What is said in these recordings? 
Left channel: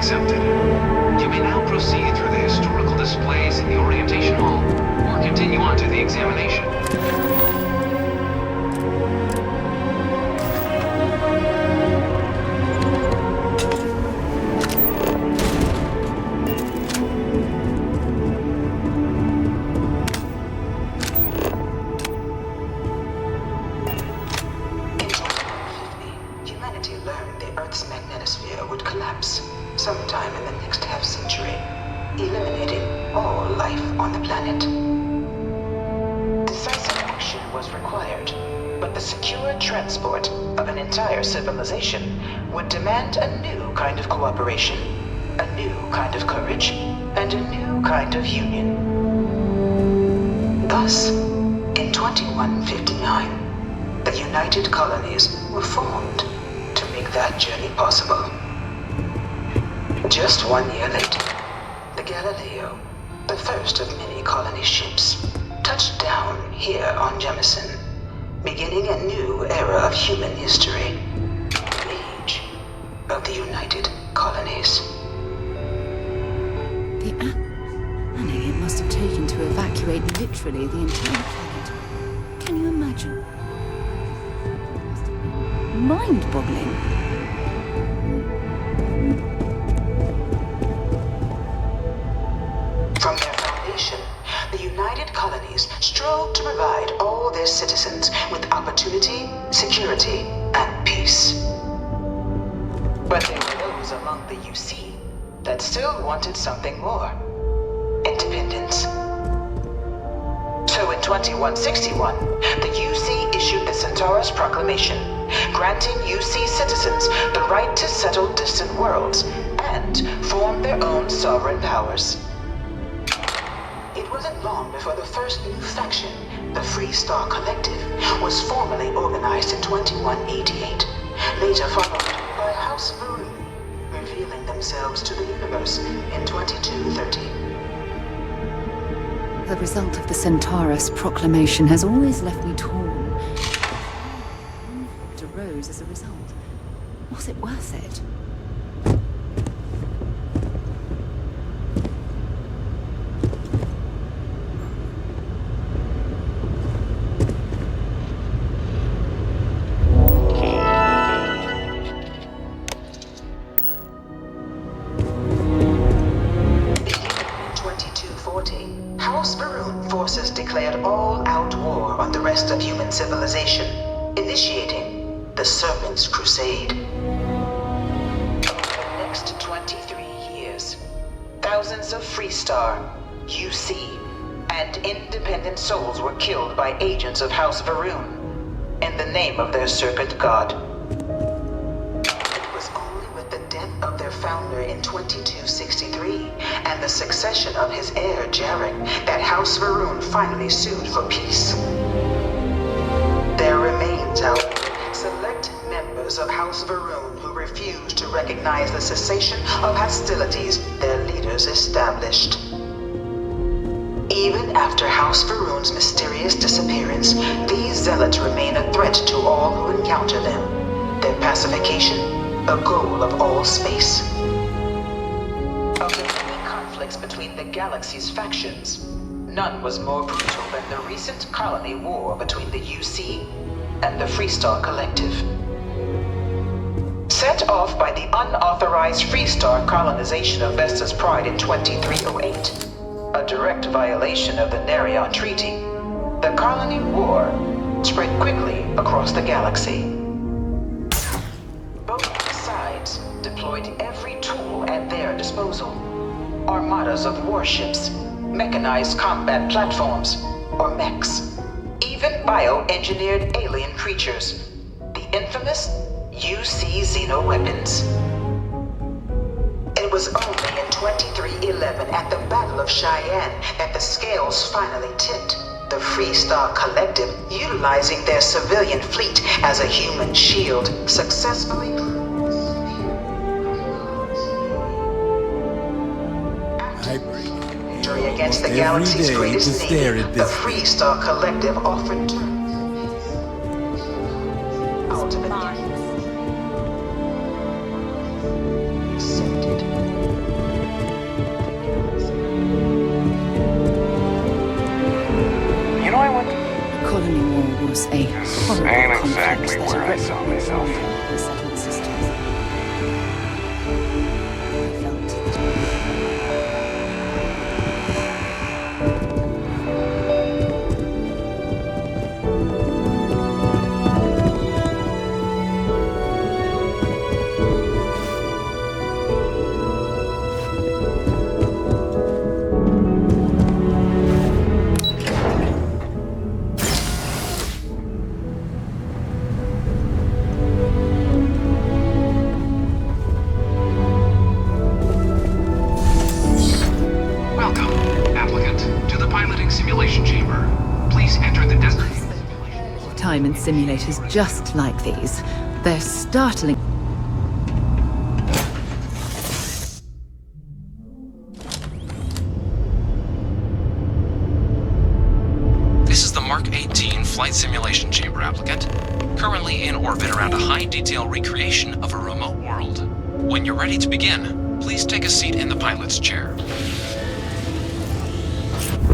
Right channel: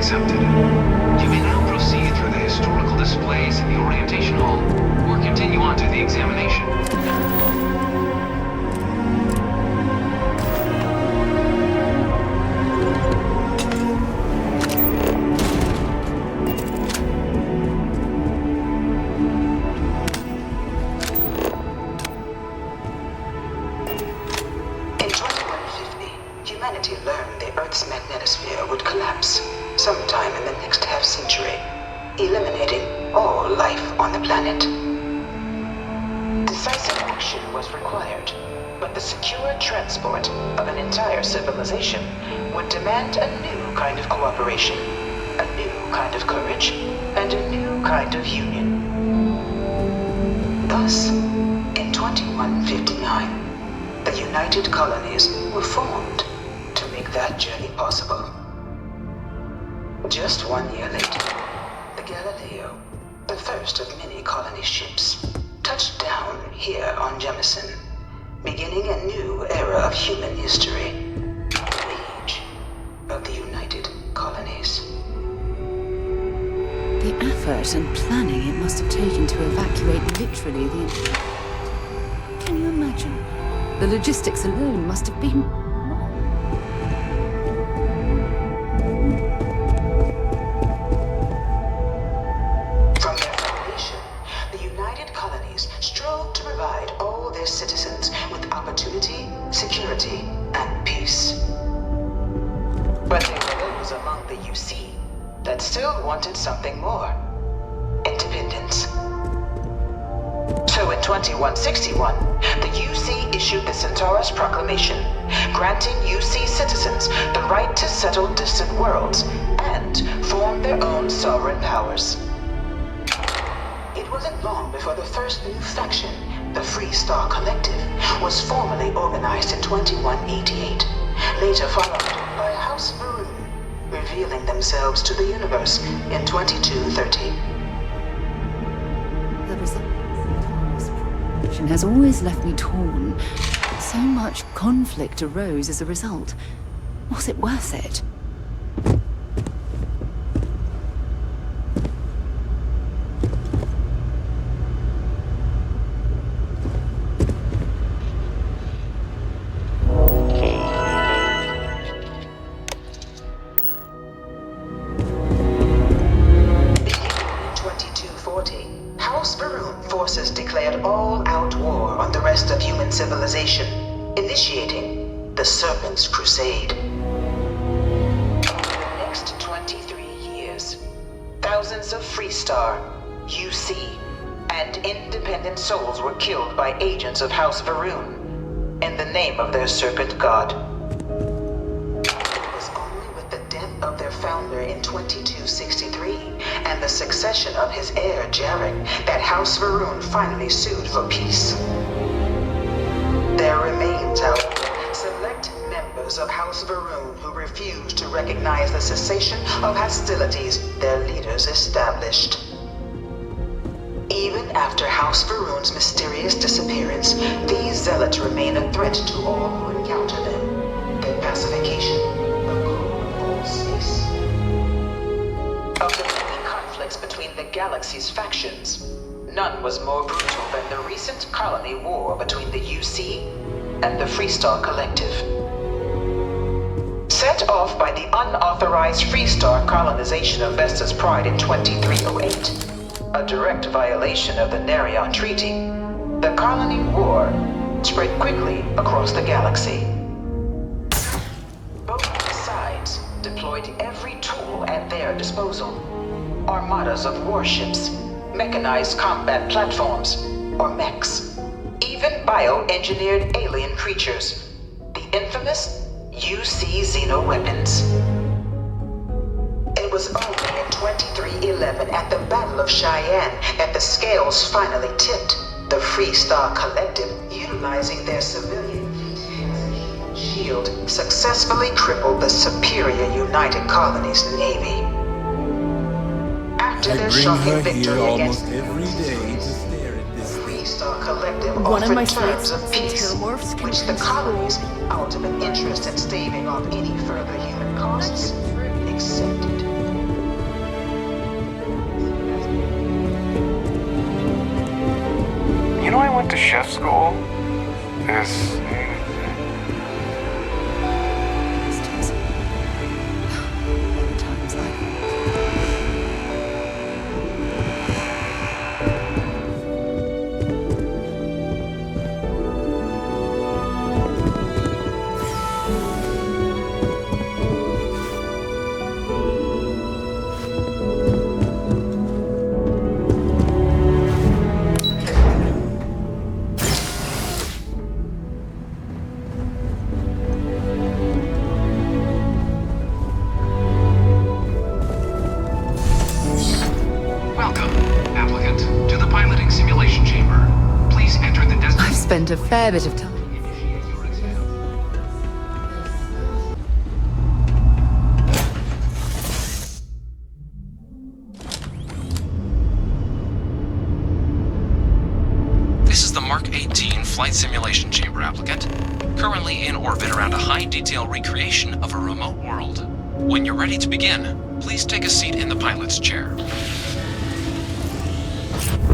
accepted. You may now proceed through the historical displays in the orientation hall, or continue on to the examination. Sometime in the next half-century, eliminating all life on the planet. Decisive action was required, but the secure transport of an entire civilization would demand a new kind of cooperation, a new kind of courage, and a new kind of union. Thus, in 2159, the United Colonies were formed to make that journey possible. Just 1 year later, the Galileo, the first of many colony ships, touched down here on Jemison, beginning a new era of human history, the age of the United Colonies. The effort and planning it must have taken to evacuate literally the entire planet. Can you imagine? The logistics alone must have been mind-boggling. From their foundation, the United Colonies strove to provide all their citizens with opportunity, security, and peace. But there were those among the UC that still wanted something more: independence. So in 2161, the UC issued the Centaurus Proclamation, granting UC citizens the right to settle distant worlds and form their own sovereign powers. It wasn't long before the first new faction, the Free Star Collective, was formally organized in 2188, later followed by House Varun, revealing themselves to the universe in 2230. The result of the Centaurus Proclamation has always left me torn. So much conflict arose as a result. Was it worth it? Forces declared all-out war on the rest of human civilization, initiating the Serpent's Crusade. Over the next 23 years, thousands of Freestar, UC, and independent souls were killed by agents of House Varun in the name of their serpent god. It was only with the death of their founder in 2263 and the succession of his heir, Jarek, that House Varun finally sued for peace. There remains, however, select members of House Varun who refuse to recognize the cessation of hostilities their leaders established. Even after House Varun's mysterious disappearance, these zealots remain a threat to all who encounter them. Their pacification, a goal of all space. Of the many conflicts between the galaxy's factions, none was more brutal than the recent colony war between the UC and the Freestar Collective. Set off by the unauthorized Freestar colonization of Vesta's Pride in 2308, a direct violation of the Nerion Treaty, the colony war spread quickly across the galaxy. Both sides deployed every tool at their disposal. Armadas of warships, mechanized combat platforms, or mechs, even bioengineered alien creatures, the infamous UC xeno-weapons. It was only in 2311 at the Battle of Cheyenne that the scales finally tipped, the Freestar Collective, utilizing their civilian fleet as a human shield, successfully crippled the superior United Colonies Navy. After their shocking victory against the galaxy's greatest navy, the Freestar Collective offered terms of peace, which the colonies, out of an interest in staving off any further human costs, accepted. went to chef school? Colony War was a This horrible ain't complex exactly that where I erected saw myself. systems. Times I felt. Welcome, applicant, to the piloting simulation chamber. Please enter the I've destination. spent a fair bit of time in simulators just like these. They're startling. This is the Mark 18 flight simulation chamber, applicant. Currently in orbit around a high-detail recreation of a remote world. When you're ready to begin, please take a seat in the pilot's chair.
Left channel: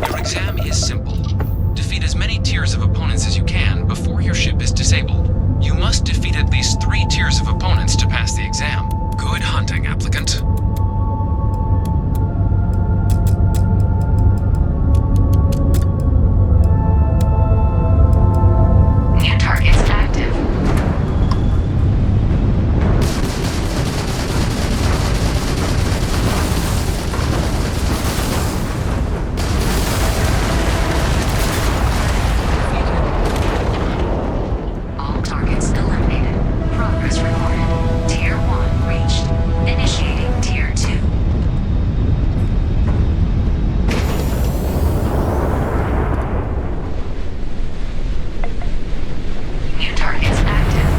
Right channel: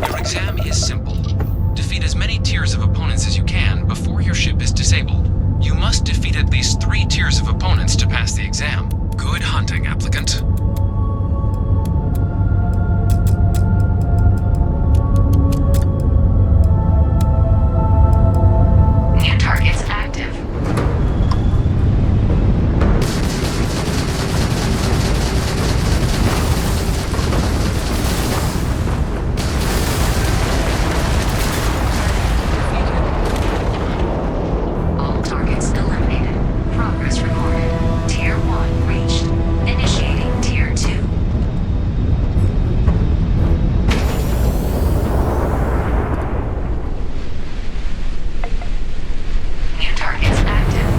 Your exam is simple. Defeat as many tiers of opponents as you can before your ship is disabled. You must defeat at least 3 tiers of opponents to pass the exam. Good hunting, applicant. New targets active. All targets eliminated. Progress recorded. Tier 1 reached. Initiating Tier 2. New targets active.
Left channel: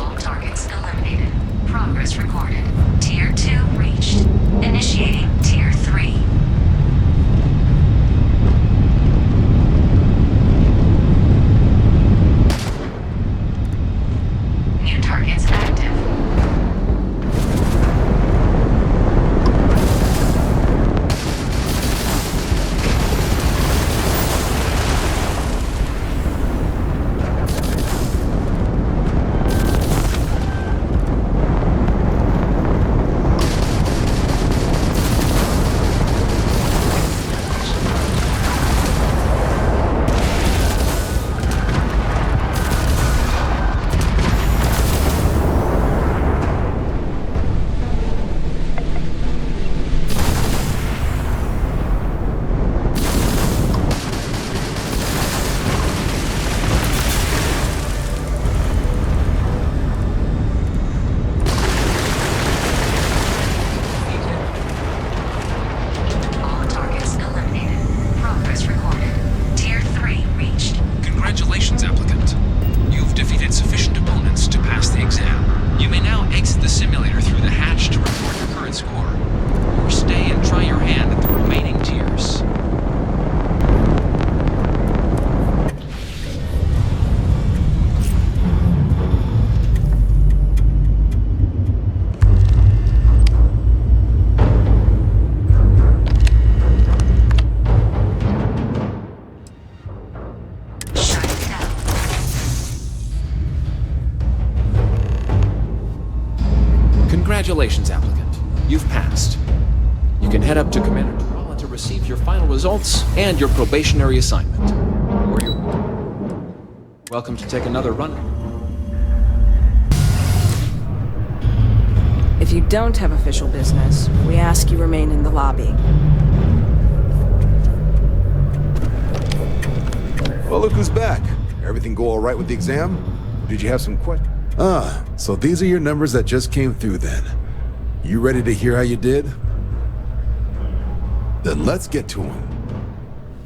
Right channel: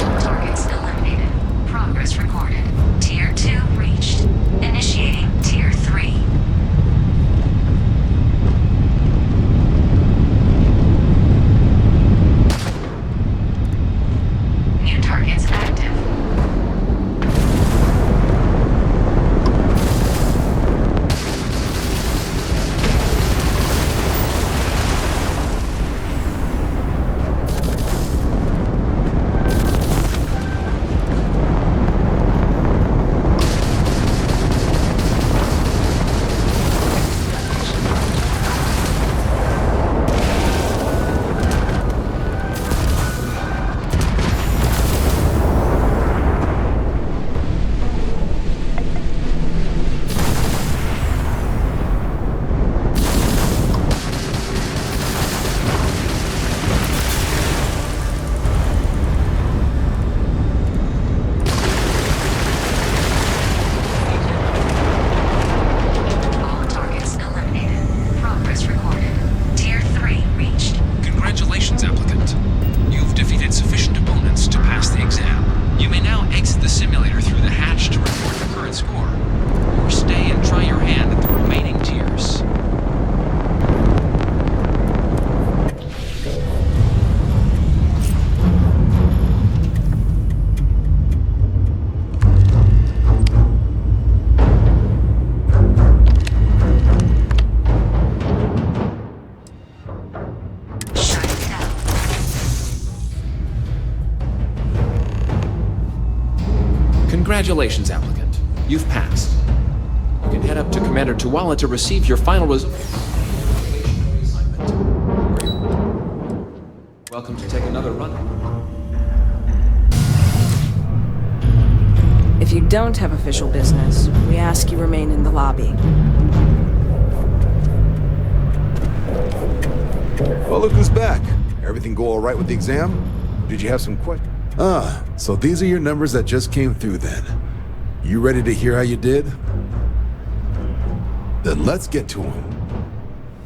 All targets eliminated. Progress recorded. Tier 2 reached. Initiating Tier 3. New targets active. All targets eliminated. Progress recorded. Tier 3 reached. Congratulations, applicant. You've defeated sufficient opponents to pass the exam. You may now exit the simulator through the hatch to report your current score, or stay and try your hand at the remaining tiers. Shut it down. Congratulations, applicant. You've passed. You can head up to Commander Tuala to receive your final results and your probationary assignment. Or you're welcome to take another run. If you don't have official business, we ask you remain in the lobby. Well, look who's back. Everything go all right with the exam? Did you have some questions? So these are your numbers that just came through then. You ready to hear how you did? Then let's get to them.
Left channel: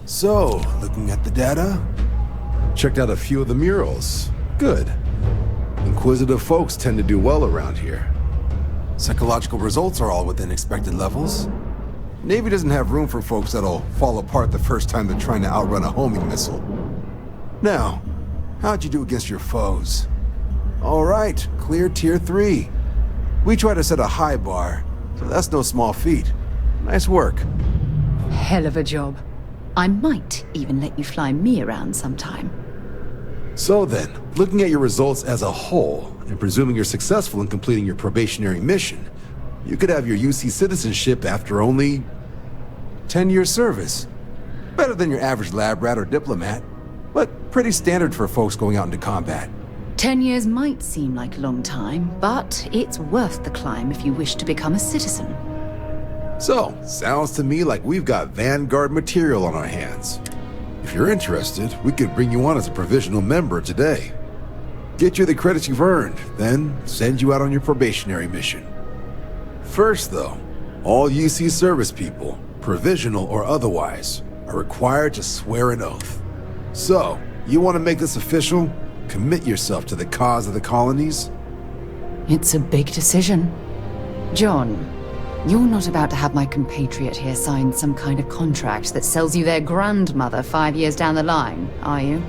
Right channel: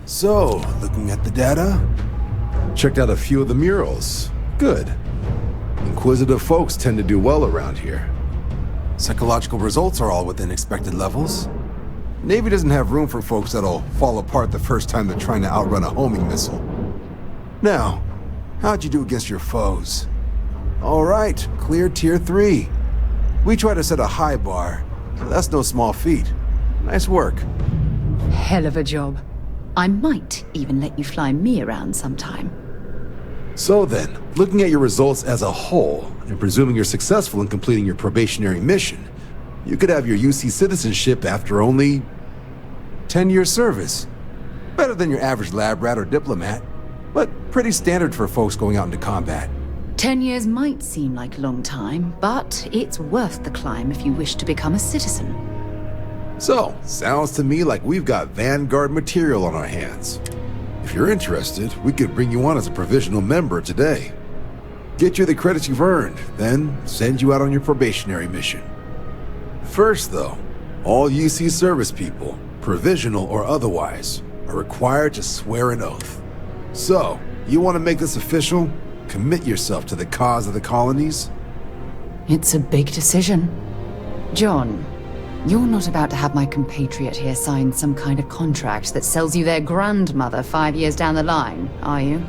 So, looking at the data, checked out a few of the murals. Good. Inquisitive folks tend to do well around here. Psychological results are all within expected levels. Navy doesn't have room for folks that'll fall apart the first time they're trying to outrun a homing missile. Now, how'd you do against your foes? All right, clear tier 3. We try to set a high bar, so that's no small feat. Nice work. Hell of a job. I might even let you fly me around sometime. So then, looking at your results as a whole, and presuming you're successful in completing your probationary mission, you could have your UC citizenship after only 10 years service. Better than your average lab rat or diplomat, but pretty standard for folks going out into combat. 10 years might seem like a long time, but it's worth the climb if you wish to become a citizen. So, sounds to me like we've got vanguard material on our hands. If you're interested, we could bring you on as a provisional member today. Get you the credits you've earned, then send you out on your probationary mission. First though, all UC service people, provisional or otherwise, are required to swear an oath. So, you want to make this official? Commit yourself to the cause of the colonies? It's a big decision. John, you're not about to have my compatriot here sign some kind of contract that sells you their grandmother 5 years down the line, are you?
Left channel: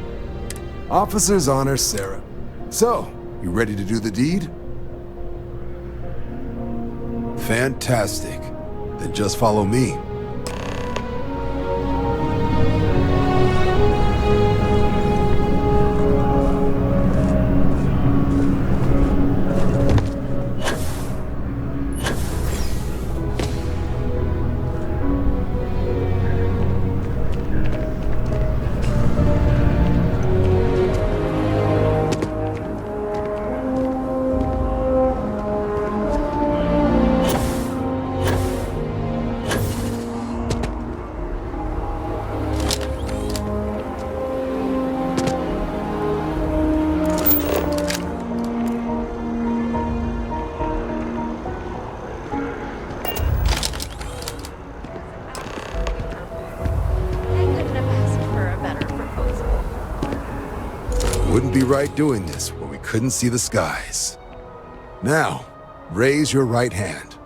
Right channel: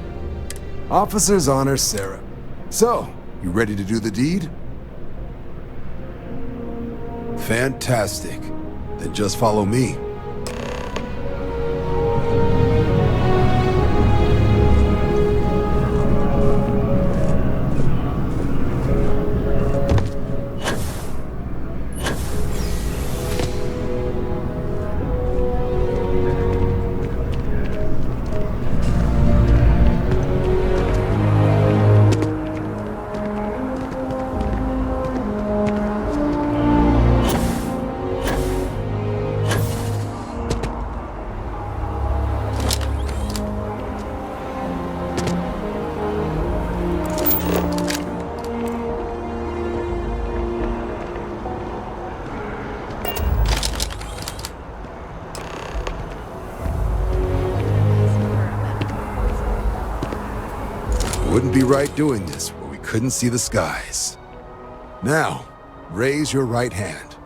Officer's honor, Sarah. So, you ready to do the deed? Fantastic. Then just follow me. Wouldn't be right doing this where we couldn't see the skies. Now, raise your right hand.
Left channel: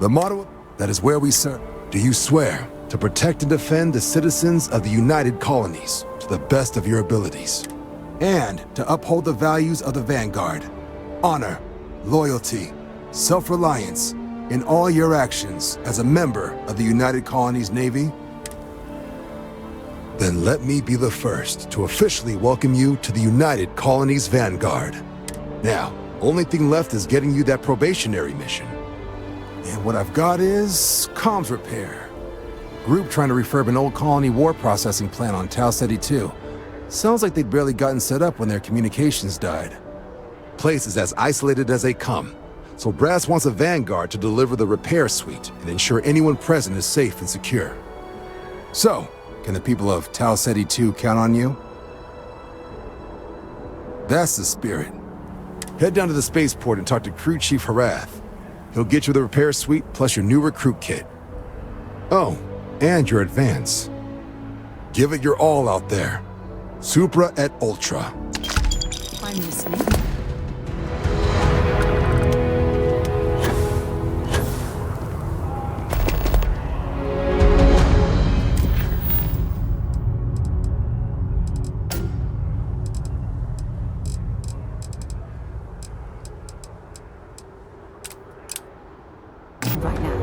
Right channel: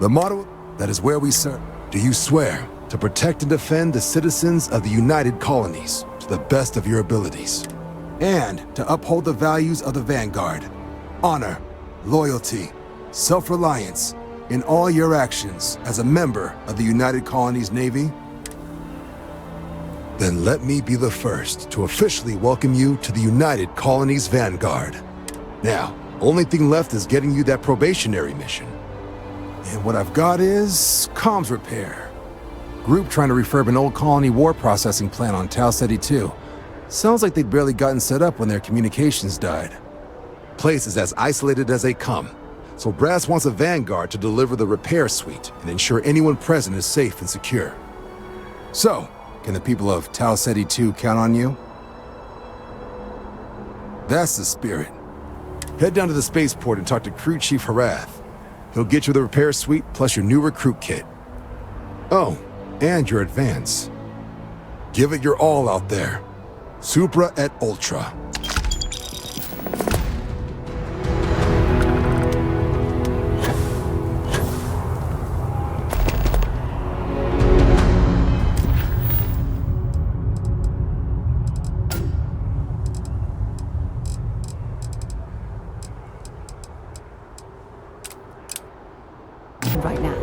The motto, that is where we serve. Do you swear to protect and defend the citizens of the United Colonies to the best of your abilities, and to uphold the values of the Vanguard, honor, loyalty, self-reliance in all your actions as a member of the United Colonies Navy? Then let me be the first to officially welcome you to the United Colonies Vanguard. Now, only thing left is getting you that probationary mission. And what I've got is comms repair. Group trying to refurb an old colony war processing plant on Tau Ceti 2. Sounds like they'd barely gotten set up when their communications died. Place is as isolated as they come, so Brass wants a Vanguard to deliver the repair suite and ensure anyone present is safe and secure. So, can the people of Tau Ceti 2 count on you? That's the spirit. Head down to the spaceport and talk to Crew Chief Harath. He'll get you the repair suite plus your new recruit kit. Oh, and your advance. Give it your all out there. Supra et Ultra. I'm listening. Right now.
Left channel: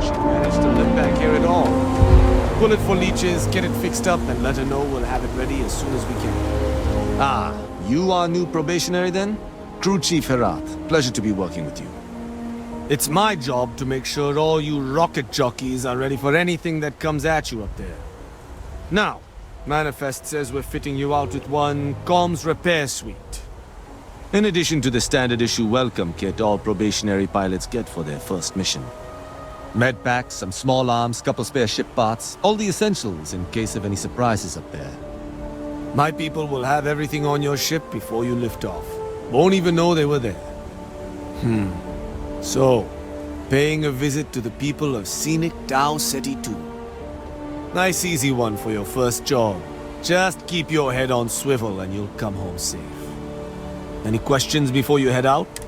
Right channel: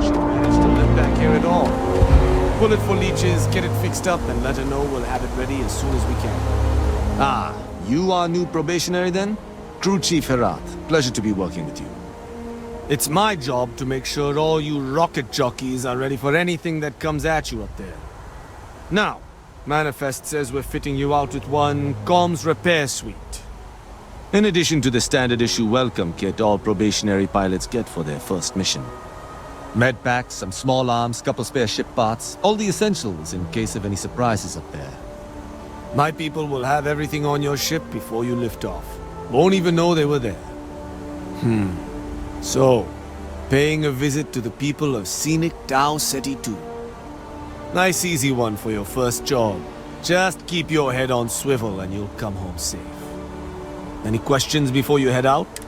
She managed to live back here at all. Pull it for leeches, get it fixed up, and let her know we'll have it ready as soon as we can. Ah, you are new probationary then? Crew Chief Herath, pleasure to be working with you. It's my job to make sure all you rocket jockeys are ready for anything that comes at you up there. Now, Manifest says we're fitting you out with one comms repair suite. In addition to the standard issue welcome kit all probationary pilots get for their first mission. Med packs, some small arms, couple spare ship parts, all the essentials in case of any surprises up there. My people will have everything on your ship before you lift off. Won't even know they were there. So, paying a visit to the people of scenic Tau Ceti 2. Nice easy one for your first job. Just keep your head on swivel and you'll come home safe. Any questions before you head out?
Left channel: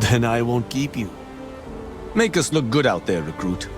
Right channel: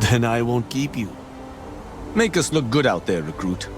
Then I won't keep you. Make us look good out there, recruit.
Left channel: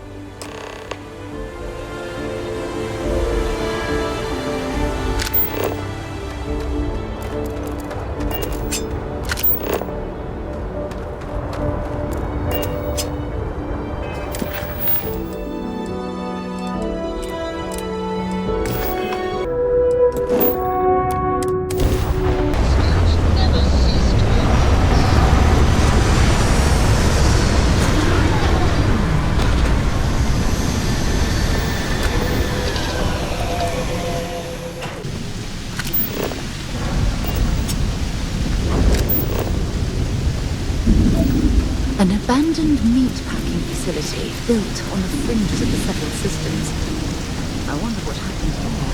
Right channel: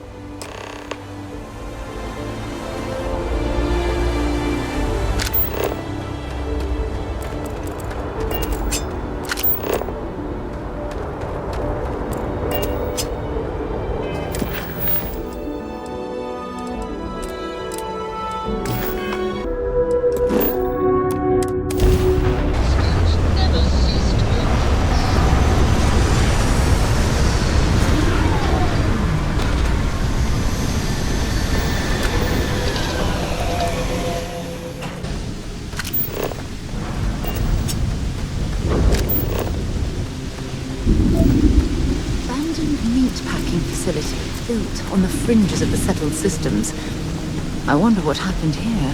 An abandoned meat-packing facility built on the fringes of the settled systems. I wonder what happened here.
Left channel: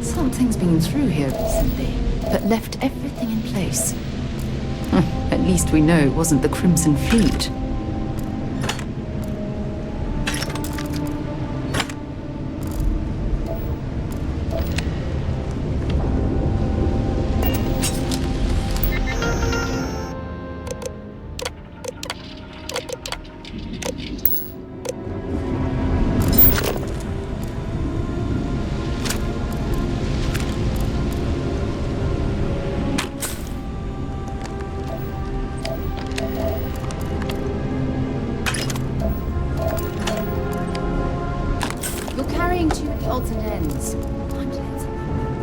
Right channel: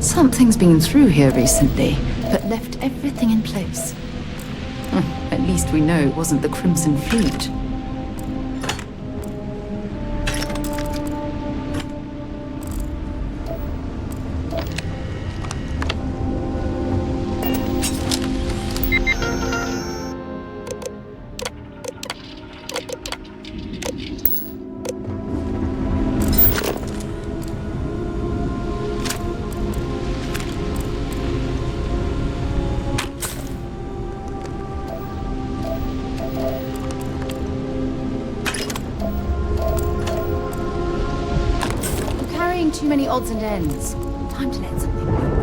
Something's been through here recently, but left everything in place. At least we know it wasn't the Crimson Fleet. Too many odds and ends. Time to let something go.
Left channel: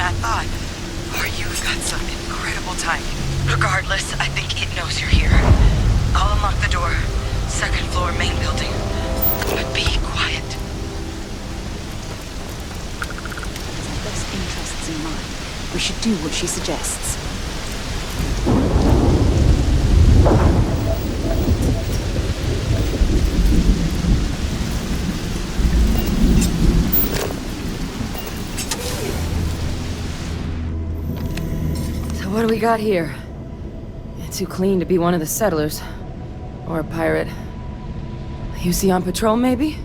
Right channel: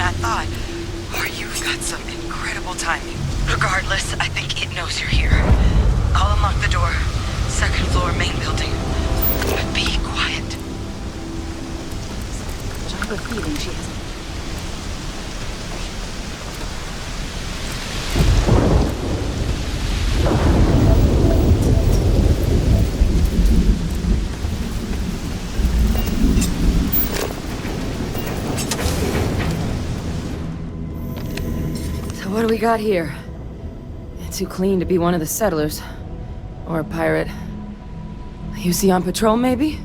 I thought. Or you've got some incredible timing. Regardless, I think it knows you're here. I'll unlock the door. Second floor, main building. But be quiet. I have a feeling she has our best interests in mind. We should do what she suggests. So what do we got here? Too clean to be one of the settlers. Or a pirate. You see on patrol, maybe?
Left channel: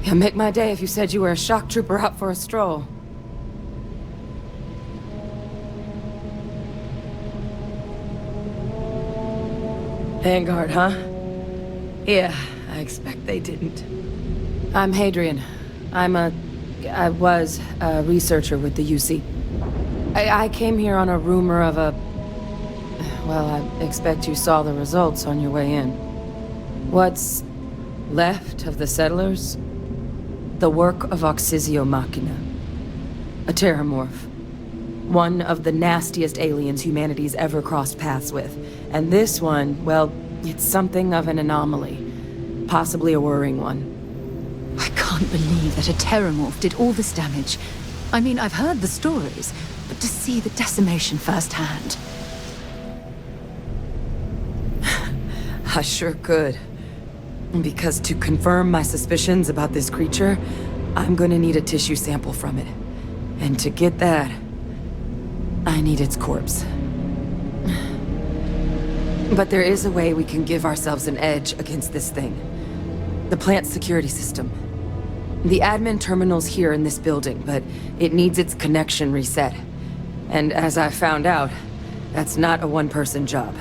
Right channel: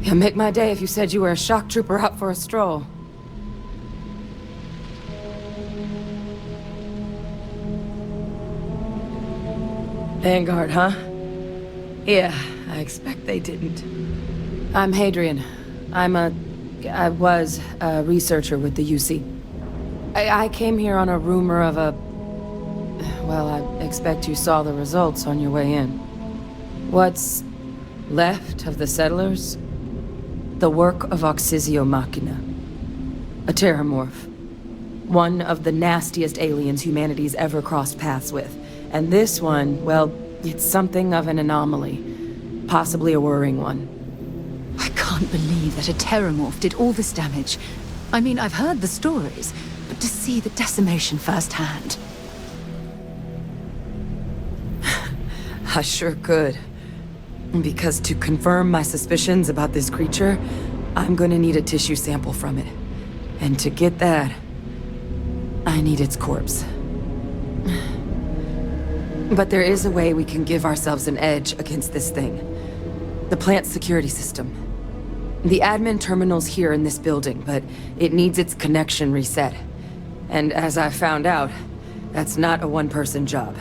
It'd make my day if you said you were a shock trooper out for a stroll. Vanguard, huh? Yeah, I expect they didn't. I'm Hadrian. I was a researcher with the UC. I came here on a rumor of a... Well, I expect you saw the results on your way in. What's left of the settlers? The work of Oxysio Machina. A terramorph. One of the nastiest aliens humanity's ever crossed paths with. And this one, well, it's something of an anomaly. Possibly a worrying one. I can't believe that a terramorph did all this damage. I mean, I've heard the stories, but to see the decimation firsthand... I sure could. Because to confirm my suspicions about this creature, I'm gonna need a tissue sample from it. And to get that, I need its corpse. But there is a way we can give ourselves an edge against this thing. The plant security system. The admin terminal's here in this building, but it needs its connection reset. And as I found out, that's not a one-person job.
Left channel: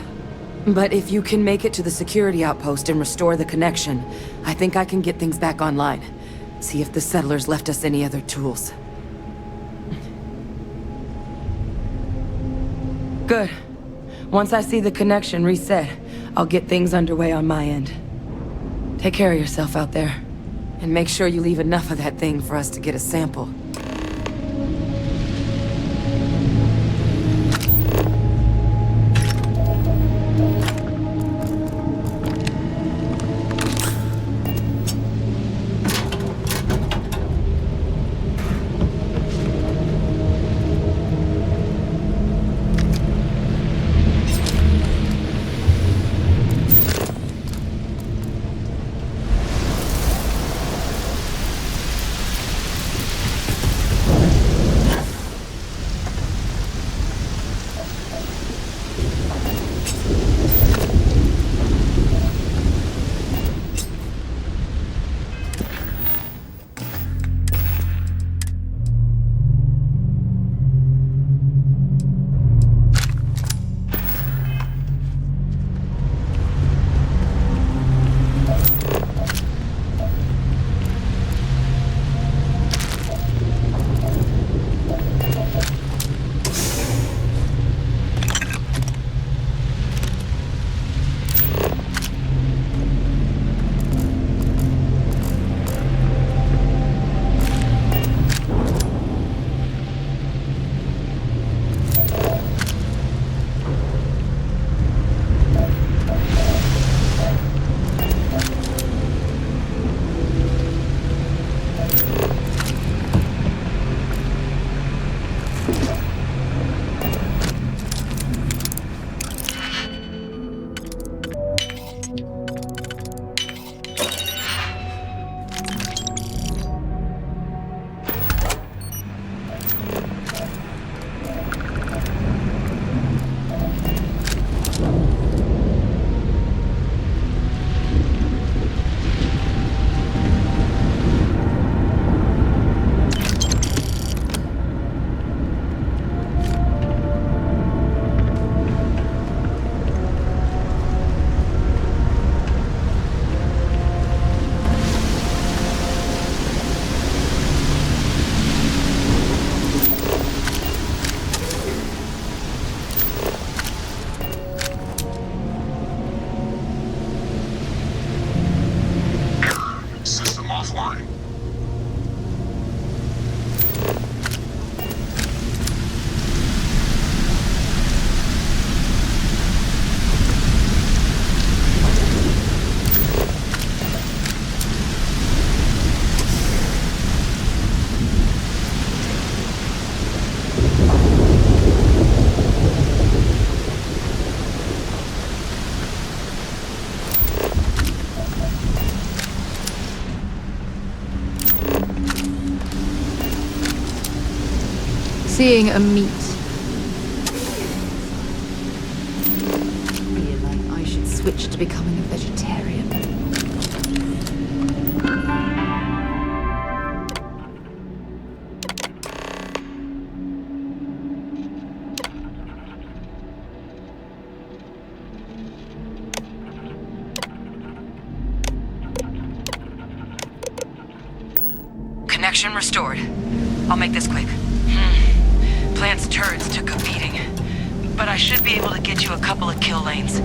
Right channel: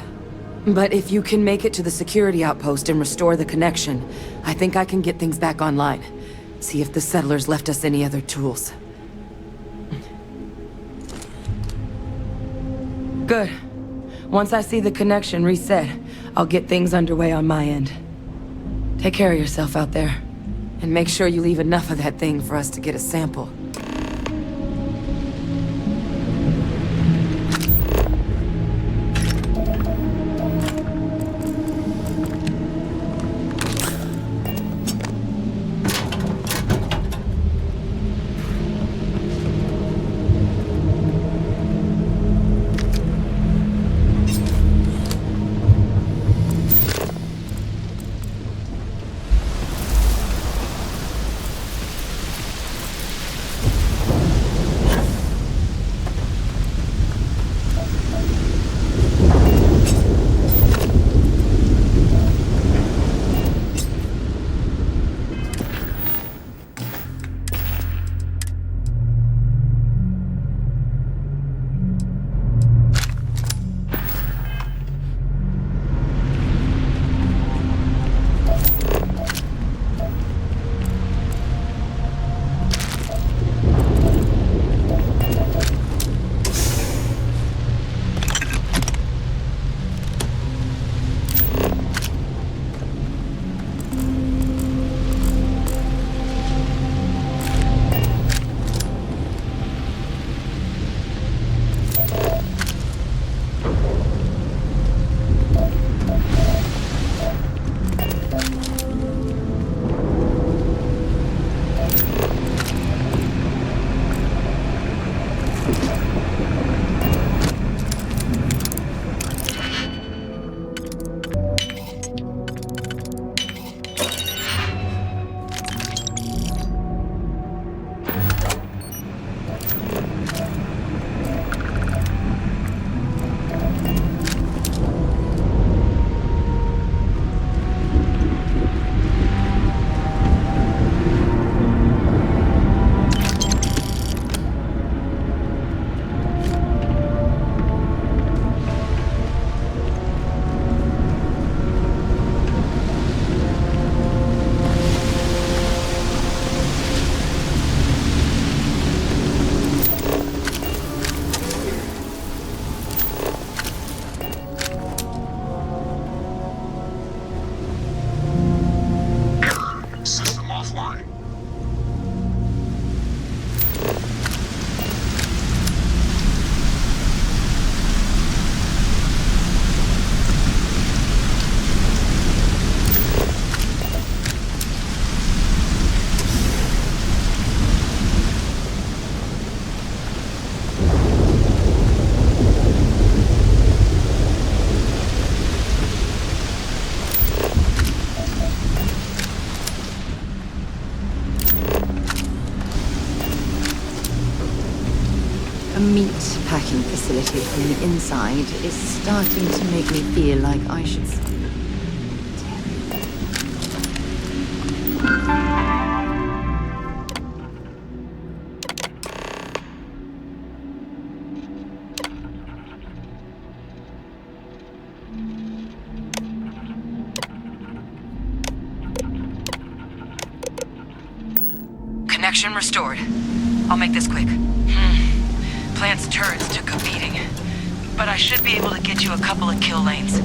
But if you can make it to the security outpost and restore the connection, I think I can get things back online. See if the settlers left us any other tools. Good. Once I see the connection reset, I'll get things underway on my end. Take care of yourself out there. And make sure you leave enough of that thing for us to get a sample. Seeing a meat packing facility from the inside is starting to make me feel like I should switch to becoming a vegetarian. Connection restored. I'll make this quick. Plant's turrets took a beating, but I should be able to get you a couple of kill lanes.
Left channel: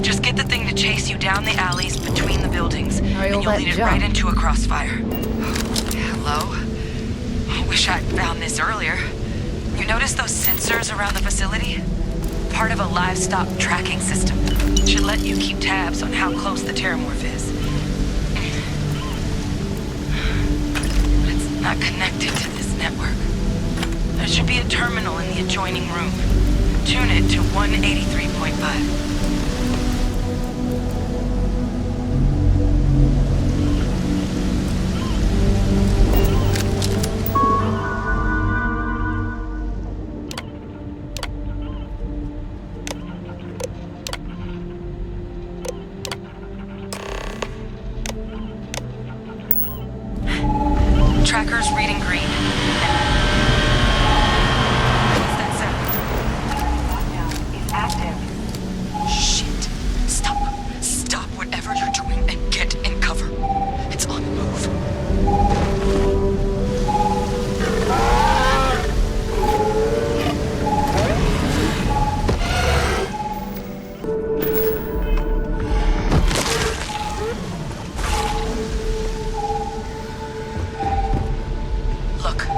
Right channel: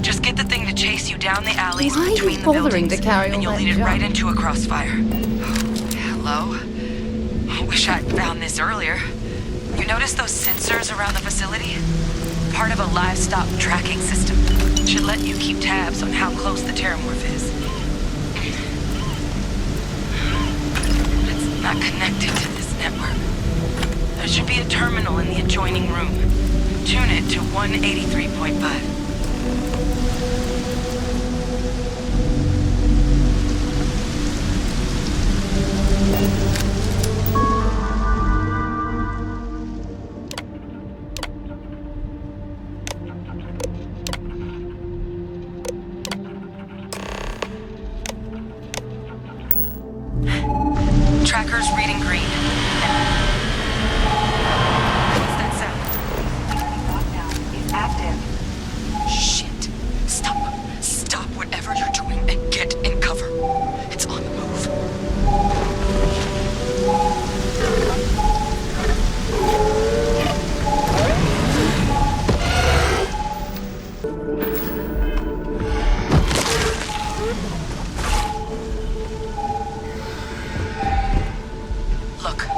Just get the thing to chase you down the alleys between the buildings, and you'll lead it right into a crossfire. Hello? I wish I'd found this earlier. You notice those sensors around the facility? Part of a livestock tracking system. Should let you keep tabs on how close the terramorph is. It's not connected to this network. There should be a terminal in the adjoining room. Tune it to 183.5. Tracker's reading green. What's that sound? Lockdown is active. Shit. Stop whatever you're doing and get in cover. It's on the move. Look,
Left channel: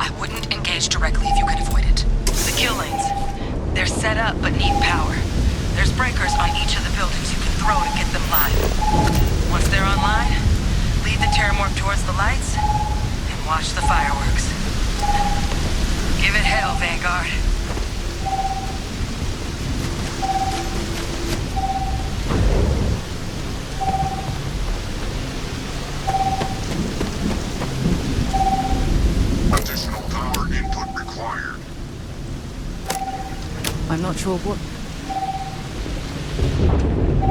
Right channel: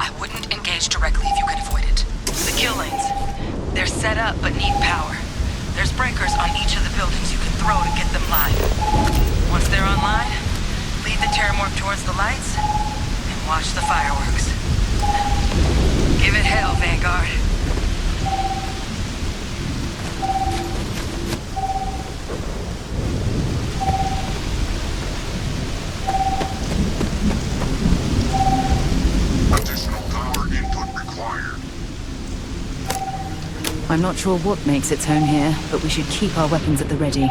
I wouldn't engage directly if you can avoid it. The kill lanes. They're set up but need power. There's breakers on each of the buildings you can throw to get them live. Once they're online, lead the terramorph towards the lights and watch the fireworks. Give it hell, Vanguard. Additional power input required. I'm not sure what makes its home here, but we should keep our weapons at the ready.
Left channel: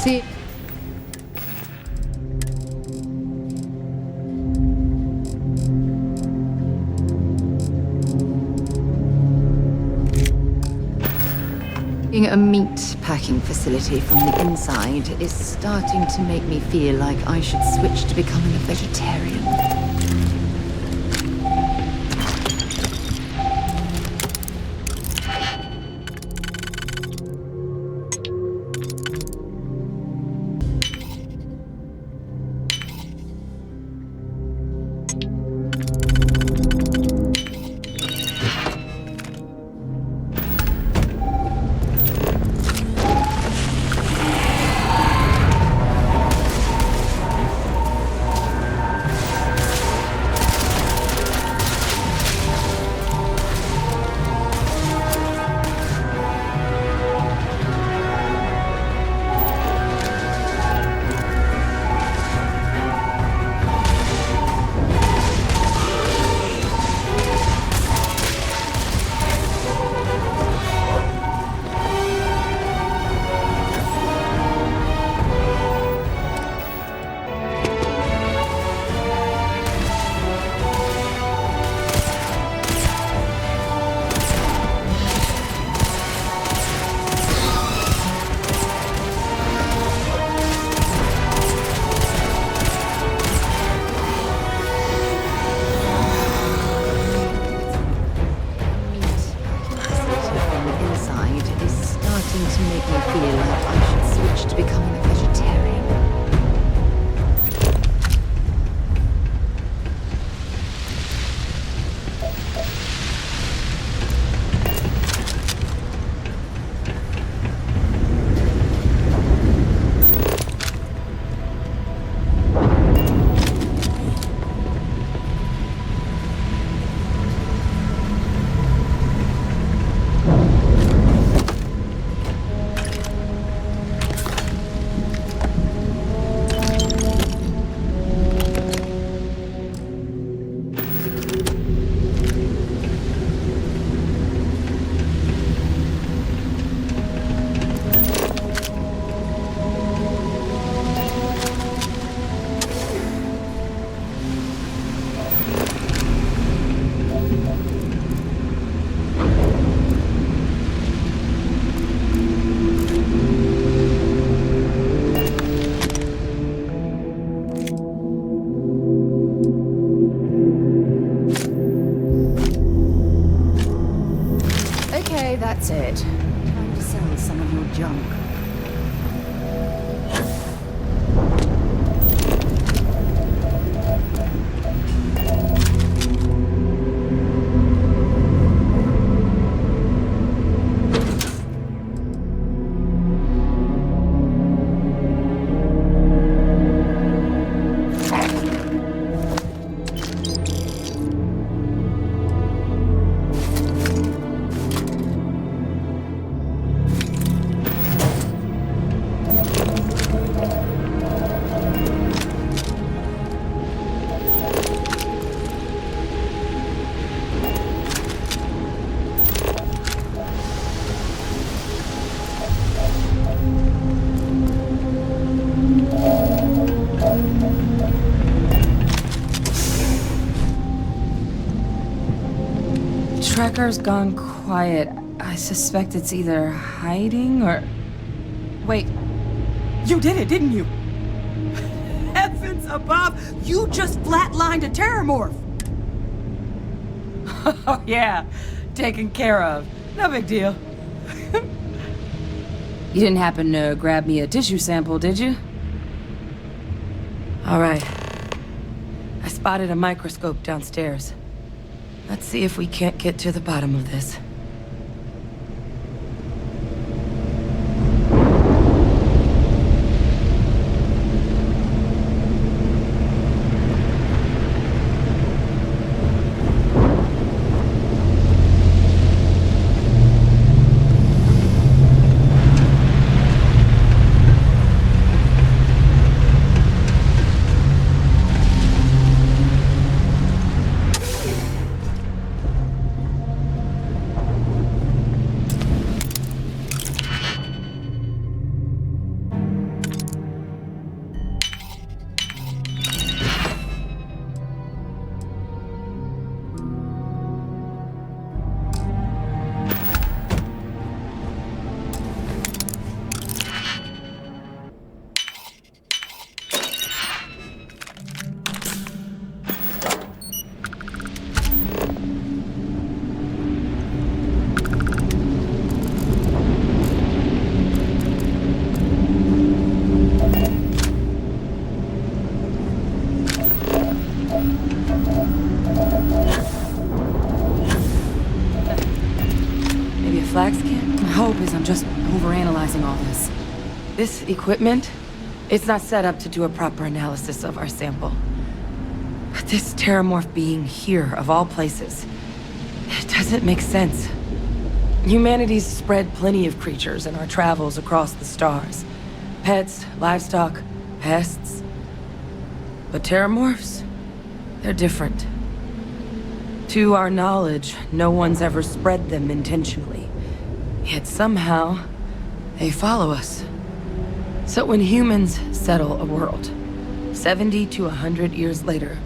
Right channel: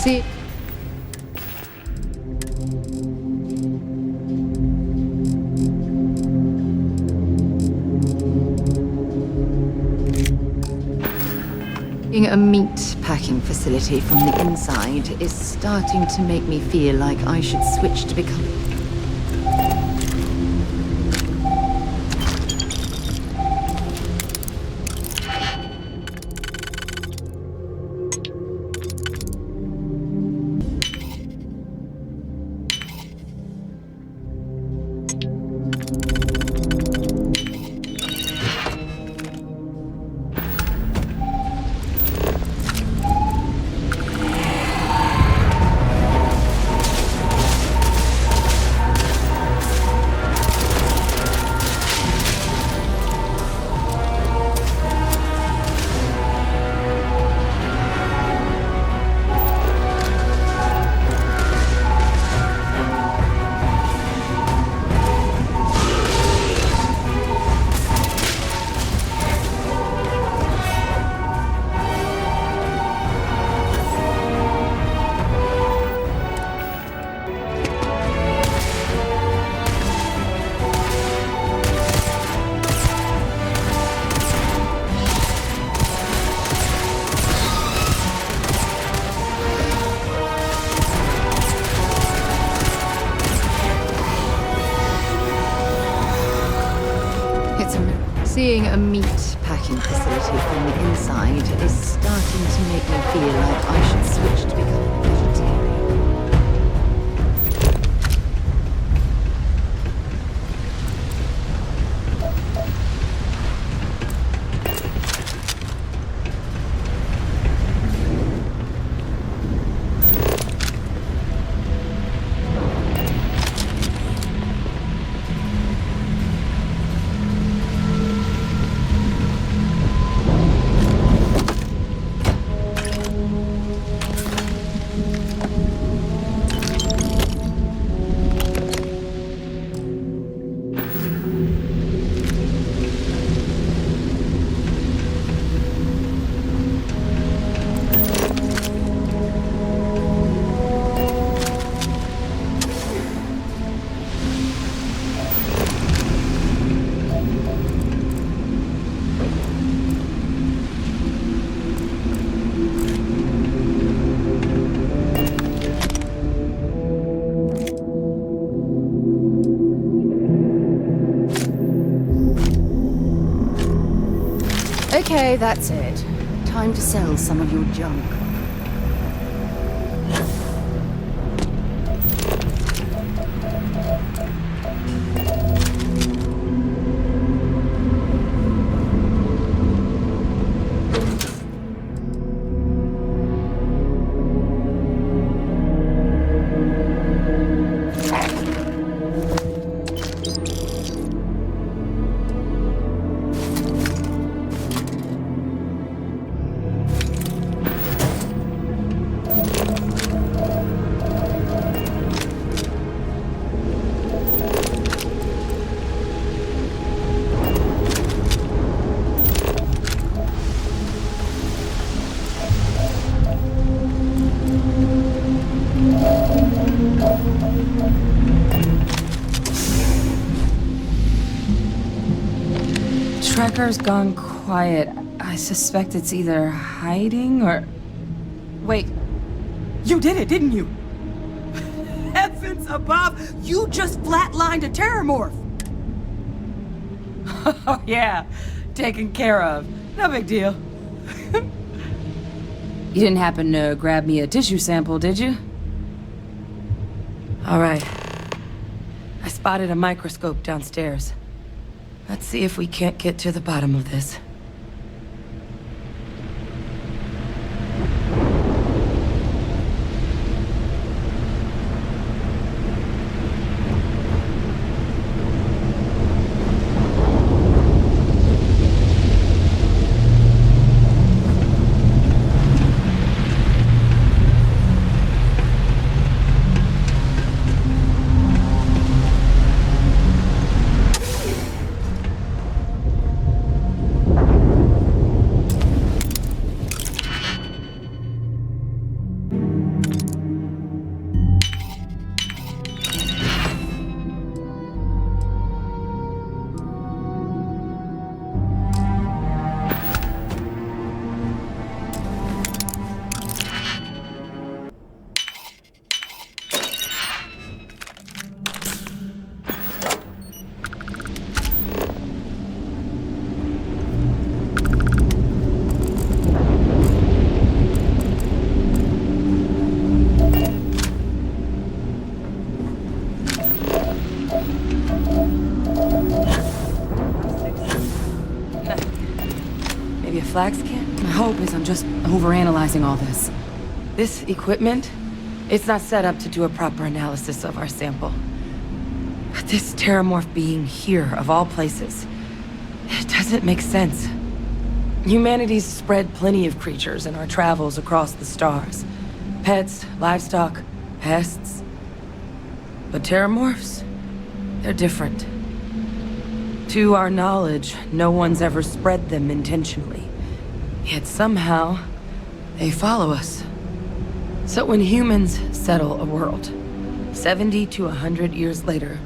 See... A meat packing facility from the inside is starting to make me feel like I should switch to becoming a vegetarian. To make me feel like I should switch to becoming a vegetarian. Okay, that's it. Time to sell some of your junk. Trekker's gone quiet. I suspect it's either hiding or... Wait. You did it, didn't you? Heavens above! You just flatlined a terramorph! Oh, yeah. Taken care of. No big deal. You didn't happen to grab me a tissue sample, did you? All right. I spotted a microscope downstairs. Let's see if we can't get to the bottom of this. Flax can? My hope is I'm just overanalyzing all this. This equipment, it's not set up to do a proper analysis of our sample. But this terramorph being here, of all places, it doesn't make sense. Humanity's spread plenty of creatures in our travels across the stars. Pets, livestock, pests. But terramorphs, they're different. To our knowledge, no one's ever spread them intentionally. Yet somehow, they follow us. So when humans settle a world, 70 to 100 years later,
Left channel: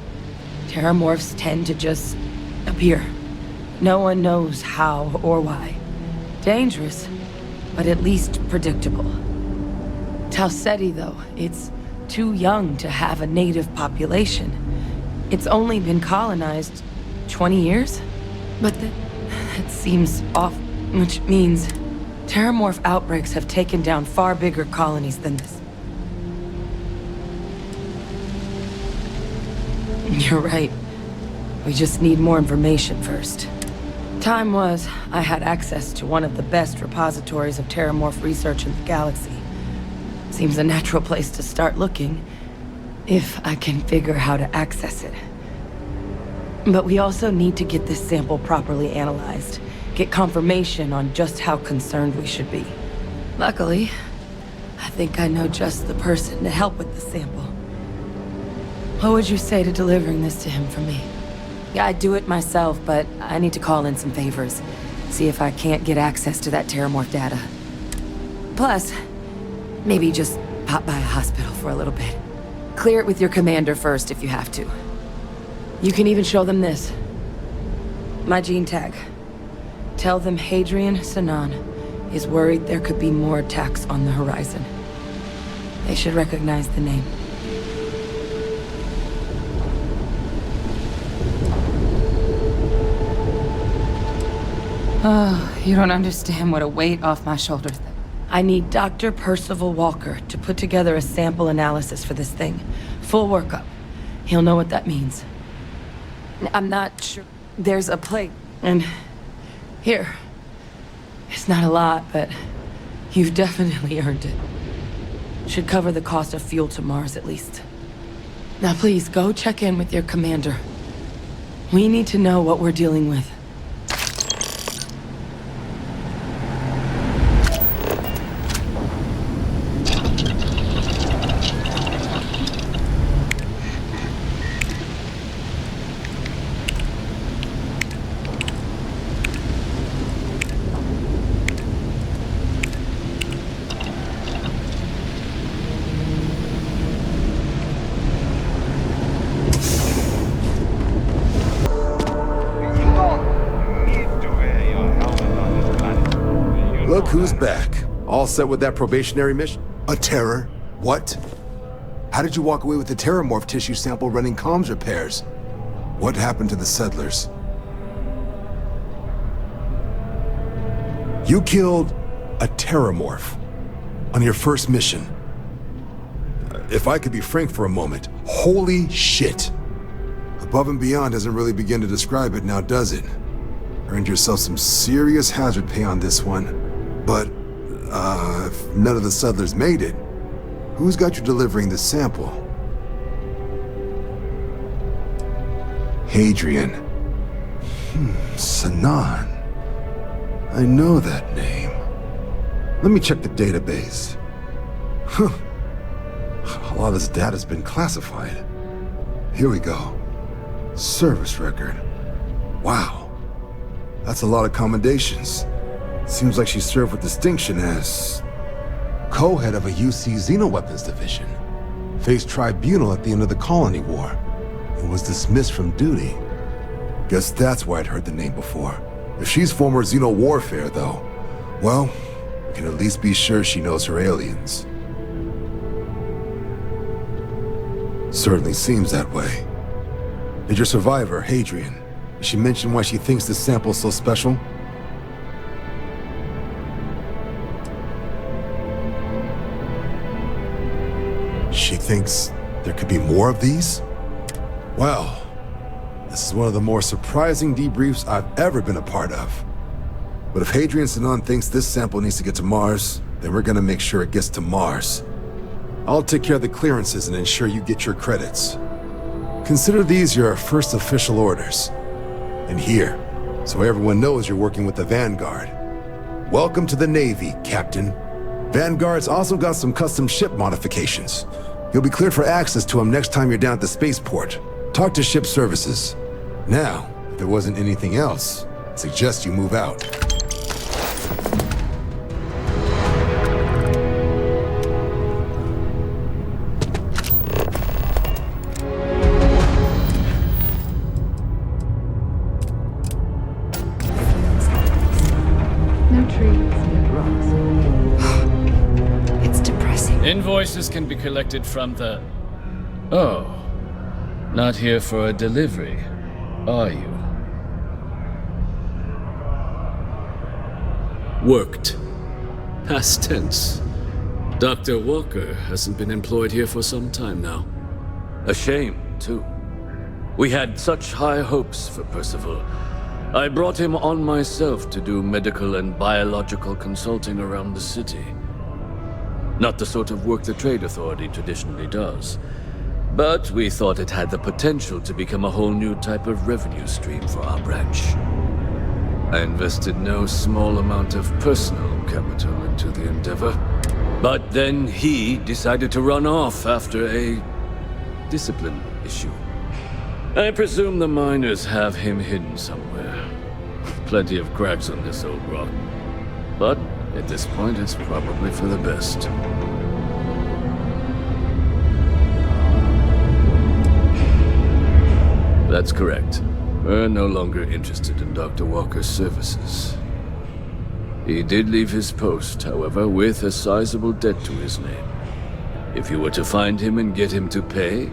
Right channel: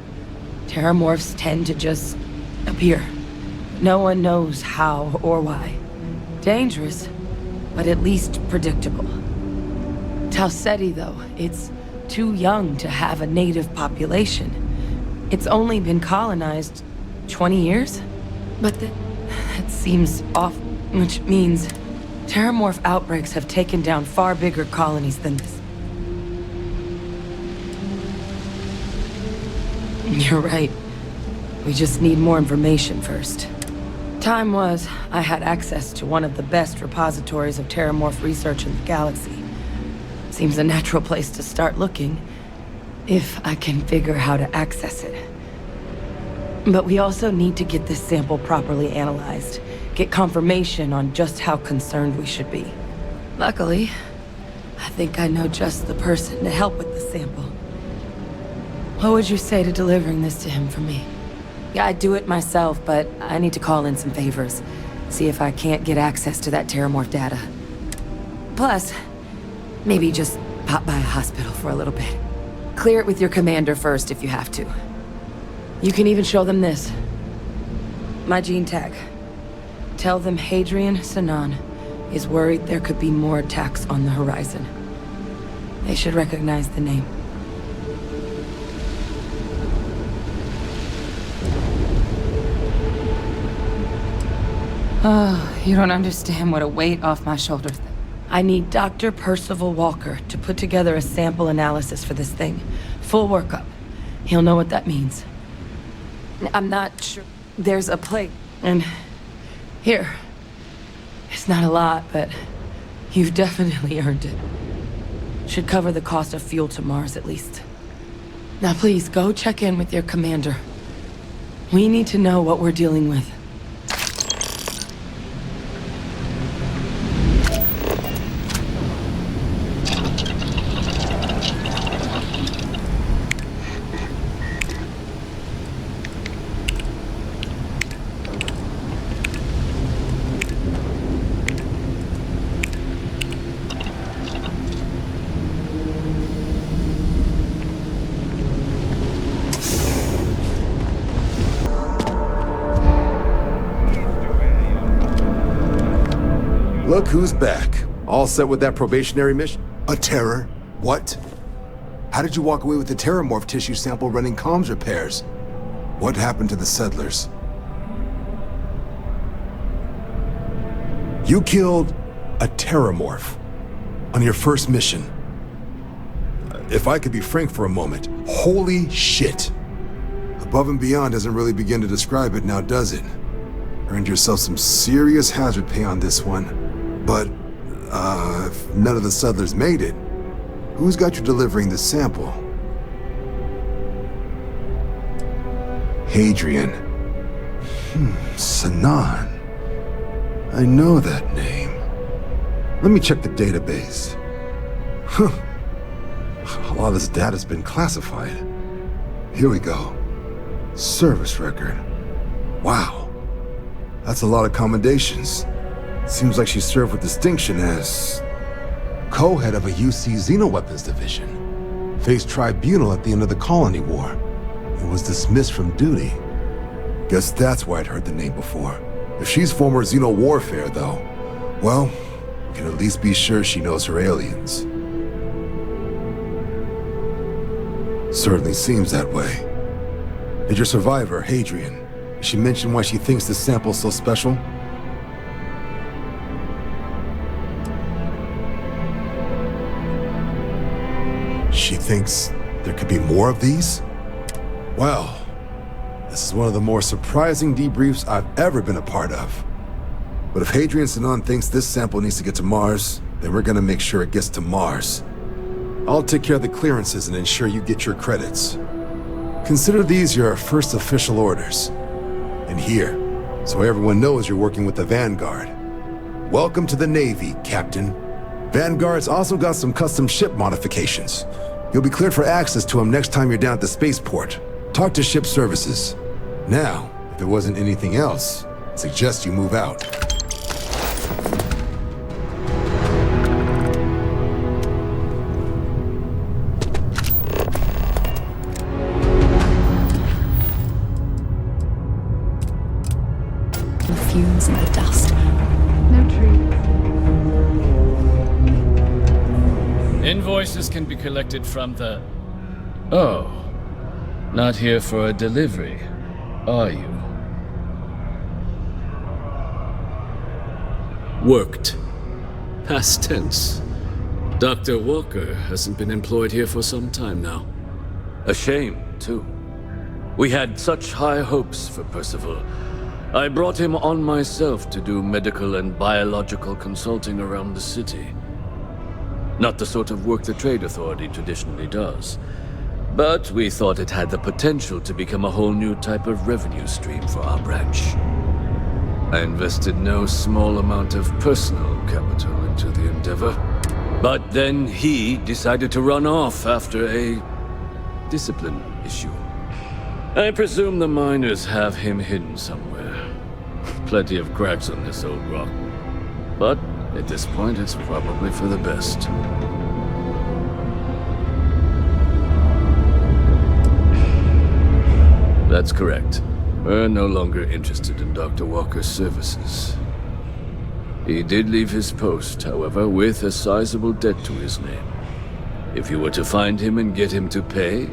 terramorphs tend to just appear. No one knows how or why. Dangerous, but at least predictable. Talseti, though, it's too young to have a native population. It's only been colonized 20 years? But that seems off. Which means terramorph outbreaks have taken down far bigger colonies than this. You're right. We just need more information first. Time was, I had access to one of the best repositories of terramorph research in the galaxy. Seems a natural place to start looking, if I can figure how to access it. But we also need to get this sample properly analyzed. Get confirmation on just how concerned we should be. Luckily, I think I know just the person to help with the sample. What would you say to delivering this to him for me? Yeah, I'd do it myself, but I need to call in some favors. See if I can't get access to that terramorph data. Plus, maybe just pop by a hospital for a little bit. Clear it with your commander first if you have to. You can even show them this. My gene tag. Tell them Hadrian Sanan is worried there could be more attacks on the horizon. They should recognize the name. Oh, you don't understand what a weight off my shoulders. I need Dr. Parcival Walker to put together a sample analysis for this thing. Full workup. He'll know what that means. I'm not sure. There's a plate. And here. It's not a lot, but you've definitely earned it. Should cover the cost of fuel to Mars at least. Now please, go check in with your commander. We need to know what we're dealing with. Look who's back. All set with that probationary mission? A terror? What? How did you walk away with the terramorph tissue sample running comms repairs? What happened to the settlers? You killed a terramorph on your first mission. If I could be frank for a moment, holy shit. Above and beyond doesn't really begin to describe it now, does it? Earned yourself some serious hazard pay on this one. But, if none of the settlers made it, who's got you delivering the sample? Hadrian. Sanan. I know that name. Let me check the database. Huh. A lot of this data's been classified. Here we go. Service record. Wow. That's a lot of commendations. Seems like she served with distinction as co-head of a UC Xenoweapons division. Faced tribunal at the end of the Colony War and was dismissed from duty. Guess that's why I'd heard the name before. If she's former Xeno warfare, though, well, we can at least be sure she knows her aliens. Certainly seems that way. Did your survivor, Hadrian, did she mention why she thinks this sample's so special? She thinks there could be more of these? Well, this is one of the more surprising debriefs I've ever been a part of. But if Hadrian Sanan thinks this sample needs to get to Mars, then we're gonna make sure it gets to Mars. I'll take care of the clearances and ensure you get your credits. Consider these your first official orders. And here, so everyone knows you're working with the Vanguard. Welcome to the Navy, Captain. Vanguard's also got some custom ship modifications. You'll be cleared for access to them next time you're down at the spaceport. Talk to ship services. Now, if there wasn't anything else, I suggest you move out. The fumes and the dust. No trees. It's depressing. Invoices can be collected from the... Oh. Not here for a delivery, are you? Worked. Past tense. Dr. Walker hasn't been employed here for some time now. A shame, too. We had such high hopes for Parcival. I brought him on myself to do medical and biological consulting around the city. Not the sort of work the Trade Authority traditionally does. But we thought it had the potential to become a whole new type of revenue stream for our branch. I invested no small amount of personal capital into the endeavor. But then he decided to run off after a discipline issue. I presume the miners have him hidden somewhere. Plenty of cracks on this old rock. But at this point, it's probably for the best. That's correct. We're no longer interested in Dr. Walker's services. He did leave his post, however, with a sizable debt to his name. If you were to find him and get him to pay,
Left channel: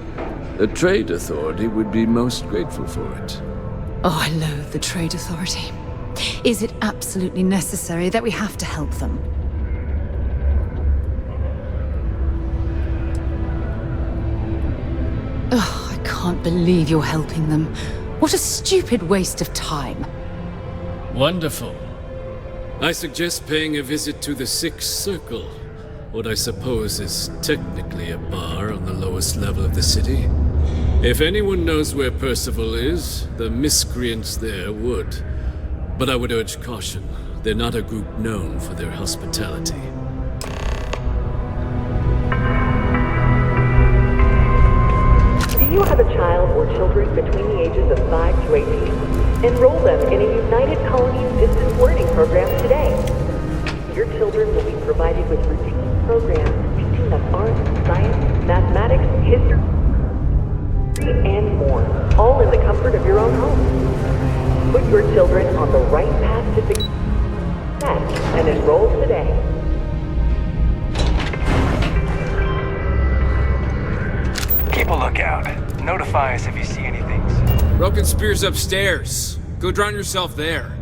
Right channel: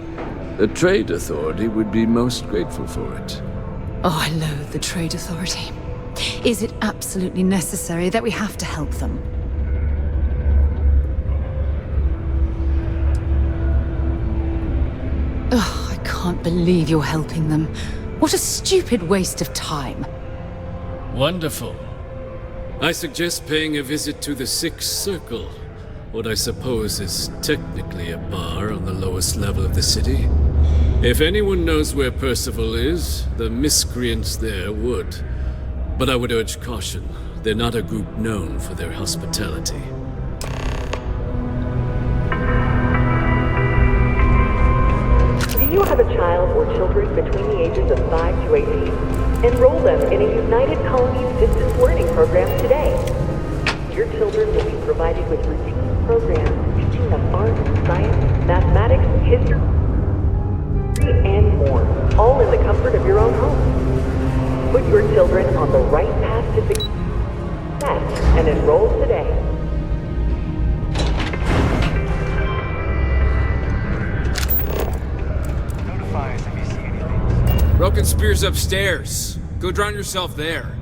the Trade Authority would be most grateful for it. Oh, I loathe the Trade Authority. Is it absolutely necessary that we have to help them? Ugh, I can't believe you're helping them. What a stupid waste of time. Wonderful. I suggest paying a visit to the Sixth Circle, what I suppose is technically a bar on the lowest level of the city. If anyone knows where Parcival is, the miscreants there would. But I would urge caution. They're not a group known for their hospitality. Do you have a child or children between the ages of 5 to 18? Enroll them in a United Colonies distance learning program today. Your children will be provided with routine programs teaching them art, science, mathematics, history, and more, all in the comfort of your own home. Put your children on the right path to success and enroll today. Keep a lookout. Notify us if you see anything. Broken Spear's upstairs. Go drown yourself there.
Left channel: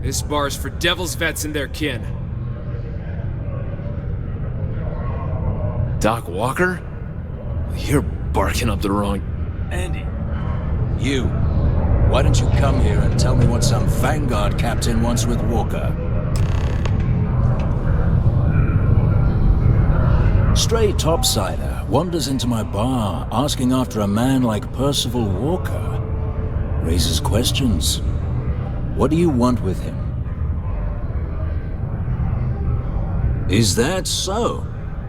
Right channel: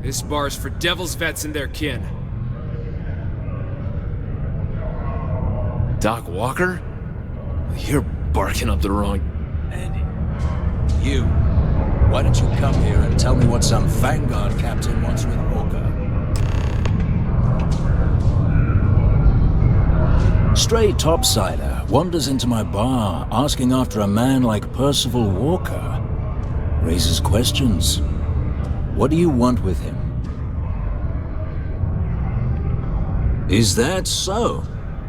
This bar's for devil's vets and their kin. Doc Walker? You're barking up the wrong... Andy. You. Why don't you come here and tell me what some Vanguard captain wants with Walker? Stray topsider wanders into my bar asking after a man like Parcival Walker. Raises questions. What do you want with him? Is that so?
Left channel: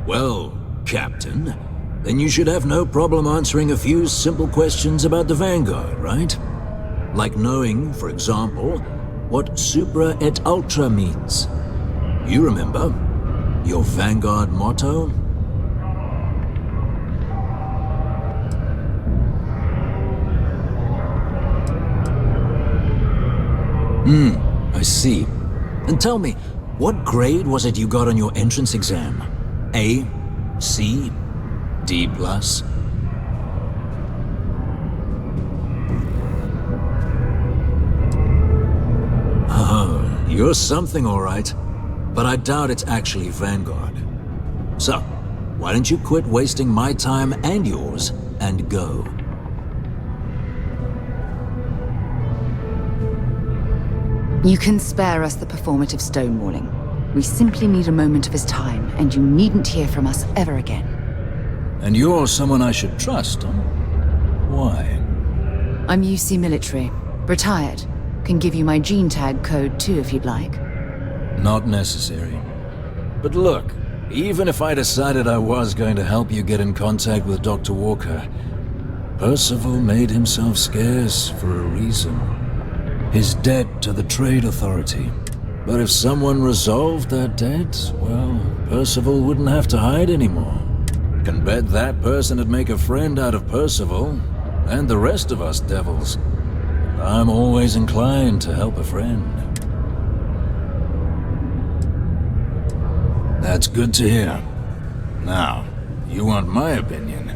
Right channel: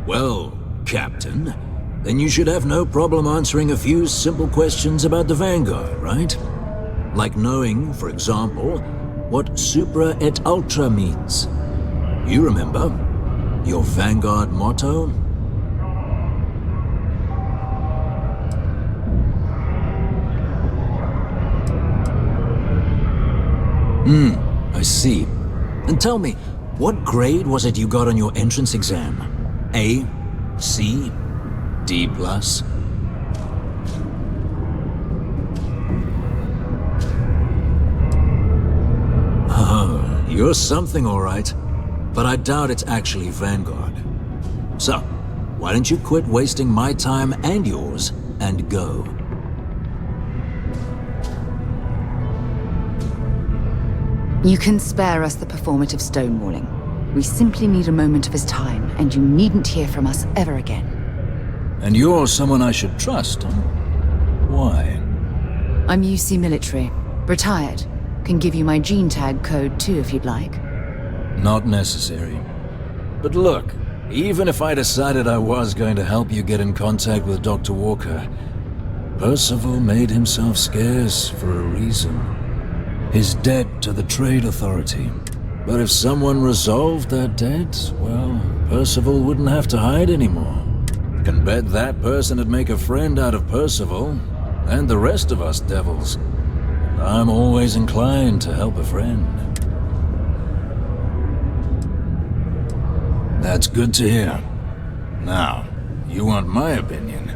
Well, Captain, then you should have no problem answering a few simple questions about the Vanguard, right? Like knowing, for example, what supra et ultra means. You remember? Your Vanguard motto? I see. And tell me, what grade was it you got on your entrance exam? A? C? D+? Oh, you're something all right. But I doubt it's actually Vanguard. So, why don't you quit wasting my time and yours and go? You can spare us the performative stonewalling. We simply need a moment of his time, and you needn't hear from us ever again. And you're someone I should trust, huh? Why? I'm UC military. Retired. Can give you my gene tag code too if you'd like. Not necessary. But look, even if I decided I was going to help you get in contact with Dr. Walker, Parcival made himself scarce for a reason. His debt to the Trade Authority. But if someone resolved that debt, well, Parcival wouldn't have to hide anymore. Can bet that person would make a friend out of Parcival, and the rest of us devils. And I'm always inclined to help a friend. That's good to hear. Now, you want my opinion?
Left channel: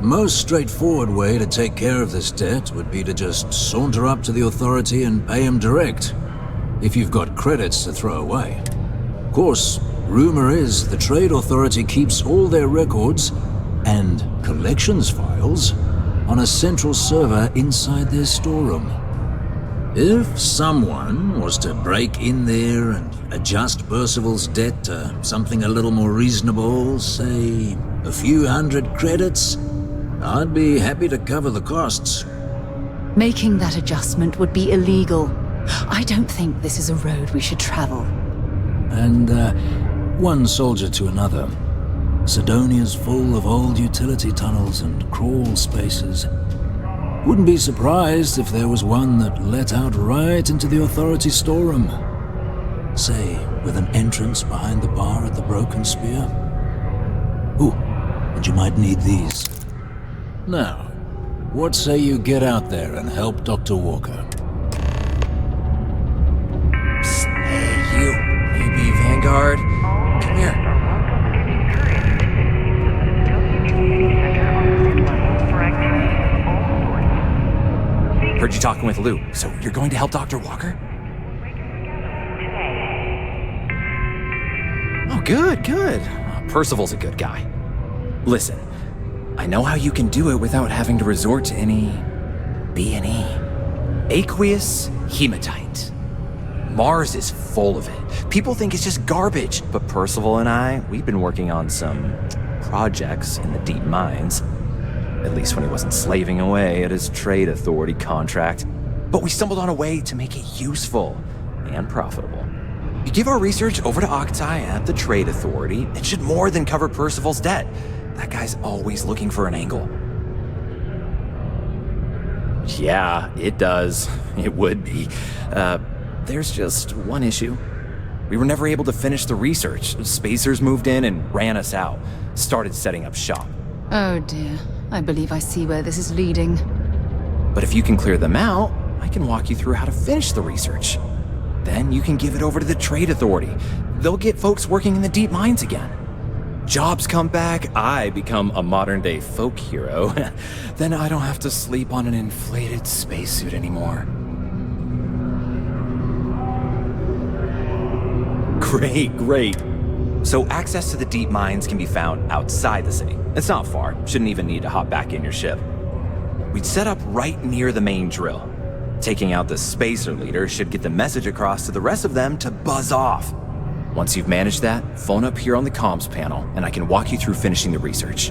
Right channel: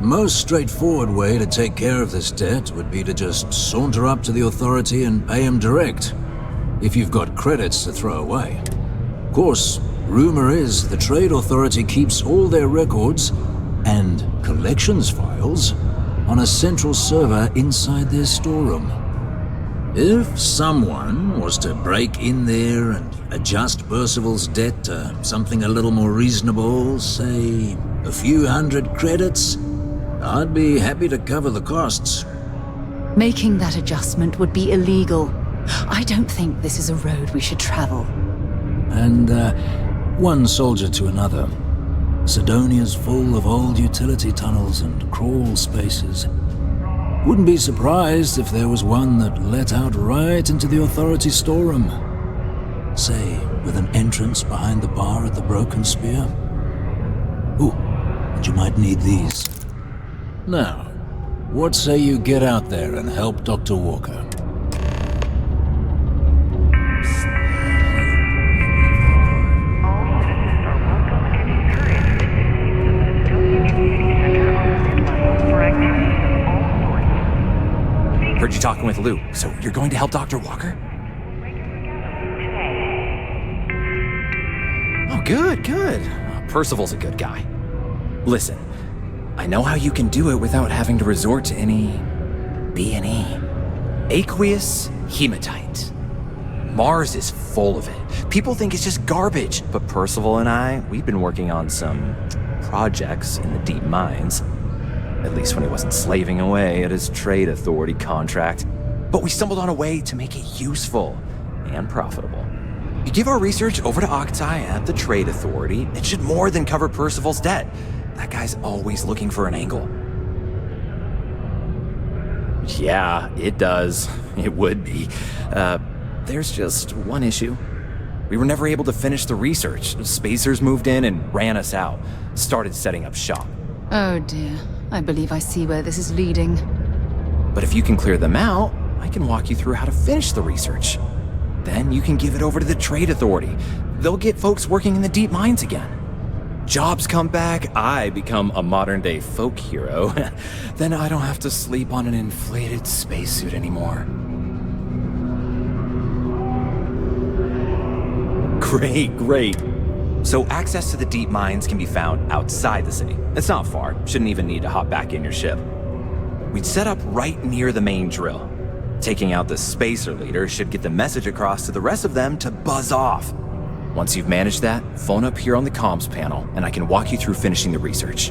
Most straightforward way to take care of this debt would be to just saunter up to the Authority and pay him direct, if you've got credits to throw away. Of course, rumor is the Trade Authority keeps all their records and collections files on a central server inside their storeroom. If someone was to break in there and adjust Parcival's debt to something a little more reasonable, say a few hundred credits, I'd be happy to cover the costs. Making that adjustment would be illegal. I don't think this is a road we should travel. And, one soldier to another. Sidonia's full of old utility tunnels and crawl spaces. Wouldn't be surprised if there was one that let out right into the Authority storeroom. Say, with an entrance behind the bar at the Broken Spear. Ooh, and you might need these. Now, what say you get out there and help Dr. Walker? Psst, hey, you be Vanguard? Come here. Heard you talking with Lou, so you're going to help Dr. Walker? Oh, good, good. Percival's a good guy. Listen, I know how you can do it without having to resort to any B&E. Aqueous hematite. Mars is full of it. People think it's just garbage, but Percival and I, we've been working on some projects in the deep mines. At least when he wasn't slaving away at his trade authority contract. But we stumbled on a way to make it useful and profitable. You give our research over to Octai at the trade authority, it should more than cover Percival's debt. That guy's always looking for an angle. Yeah, it does. It would be. There's just one issue. We were never able to finish the research. Spacers moved in and ran us out. Started setting up shop. Oh dear. I believe I see where this is leading. But if you can clear them out, I can walk you through how to finish the research. Then you can give it over to the trade authority. They'll get folks working in the deep mines again. Jobs come back, I become a modern-day folk hero. Then I don't have to sleep on an inflated spacesuit anymore. Great, great. So access to the deep mines can be found outside the city. It's not far, shouldn't even need to hop back in your ship. We'd set up right near the main drill. Taking out the spacer leader should get the message across to the rest of them to buzz off. Once you've managed that, phone up here on the comms panel, and I can walk you through finishing the research.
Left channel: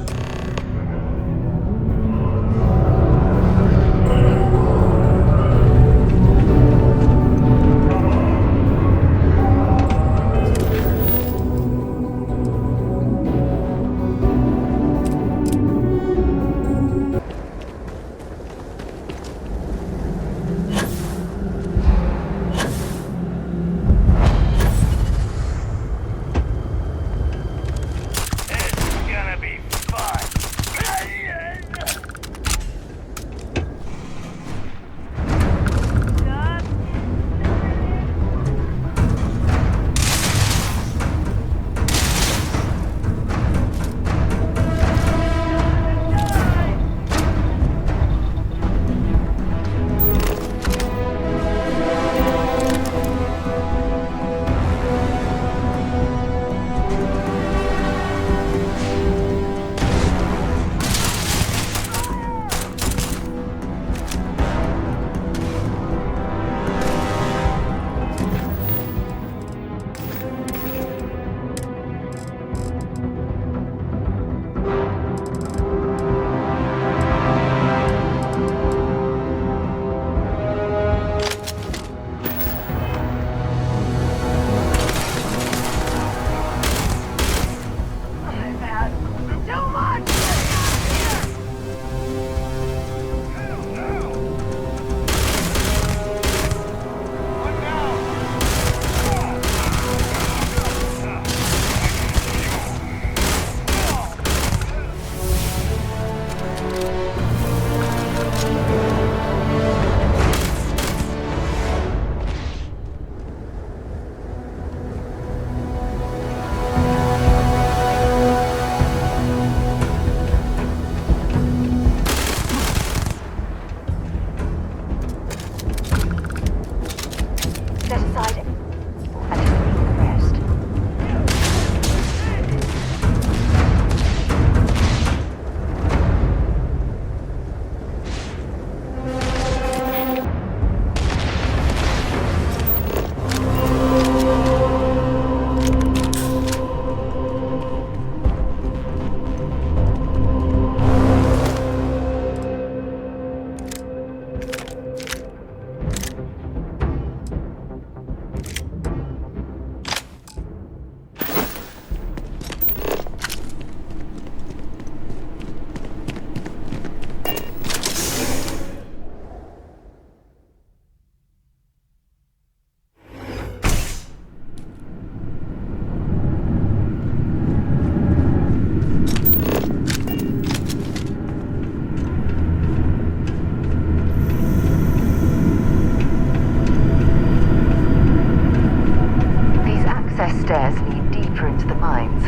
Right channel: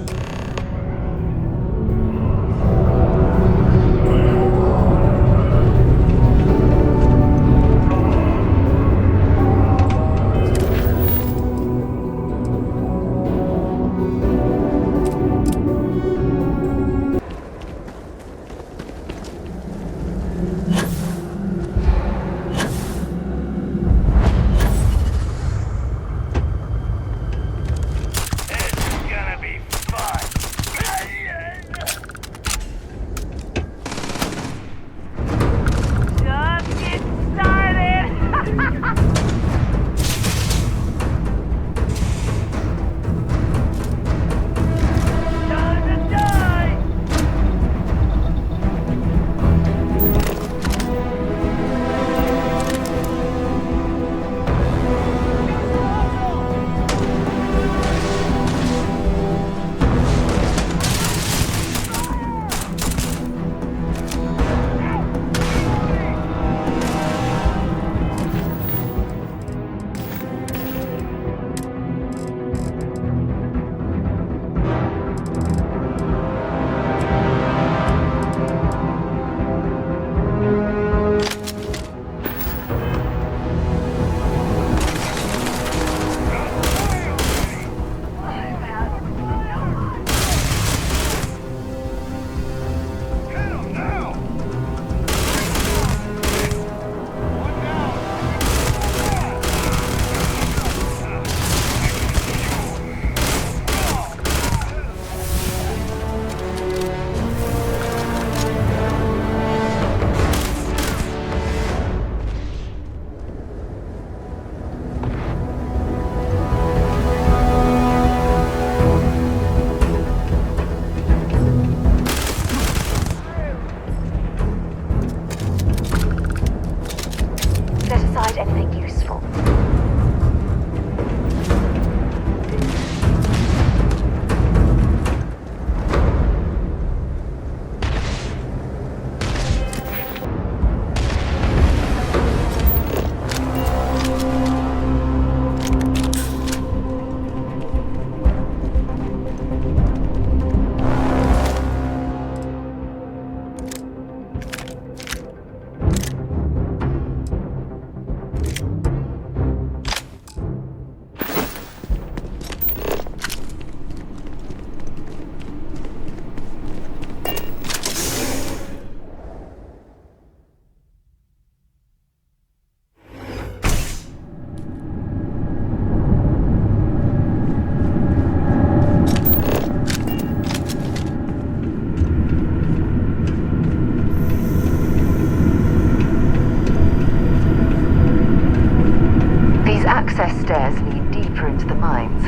stairs lead deeper into the mines.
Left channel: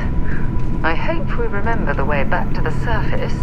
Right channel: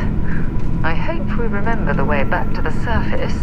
I hope we remember the way back to the surface.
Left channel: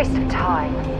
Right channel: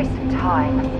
waste of time.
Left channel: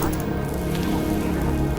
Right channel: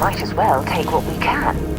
Might as well take what we can.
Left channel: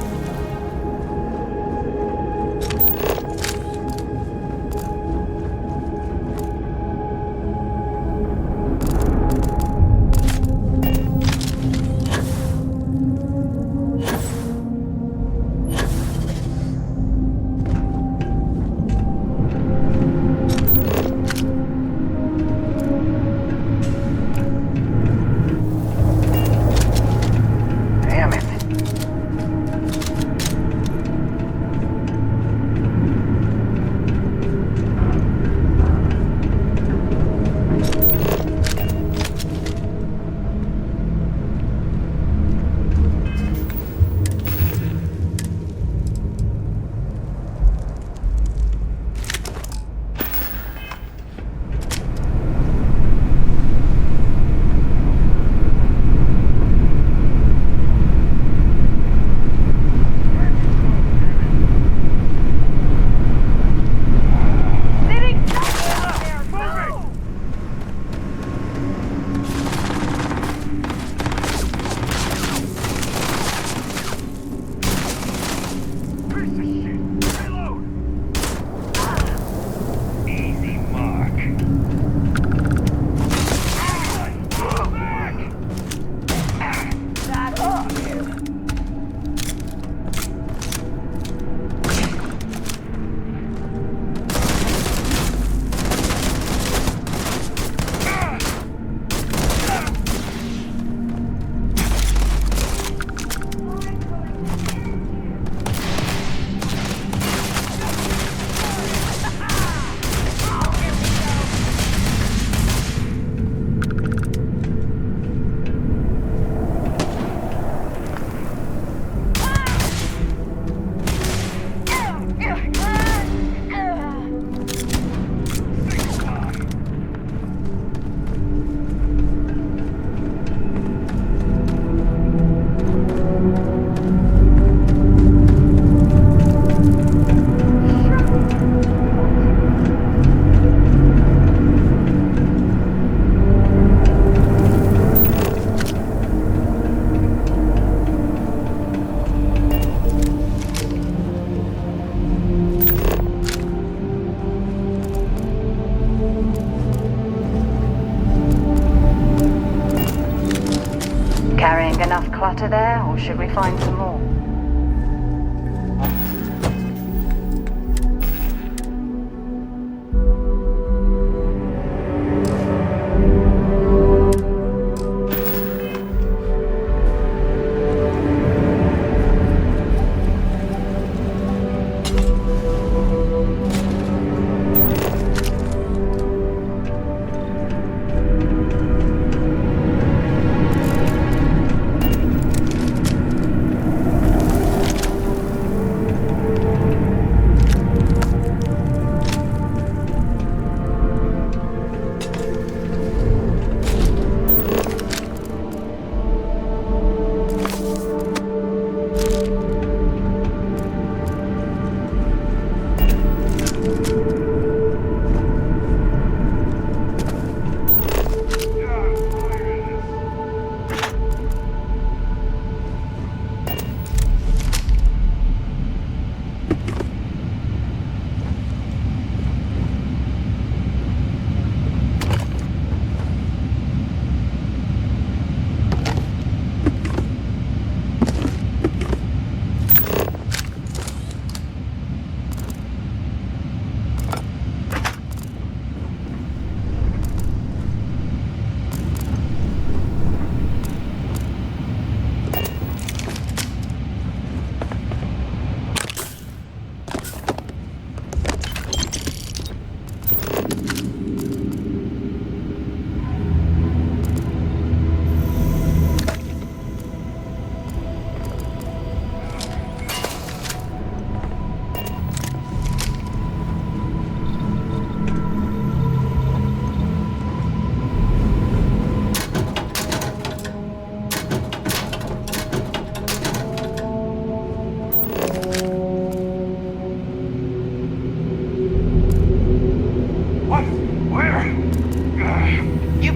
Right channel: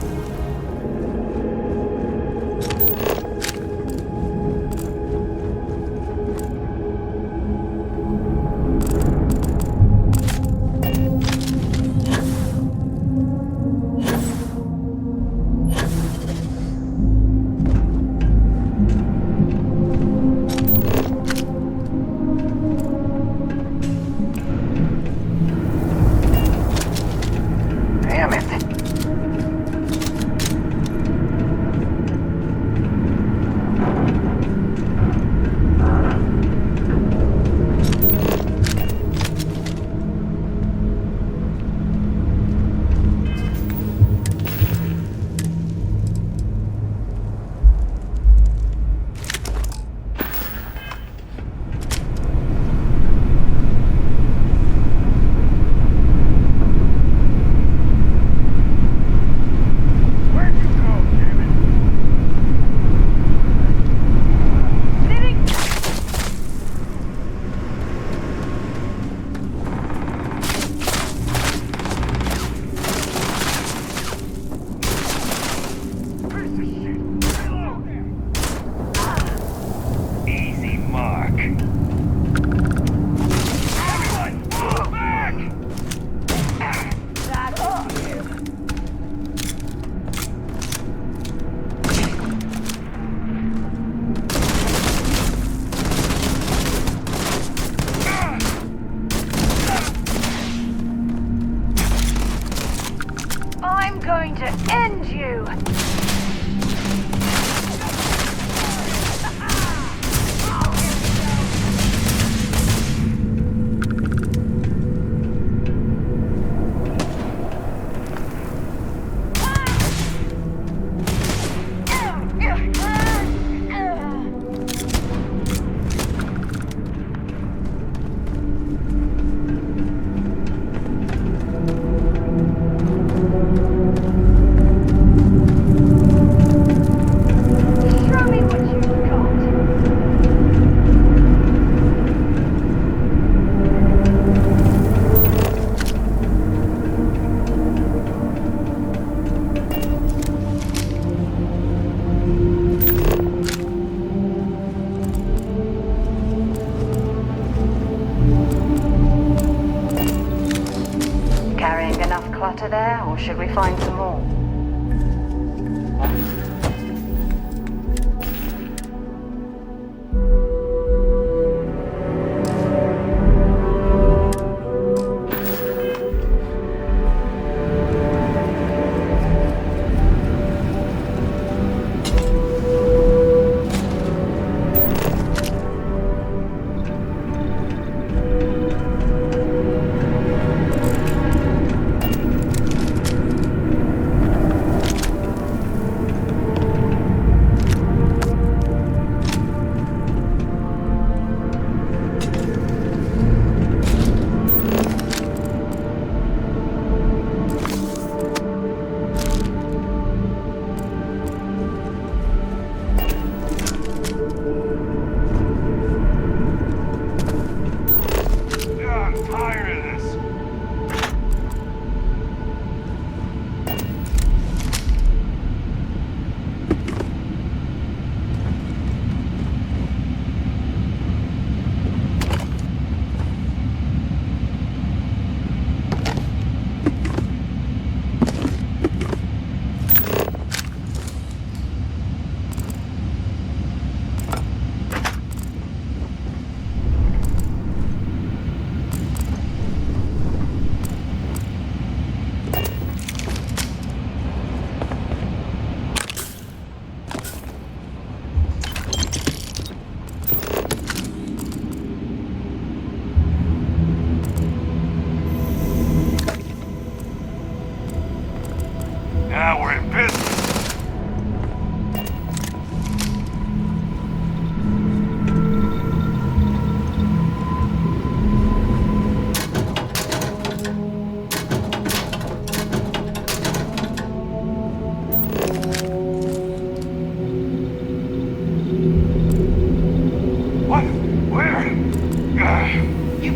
enough clutter there, or should we find some more?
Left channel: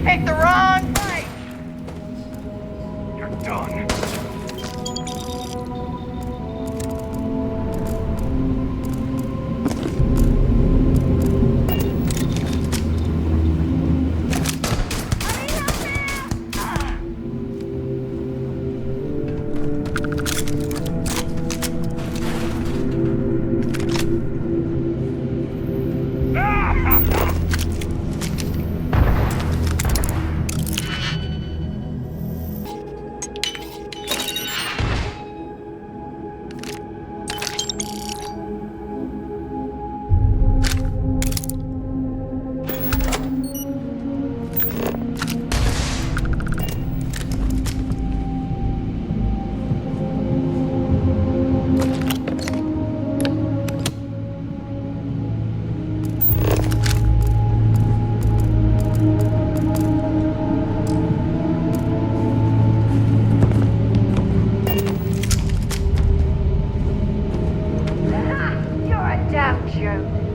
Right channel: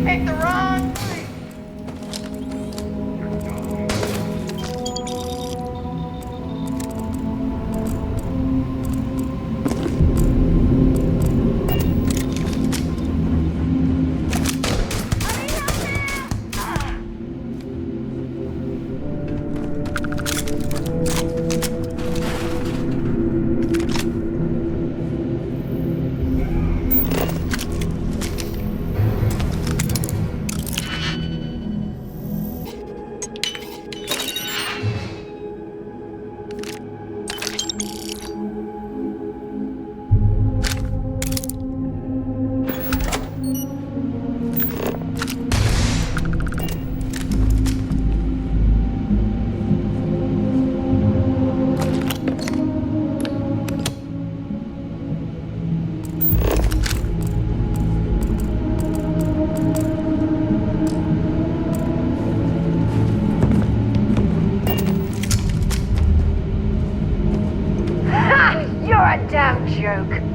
picked the wrong fight! You're done. Damn joke.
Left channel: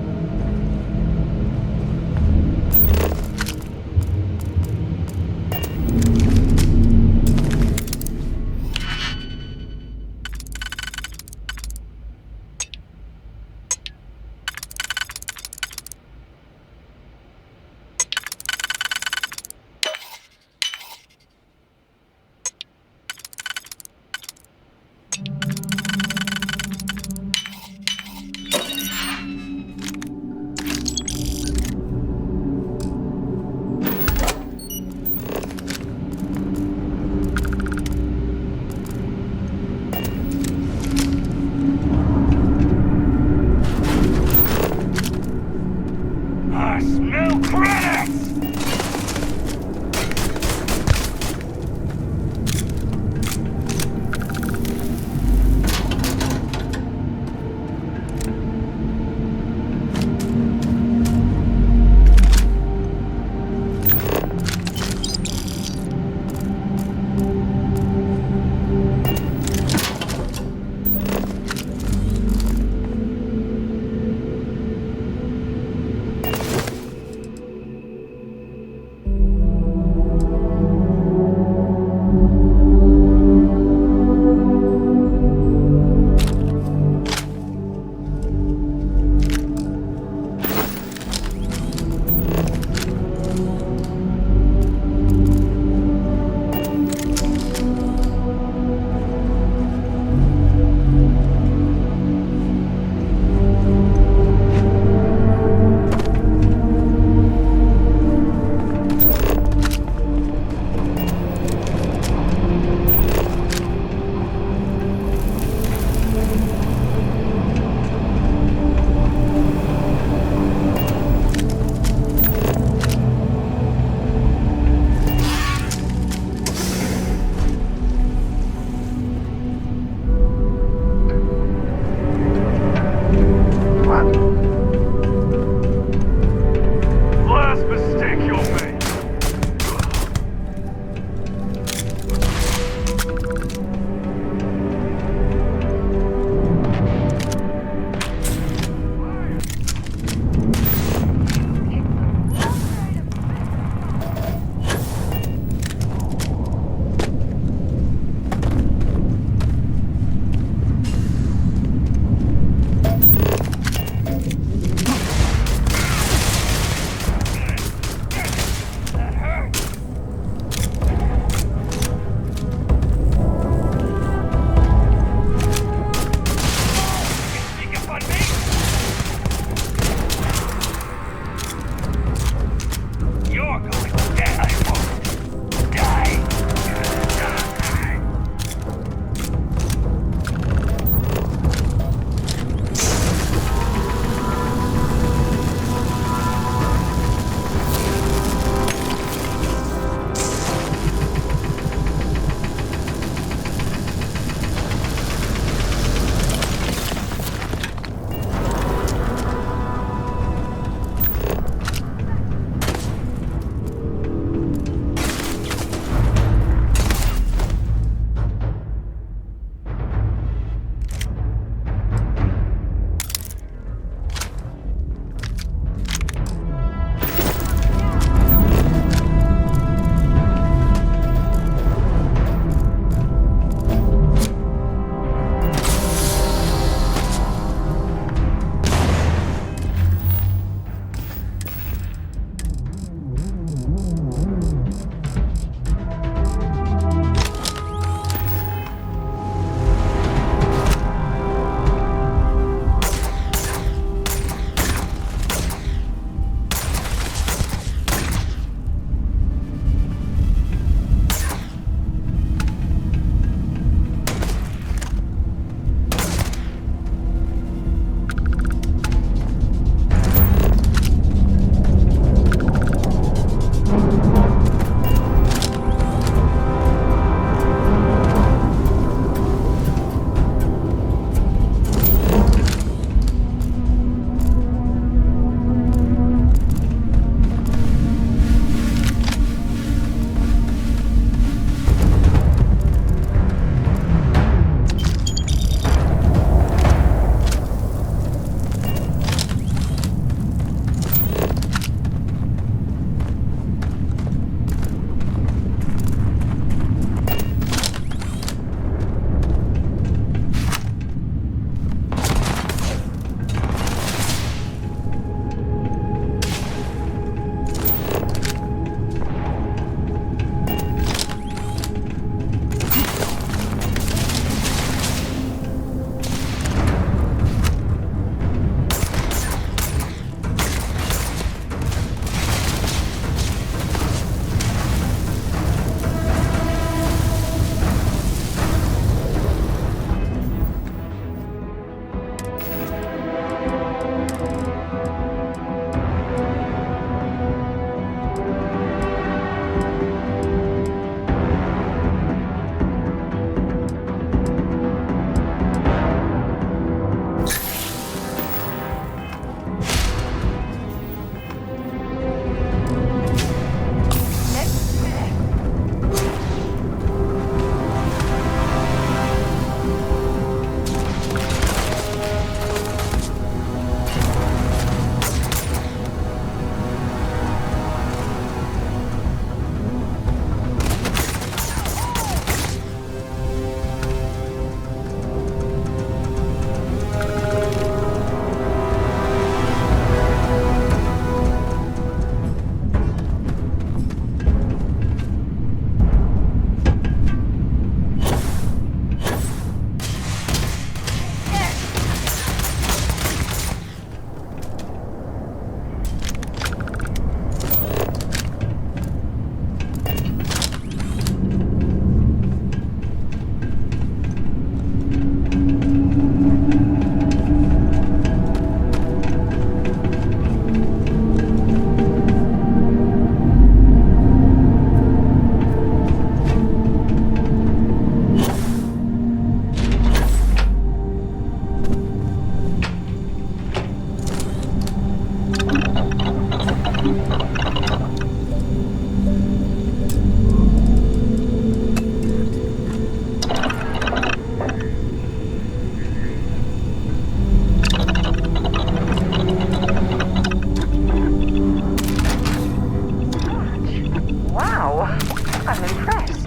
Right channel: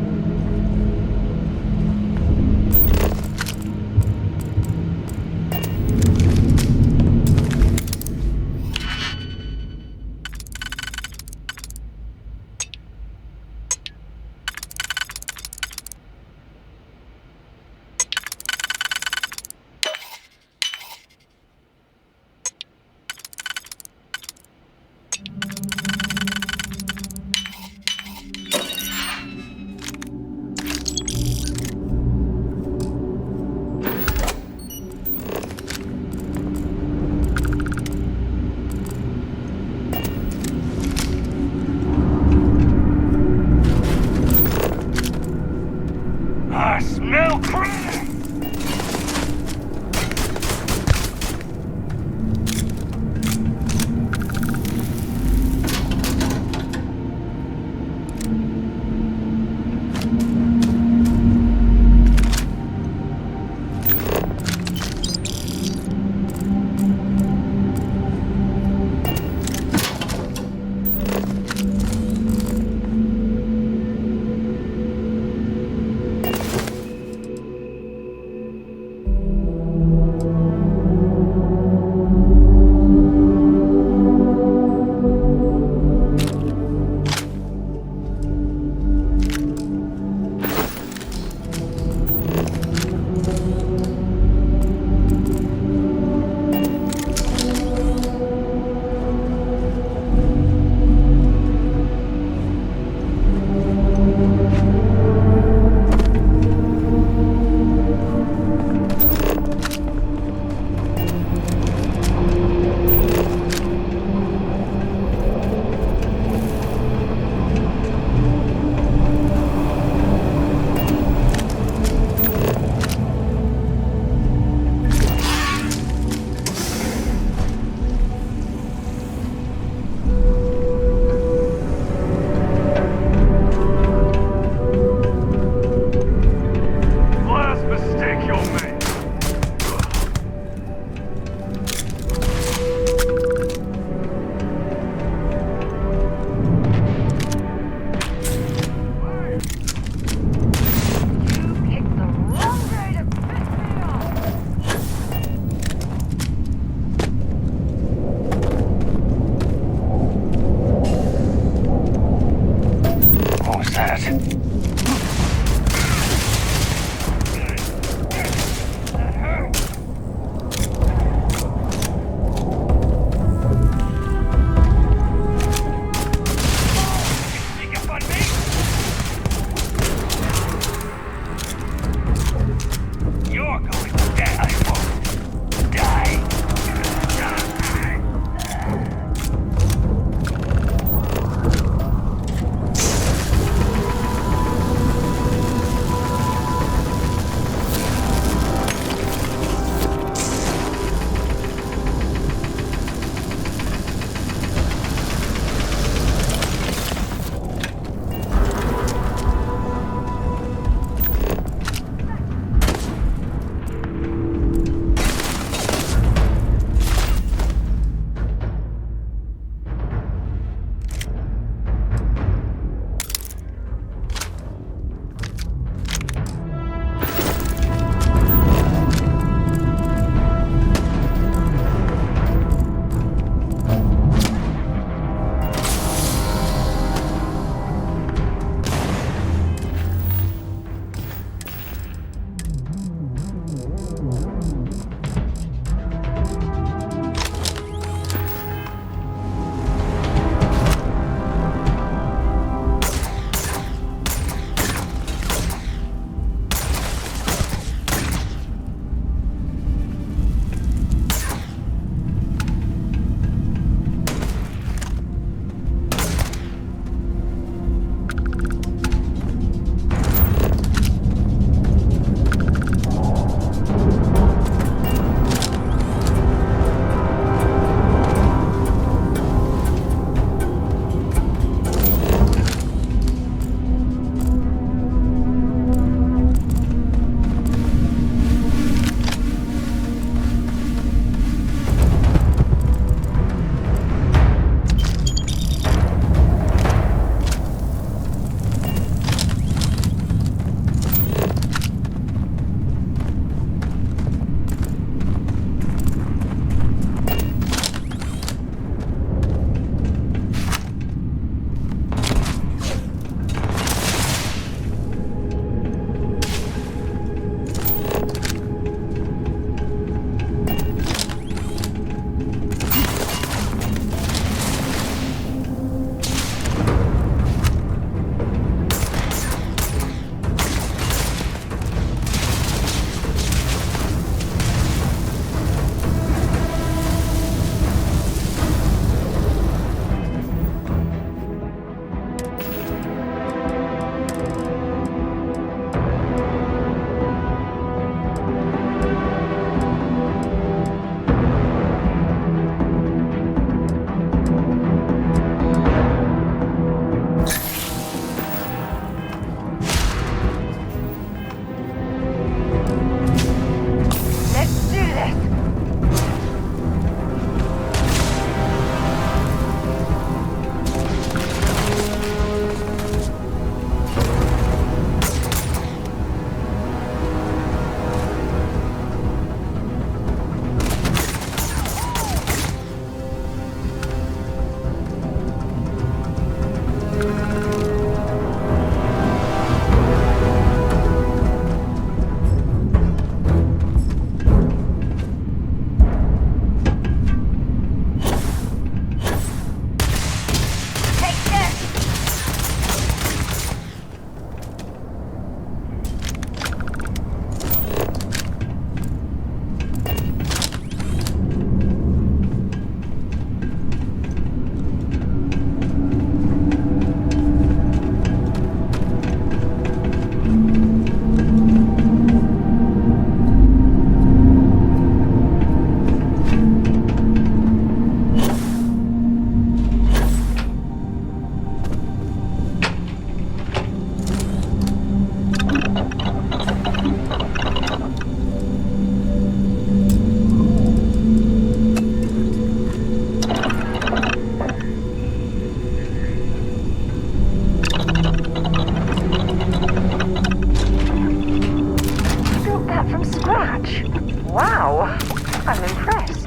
Wow, I'm impressed.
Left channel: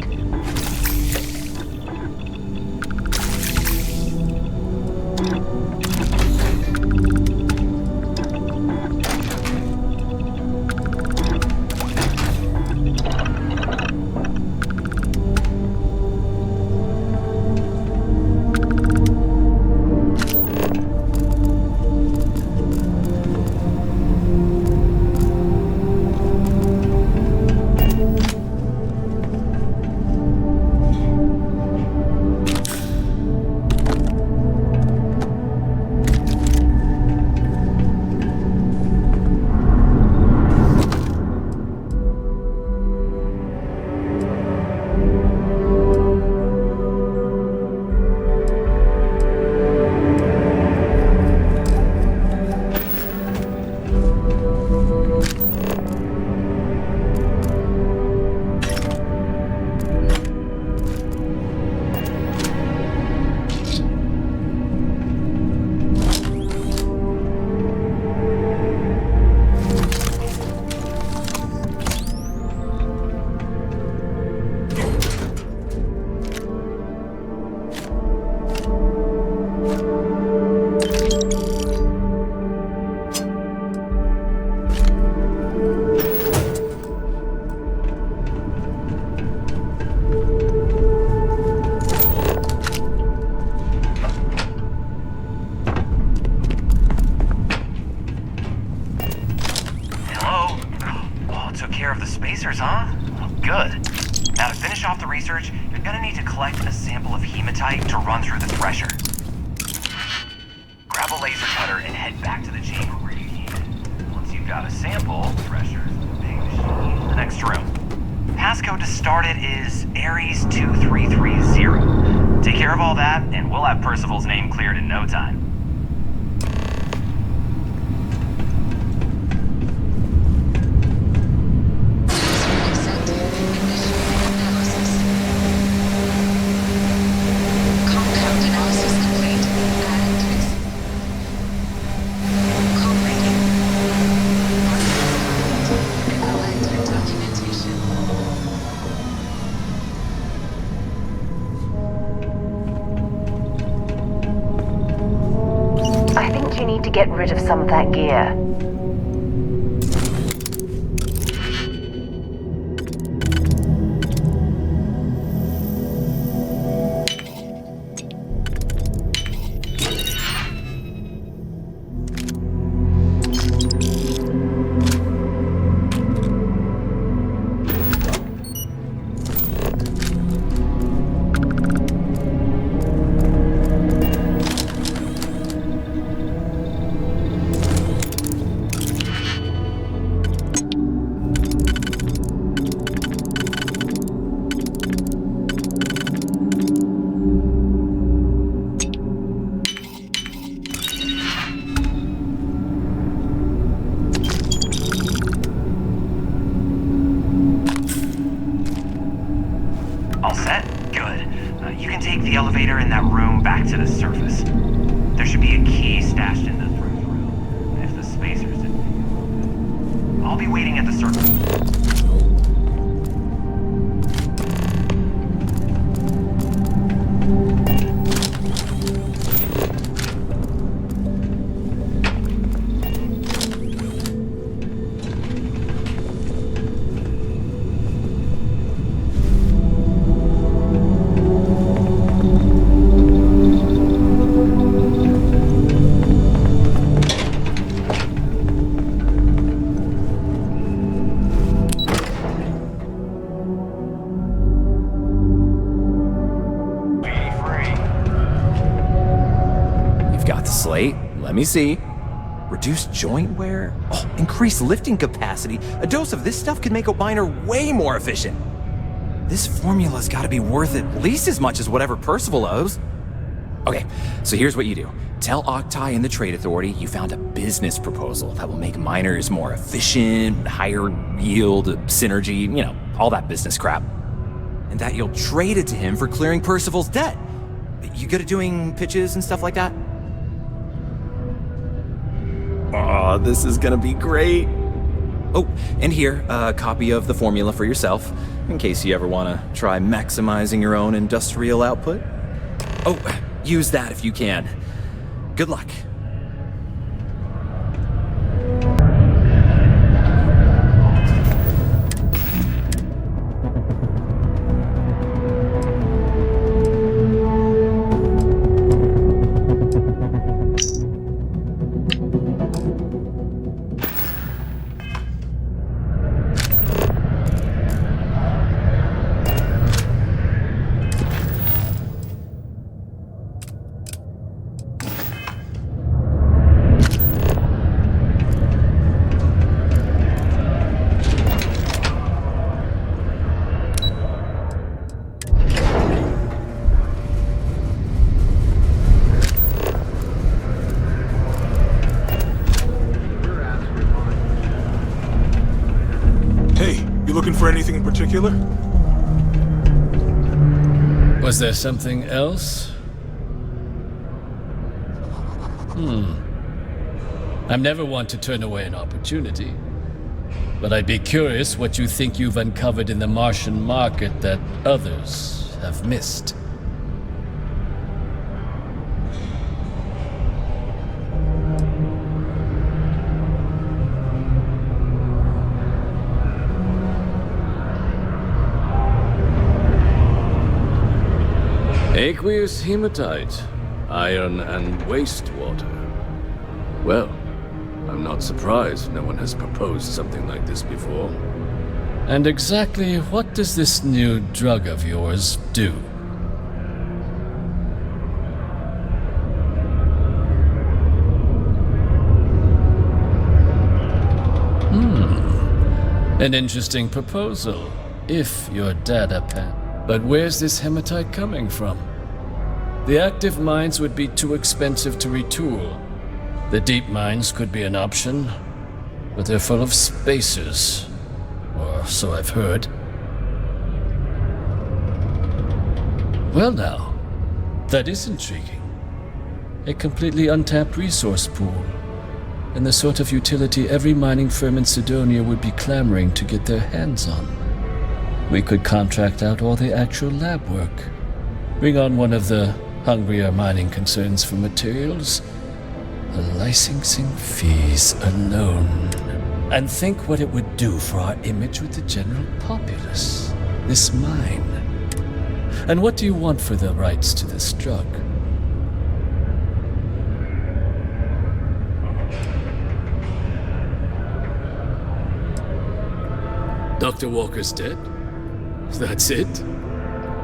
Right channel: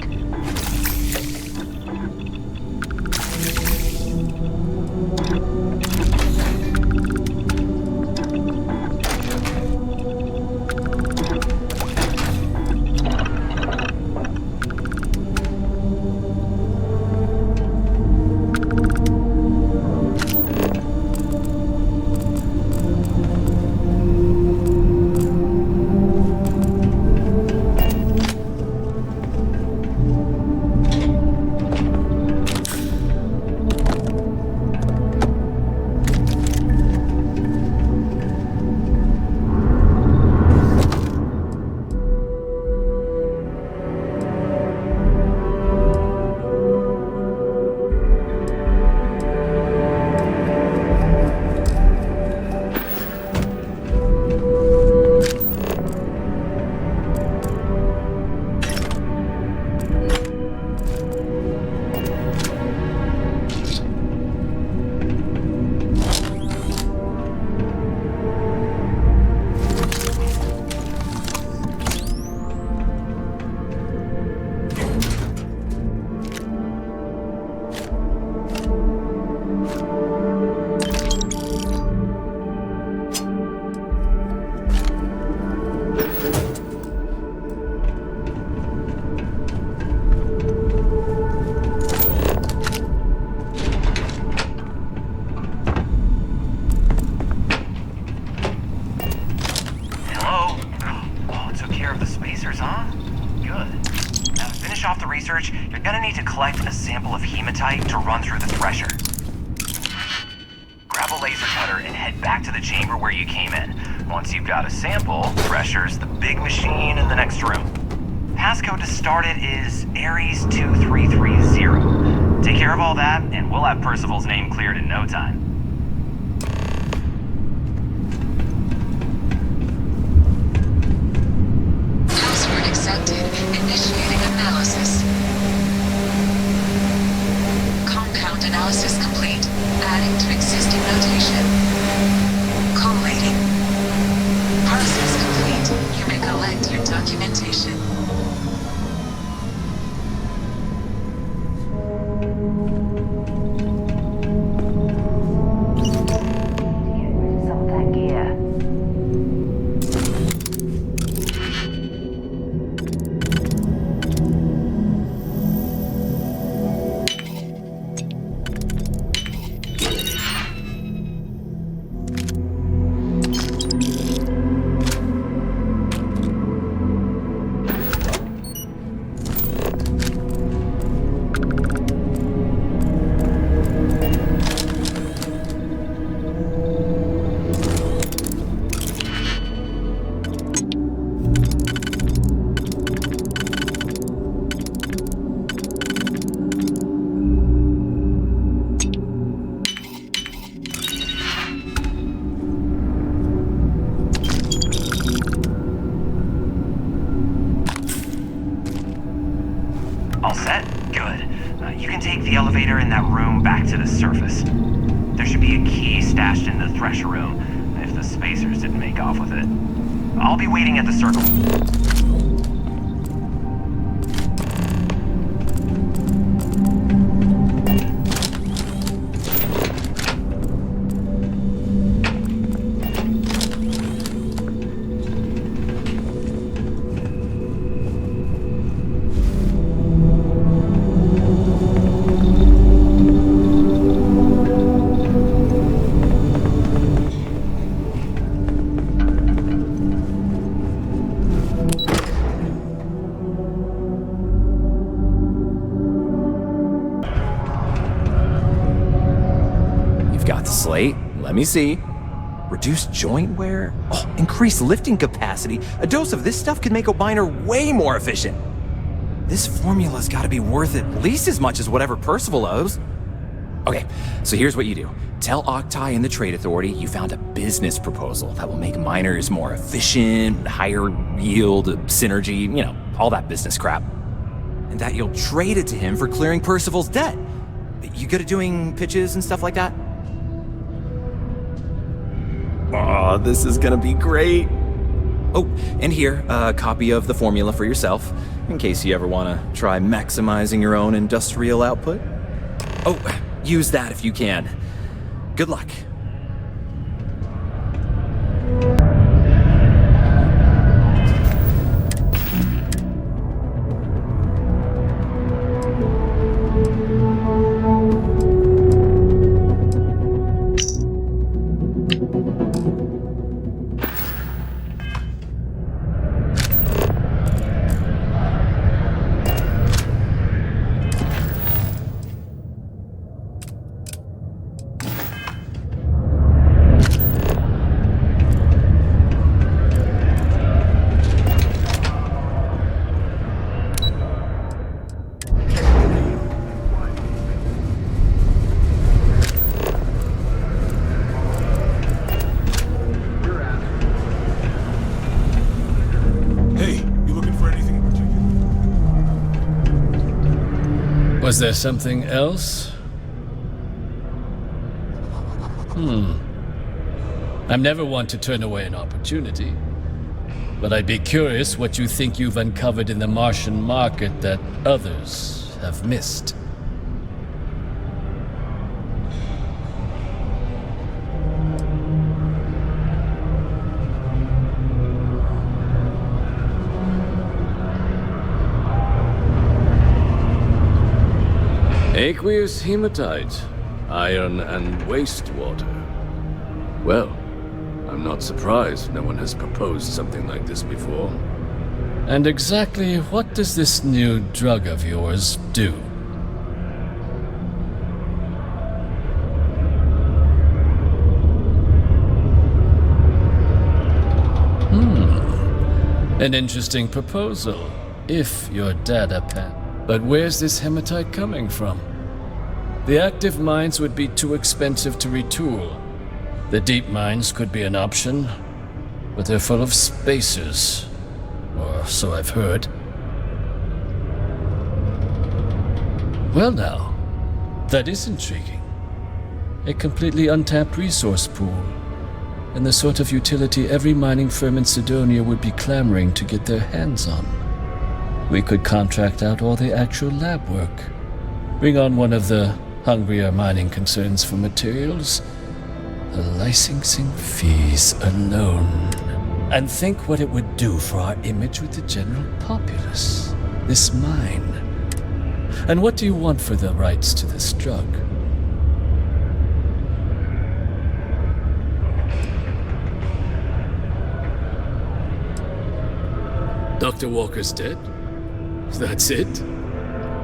You're gonna need to collect a sample of hematite to run through the thresher. Grab a laser cutter and head back to the chamber where you came in. Once you've got a sample, thresher's the big machine in the next room. Passcode to start it is Ares 2330. Take care of all that, and we'll have Parcival's name cleared in no time. Password accepted. Initiating analysis. Compound analysis complete. Adding to existing notation. Collating. Process complete. You may collect your documentation. I think you need to get rid of some of that gear. All set? Good. You can take the elevator in that room back to the surface. There should be a key stashed in the thresher room, if the spacers didn't make off with it. I'll be waiting at the circle. Slate, let me see. Reduced joint wear? Oh, increased lifting capacity. A dose of this stuff could make a miner way more efficient. This formula's gotta be worth at least as much as whatever Parcival owes. Okay, so here's what you do. Tell Octai and the Trade Authority you found a business proposal that will make miners more efficient, higher yield, synergy, you know, all that business crap. And that you'll trade it to him for clearing Parcival's debt. You good at doing pitches and stuff like that? Oh, this is gonna be great. Oh, and here, a copy of the formula for yourself, in case you ever want to try maximizing your own industrial output. Oh, use that if you can. Good luck. Was there something else? I'm never one to turn away an opportunity, but I'd be curious what you think you've uncovered in the Martian market that others have missed. Aqueous hematite, iron and wastewater. Well, I'm not surprised no one has proposed something like this before. And exactly what does this new drug of yours do? An interesting proposal, if your data pan. But where's this hematite coming from? The active mines would be too expensive to retool. The deep mines could be an option, but they're full of spacers, or so I've heard. Well now, that is intriguing. A completely untapped resource pool, and the sort of utility every mining firm in Sidonia would be clamoring to get their hands on. We could contract out all the actual lab work, bring on one of the hungrier mining concerns for materials, the licensing fees alone. And think what it would do for our image with the general populace, this mine. And what do you want for the rights to this drug? Dr. Walker's dead? That's it?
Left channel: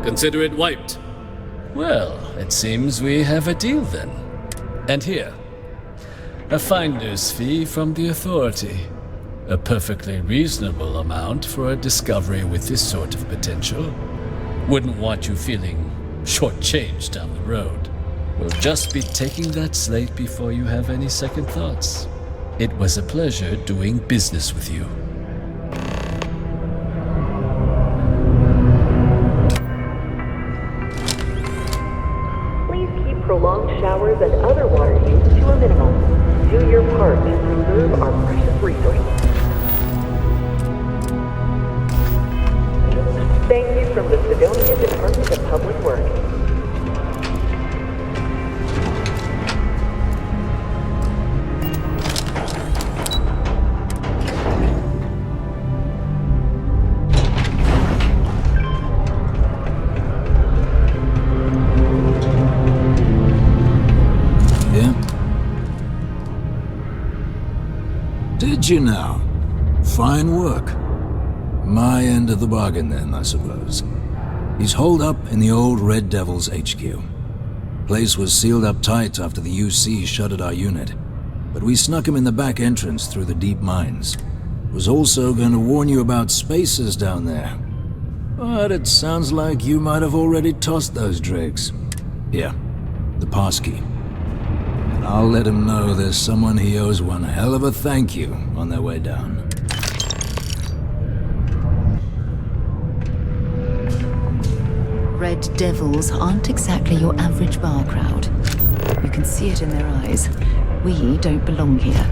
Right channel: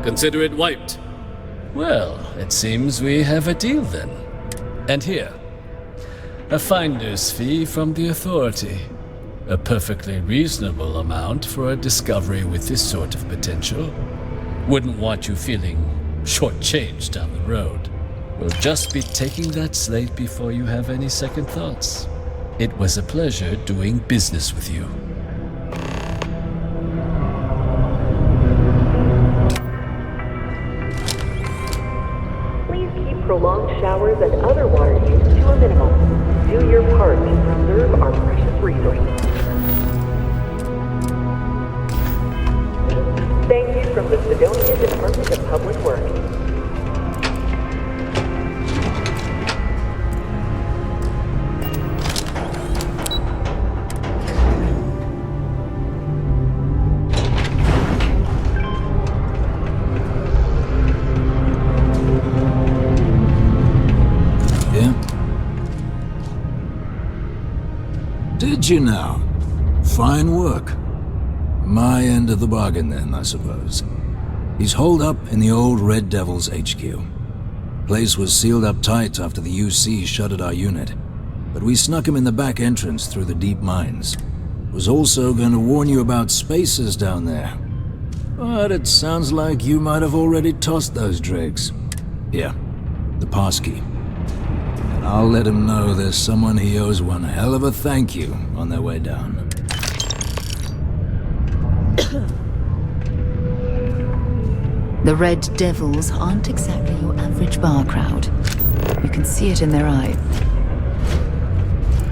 Consider it wiped. Well, it seems we have a deal then. And here, a finder's fee from the Authority. A perfectly reasonable amount for a discovery with this sort of potential. Wouldn't want you feeling shortchanged down the road. We'll just be taking that slate before you have any second thoughts. It was a pleasure doing business with you. Prolonged showers and other water use to a minimum. Do your part to preserve our precious resources. Thank you from the Sidonia Department of Public Works. Did you now? Fine work. My end of the bargain then, I suppose. He's holed up in the old Red Devil's HQ. Place was sealed up tight after the UC shuttered our unit, but we snuck him in the back entrance through the deep mines. Was also going to warn you about spacers down there. But it sounds like you might have already tossed those dregs. Here, the passkey. And I'll let him know there's someone he owes one hell of a thank you on their way down. The Red Devils aren't exactly your average bar crowd. You can see it in their eyes. We don't belong here.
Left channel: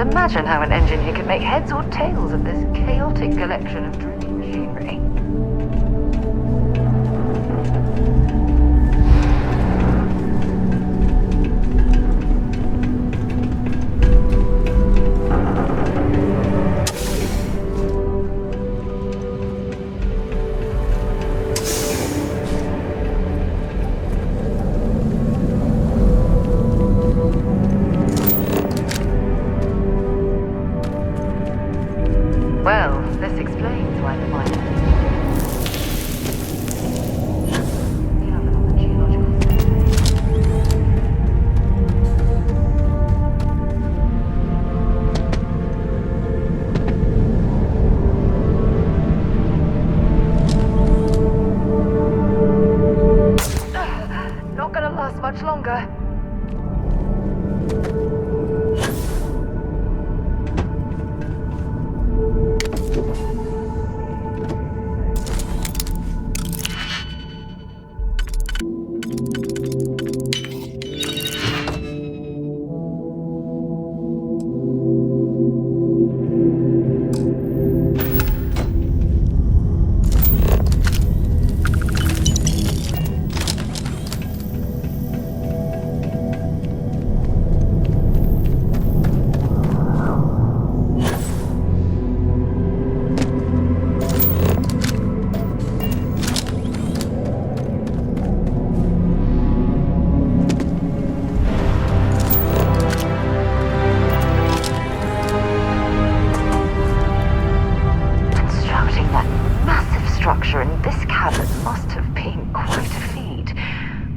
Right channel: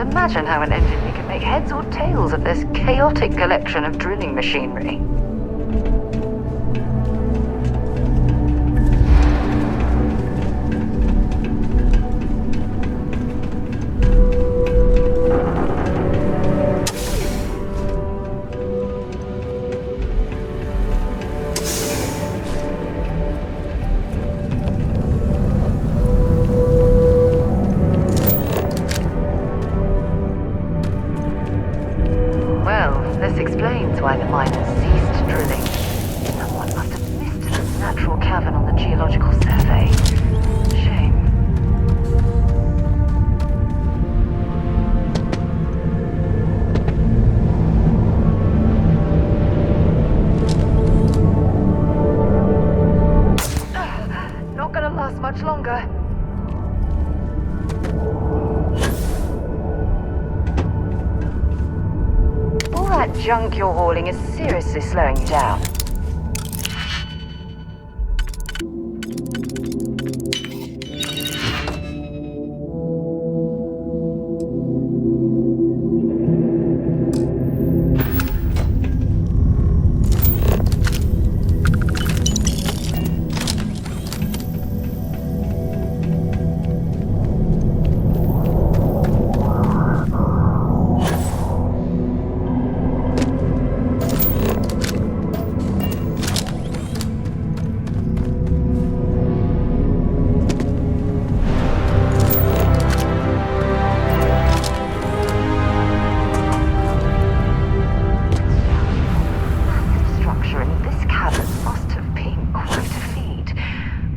can't imagine how an engineer could make heads or tails of this chaotic collection of drilling machinery. Why the miners ceased drilling. Someone must have nipped a natural cavern on the geological survey. Shame. Not gonna last much longer. Junk you're hauling is seriously slowing you down.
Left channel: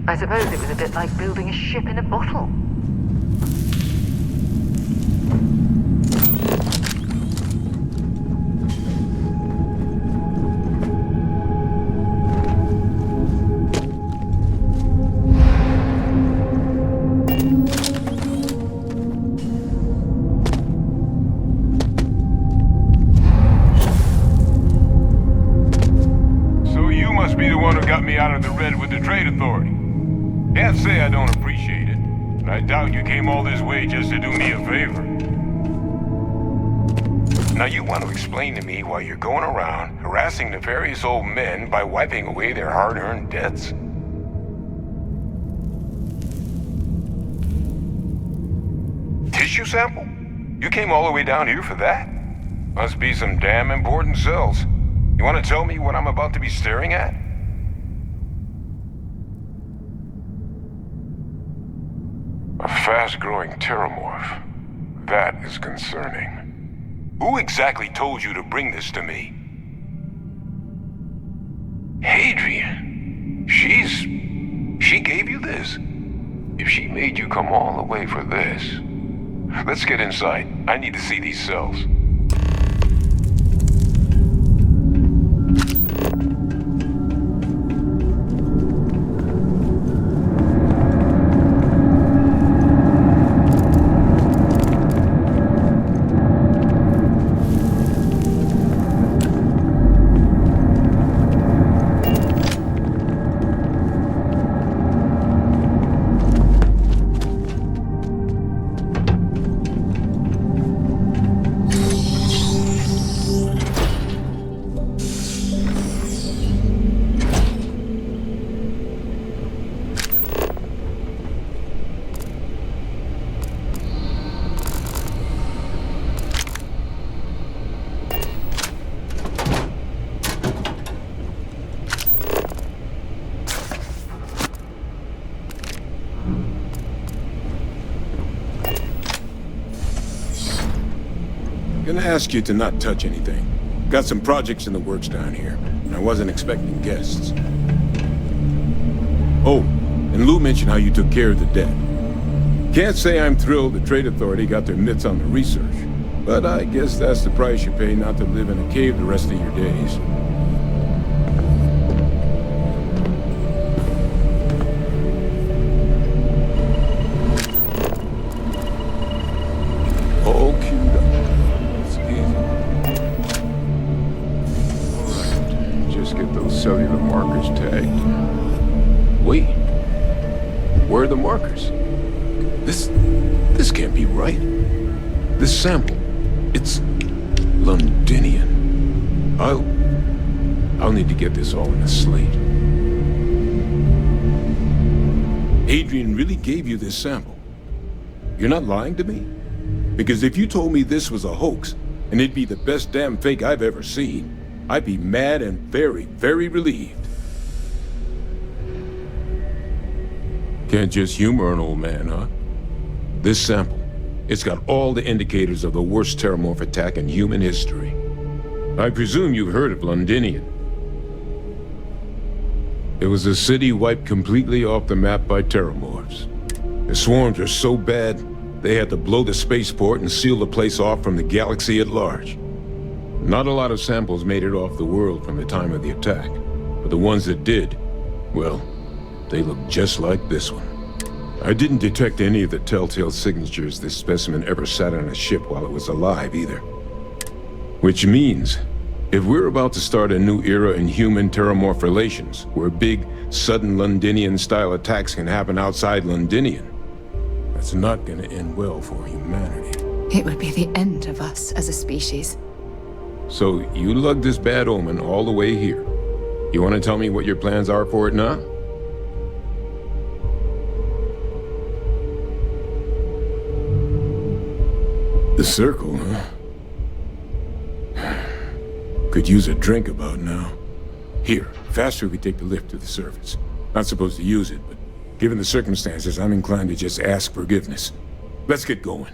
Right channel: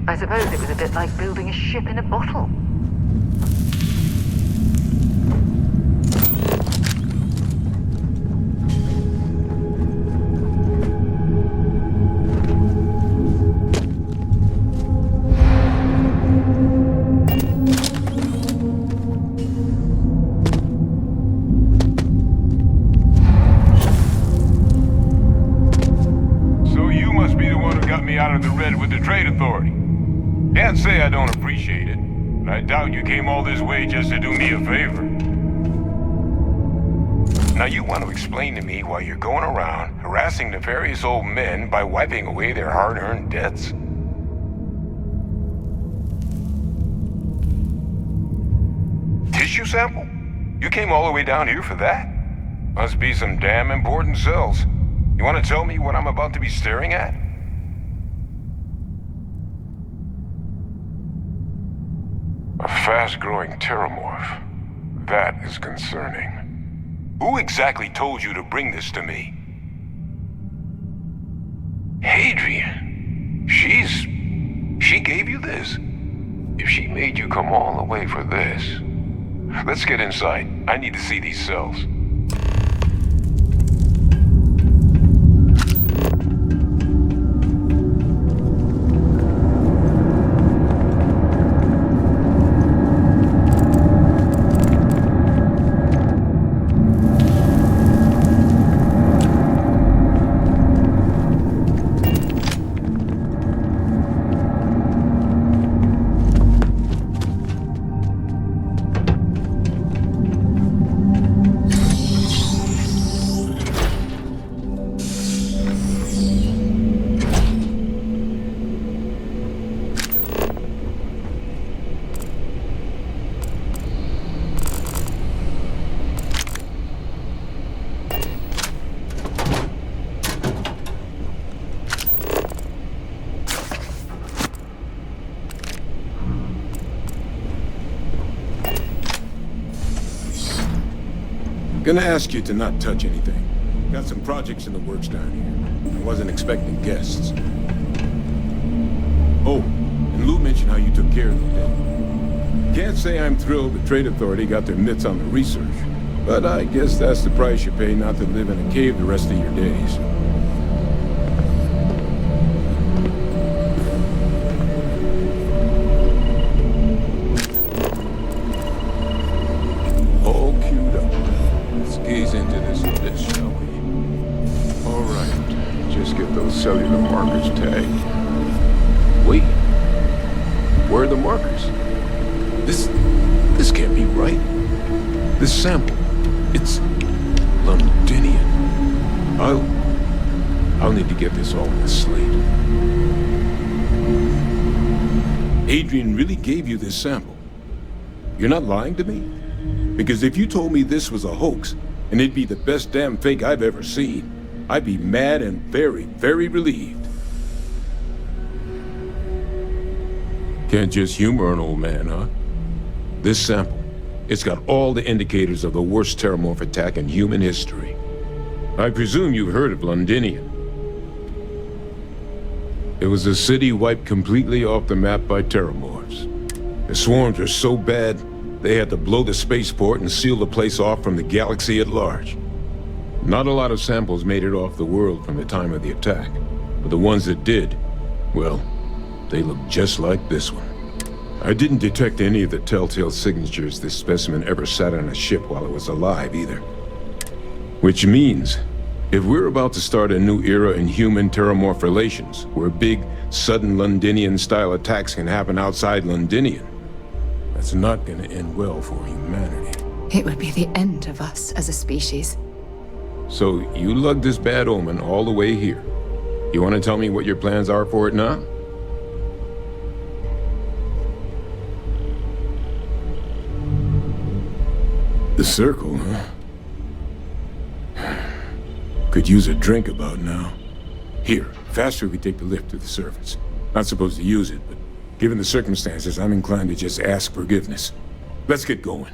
I suppose it was a bit like building a ship in a bottle. So you must be the one who got me out of the red with the trade authority. Can't say I don't appreciate it, but I doubt you came all this way just to do me a favor. Now you want to explain to me why you're going around harassing nefarious old men by wiping away their hard-earned debts? Tissue sample? You came all the way down here for that? Must be some damn important cells. You want to tell me what I'm about to be staring at? A fast-growing terramorph. That is concerning. Who exactly told you to bring this to me? Hadrian. She gave you this? If she made you come all the way for this... Let's get inside. I need to see these cells. Gonna ask you to not touch anything. Got some projects in the works down here, and I wasn't expecting guests. Oh, and Lou mentioned how you took care of the debt. Can't say I'm thrilled the Trade Authority got their mitts on the research, but I guess that's the price you pay not to live in a cave the rest of your days. All queued up. Let's gaze into this bitch. All right, just get those cellular markers tagged. Wait, where are the markers? This can't be right. This sample, it's Londinian. I'll need to get this all in a slate. Hadrian really gave you this sample. You're not lying to me? Because if you told me this was a hoax, and it'd be the best damn fake I've ever seen, I'd be mad and very, very relieved. Can't just humor an old man, huh? This sample, it's got all the indicators of the worst terramorph attack in human history. I presume you've heard of Londinian. It was a city wiped completely off the map by terramorphs. The swarms were so bad, they had to blow the spaceport and seal the place off from the galaxy at large. Not a lot of samples made it off the world from the time of the attack, but the ones that did, well, they look just like this one. I didn't detect any of the telltale signatures this specimen ever sat on a ship while it was alive, either. Which means, if we're about to start a new era in human-terramorph relations, where big, sudden Londinian-style attacks can happen outside Londinian, that's not gonna end well for humanity. It would be the end of us as a species. So, you lugged this bad omen all the way here. You want to tell me what your plans are for it now? The circle, huh? Could use a drink about now. Here, faster we take the lift to the surface. Not supposed to use it, but given the circumstances, I'm inclined to just ask forgiveness. Let's get going.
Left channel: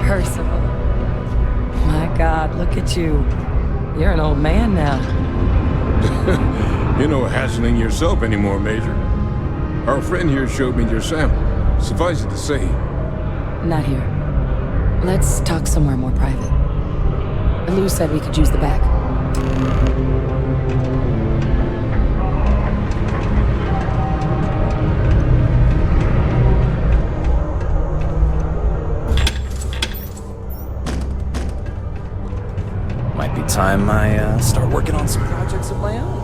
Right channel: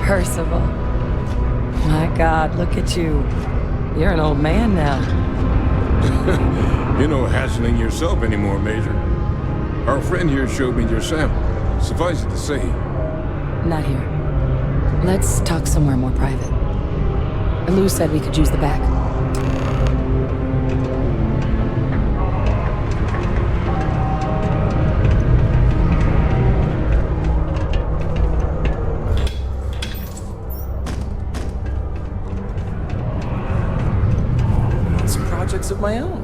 Parcival. My God, look at you. You're an old man now. You're no hatchling yourself anymore, Major. Our friend here showed me your sample. Suffice it to say... Not here. Let's talk somewhere more private. Lou said we could use the back. Time I start working on some projects of my own.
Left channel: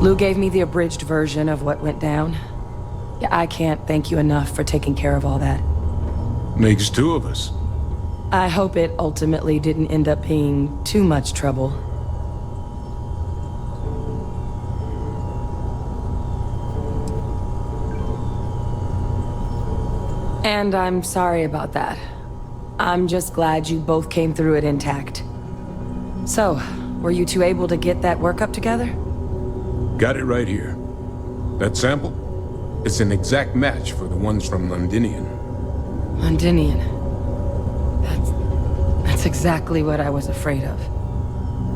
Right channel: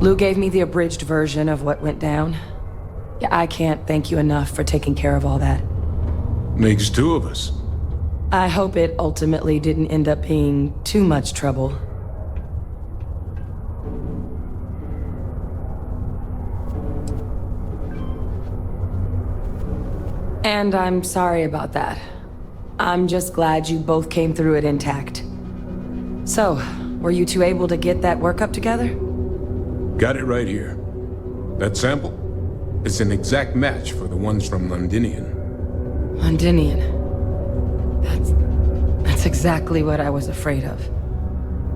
Lou gave me the abridged version of what went down. Yeah, I can't thank you enough for taking care of all that. Makes two of us. I hope it ultimately didn't end up being too much trouble. And I'm sorry about that. I'm just glad you both came through it intact. So, were you two able to get that workup together? Got it right here. That sample? It's an exact match for the ones from Londinian. Londinian. That's exactly what I was afraid of.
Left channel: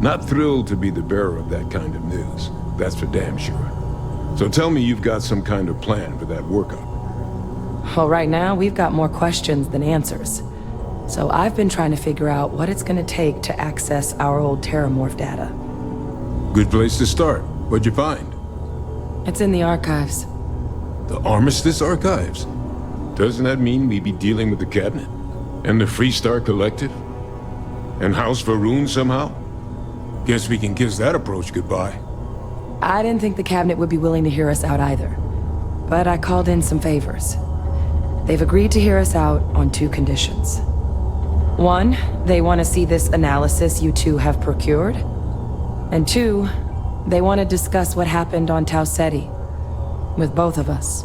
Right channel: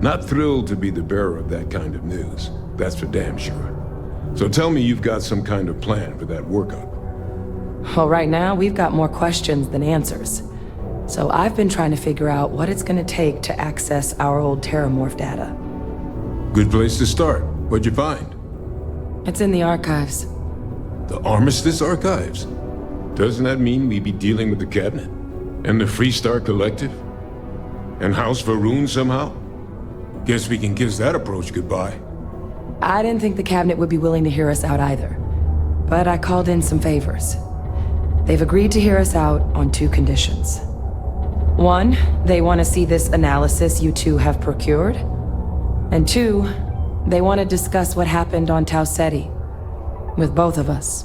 Not thrilled to be the bearer of that kind of news. That's for damn sure. So tell me you've got some kind of plan for that workup. Well, right now, we've got more questions than answers. So I've been trying to figure out what it's gonna take to access our old terramorph data. Good place to start. What'd you find? It's in the archives. The Armistice archives? Doesn't that mean we'd be dealing with the cabinet? And the Freestar Collective? And House Varun somehow? Guess we can kiss that approach goodbye. I didn't think the cabinet would be willing to hear us out either. But I called in some favors. They've agreed to hear us out on two conditions. One, they want to see this analysis you two have procured. And two, they want to discuss what happened on Tau Ceti with both of us.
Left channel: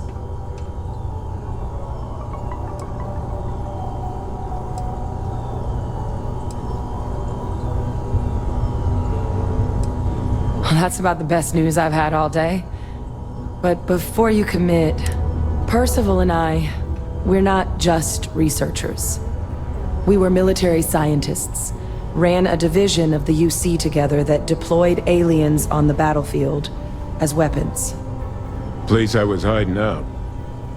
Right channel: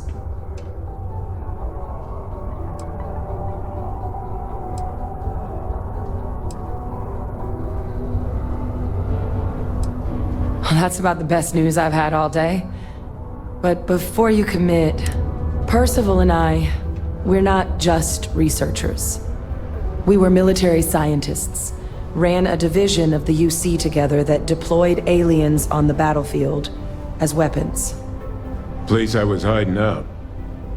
That's about the best news I've had all day. But before you commit, Parcival and we're not just researchers. We were military scientists, ran a division of the UC together that deployed aliens on the battlefield as weapons. Place I was hiding out.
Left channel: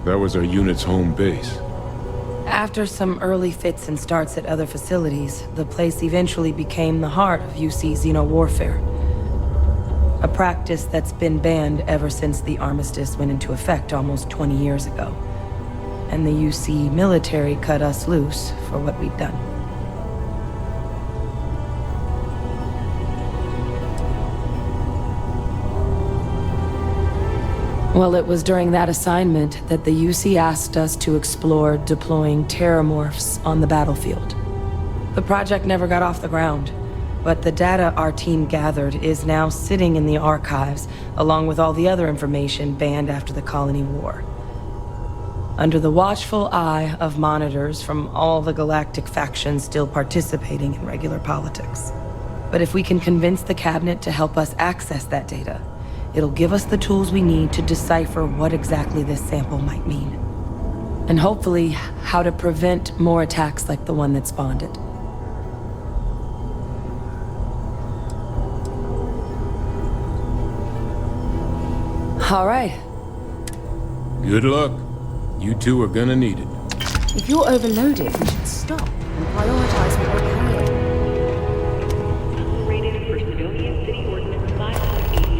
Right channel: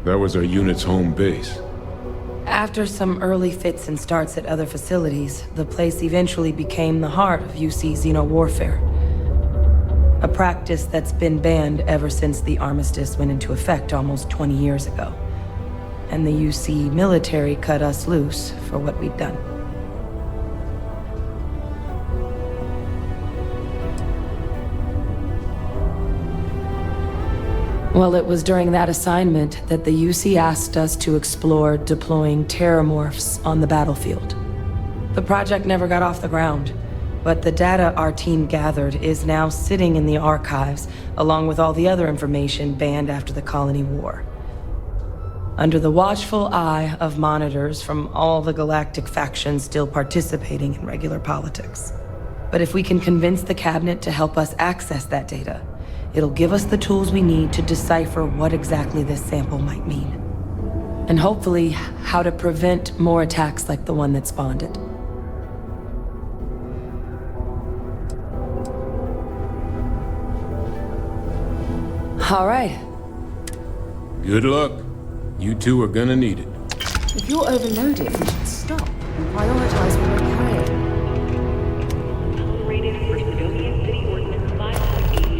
That was our unit's home base. After some early fits and starts at other facilities, the place eventually became the heart of UC xeno-warfare. A practice that's been banned ever since the Armistice went into effect almost 20 years ago. And the UC military cut us loose for what we'd done. Well, it was during that assignment that the UC asked us to explore deploying terramorphs on the battlefield. The project never got off the ground, but the data our team gathered is now sitting in the archives, along with all the other information banned after the Colony War. Under the watchful eye of monitors from all the galactic factions still participating in regular politics. But if we can convince the cabinet to help us access that data, it'll give us the tools we need to decipher what exactly this sample might mean. And hopefully, how to prevent more attacks like the one that spawned it. All right. Good luck. You two are gonna need it. If you're overloaded, we should stop and prioritize what we're carrying. Rated for Civilian City Ordinance 5.82.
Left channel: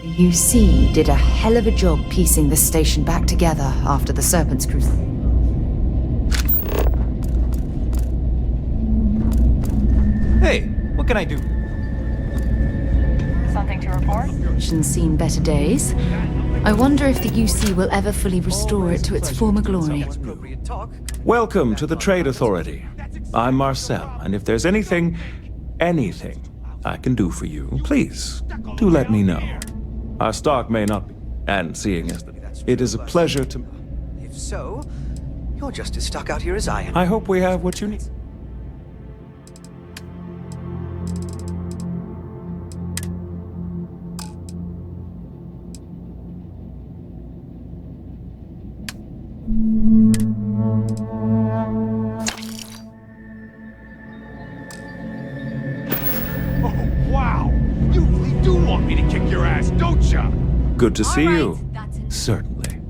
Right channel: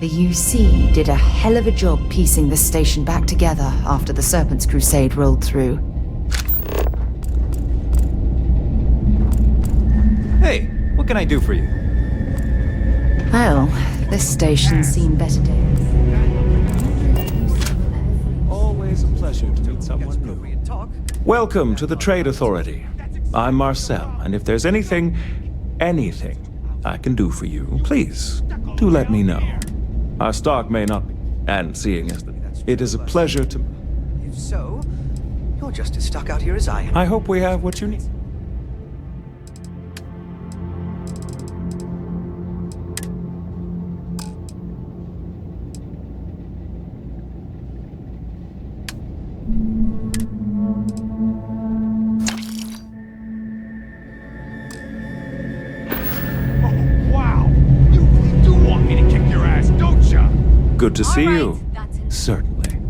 The UC did a hell of a job piecing this station back together after the Serpent's Crusade rolled through. Hey, what can I do for you? Well, this station's seen better days. I wonder if the UC will ever fully restore it to its former glory. Welcome to the Trade Authority. I'm Marcel, and if there's anything I can do for you, please, do let me know. Our stock may not be, and seeing as it is a pleasure to... If so, you're just as stuck out here as I am. I hope we have what you need. Good to see you. Certainly.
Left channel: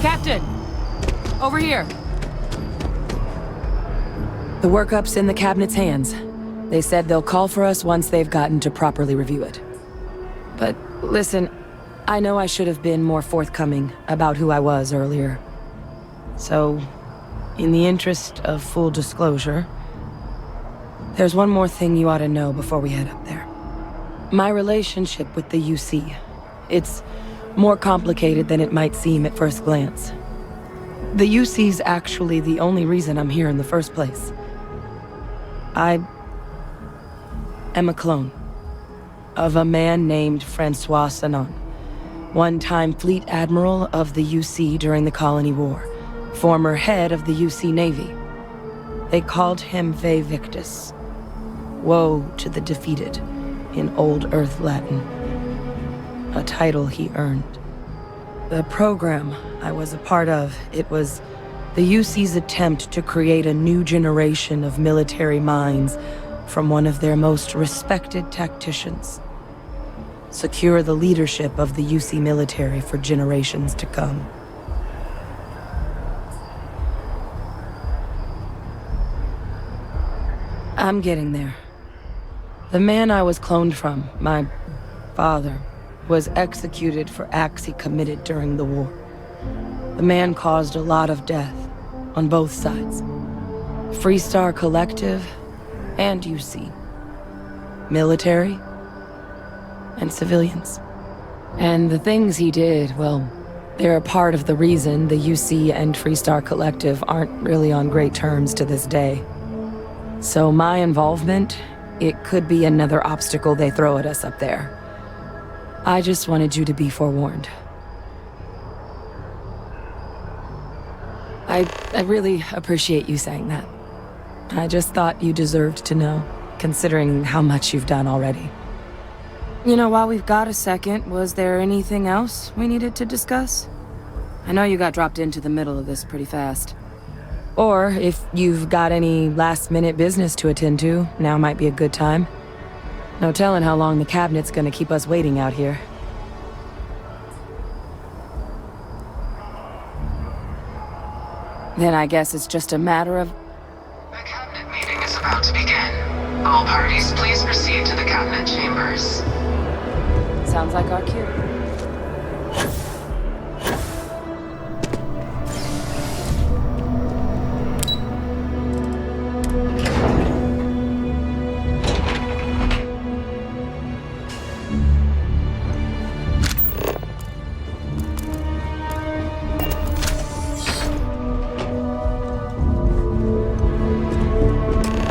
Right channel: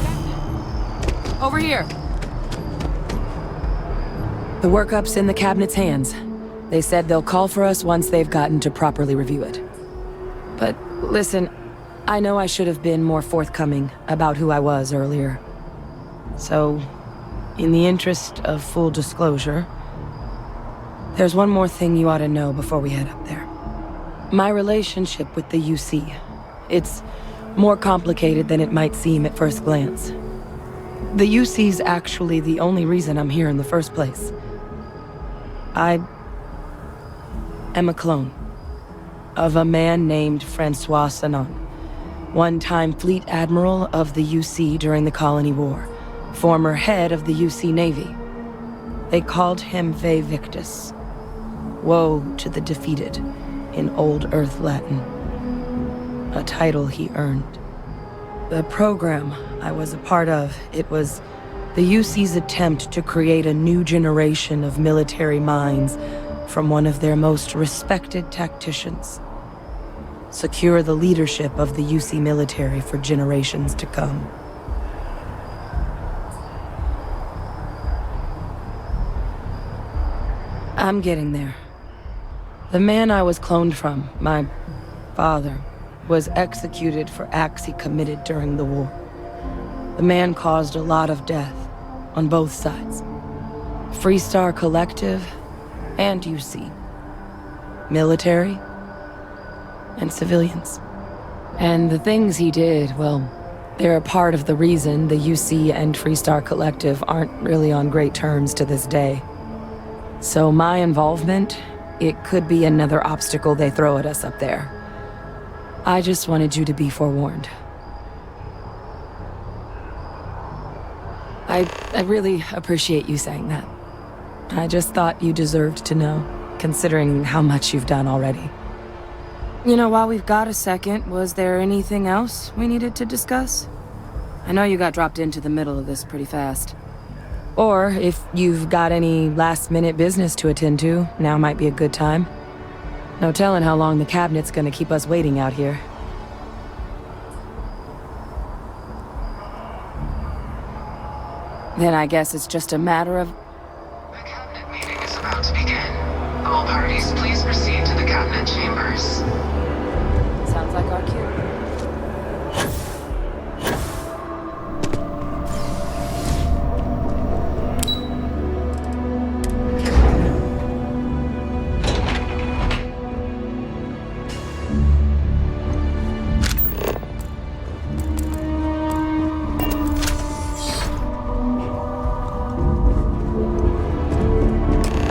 Captain! Over here! The workup's in the cabinet's hands. They said they'll call for us once they've gotten to properly review it. But listen, I know I should have been more forthcoming about who I was earlier. So, in the interest of full disclosure, there's one more thing you ought to know before we head up there. My relationship with the UC. It's more complicated than it might seem at first glance. The UC's actually the only reason I'm here in the first place. I am a clone of a man named Francois Sanon, one-time fleet admiral of the UC during the Colony War, former head of the UC Navy. They called him Ve Victus, woe to the defeated, in Old Earth Latin, a title he earned. The program I was a part of, it was the UC's attempt to create a new generation of military minds from one of their most respected tacticians. Secure the leadership of the UC military for generations to come. I'm getting there. The man I was cloned from, my father, was executed for acts he committed during the war. The man caused a lot of death on both sides. Freestar Collective and UC. Military and civilians. And the things he did, well, they're a part of the reason the UC and Freestar Collective aren't really on great terms to this day. So my involvement, it could be another obstacle they throw at us up there. I just wanted you to be forewarned. I really appreciate you saying that. I just thought you deserved to know, considering how much you've done already. You know, while we've got a second, was there anything else we needed to discuss? I know you got dropped into the middle of this pretty fast. Or, if you've got any last-minute business to attend to, now might be a good time. No telling how long the cabinet's gonna keep us waiting out here. Then I guess it's just a matter of... The cabinet meeting is about to begin. All parties, please proceed to the cabinet chambers. Sounds like our cue.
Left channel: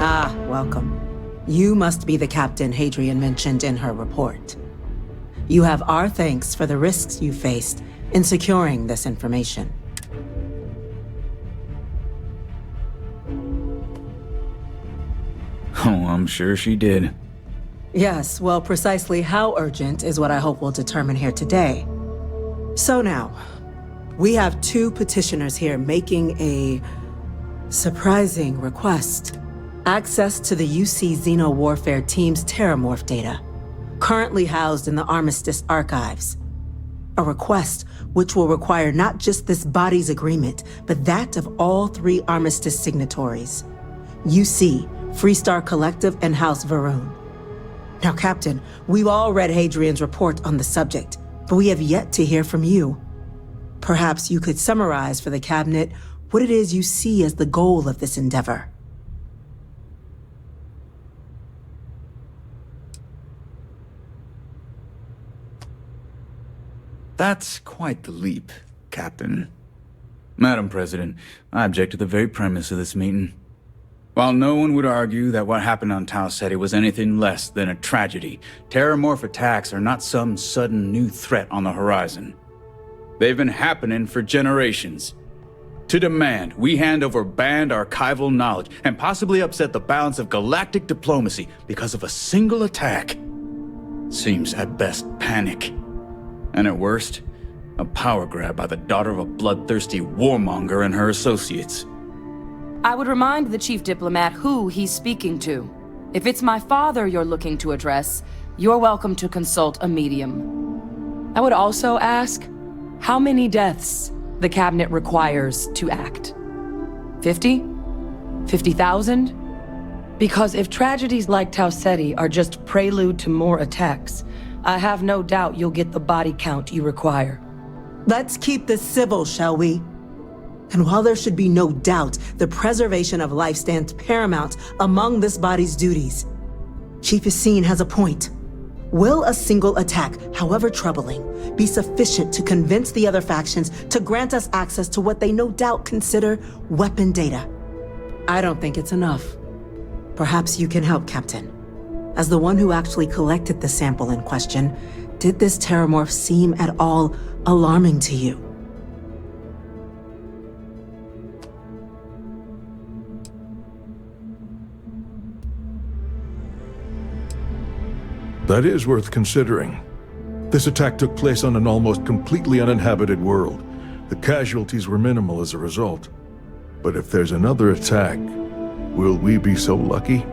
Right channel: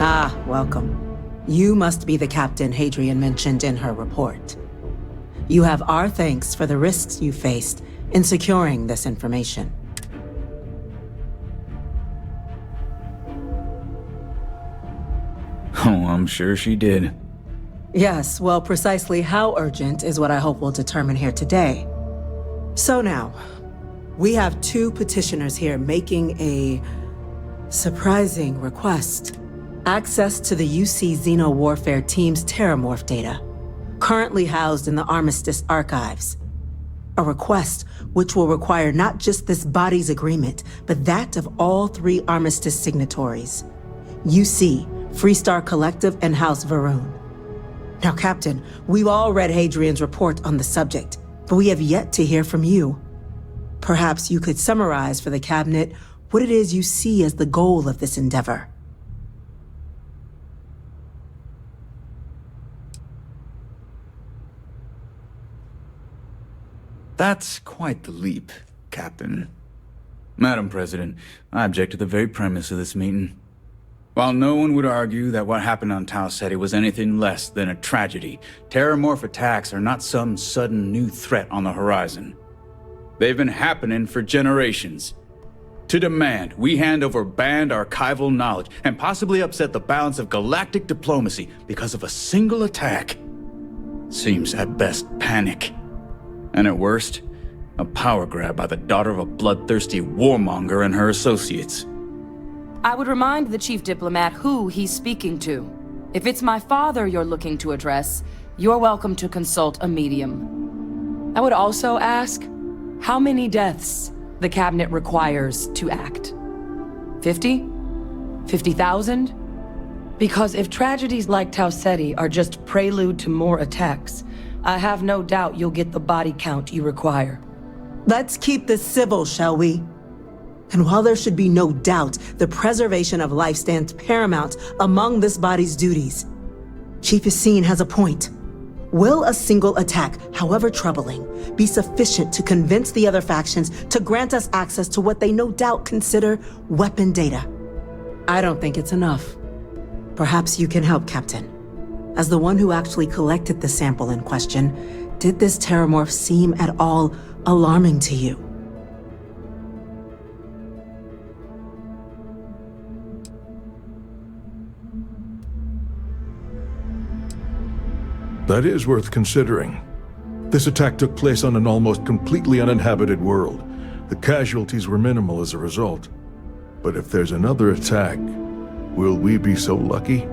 Ah, welcome. You must be the captain Hadrian mentioned in her report. You have our thanks for the risks you faced in securing this information. Oh, I'm sure she did. Yes, well, precisely how urgent is what I hope we'll determine here today. So now, we have two petitioners here making a surprising request. Access to the UC Xeno Warfare Team's terramorph data, currently housed in the Armistice archives. A request which will require not just this body's agreement, but that of all three Armistice signatories. UC, Freestar Collective, and House Varun. Now, Captain, we've all read Hadrian's report on the subject, but we have yet to hear from you. Perhaps you could summarize for the Cabinet what it is you see as the goal of this endeavor. That's quite the leap, Captain. Madam President, I object to the very premise of this meeting. While no one would argue that what happened on Tau Ceti was anything less than a tragedy, terramorph attacks are not some sudden new threat on the horizon. They've been happening for generations. To demand we hand over banned archival knowledge and possibly upset the balance of galactic diplomacy because of a single attack seems at best panic. And at worst, a power grab by the daughter of a bloodthirsty warmonger and her associates. I would remind the chief diplomat who he's speaking to. If it's my father you're looking to address, you're welcome to consult a medium. I would also ask how many deaths the cabinet requires to act. 50? 50,000? Because if tragedies like Tauceti are just prelude to more attacks, I have no doubt you'll get the body count you require. Let's keep this civil, shall we? And while there should be no doubt the preservation of life stands paramount among this body's duties, Chief Yassine has a point. Will a single attack, however troubling, be sufficient to convince the other factions to grant us access to what they no doubt consider weapon data? I don't think it's enough. Perhaps you can help, Captain. As the one who actually collected the sample in question, did this terramorph seem at all alarming to you? That is worth considering. This attack took place on an almost completely uninhabited world. The casualties were minimal as a result. But if there's another attack, will we be so lucky?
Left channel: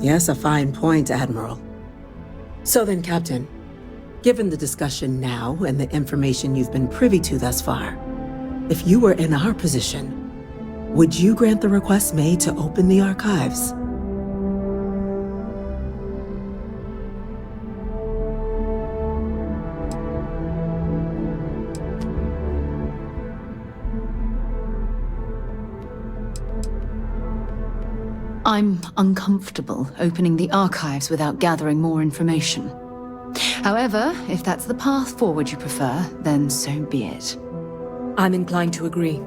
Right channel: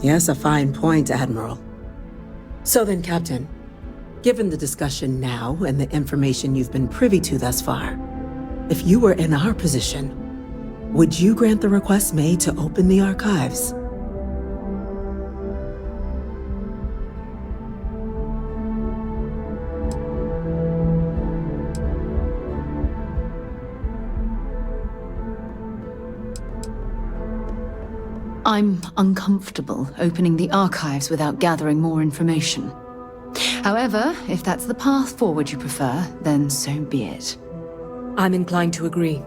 Yes, a fine point, Admiral. So then, Captain, given the discussion now and the information you've been privy to thus far, if you were in our position, would you grant the request made to open the archives? I'm uncomfortable opening the archives without gathering more information. However, if that's the path forward you prefer, then so be it. I'm inclined to agree.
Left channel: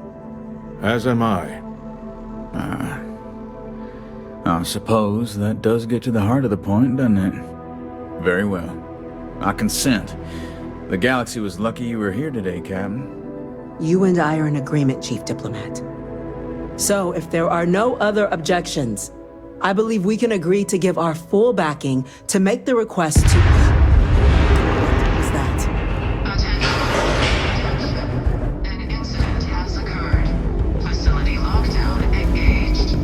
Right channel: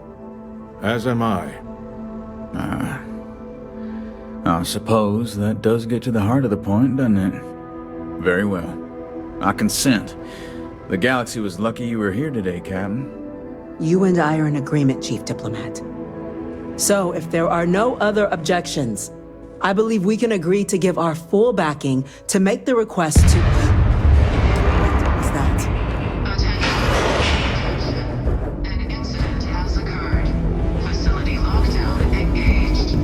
As am I. I suppose that does get to the heart of the point, doesn't it? Very well. I consent. The galaxy was lucky you were here today, Captain. You and I are in agreement, Chief Diplomat. So, if there are no other objections, I believe we can agree to give our full backing to make the request to... What was that? Attention. An incident has occurred. Facility lockdown engaged.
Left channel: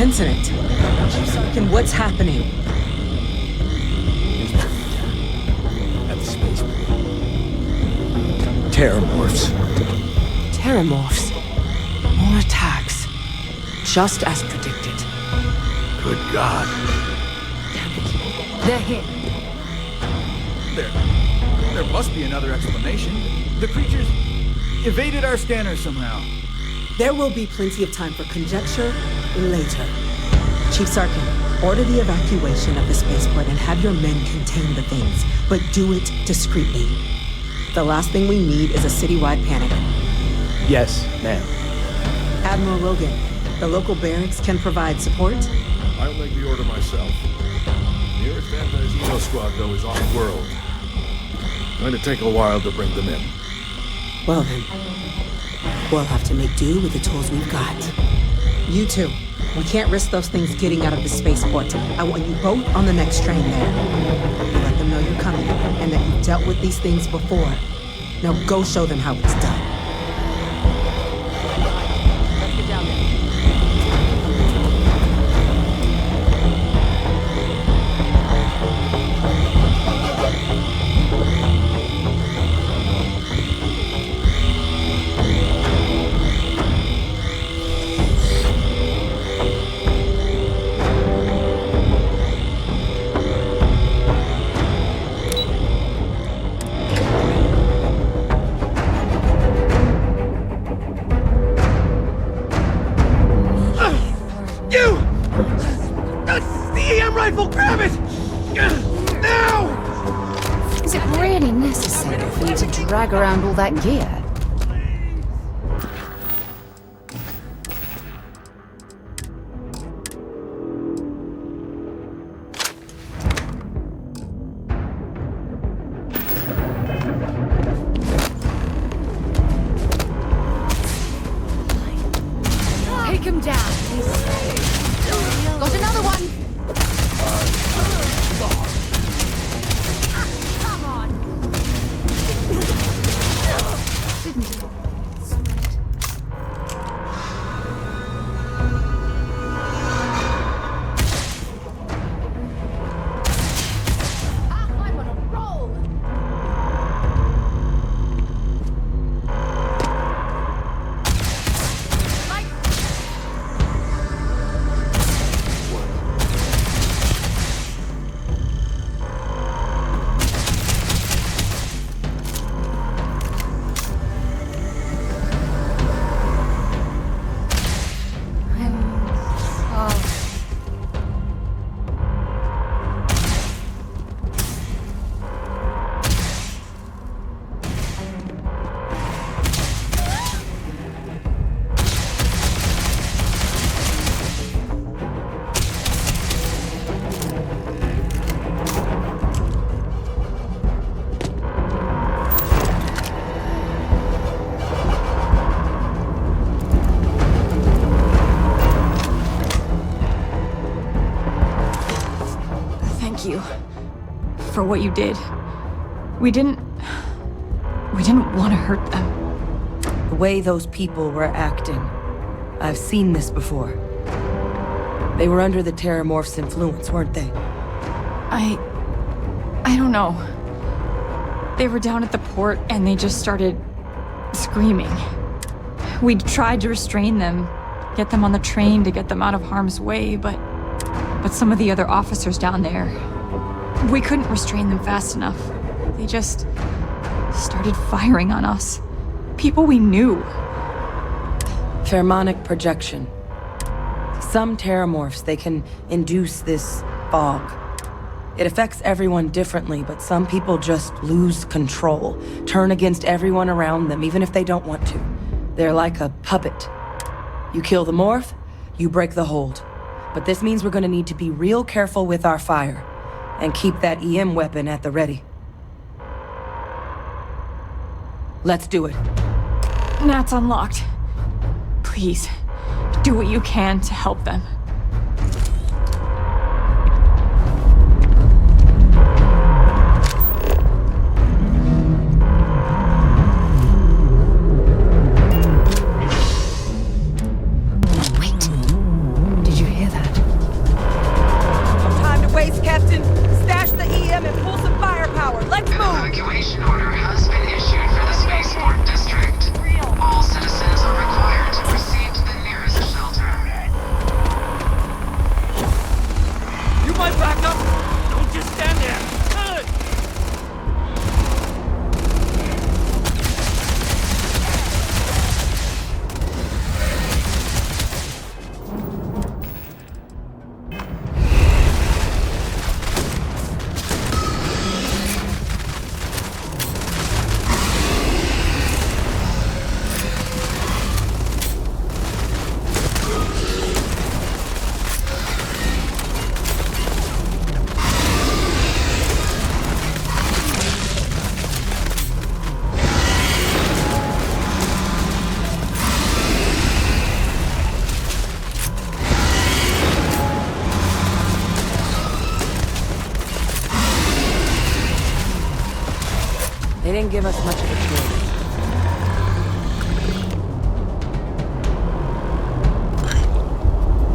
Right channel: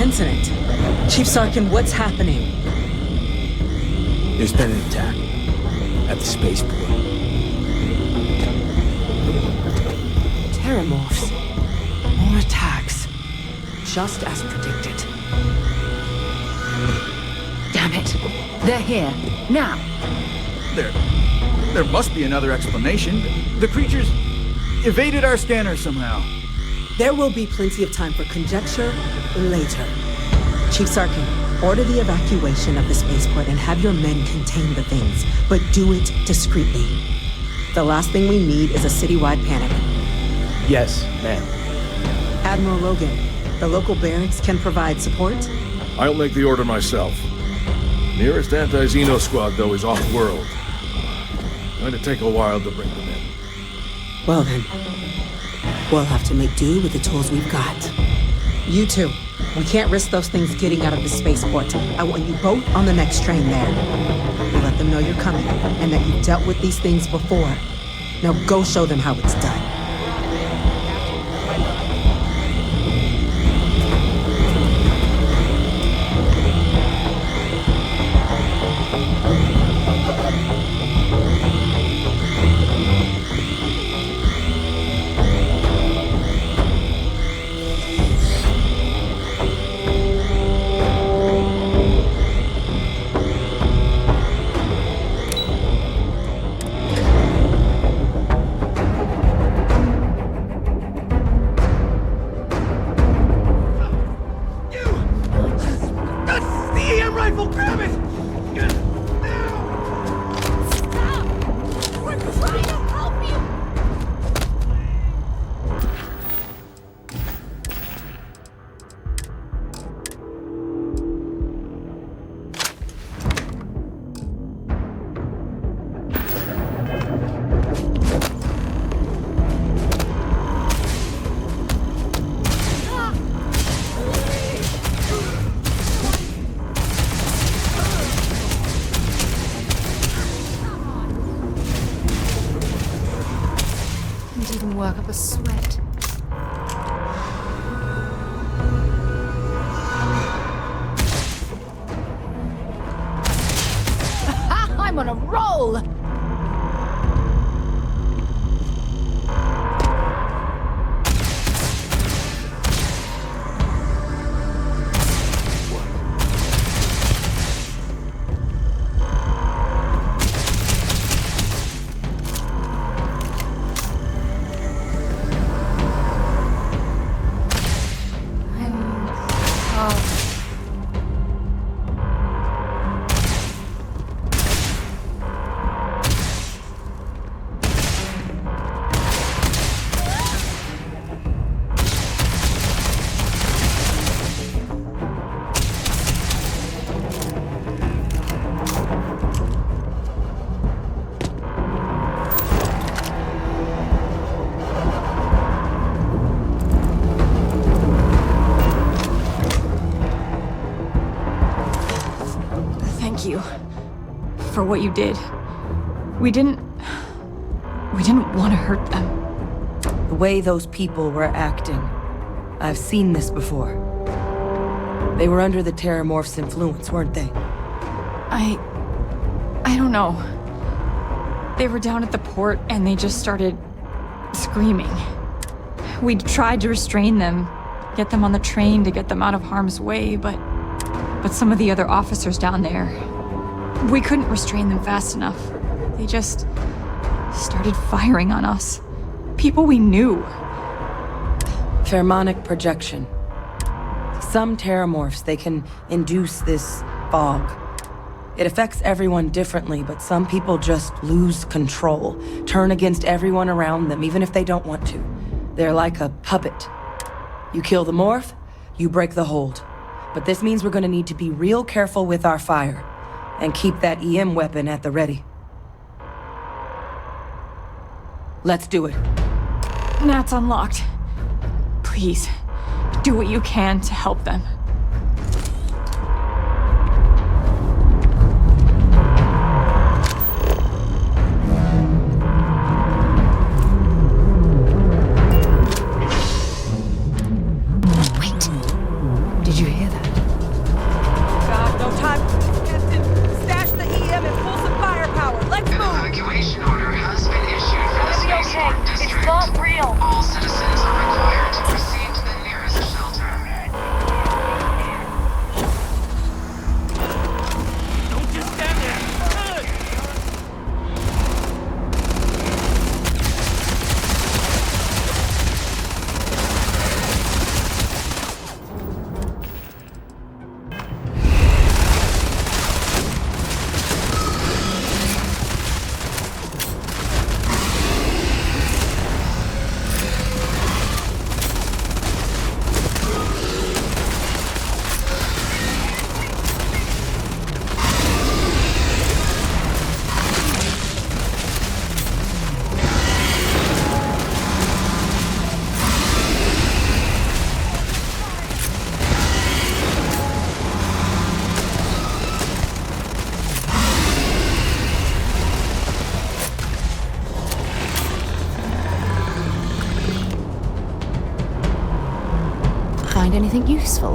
Incident? Chief Sarkin, what's happening? There's been an attack at the spaceport. Terramorphs. Terramorphs. More attacks. Just as predicted. Good God. Damn it. They're here. Now. There must be another explanation. The creatures evaded our scanner somehow. There will be plenty of time for conjecture later. Chief Sarkin, order the evacuation of the spaceport and have your men contain the things, but do it discreetly. The last thing we need is a citywide panic. Yes, ma'am. Admiral Logan, the local barracks can provide support? I'll make the order myself. Nearest anti-Xeno squad, though, is off-world. Going to take a while to bring them in. Well then, we'll have to make do with the tools we've got. You two, we can't risk those things getting out of the spaceport. I want you both on the next train there. You let them know you're coming, and that you've dealt with these things before. Now go show them how it's done. thank you for what you did. We didn't want to hurt them. The way those people were acting, I've seen this before. They were under the terramorph's influence, weren't they? I don't know. They were down at the port and they just started screaming. We tried to restrain them, get them on the train to get them out of harm's way, but some of the other officers down there, we couldn't restrain them fast enough. They just started firing on us. People we knew. Pheromonic projection. Some terramorphs, they can induce this fog. It affects everyone differently, but some people just lose control, turn against everyone around them, even if they don't want to. They're like a puppet. You kill the morph, you break the hold. But this means we're gonna need to be real careful with our fire, and keep that EM weapon at the ready. Let's do it. Nat's unlocked. Please, do what you can to help them. Wait. Did you hear that? No time to waste, Captain. Stash the EM and pull some firepower. Let's move! An evacuation order has been issued for the spaceport district. It's not real. All citizens are required to proceed to the nearest shelter. You might back up. Don't just stand there. Good. They didn't give us much. Find anything useful?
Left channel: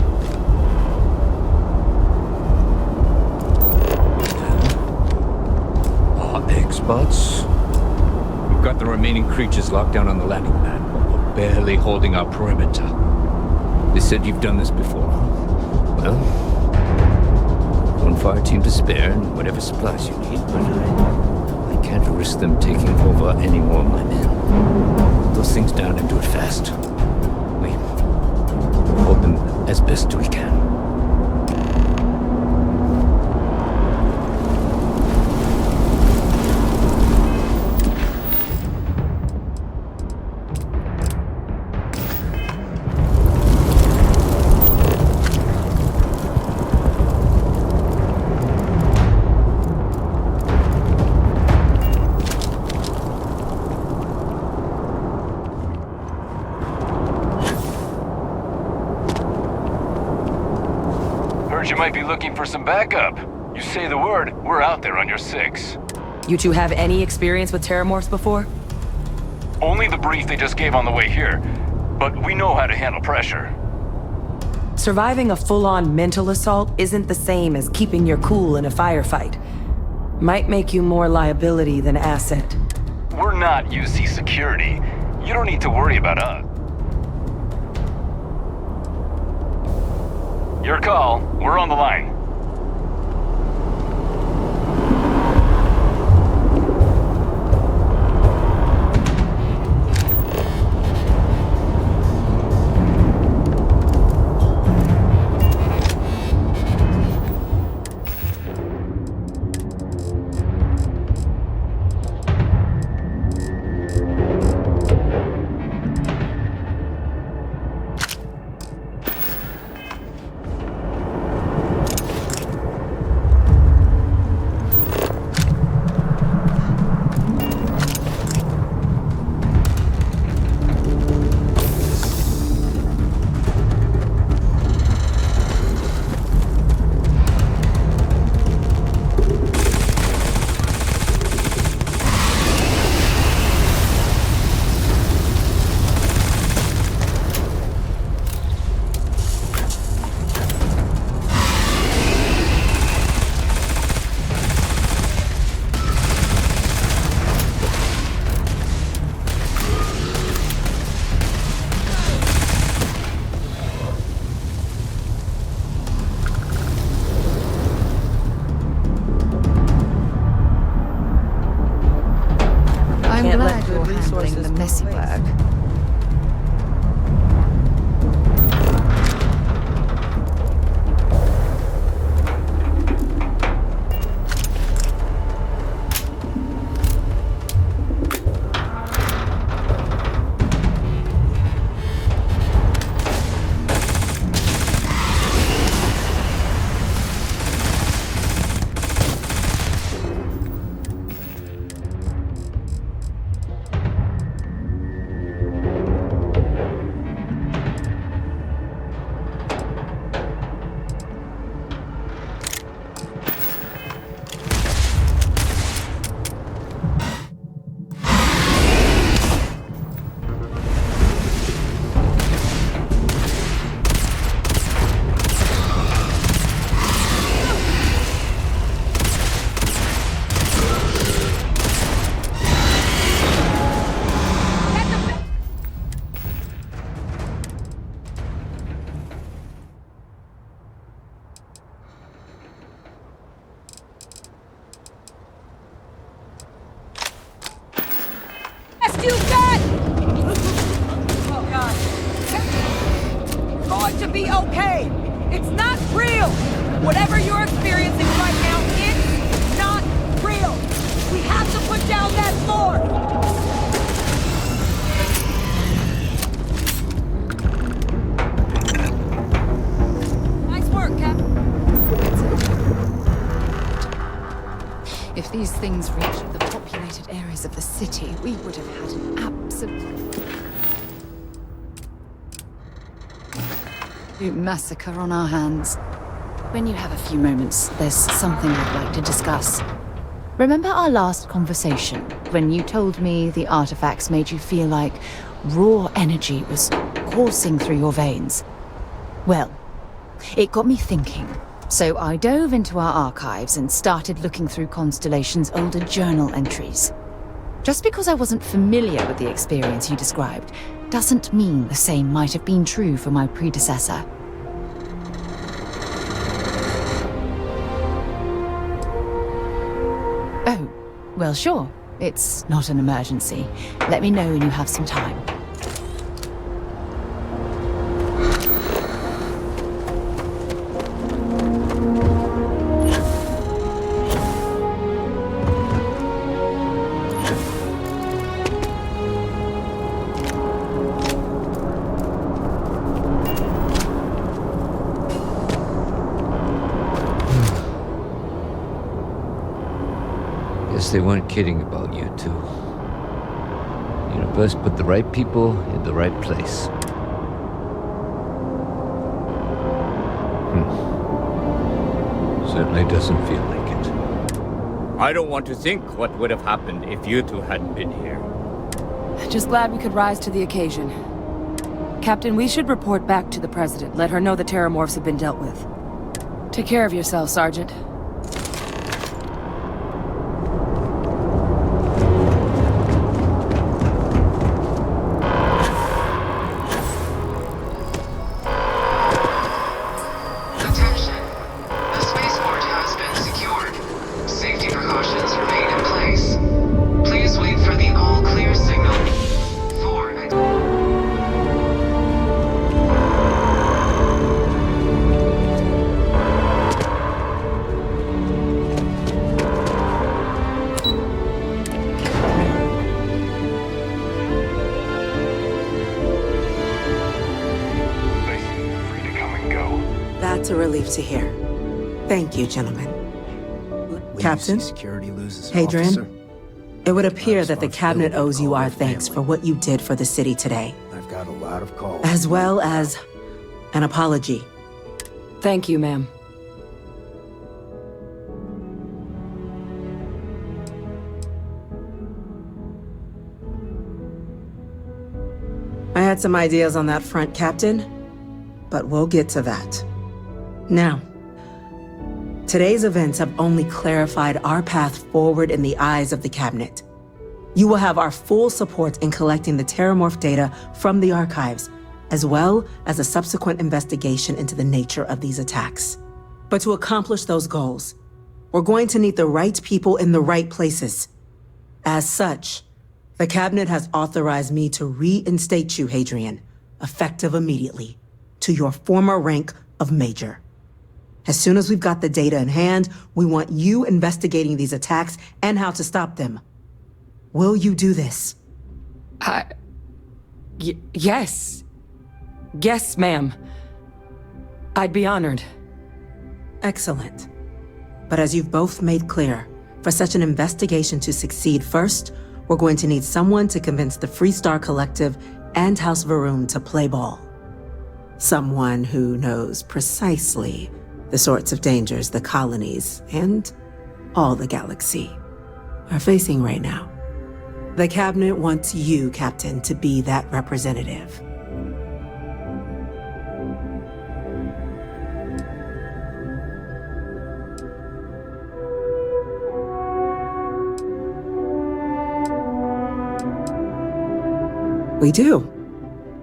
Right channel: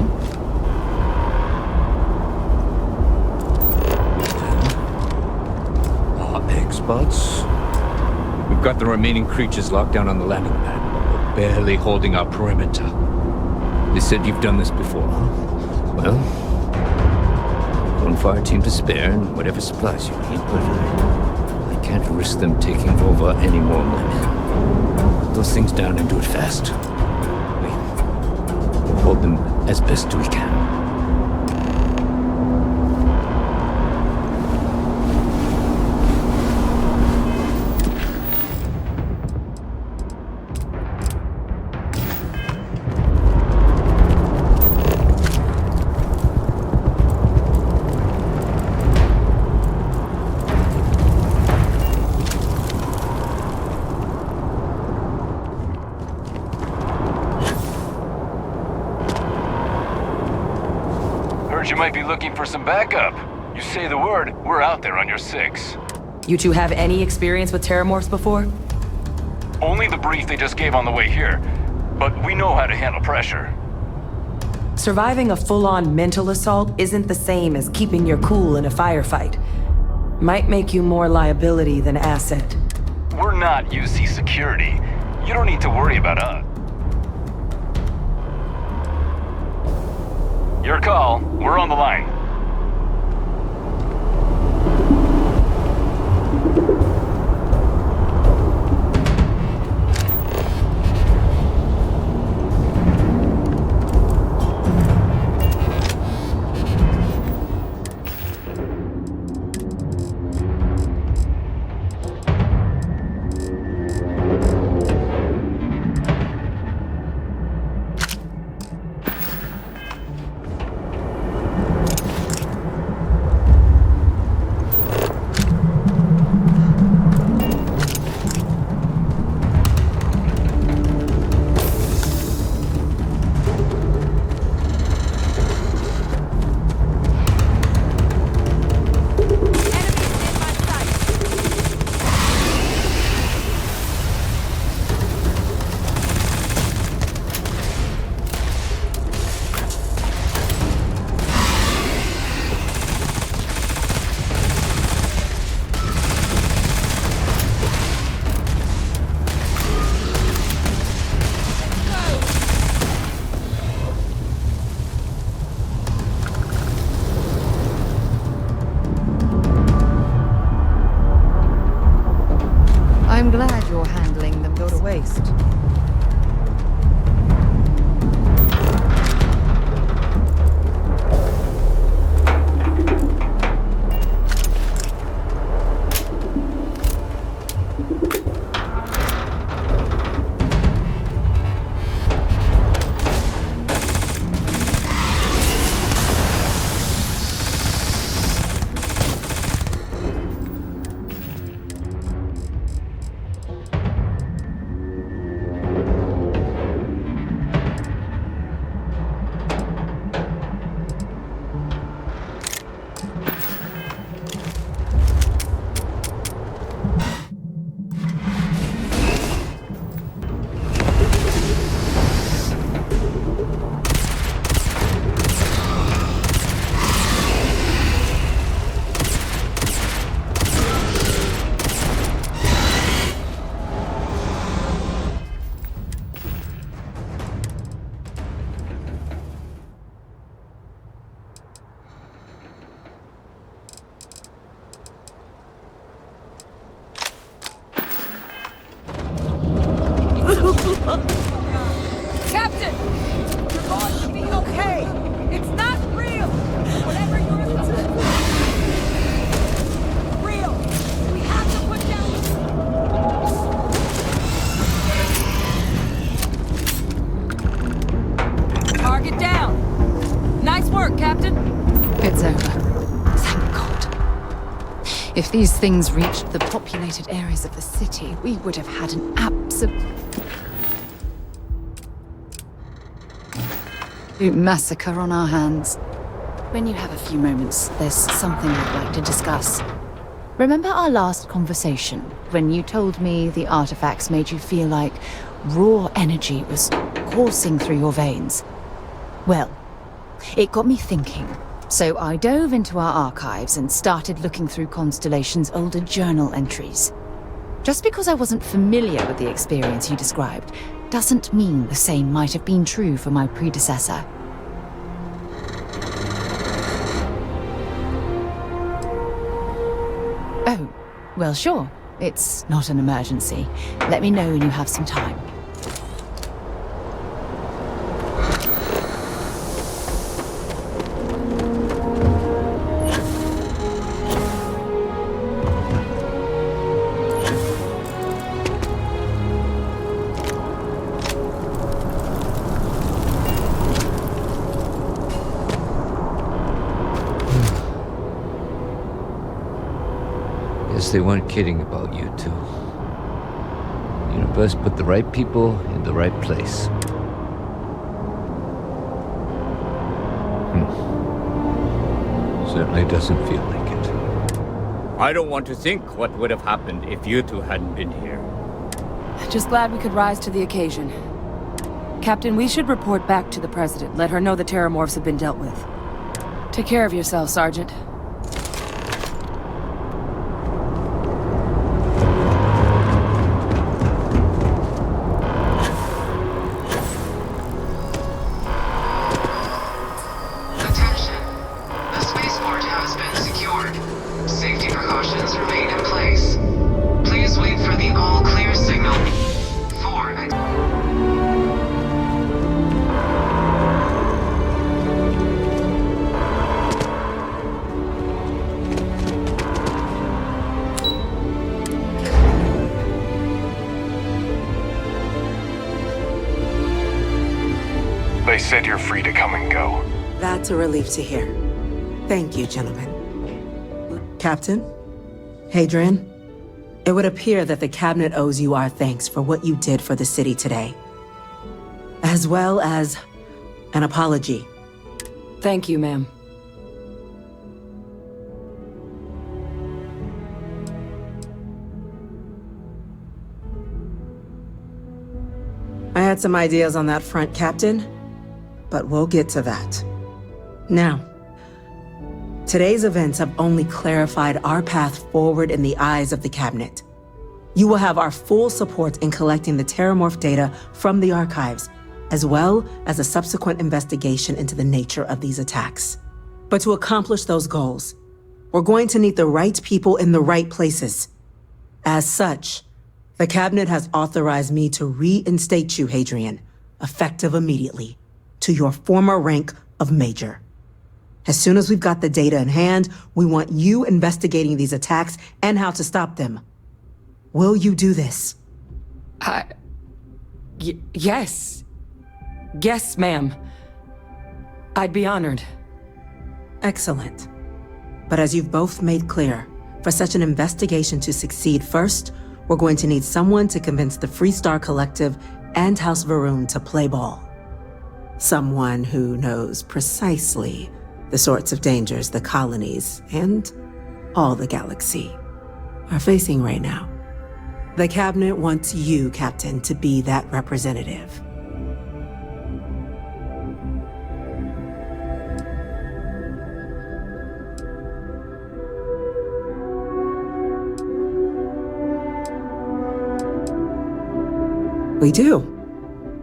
Experts? We've got the remaining creatures locked down on the landing pad, but we're barely holding our perimeter. They said you've done this before, huh? Well, one fire team to spare and whatever supplies you need, but I can't risk them taking over any more of my men. Put those things down and do it fast. We'll hold them as best we can. You might be looking for some backup. You say the word, we're out there on your 6. You two have any experience with terramorphs before? Only the brief they just gave on the way here, but we know how to handle pressure. Surviving a full-on mental assault isn't the same as keeping your cool in a firefight. Might make you more liability than asset. We're not UC security. You don't need to worry about us. Your call. We're on the line. glad you're handling the messy part. Oh, God. Captain! You're going to be okay! It's not real! Whatever you're experiencing right now is not real! We have to put down that floor! Target down! Nice work, Captain! It's over. Thank God. If these things reached the populated areas of the city, we would have had an absolute massacre on our hands. When you have a few moments, there's something I'd like to discuss. Remember our last conversation, when you told me the artifacts made you feel like raw energy was coursing through your veins? Well, it got me thinking. So I dove into our archives and started looking through Constellation's older journal entries. Just because I wasn't familiar with the experience you described, doesn't mean the same might have been true for my predecessor. Oh, well, sure. It's not an emergency. Let me know when you have some time. They weren't kidding about you two. Universe put the right people in the right place. Certainly doesn't feel like it. I don't want to think what would have happened if you two hadn't been here. Just glad we could rise to the occasion. Captain, we should report back to the President. Let her know the terramorphs have been dealt with. Take care of yourself, Sergeant. They said you're free to come and go. That's a relief to hear. Thank you, gentlemen. Captain? Hadrian? It would appear that the Cabinet owes you our thanks for what you did for the city today. I've got a lot of calls. As well as an apology. Thank you, ma'am. I had some ideas on that front, Captain, but we'll get to that. Now, today's events have only clarified our path forward in the eyes of the Cabinet. You will have our full support in collecting the terramorph data from the archives, as well as a subsequent investigation into the nature of these attacks. But to accomplish those goals, we're going to need the right people in the right places. As such, The Cabinet has authorized me to reinstate you, Hadrian, effective immediately, to your former rank of Major. As soon as we've got the data in hand, we want you investigating these attacks and how to stop them. Will you do this? Yes. Yes, ma'am. I'd be honored. Excellent. But as you've both made clear, for such an investigation to succeed first, we're going to need someone to convince the Freestar Collective and House Varun to play ball. Someone who knows precisely the sorts of dangers the colonies and all the galaxy are facing right now. The Cabinet wants you, Captain, to be that representative. We do.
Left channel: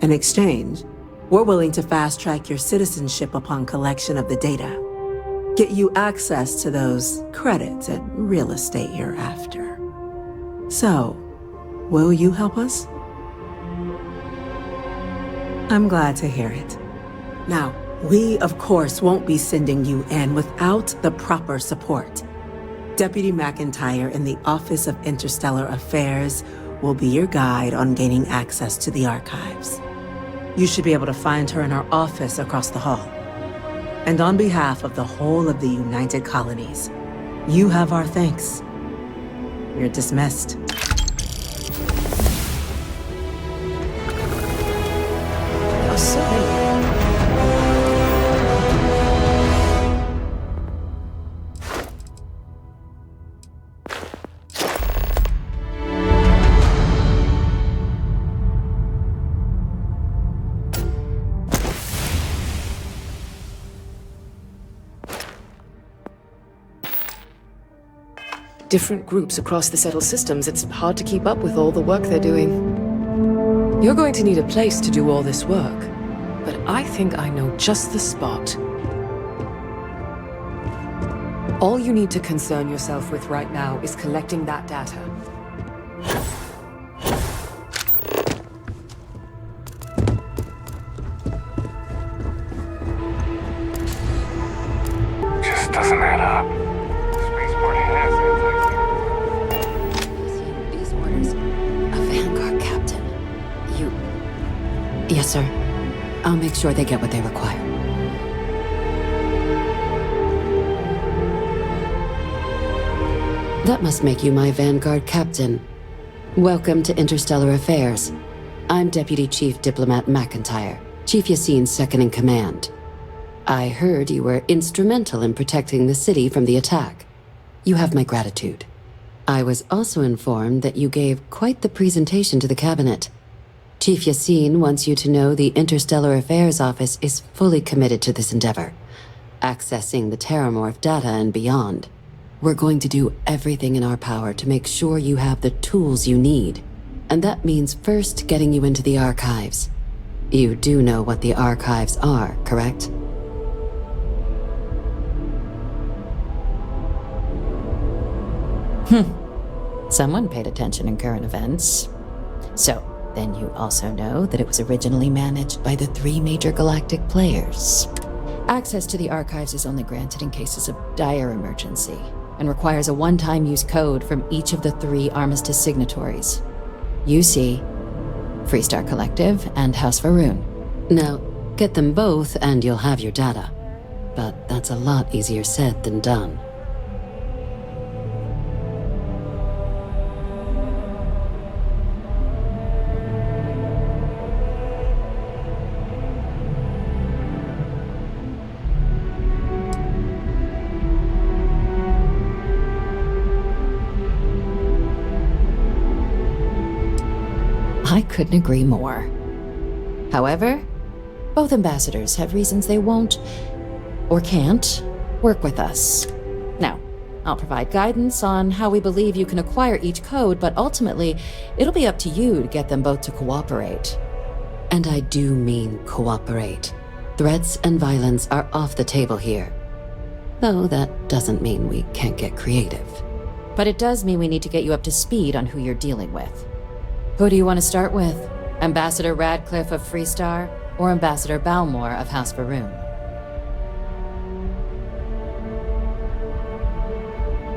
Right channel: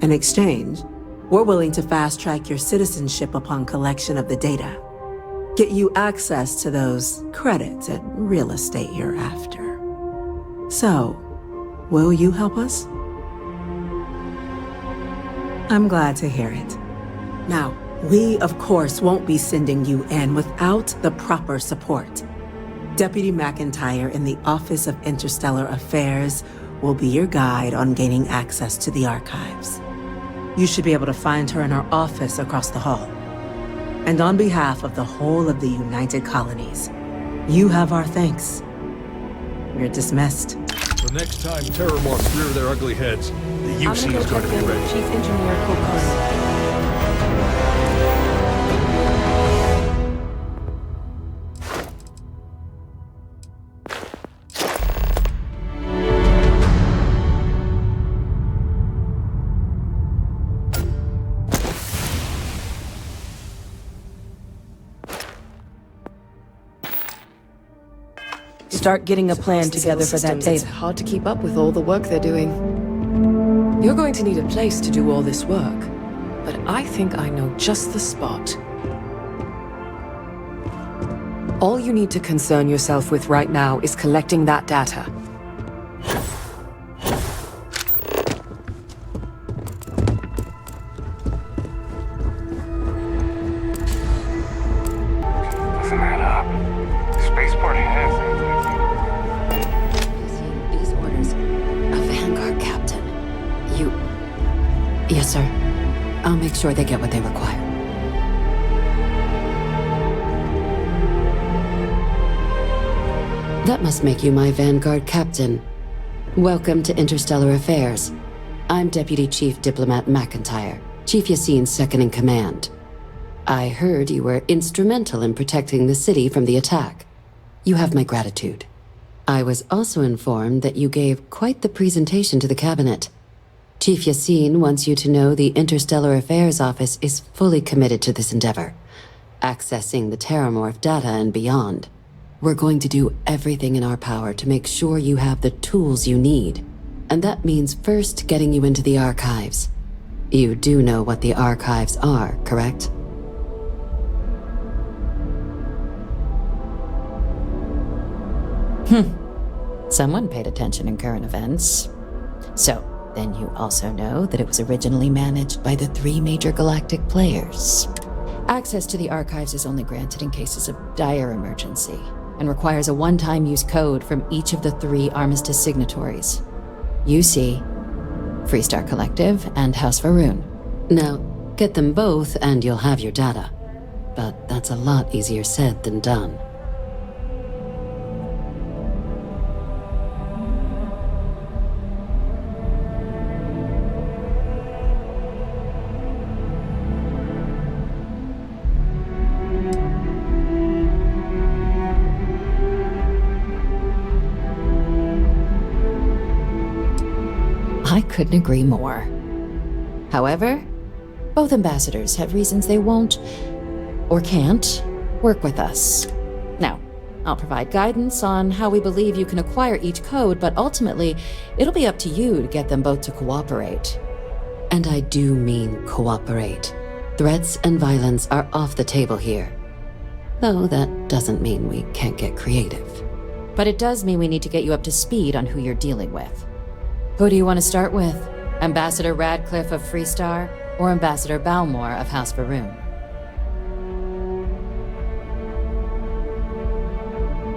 In exchange, we're willing to fast-track your citizenship upon collection of the data. Get you access to those credits and real estate you're after. So, will you help us? I'm glad to hear it. Now, we, of course, won't be sending you in without the proper support. Deputy McIntyre in the Office of Interstellar Affairs will be your guide on gaining access to the archives. You should be able to find her in her office across the hall. And on behalf of the whole of the United Colonies, you have our thanks. You're dismissed. The next time terramorphs rear their ugly heads, the UC is going to be ready. Start getting a plan together systems. It's hard to keep up with all the work they're doing. You're going to need a place to do all this work, but I think I know just the spot. All you need to concern yourself with right now is collecting that data. Just doesn't add up. Spaceport has These orders. A vanguard captain. You... Yes, sir. I'll make sure they get what they require. That must make you my vanguard captain. Welcome to Interstellar Affairs. I'm Deputy Chief Diplomat McIntyre, Chief Yassine's second-in-command. I heard you were instrumental in protecting the city from the attack. You have my gratitude. I was also informed that you gave quite the presentation to the Cabinet. Chief Yassine wants you to know the Interstellar Affairs Office is fully committed to this endeavor, accessing the terramorph data and beyond. We're going to do everything in our power to make sure you have the tools you need. And that means first getting you into the archives. You do know what the archives are, correct? Someone paid attention in current events. So, then you also know that it was originally managed by the 3 major galactic players. Access to the archives is only granted in cases of dire emergency, and requires a one-time use code from each of the 3 Armistice signatories. UC, Freestar Collective, and House Varun. Now, get them both and you'll have your data. But that's a lot easier said than done. I couldn't agree more. However, both ambassadors have reasons they won't, or can't, work with us. Now, I'll provide guidance on how we believe you can acquire each code, but ultimately, it'll be up to you to get them both to cooperate. And I do mean cooperate. Threats and violence are off the table here. Though that doesn't mean we can't get creative. But it does mean we need to get you up to speed on who you're dealing with. Who do you want to start with? Ambassador Radcliffe of Freestar, or Ambassador Balmore of House Varun?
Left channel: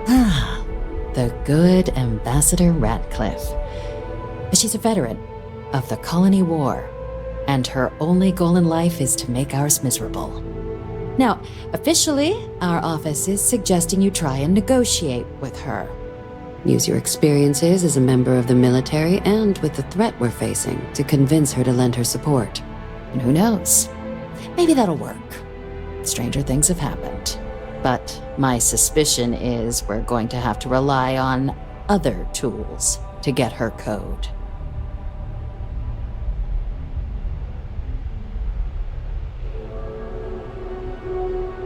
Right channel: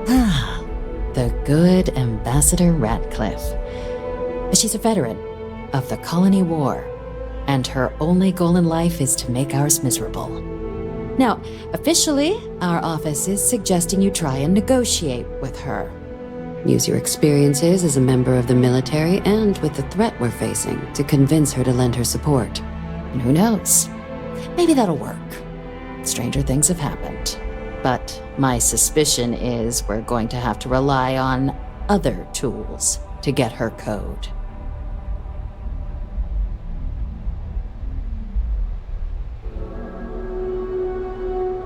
Ah, the good Ambassador Radcliffe. She's a veteran of the Colony War, and her only goal in life is to make ours miserable. Now, officially, our office is suggesting you try and negotiate with her. Use your experiences as a member of the military and with the threat we're facing to convince her to lend her support. And who knows? Maybe that'll work. Stranger things have happened. But my suspicion is we're going to have to rely on other tools to get her code.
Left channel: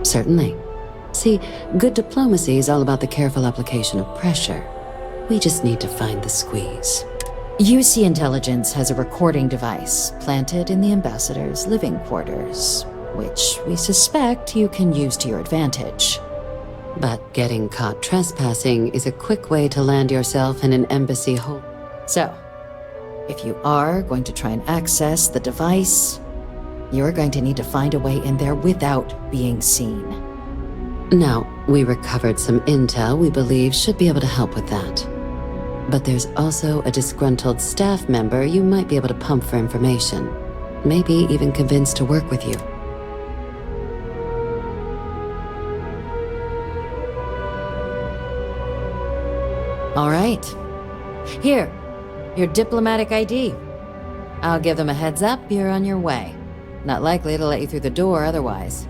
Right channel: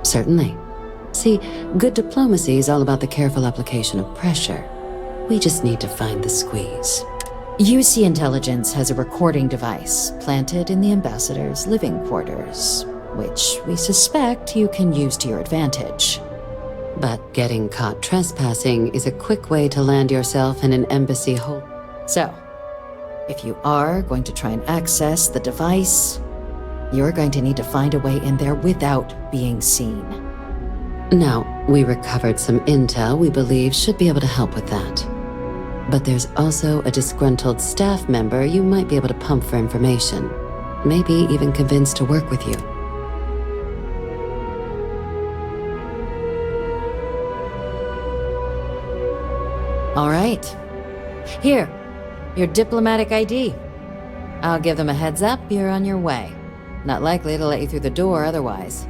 Certainly. See, good diplomacy is all about the careful application of pressure. We just need to find the squeeze. UC Intelligence has a recording device planted in the ambassador's living quarters, which we suspect you can use to your advantage. But getting caught trespassing is a quick way to land yourself in an embassy hole. So, if you are going to try and access the device, you're going to need to find a way in there without being seen. Now, we recovered some intel we believe should be able to help with that. But there's also a disgruntled staff member you might be able to pump for information. Maybe even convince to work with you. All right. Here, your diplomatic ID. I'll give them a heads up you're on your way. Not likely to let you through the door otherwise.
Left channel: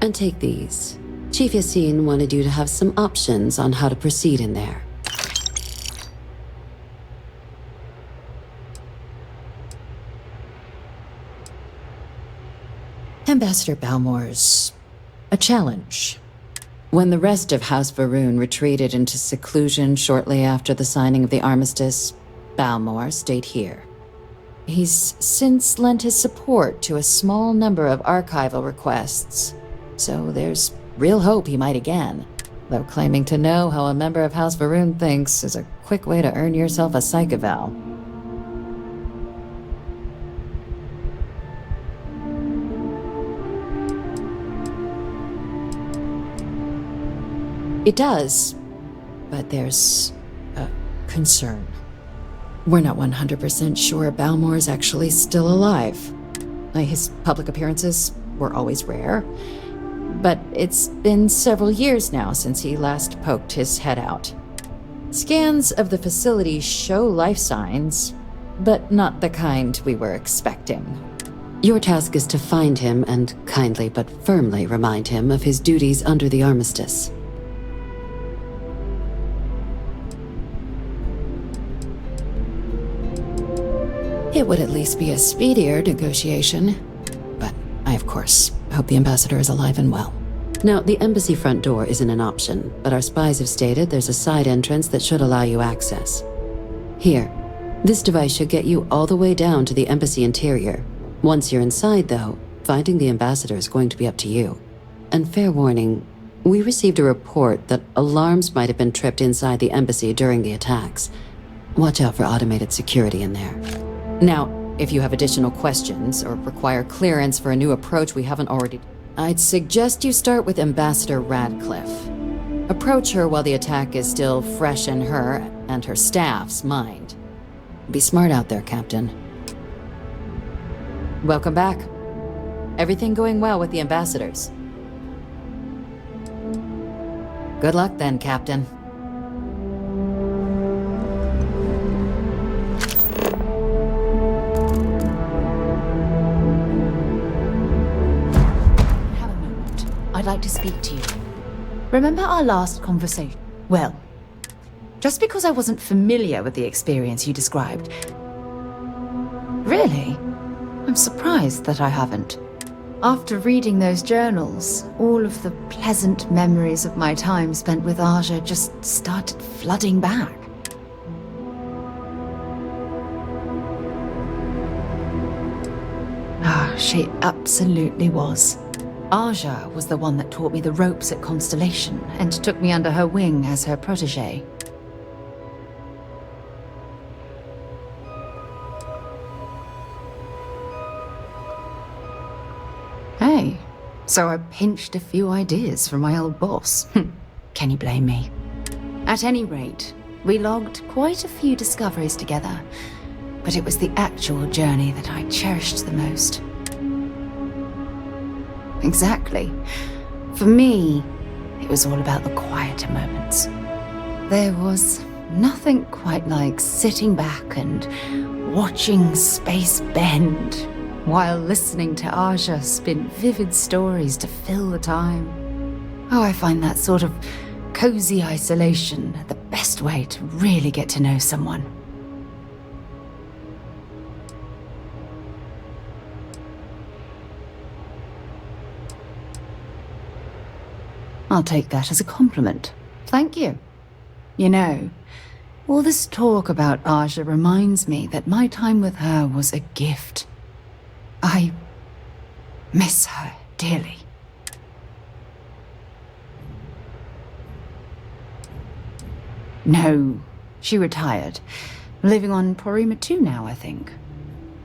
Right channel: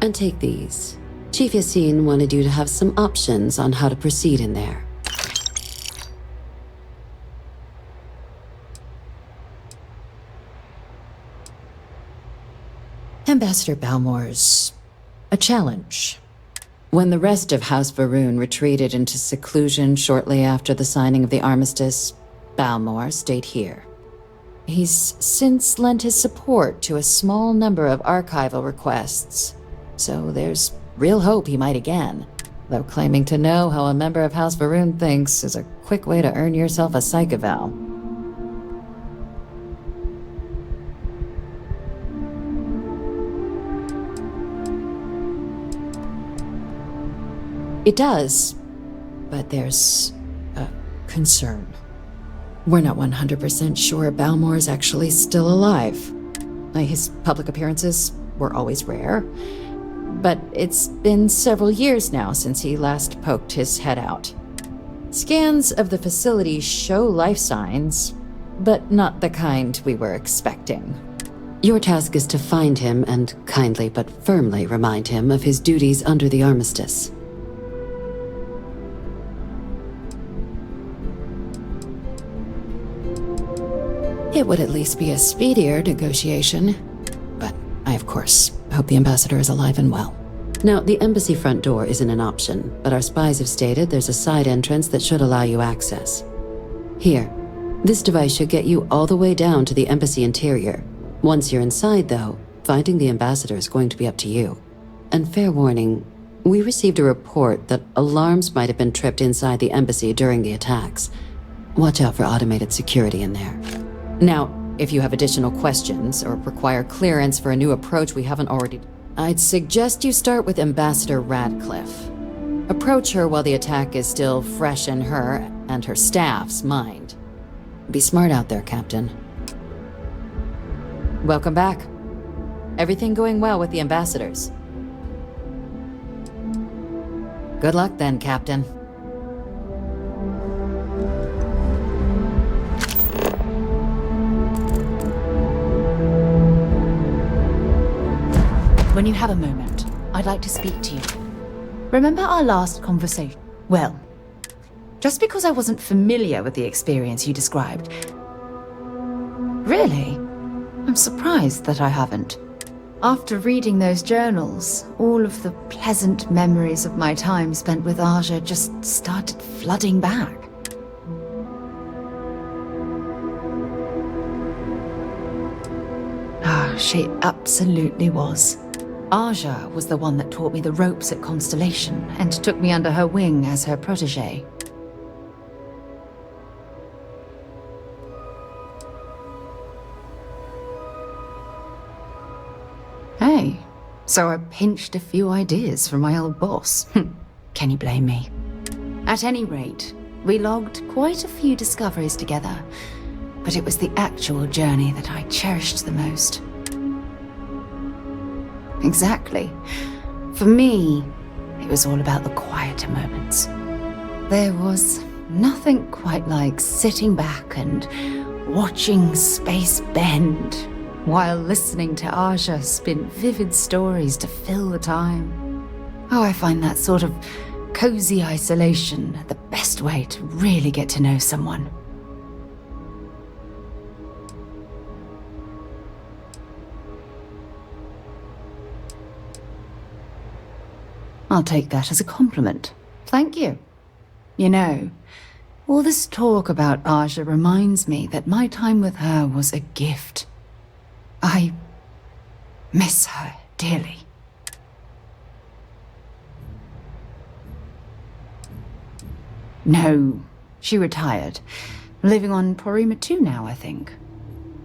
And take these. Chief Yassine wanted you to have some options on how to proceed in there. Ambassador Balmore's a challenge. When the rest of House Varun retreated into seclusion shortly after the signing of the Armistice, Balmore stayed here. He's since lent his support to a small number of archival requests, so there's real hope he might again, though claiming to know how a member of House Varun thinks is a quick way to earn yourself a psych eval. It does, but there's a concern. We're not 100% sure Balmore's actually still alive. His public appearances were always rare, but it's been several years now since he last poked his head out. Scans of the facility show life signs, but not the kind we were expecting. Your task is to find him and kindly but firmly remind him of his duties under the Armistice. It would at least be a speedier negotiation, but I, of course, hope the ambassador is alive and well. Now, the embassy front door isn't an option, but our spies have stated there's a side entrance that should allow you access. Here, this device should get you all the way down to the embassy interior. Once you're inside, though, finding the ambassador is going to be up to you. And fair warning, we received a report that alarms might have been tripped inside the embassy during the attacks. Watch out for automated security in there. Now, if you have additional questions or require clearance for a new approach we haven't already... I'd suggest you start with Ambassador Radcliffe. Approach her while the attack is still fresh in her and her staff's mind. Be smart out there, Captain. Welcome back. Everything going well with the ambassadors? Good luck then, Captain. When you have a moment, I'd like to speak to you. Remember our last conversation? Well, just because I wasn't familiar with the experience you described... Really? I'm surprised that I haven't. After reading those journals, all of the pleasant memories of my time spent with Aja just started flooding back. She absolutely was. Aja was the one that taught me the ropes at Constellation and took me under her wing as her protégé. So I pinched a few ideas from my old boss. Can you blame me? At any rate, we logged quite a few discoveries together, but it was the actual journey that I cherished the most. Exactly. For me, it was all about the quieter moments. There was nothing quite like sitting back and watching space bend while listening to Aja spin vivid stories to fill the time. Oh, I find that sort of cozy isolation the best way to really get to know someone. I'll take that as a compliment. Thank you. You know, all this talk about Aja reminds me that my time with her was a gift. I miss her dearly. No, she retired. Living on Porima 2 now, I think.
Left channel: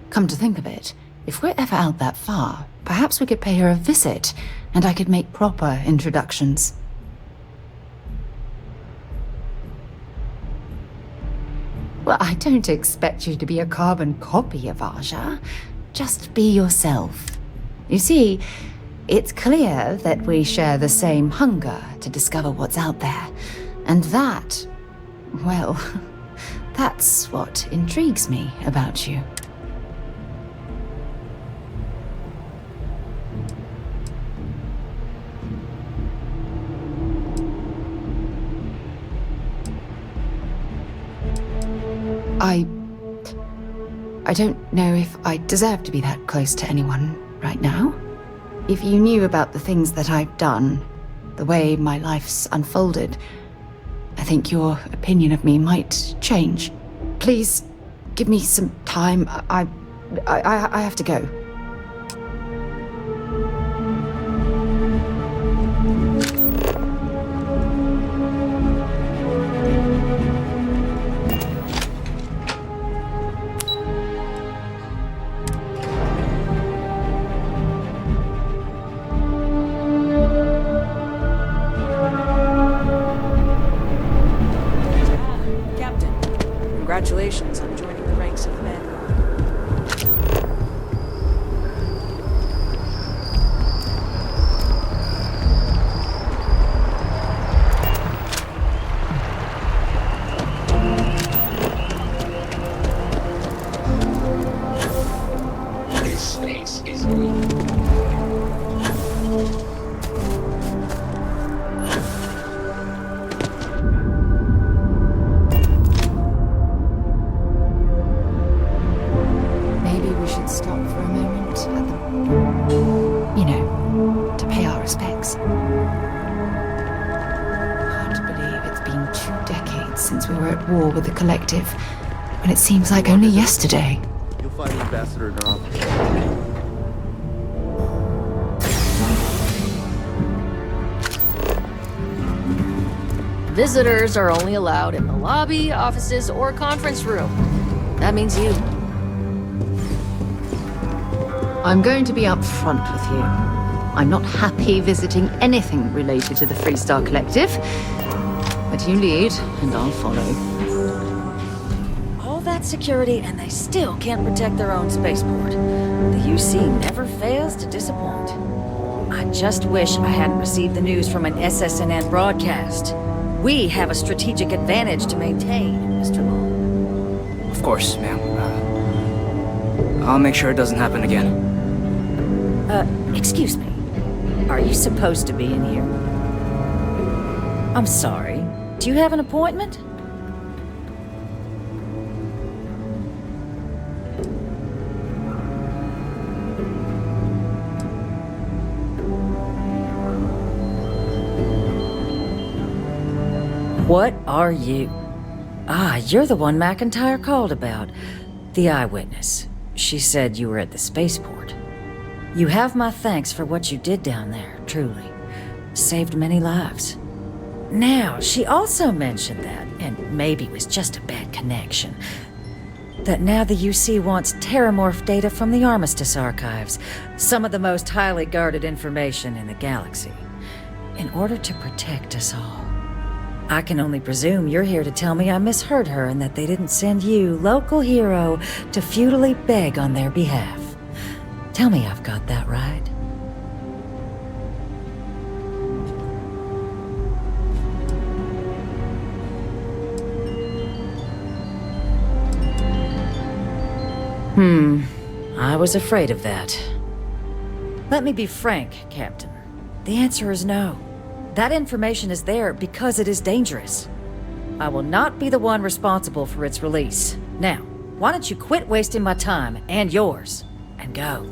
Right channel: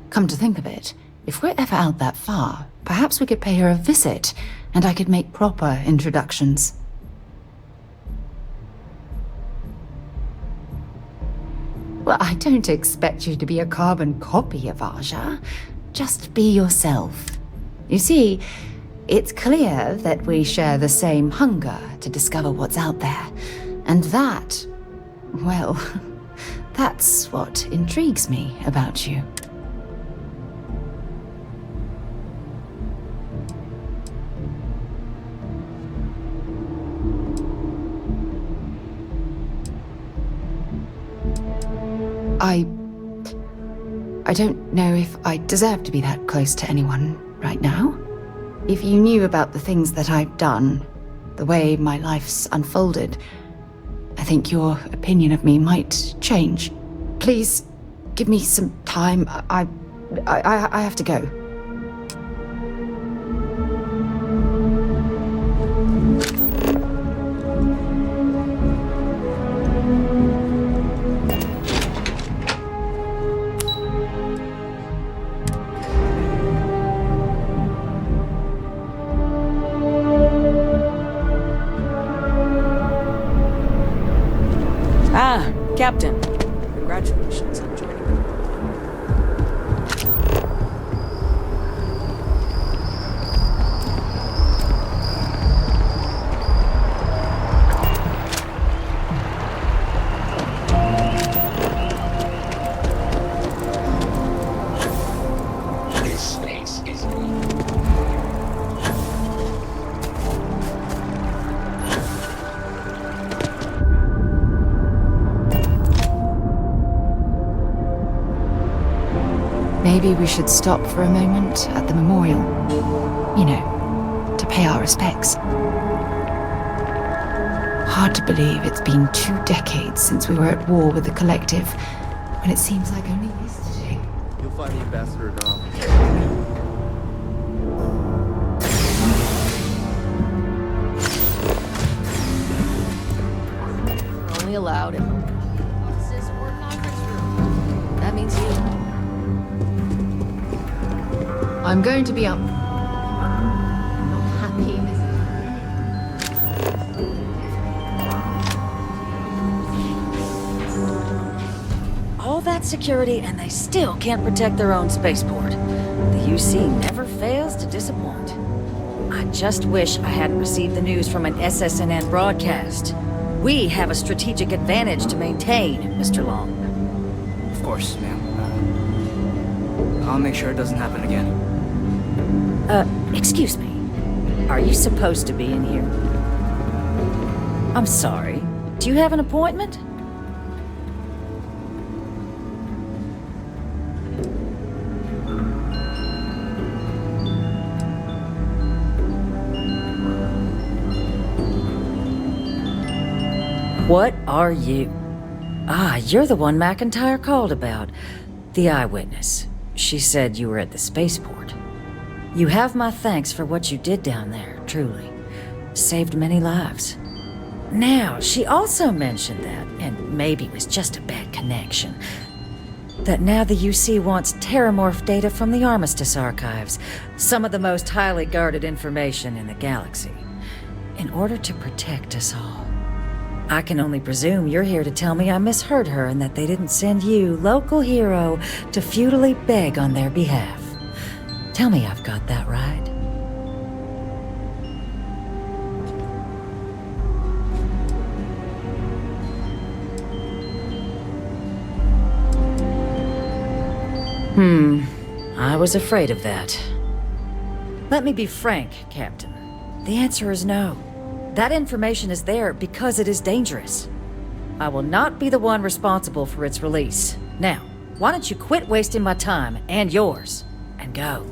Come to think of it, if we're ever out that far, perhaps we could pay her a visit, and I could make proper introductions. Well, I don't expect you to be a carbon copy of Aja. Just be yourself. You see, it's clear that we share the same hunger to discover what's out there. And that, well, that's what intrigues me about you. I don't know if I deserve to be that close to anyone right now. If you knew about the things that I've done, the way my life's unfolded, I think your opinion of me might change. Please, give me some time. I have to go. Captain, congratulations on joining the ranks of men. This space is weak. Maybe we should stop for a moment at the memorial. You know, to pay our respects. Hard to believe it's been 2 decades since we were at war with the Collective, when it seems like only yesterday. You'll find the ambassador in our office. Visitors are only allowed in the lobby, offices, or conference room. That means you. I'm going to be upfront with you. I'm not happy visiting anything related to the Freestar Collective. But you lead, and I'll follow. All that security, and they still can't protect their own spaceport. The UC never fails to disappoint. I just wish I hadn't received the news from an SSNN broadcast. We have a strategic advantage to maintain, Mr. Long. Of course, ma'am. I'll make sure it doesn't happen again. Excuse me. Are you supposed to be in here? I'm sorry. Do you have an appointment? What are you? Ah, you're the one McIntyre called about. The eyewitness. She said you were at the spaceport. You have my thanks for what you did down there, truly. Saved many lives. Now, she also mentioned that, and maybe it was just a bad connection. that now the UC wants terramorph data from the Armistice archives, some of the most highly guarded information in the galaxy, in order to protect us all. I can only presume you're here to tell me I misheard her and that they didn't send you, local hero, to futilely beg on their behalf. Tell me I've got that right. I was afraid of that. Let me be frank, Captain. The answer is no. That information is there because it is dangerous. I will not be the one responsible for its release. Now, why don't you quit wasting my time and yours, and go?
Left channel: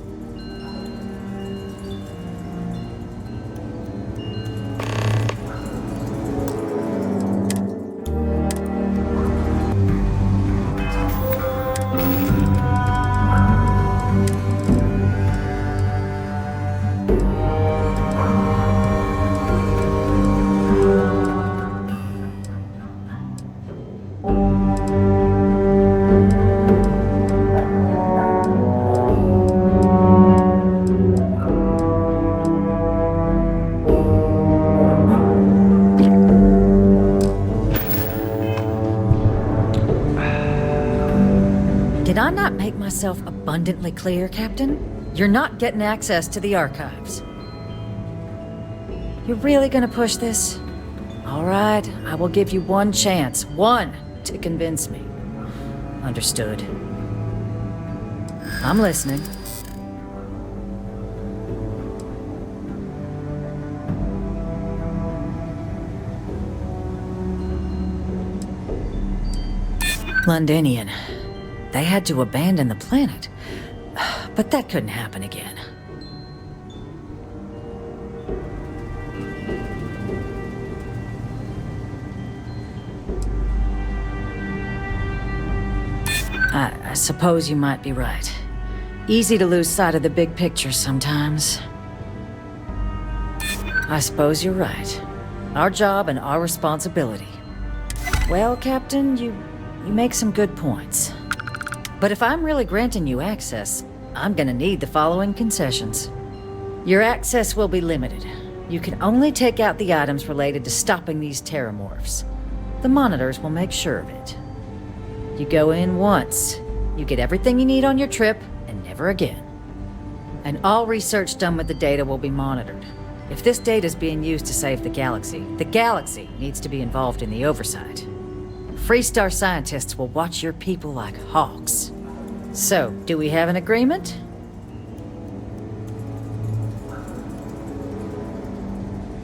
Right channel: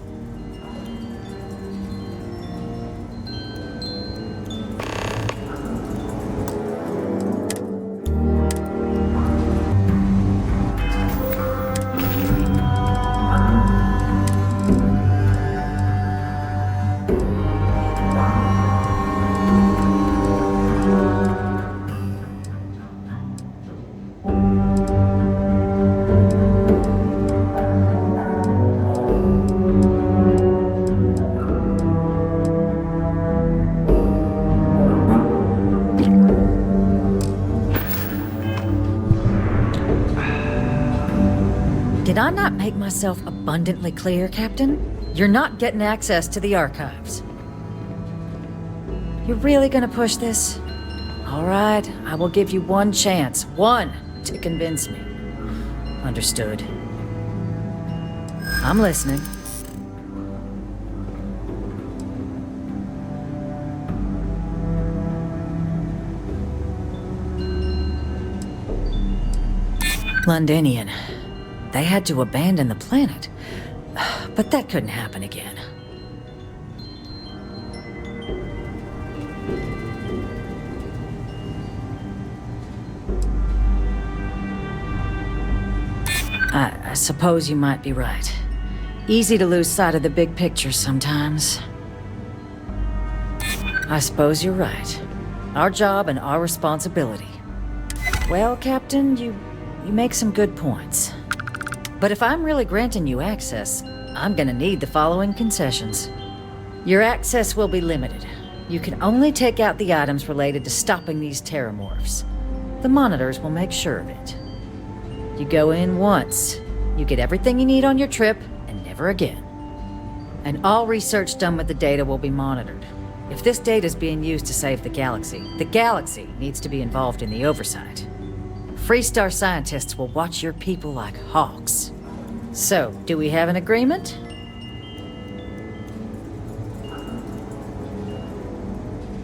Did I not make myself abundantly clear, Captain? You're not getting access to the archives. You're really gonna push this? All right, I will give you one chance, one, to convince me. Understood. I'm listening. Londinian. They had to abandon the planet. But that couldn't happen again. I suppose you might be right. Easy to lose sight of the big picture sometimes. I suppose you're right. Our job and our responsibility. Well, Captain, you make some good points. But if I'm really granting you access, I'm gonna need the following concessions. Your access will be limited. You can only take out the items related to stopping these terramorphs. The monitors will make sure of it. You go in once, you get everything you need on your trip, and never again. And all research done with the data will be monitored. If this data is being used to save the galaxy needs to be involved in the oversight. Freestar scientists will watch your people like hawks. So, do we have an agreement?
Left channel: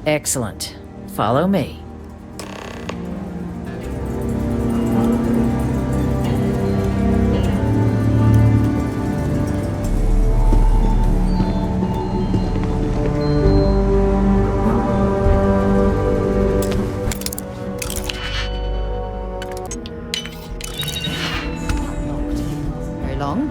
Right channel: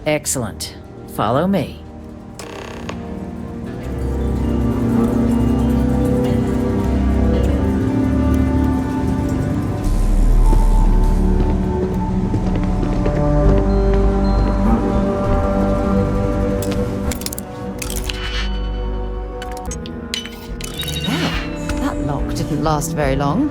Excellent. Follow me. Last very long.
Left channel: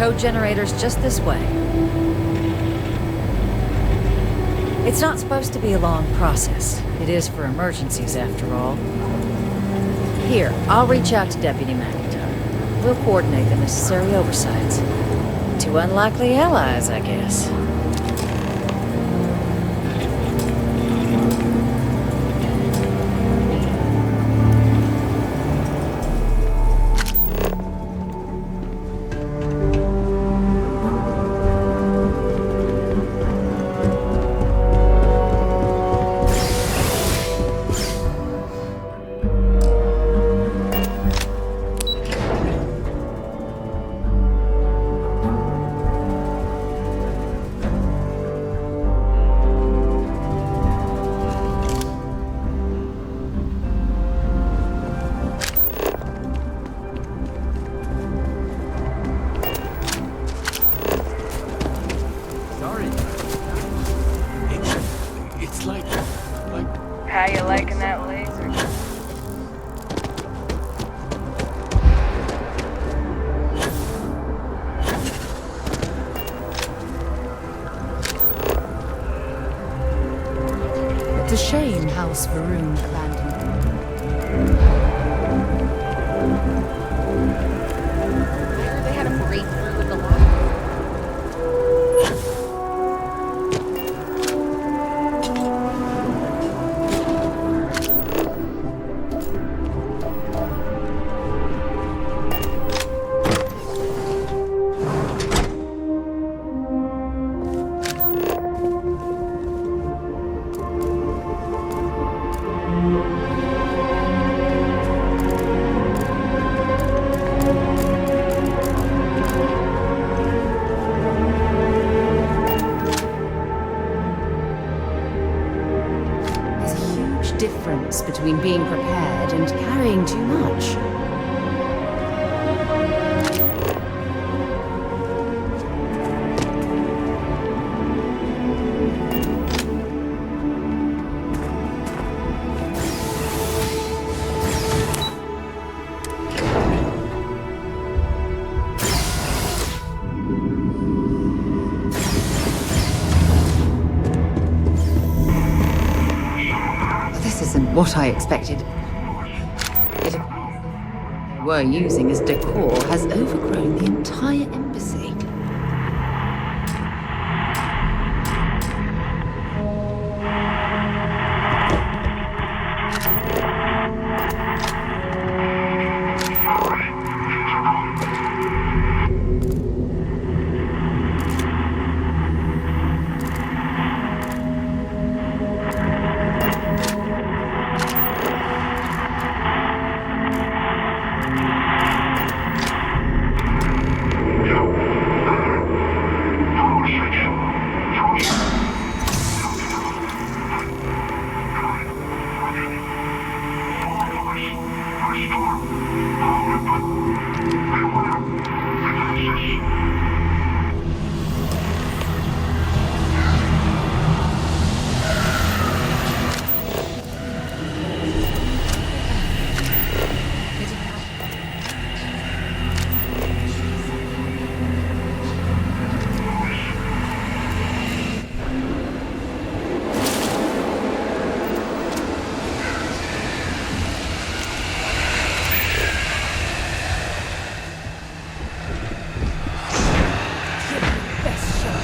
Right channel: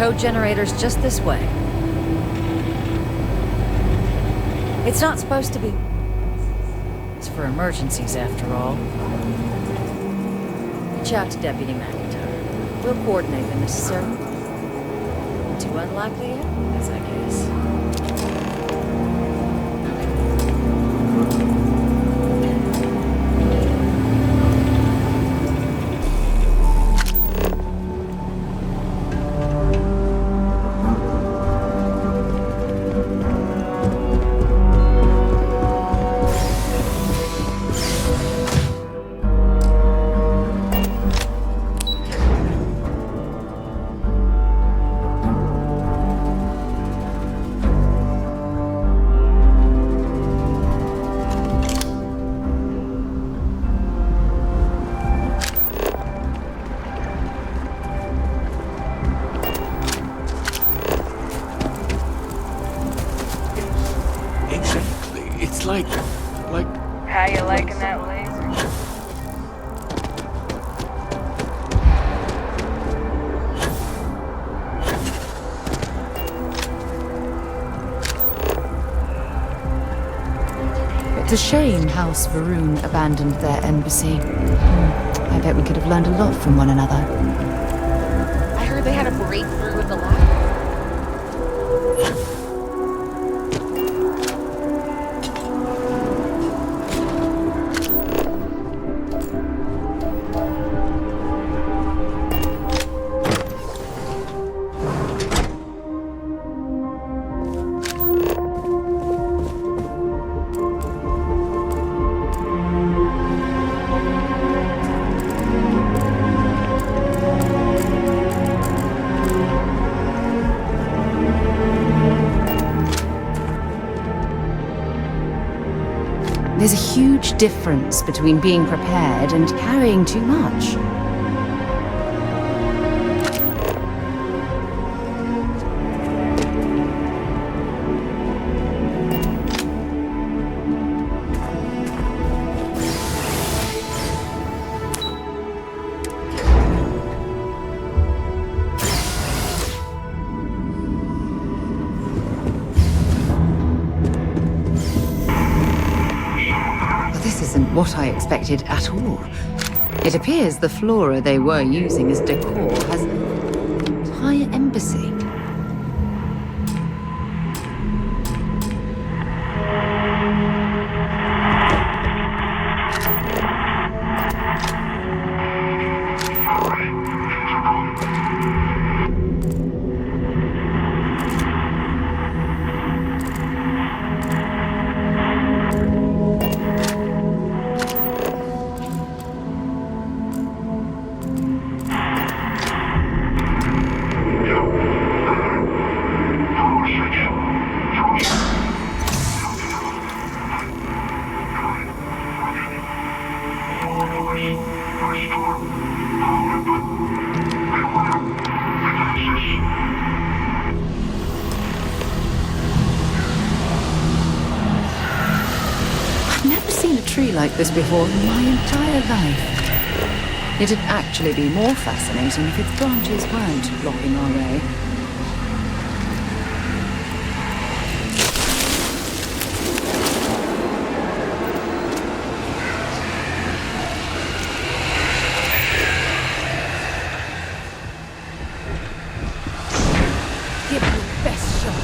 code generator's just this way. It's not supposed to be a long process. It is for emergencies, after all. Here, I'll reach out to Deputy McIntyre. We'll coordinate the necessary oversights. Two unlikely allies, I guess. How you liking that laser? It's a shame House Varun abandoned their embassy. I bet we could have learned a lot from one another. I heard they had a breakthrough with the lab. There's a huge difference between being prepared and carrying too much. Isn't what I expected at all. It appears the flora they were using as decor has overgrown the entire embassy. Like this before in my entire life. It'd actually be more fascinating if its branches weren't blocking our way. Give it your best shot.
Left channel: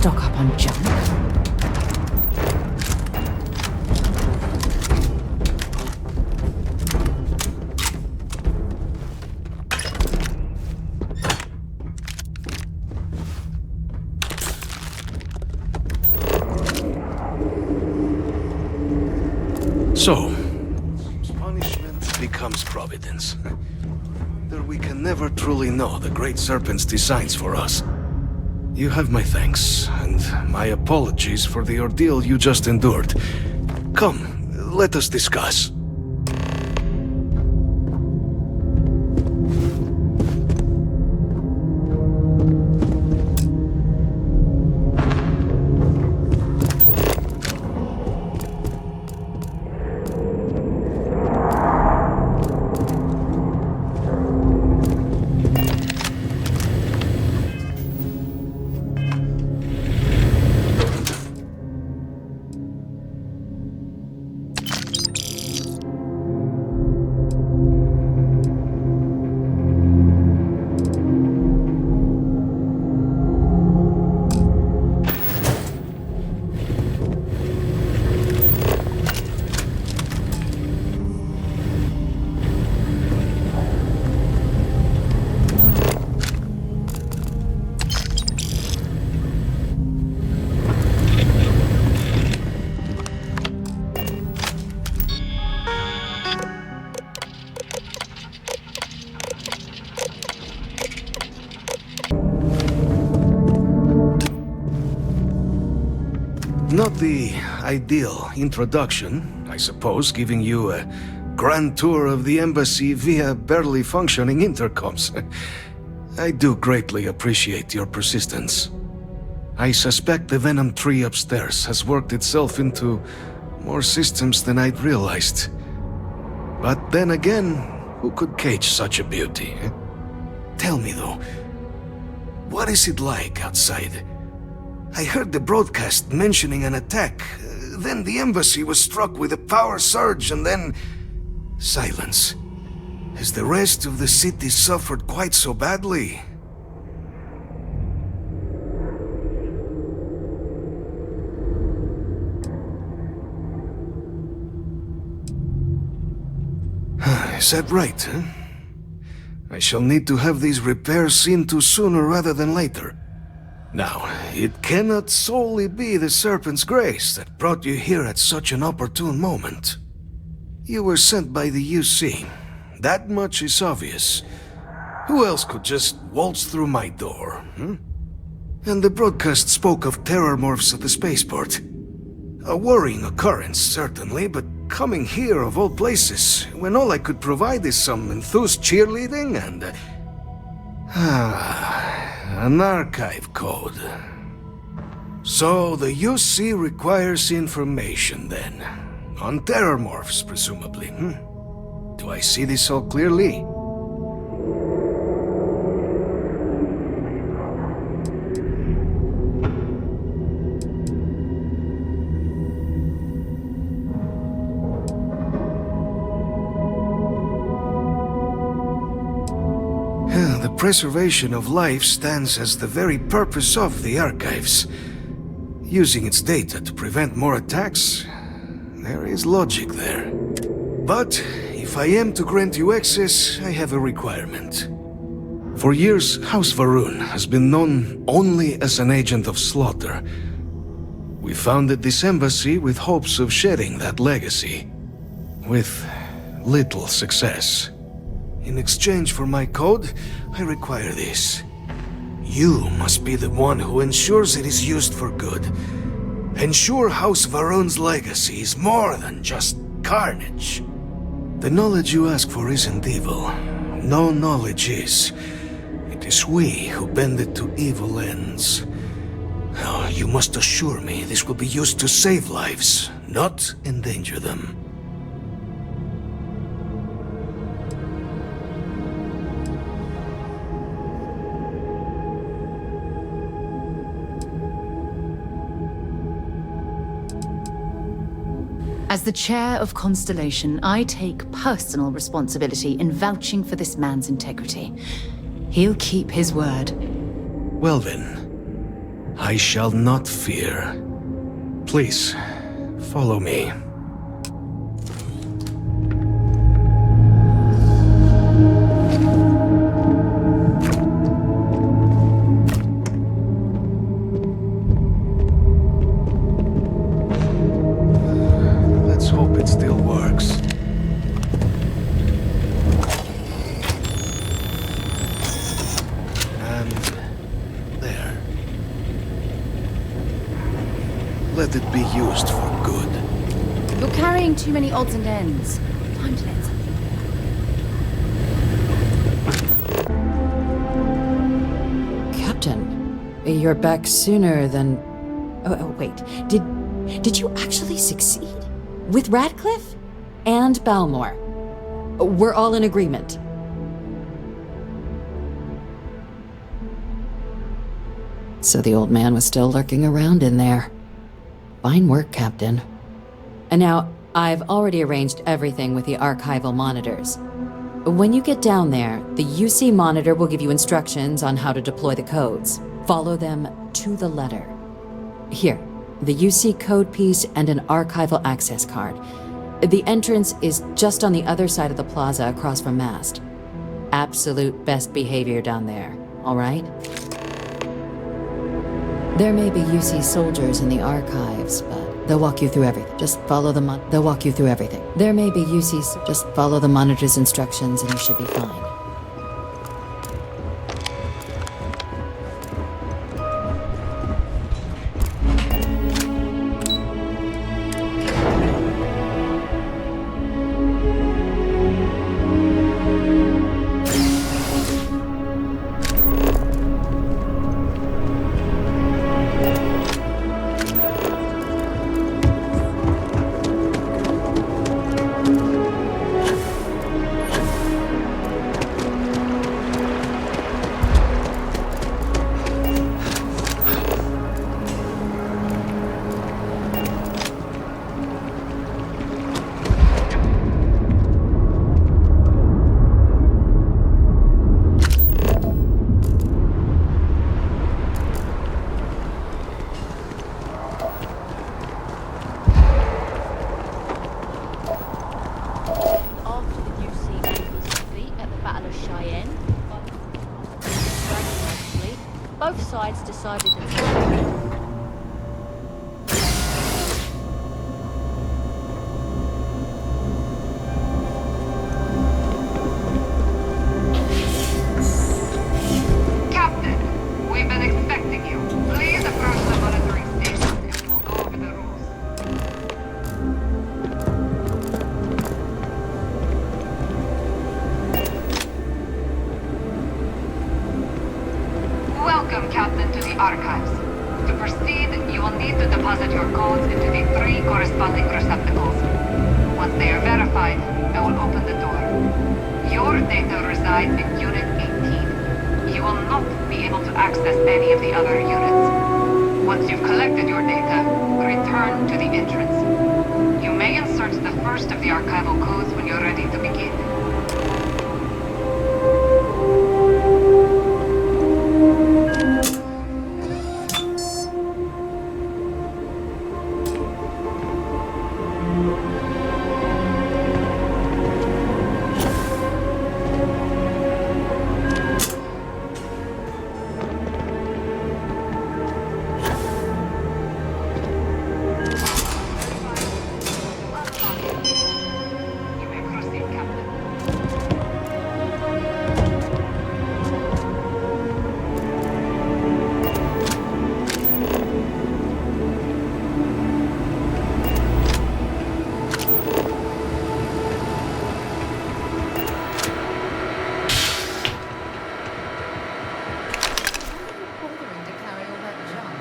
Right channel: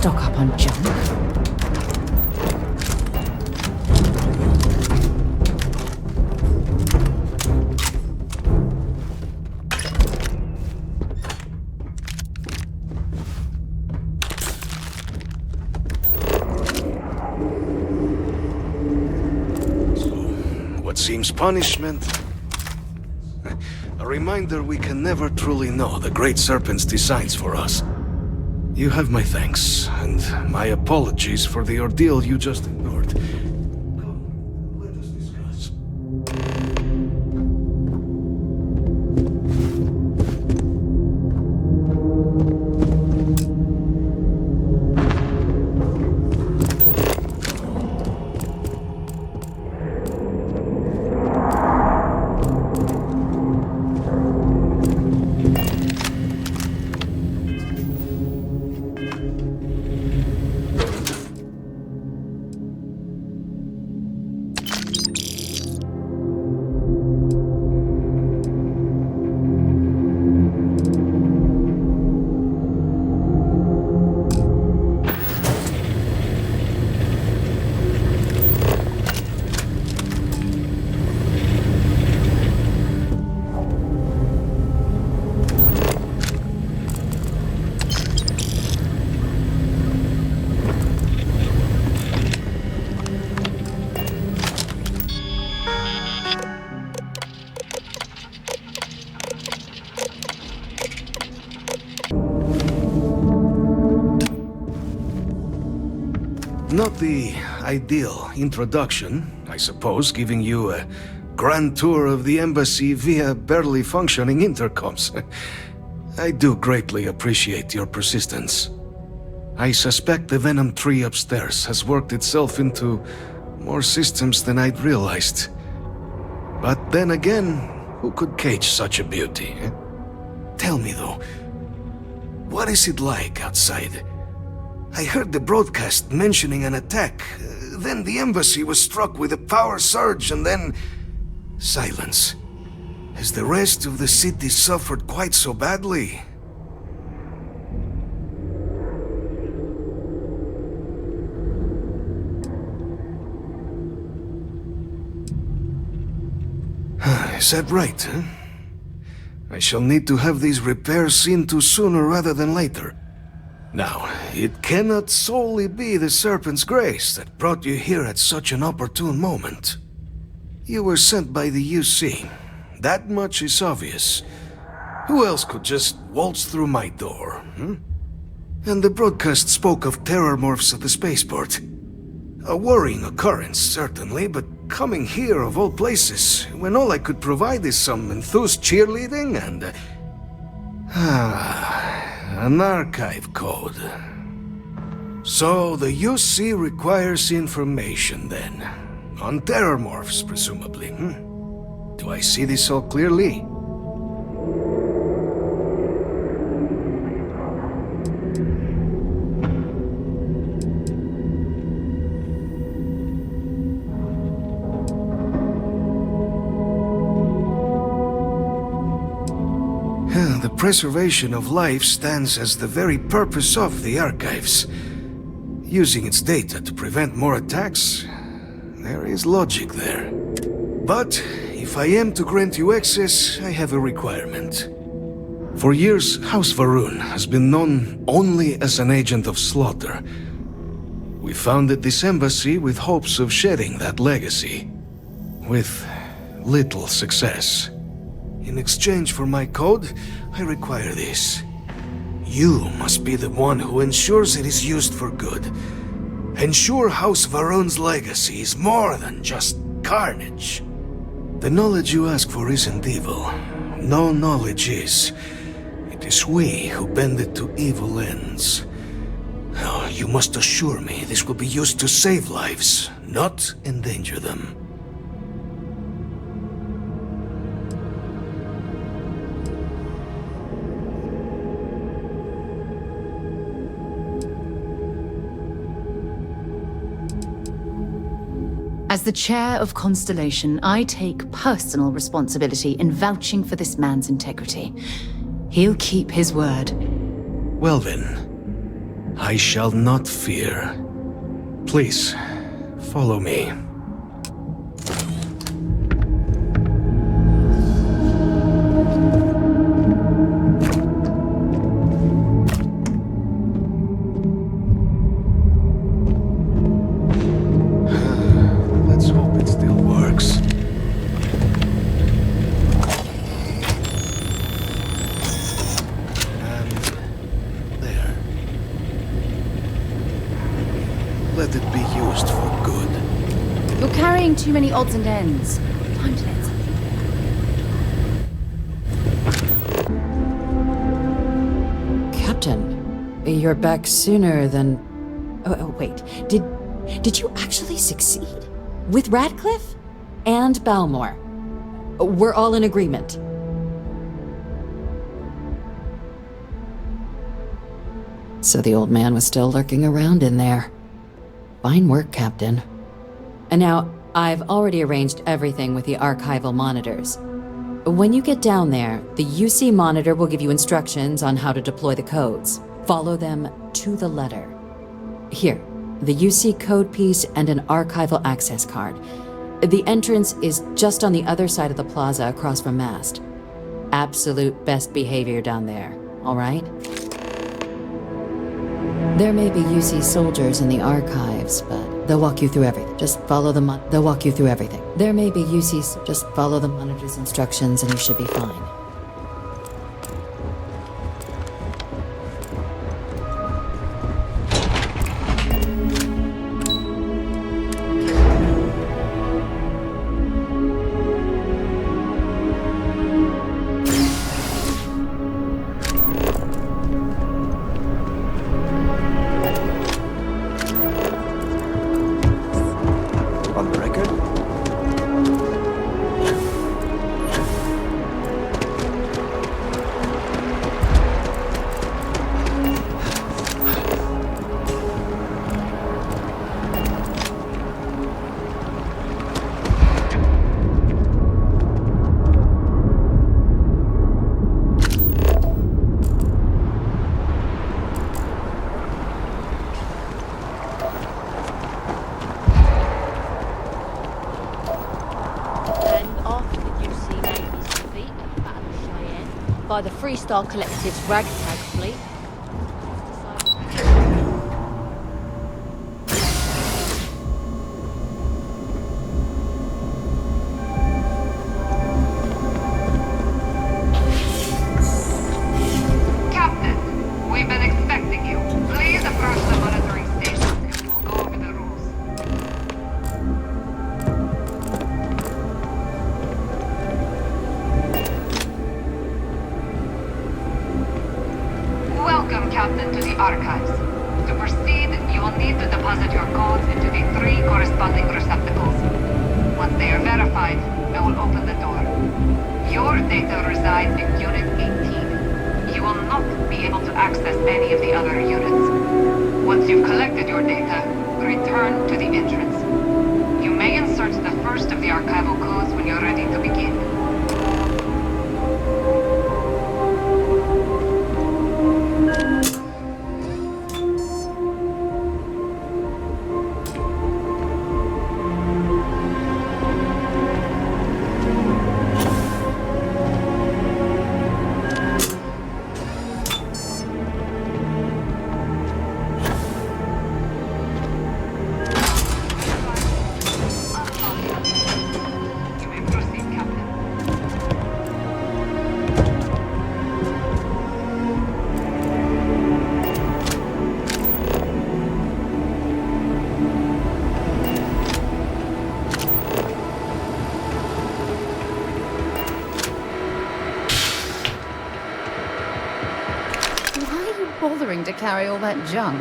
stock up on junk. So, what seems punishment becomes providence. A reminder we can never truly know the Great Serpent's designs for us. You have my thanks, and my apologies for the ordeal you just endured. Come, let us discuss. Not the ideal introduction, I suppose, giving you a grand tour of the embassy via barely functioning intercoms. I do greatly appreciate your persistence. I suspect the Venom tree upstairs has worked itself into more systems than I'd realized. But then again, who could cage such a beauty? Tell me though, what is it like outside? I heard the broadcast mentioning an attack. Then the embassy was struck with a power surge and then... silence. Has the rest of the city suffered quite so badly? Is that right, huh? I shall need to have these repairs seen to sooner rather than later. Now, it cannot solely be the Serpent's grace that brought you here at such an opportune moment. You were sent by the UC. That much is obvious. Who else could just waltz through my door, hmm? And the broadcast spoke of terramorphs at the spaceport. A worrying occurrence, certainly, but coming here of all places, when all I could provide is some enthused cheerleading and... an archive code. So the UC requires information then. On terramorphs, presumably, hmm? Do I see this all clearly? The preservation of life stands as the very purpose of the archives. Using its data to prevent more attacks, there is logic there. But if I am to grant you access, I have a requirement. For years, House Va'ruun has been known only as an agent of slaughter. We founded this embassy with hopes of shedding that legacy. With little success. In exchange for my code, I require this. You must be the one who ensures it is used for good. Ensure House Va'ruun's legacy is more than just carnage. The knowledge you ask for isn't evil. No knowledge is. It is we who bend it to evil ends. Oh, you must assure me this will be used to save lives, not endanger them. As the chair of Constellation, I take personal responsibility in vouching for this man's integrity. He'll keep his word. Well then, I shall not fear. Please, follow me. Let's hope it still works. Let it be used for good. You're carrying too many odds and ends. Time to learn something. Captain, you're back sooner than... Oh, wait. Did you actually succeed? With Radcliffe? And Balmore? We're all in agreement. So the old man was still lurking around in there. Fine work, Captain. And now, I've already arranged everything with the archival monitors. When you get down there, the UC monitor will give you instructions on how to deploy the codes. Follow them to the letter. Here, the UC code piece and an archival access card. The entrance is just on the other side of the plaza across from mast. Absolute best behavior down there, all right? There may be UC soldiers in the archives, but they'll walk you through everything. Just follow the they'll walk you through everything. There may be UC, just follow the monitor's instructions and you should be fine. Collected its ragtag fleet, both sides decided to... Captain, we've been expecting you. Please approach the monitoring station and we'll go over the rules. Welcome, Captain, to the archives. To proceed, you will need to deposit your codes into the 3 corresponding receptacles. Once they are verified, I will open the door. Your data resides in Unit 18. You will not be able to access any of the other units. Once you've collected your data, return to the entrance. You may insert the first of the archival codes when you're ready to begin. To carry all that junk.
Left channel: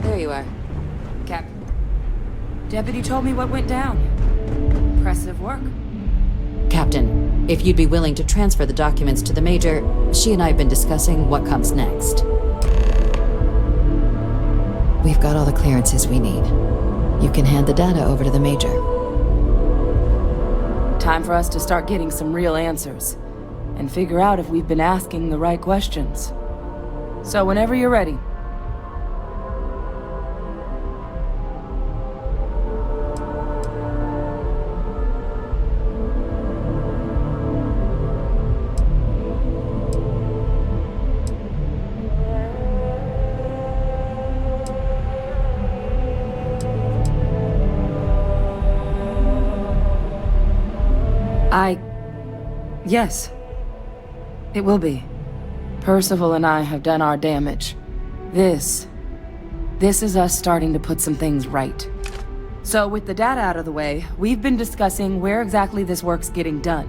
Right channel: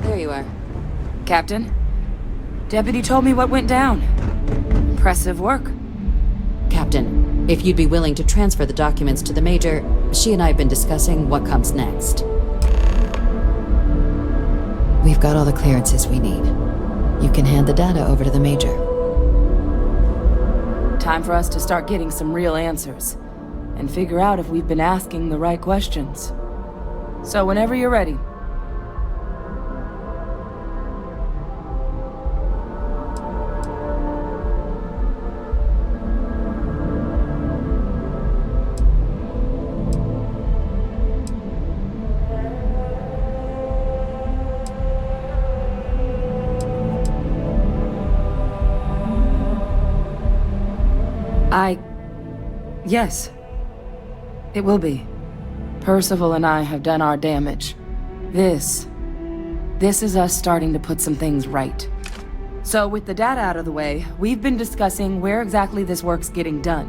There you are. Captain, Deputy told me what went down. Impressive work. Captain, if you'd be willing to transfer the documents to the Major, she and I have been discussing what comes next. We've got all the clearances we need. You can hand the data over to the Major. Time for us to start getting some real answers, and figure out if we've been asking the right questions. So whenever you're ready. Yes. It will be. Parcival and I have done our damage. This is us starting to put some things right. So with the data out of the way, we've been discussing where exactly this work's getting done.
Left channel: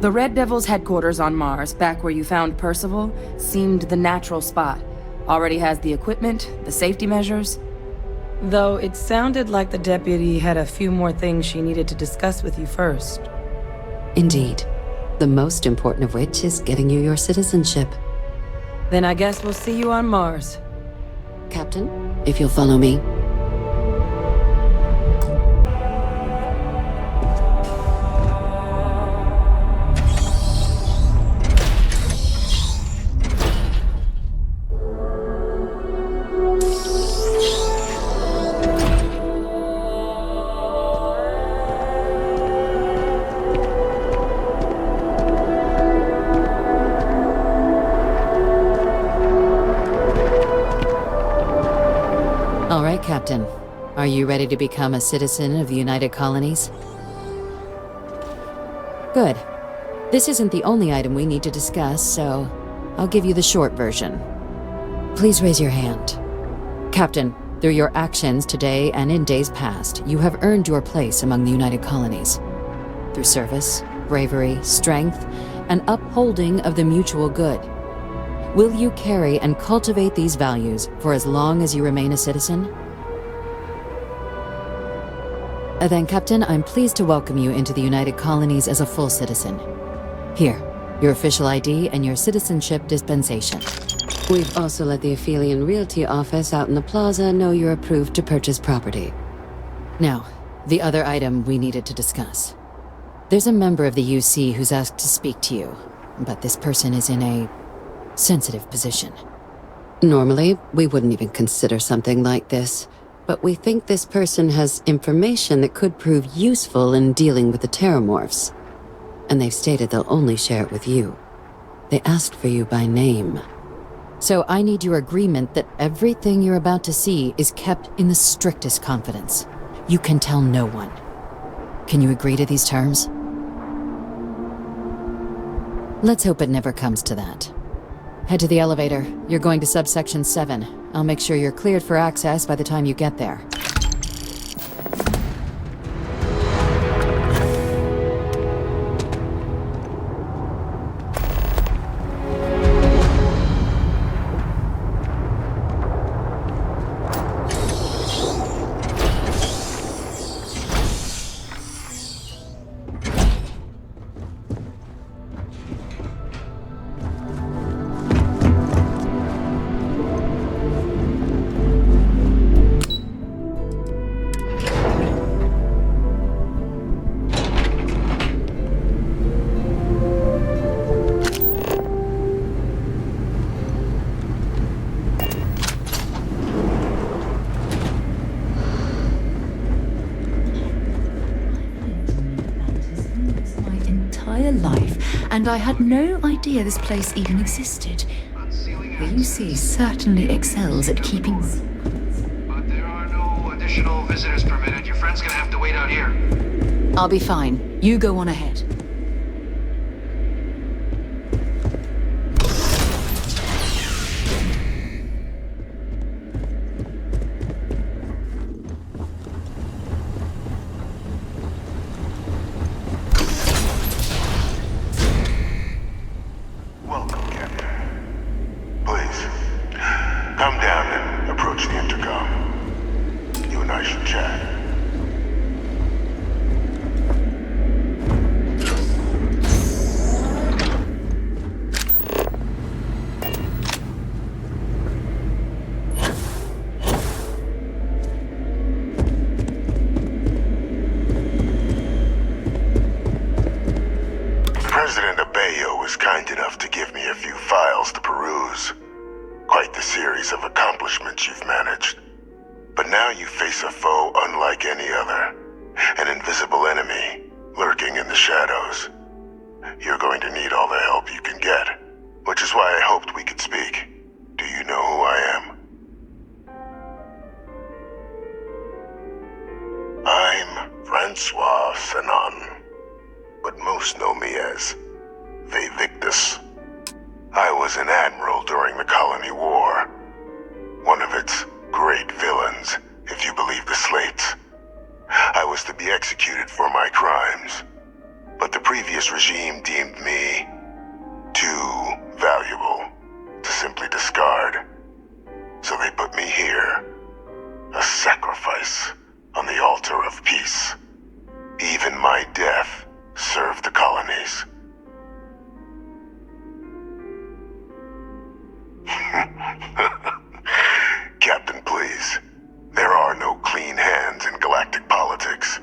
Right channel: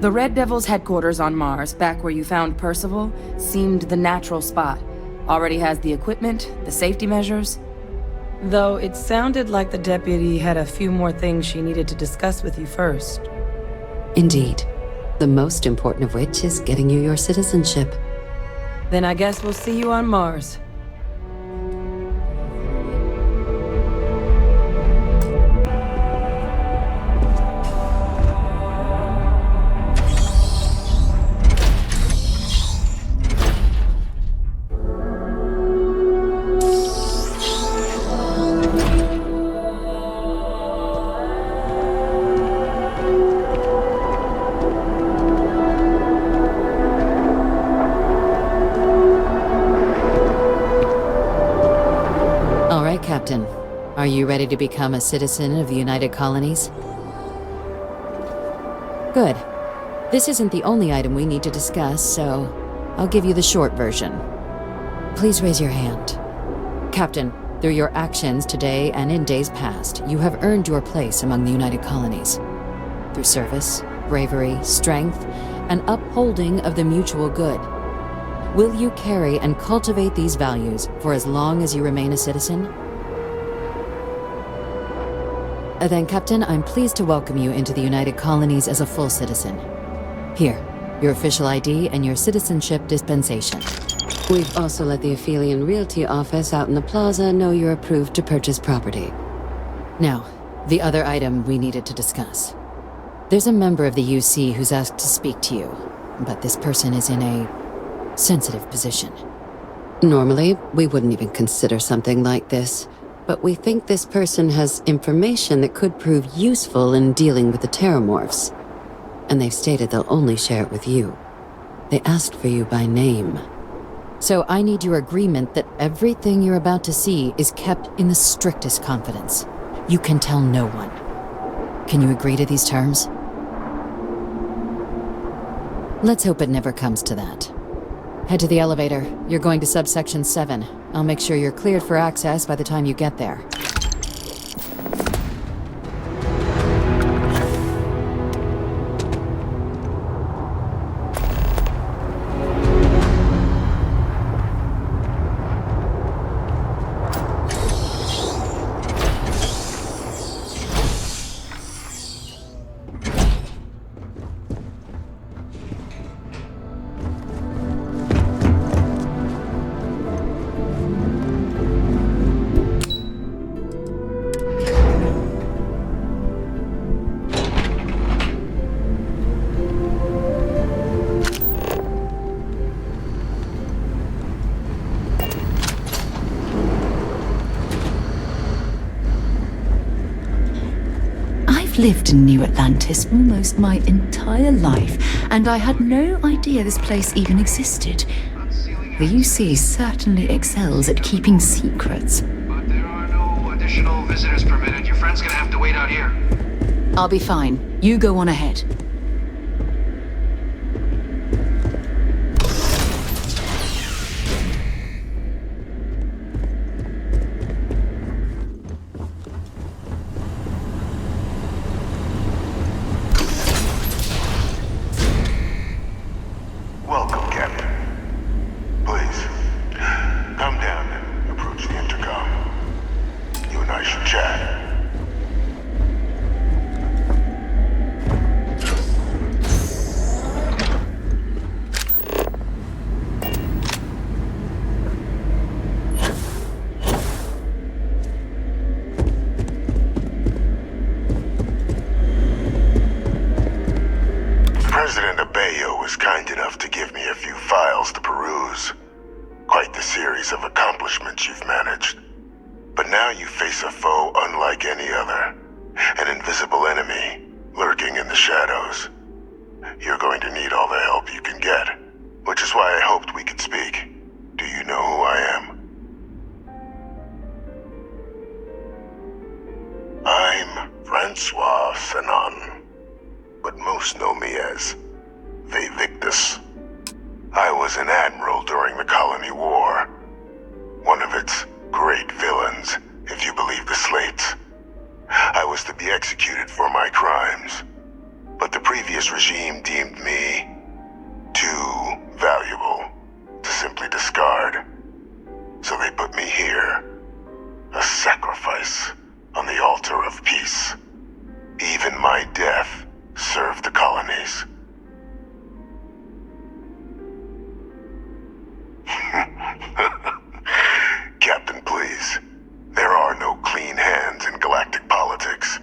The Red Devil's headquarters on Mars, back where you found Parcival, seemed the natural spot. Already has the equipment, the safety measures. Though it sounded like the deputy had a few more things she needed to discuss with you first. Indeed. The most important of which is getting you your citizenship. Then I guess we'll see you on Mars. Captain, if you'll follow me. All right, Captain. Are you ready to become a citizen of the United Colonies? Good. This isn't the only item we need to discuss, so I'll give you the short version. Please raise your hand. Captain, through your actions today and in days past, you have earned your place among the United Colonies. Through service, bravery, strength, and upholding of the mutual good. Will you carry and cultivate these values for as long as you remain a citizen? Then, Captain, I'm pleased to welcome you into the United Colonies as a full citizen. Here, your official ID and your citizenship dispensation. We've also let the Aphelion Realty office out in the plaza know you're approved to purchase property. Now, the other item we needed to discuss. There's a member of the UC who's asked to speak to you, but this person is in a sensitive position. Normally, we wouldn't even consider something like this, but we think this person has information that could prove useful in dealing with the terramorphs. And they've stated they'll only share it with you. They asked for you by name. So I need your agreement that everything you're about to see is kept in the strictest confidence. You can tell no one. Can you agree to these terms? Let's hope it never comes to that. Head to the elevator. You're going to subsection 7. I'll make sure you're cleared for access by the time you get there. Lived in New Atlantis almost my entire life, and I had no idea this place even existed. The UC certainly excels at keeping secrets. But there are no additional visitors permitted. Your friend's gonna have to wait out here. I'll be fine. You go on ahead. kind enough to give me a few files to peruse. Quite the series of accomplishments you've managed. But now you face a foe unlike any other. An invisible enemy, lurking in the shadows. You're going to need all the help you can get, which is why I hoped we could speak. Do you know who I am? I'm Francois Senon, but most know me as Victus. I was an admiral during the Colony War. One of its great villains, if you believe the slates. I was to be executed for my crimes, but the previous regime deemed me too valuable to simply discard. So they put me here, a sacrifice on the altar of peace. Even my death served the colonies. Captain, please. There are no clean hands in galactic politics.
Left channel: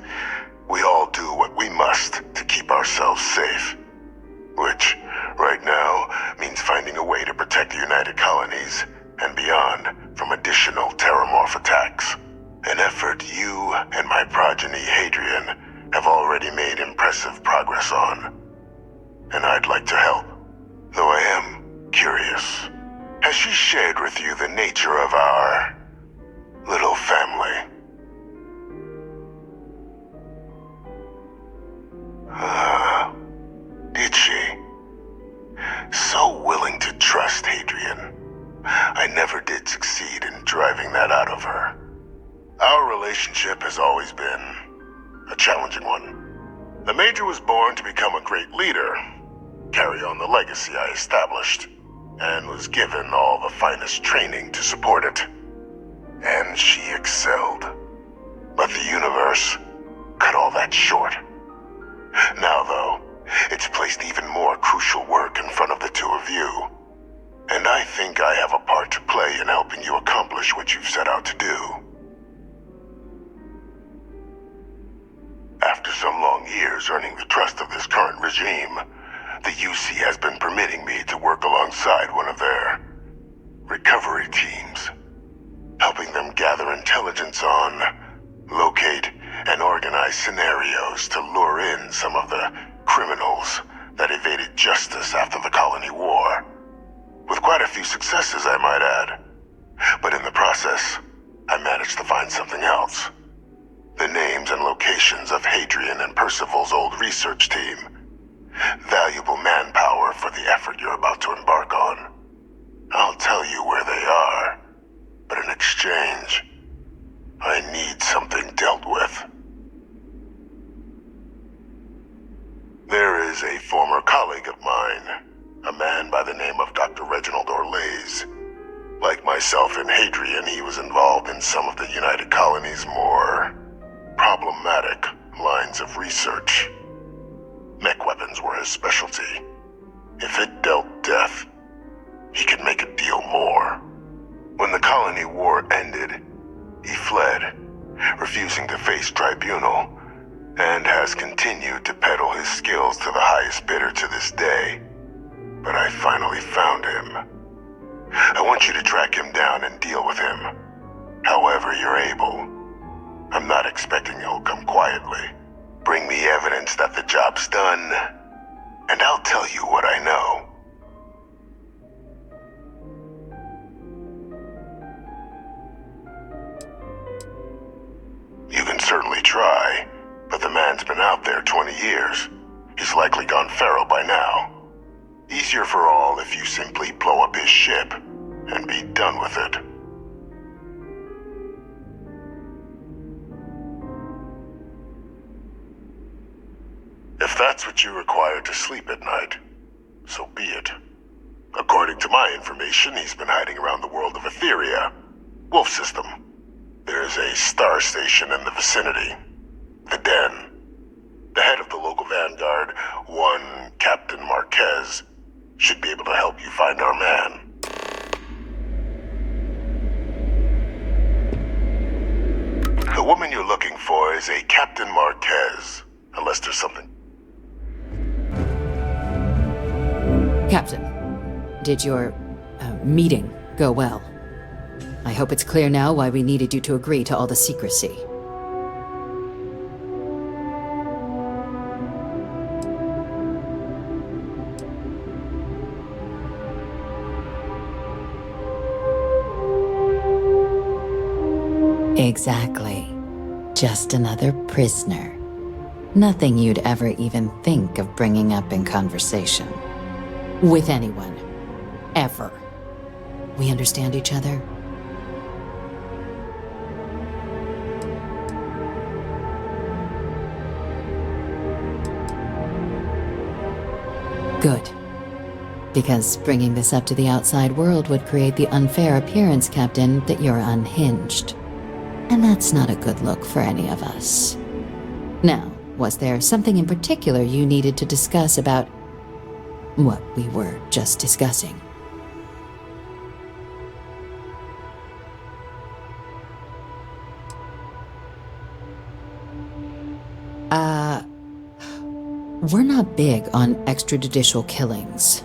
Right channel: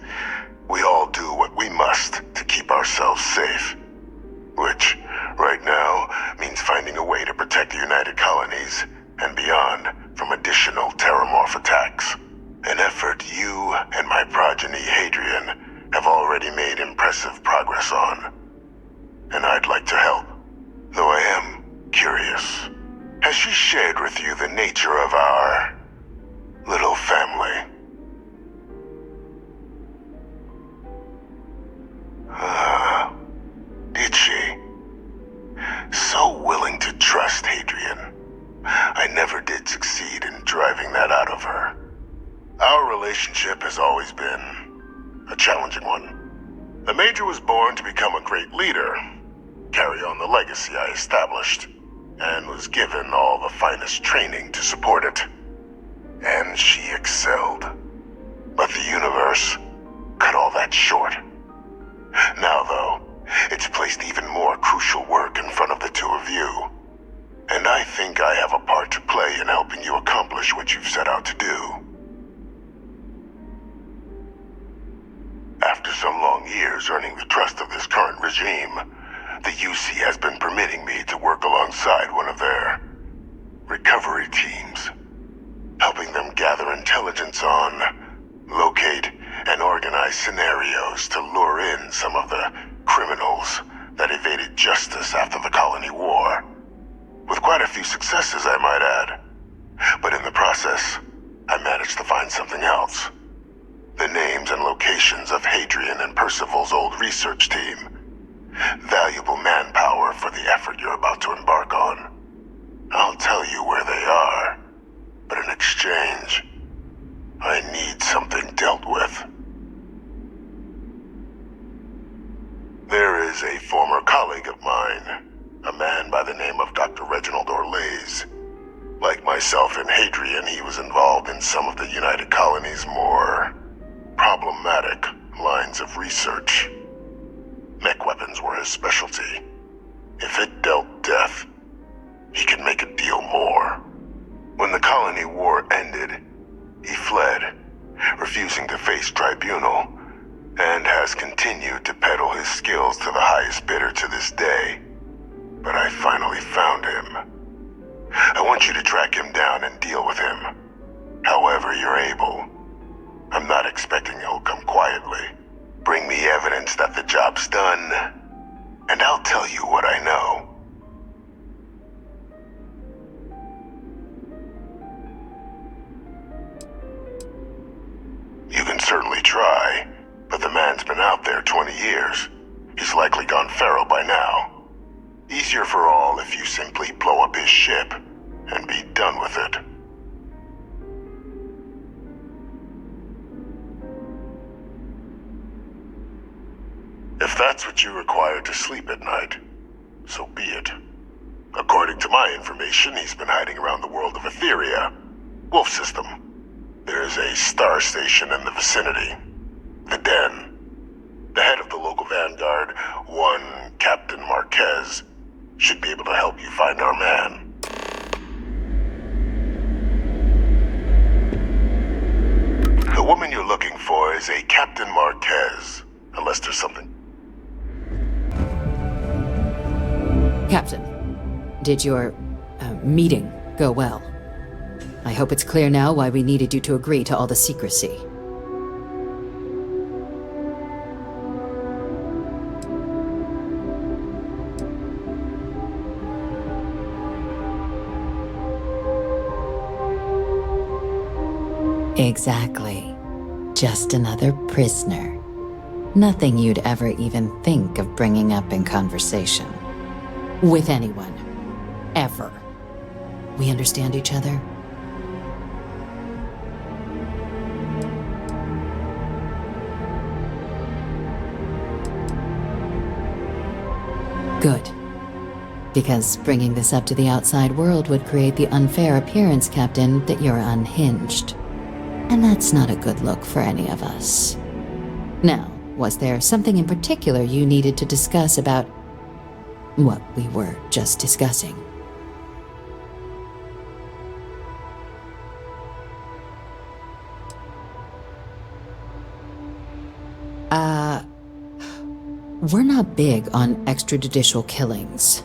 We all do what we must to keep ourselves safe. Which, right now, means finding a way to protect the United Colonies and beyond from additional terramorph attacks. An effort you and my progeny Hadrian have already made impressive progress on. And I'd like to help, though I am curious. Has she shared with you the nature of our little family? Did she? So willing to trust Hadrian. I never did succeed in driving that out of her. Our relationship has always been a challenging one. The Major was born to become a great leader, carry on the legacy I established, and was given all the finest training to support it. And she excelled. But the universe cut all that short. Now, though, it's placed even more crucial work in front of the two of you. And I think I have a part to play in helping you accomplish what you've set out to do. After some long years earning the trust of this current regime, the UC has been permitting me to work alongside one of their recovery teams, helping them gather intelligence on, locate, and organize scenarios to lure in some of the criminals that evaded justice after the Colony War. With quite a few successes, I might add. But in the process, I managed to find something else. The names and locations of Hadrian and Parcival's old research team. Valuable manpower for the effort you're about to embark on. I'll tell you where they are, but in exchange, I need something dealt with. There is a former colleague of mine, a man by the name of Dr. Reginald Orlaise. Like myself and Hadrian, he was involved in some of the United Colony's more problematic lines of research. Mech weapons were his specialty. If it dealt death, he could make a deal more. When the Colony War ended, he fled, refusing to face tribunal, and has continued to peddle his skills to the highest bidder to this day. But I finally found him. I want you to track him down and deal with him, however you're able. I'm not expecting he'll come quietly. Bring me evidence that the job's done, and I'll tell you what I know. You can certainly try, but the man's been out there 20 years. He's likely gone feral by now. Easier for all if you simply blow up his ship and be done with it. If that's what you require to sleep at night, so be it. According to my information, he's been hiding around the world of Etheria, Wolf System. There's a star station in the vicinity, the Den. The head of the local vanguard, one Captain Marquez, should be able to help you find our man. The woman you're looking for is a Captain Marquez, unless there's something. Captain, did your meeting go well? I hope it's clear now why we needed you to agree to all the secrecy. Exactly. Just another prisoner. Nothing you'd ever even think of bringing up in conversation. With anyone. Ever. We understand each other? Good. Because bringing this up to the outside world would create the unfair appearance, Captain, that you're unhinged. And that's not a good look for any of us. Now, was there something in particular you needed to discuss about what we were just discussing? We're not big on extrajudicial killings.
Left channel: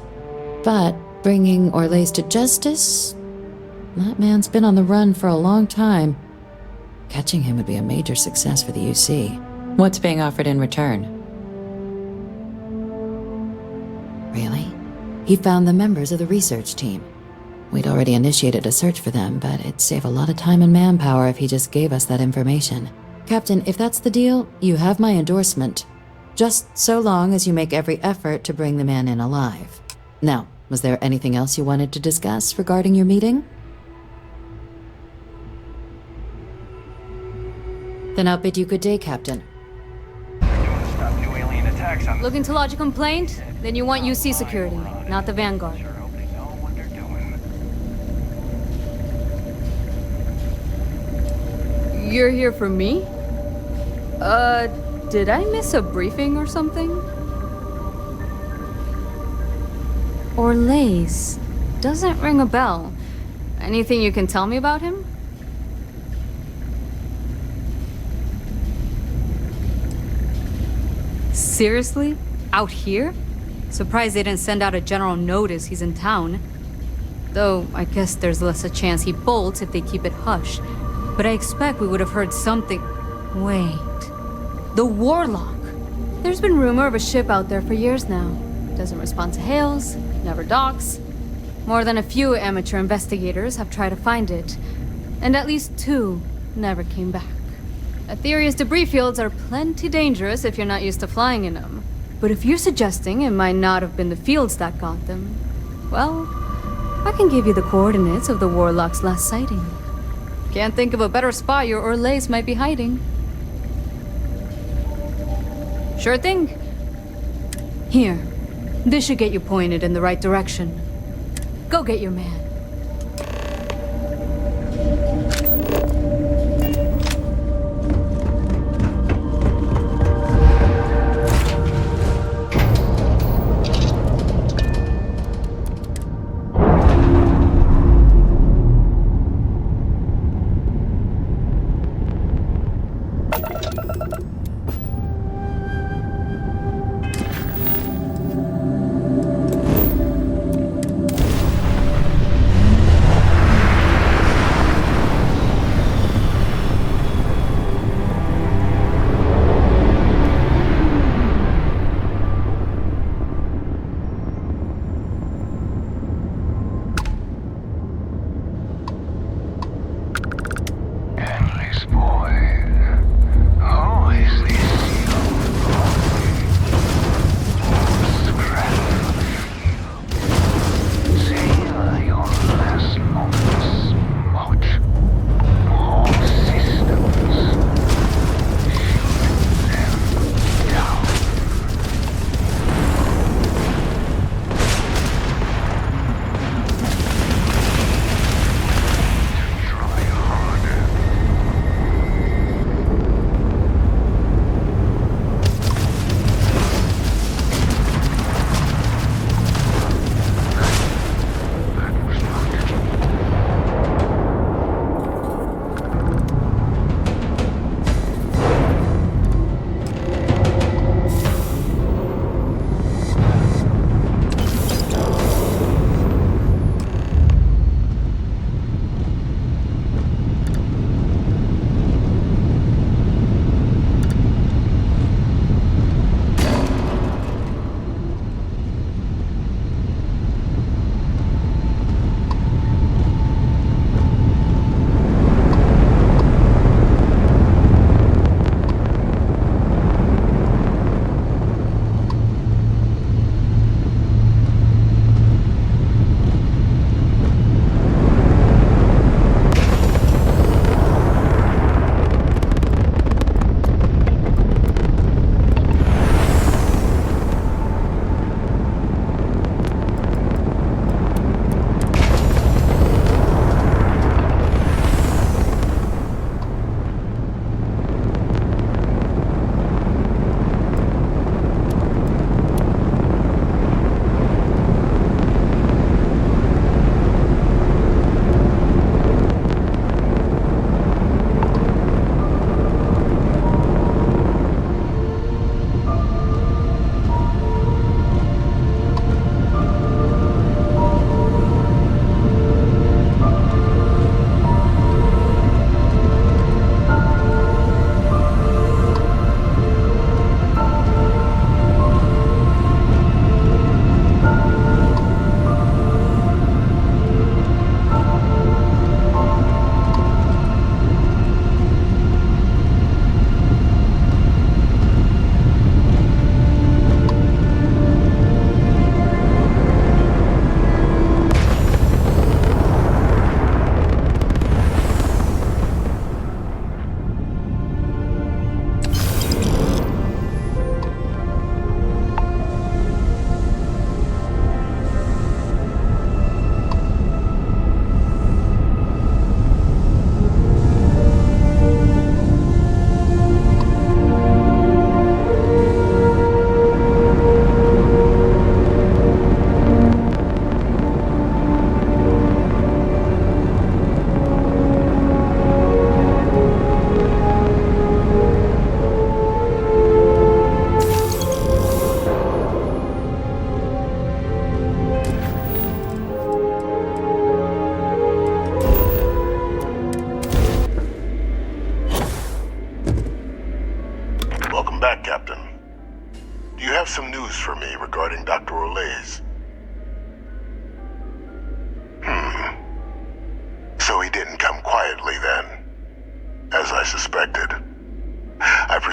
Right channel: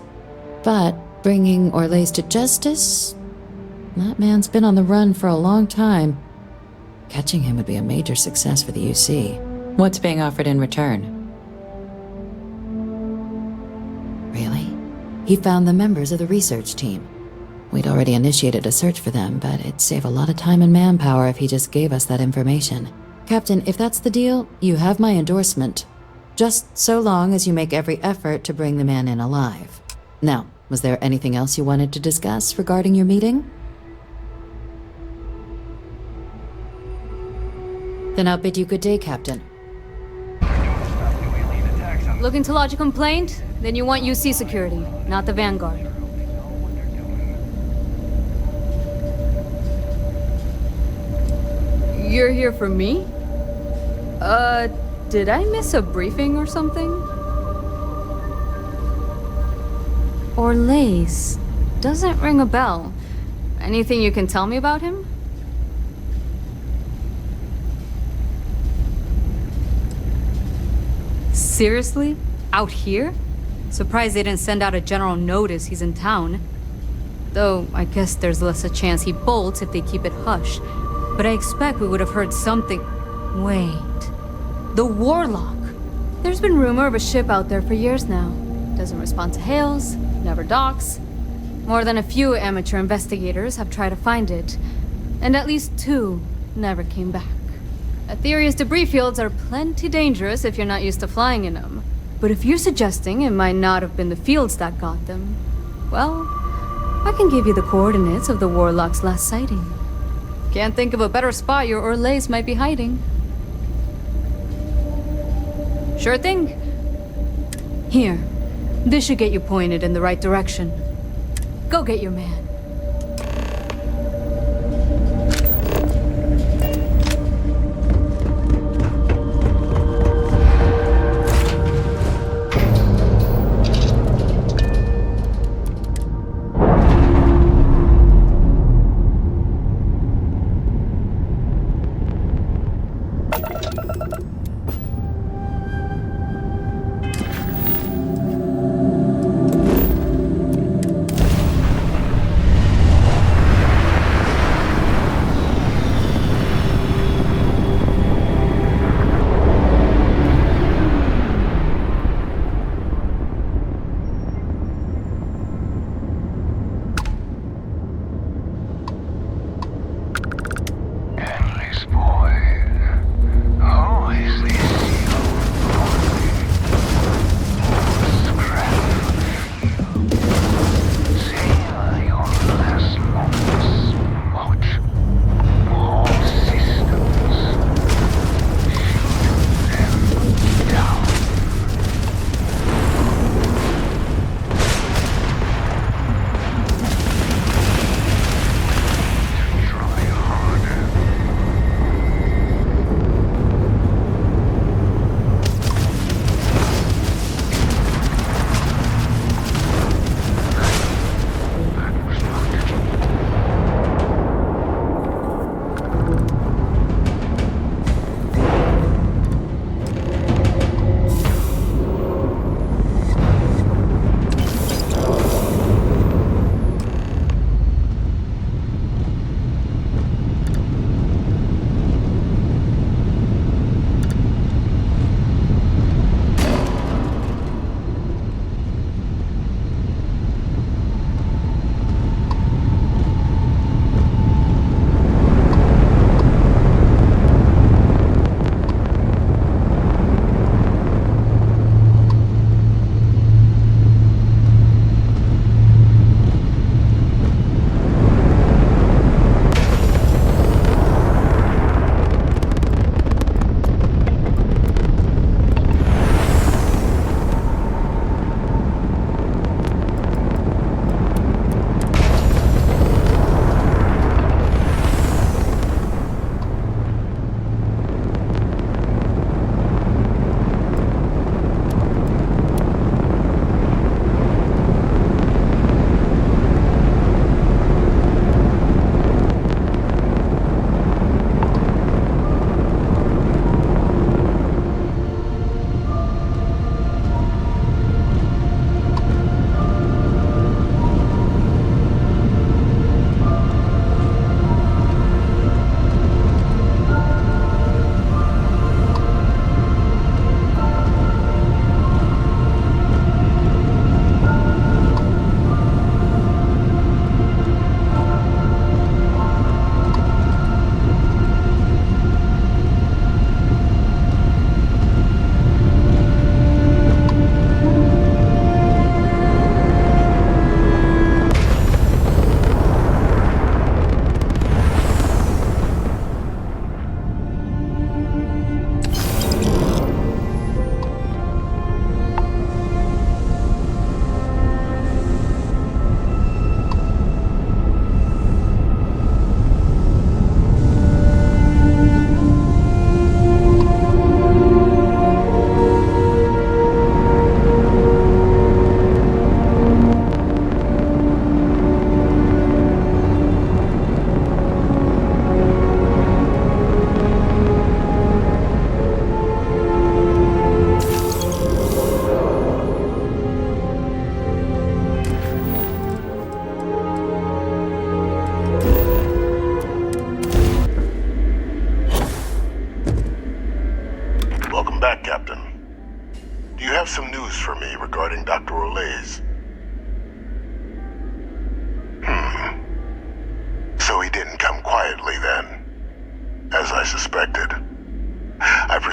But bringing Orlace to justice? That man's been on the run for a long time. Catching him would be a major success for the UC. What's being offered in return? Really? He found the members of the research team. We'd already initiated a search for them, but it'd save a lot of time and manpower if he just gave us that information. Captain, if that's the deal, you have my endorsement. Just so long as you make every effort to bring the man in alive. Now, was there anything else you wanted to discuss regarding your meeting? Then I'll bid you good day, Captain. Looking to lodge a complaint? Then you want UC security, not the vanguard. You're here for me? Did I miss a briefing or something? Orlace doesn't ring a bell. Anything you can tell me about him? Seriously? Out here? Surprised they didn't send out a general notice he's in town. Though, I guess there's less a chance he bolts if they keep it hush. But I expect we would have heard something... Wait... The Warlock! There's been rumor of a ship out there for years now. Doesn't respond to hails, never docks. More than a few amateur investigators have tried to find it. And at least 2 never came back. Aetherius debris fields are plenty dangerous if you're not used to flying in them. But if you're suggesting it might not have been the fields that got them, well, I can give you the coordinates of the Warlock's last sighting. Can't think of a better spot your Orlace might be hiding. Sure thing. Here, this should get you pointed in the right direction. Go get your man.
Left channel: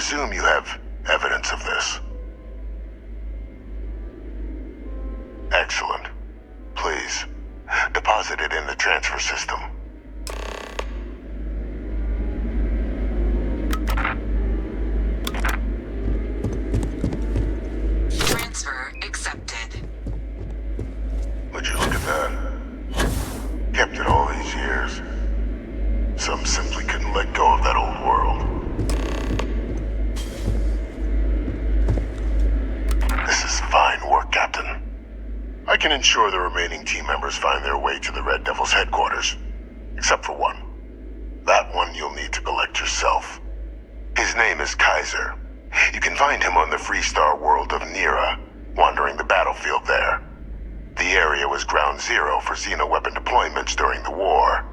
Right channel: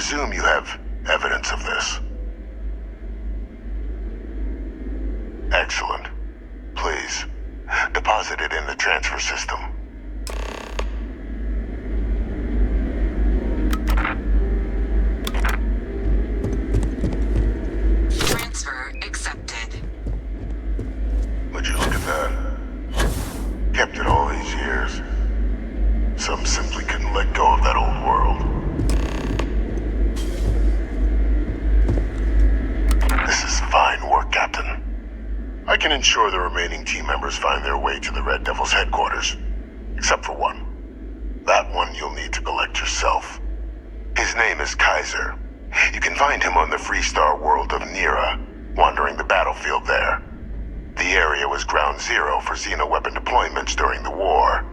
presume you have evidence of this. Excellent. Please, deposit it in the transfer system. Transfer accepted. Would you look at that? Kept it all these years. Some simply couldn't let go of that old world. This is fine work, Captain. I can ensure the remaining team members find their way to the Red Devil's headquarters. Except for one. That one you'll need to collect yourself. His name is Kaiser. You can find him on the Freestar world of Niira, wandering the battlefield there. The area was ground zero for xeno-weapon deployments during the war,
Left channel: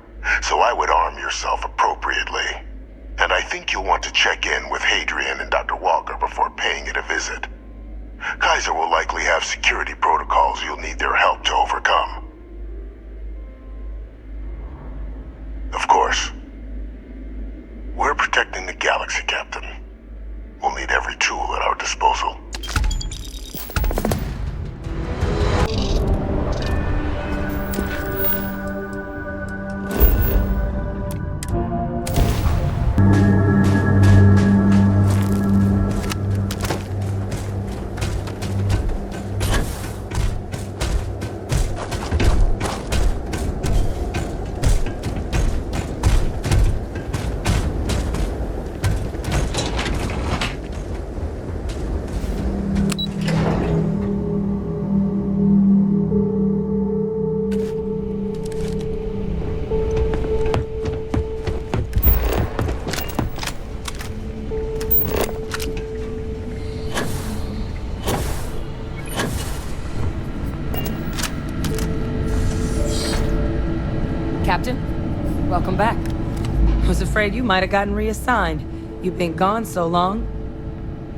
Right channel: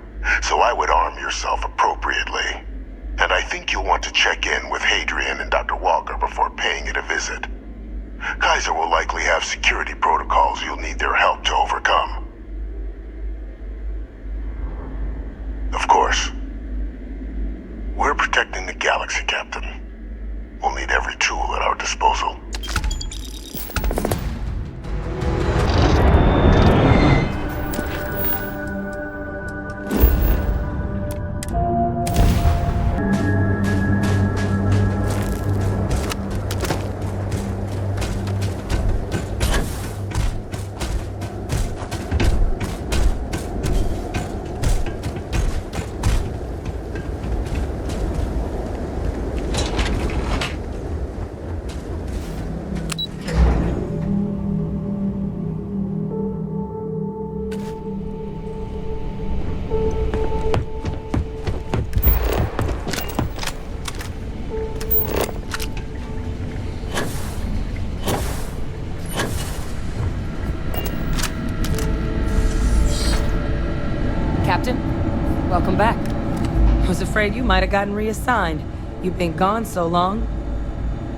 so I would arm yourself appropriately. And I think you'll want to check in with Hadrian and Dr. Walker before paying it a visit. Kaiser will likely have security protocols you'll need their help to overcome. Of course, we're protecting the galaxy, Captain. We'll need every tool at our disposal. Captain, welcome back. Was afraid you might have gotten reassigned. You've been gone so long.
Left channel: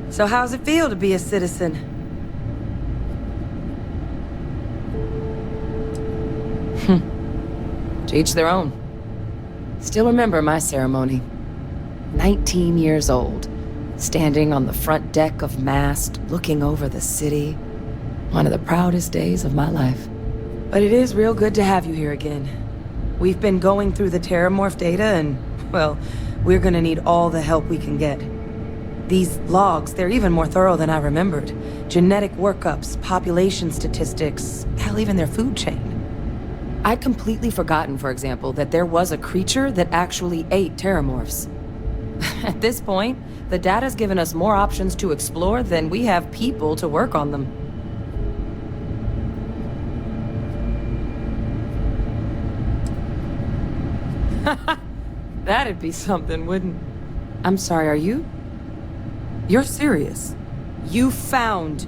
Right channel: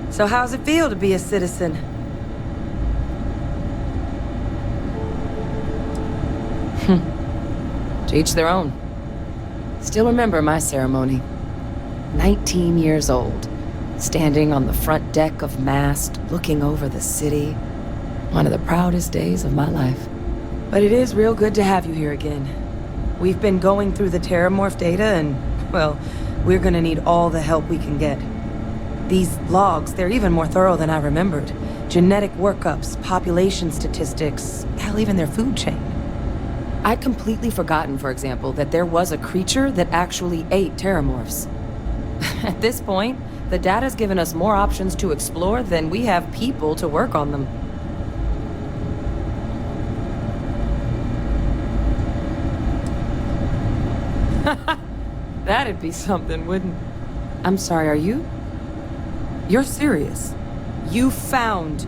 So how's it feel to be a citizen? To each their own. Still remember my ceremony. 19 years old, standing on the front deck of Mast, looking over the city. One of the proudest days of my life. But it is real good to have you here again. We've been going through the terramorph data and, well, we're gonna need all the help we can get. These logs, they're even more thorough than I remembered. Genetic workups, population statistics, hell, even their food chain. I'd completely forgotten, for example, that there was a creature that actually ate terramorphs. At this point, the data's given us more options to explore than we have people to work on them. That'd be something, wouldn't... I'm sorry, are you? You're serious? You found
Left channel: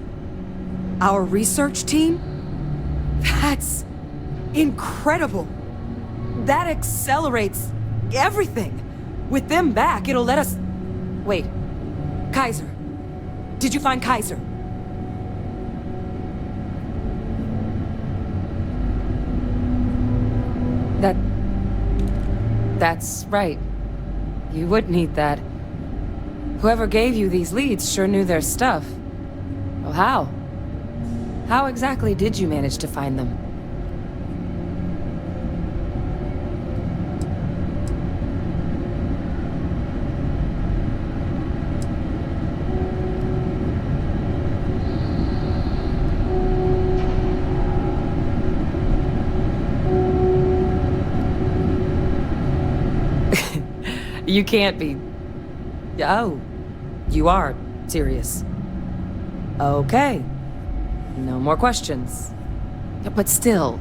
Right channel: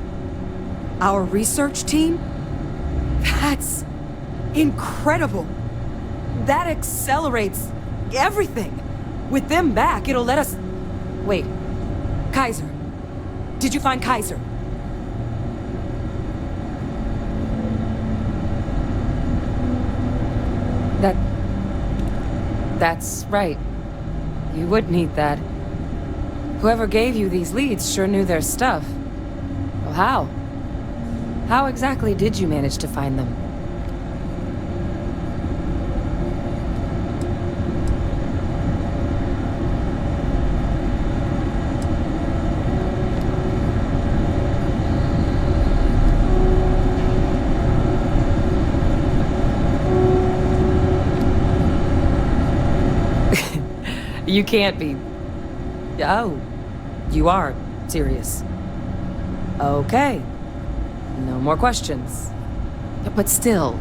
our research team? That's incredible. That accelerates everything. With them back, it'll let us... Wait. Kaiser. Did you find Kaiser? That's right. You would need that. Whoever gave you these leads sure knew their stuff. Well, how? How exactly did you manage to find them? You can't be... Oh, you are serious. Okay. No more questions. But still,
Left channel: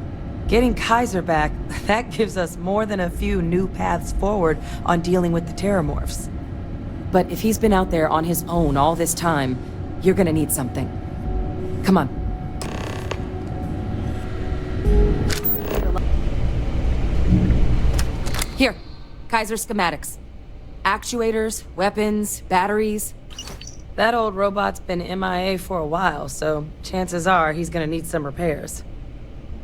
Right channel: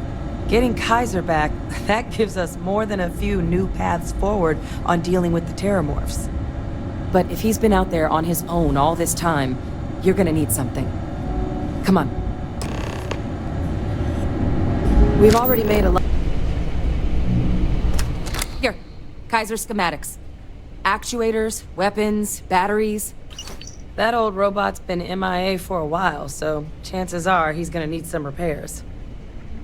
getting Kaiser back, that gives us more than a few new paths forward on dealing with the terramorphs. But if he's been out there on his own all this time, you're gonna need something. Come on. We've already made a lot... Here, Kaiser schematics. Actuators, weapons, batteries. That old robot's been MIA for a while, so chances are he's gonna need some repairs.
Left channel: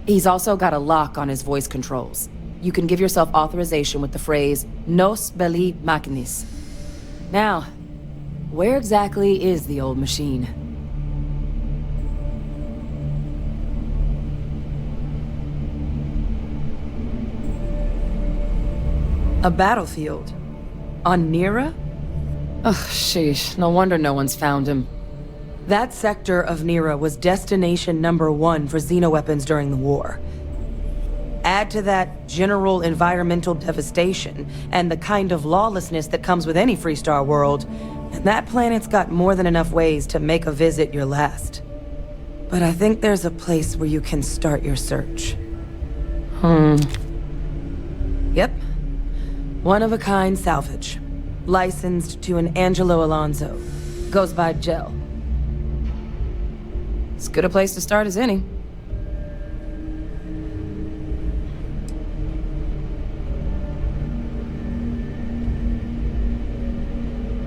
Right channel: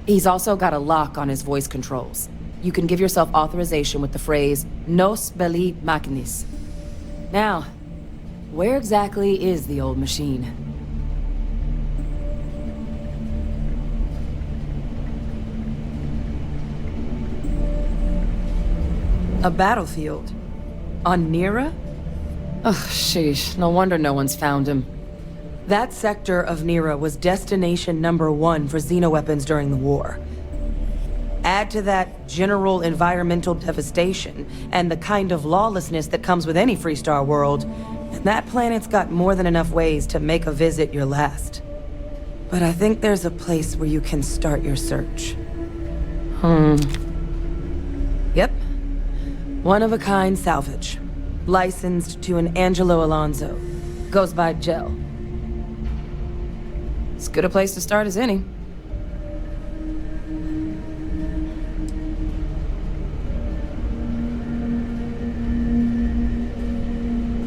He's also got a lock on his voice controls. You can give yourself authorization with the phrase, Nos belli machinis. Now, where exactly is the old machine? A battlefield? On Niira? Ugh, sheesh. No wonder no one's found him. That sector of Niira was destination #1 for xenoweapons during the war. Add to that general environmental devastation and the kind of lawlessness that comes with any Freestar world, and that planet's got more than enough ways to make a visit your last. But I think there's a place where you can start your search. Yep. One-of-a-kind salvage. Licensed to an Angelo Alonso. Goes by Gel. As good a place to start as any.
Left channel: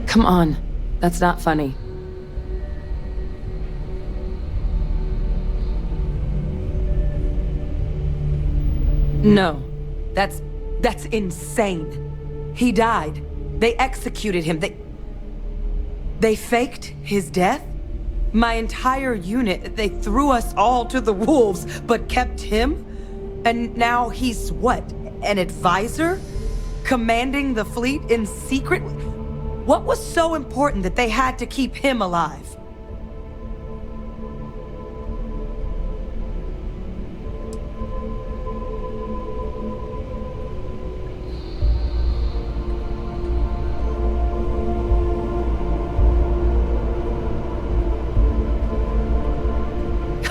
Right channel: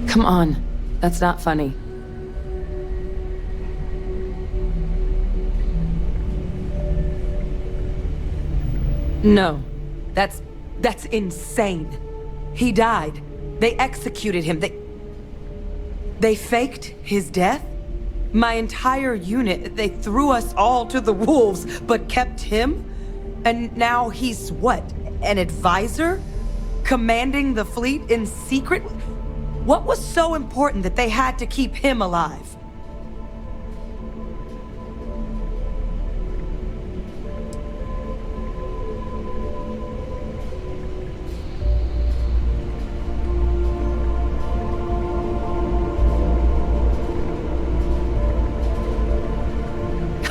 Come on. That's not funny. No. That's insane. He died. They executed him. They faked his death? My entire unit, they threw us all to the wolves, but kept him? And now he's what? An advisor? Commanding the fleet in secret? What was so important that they had to keep him alive?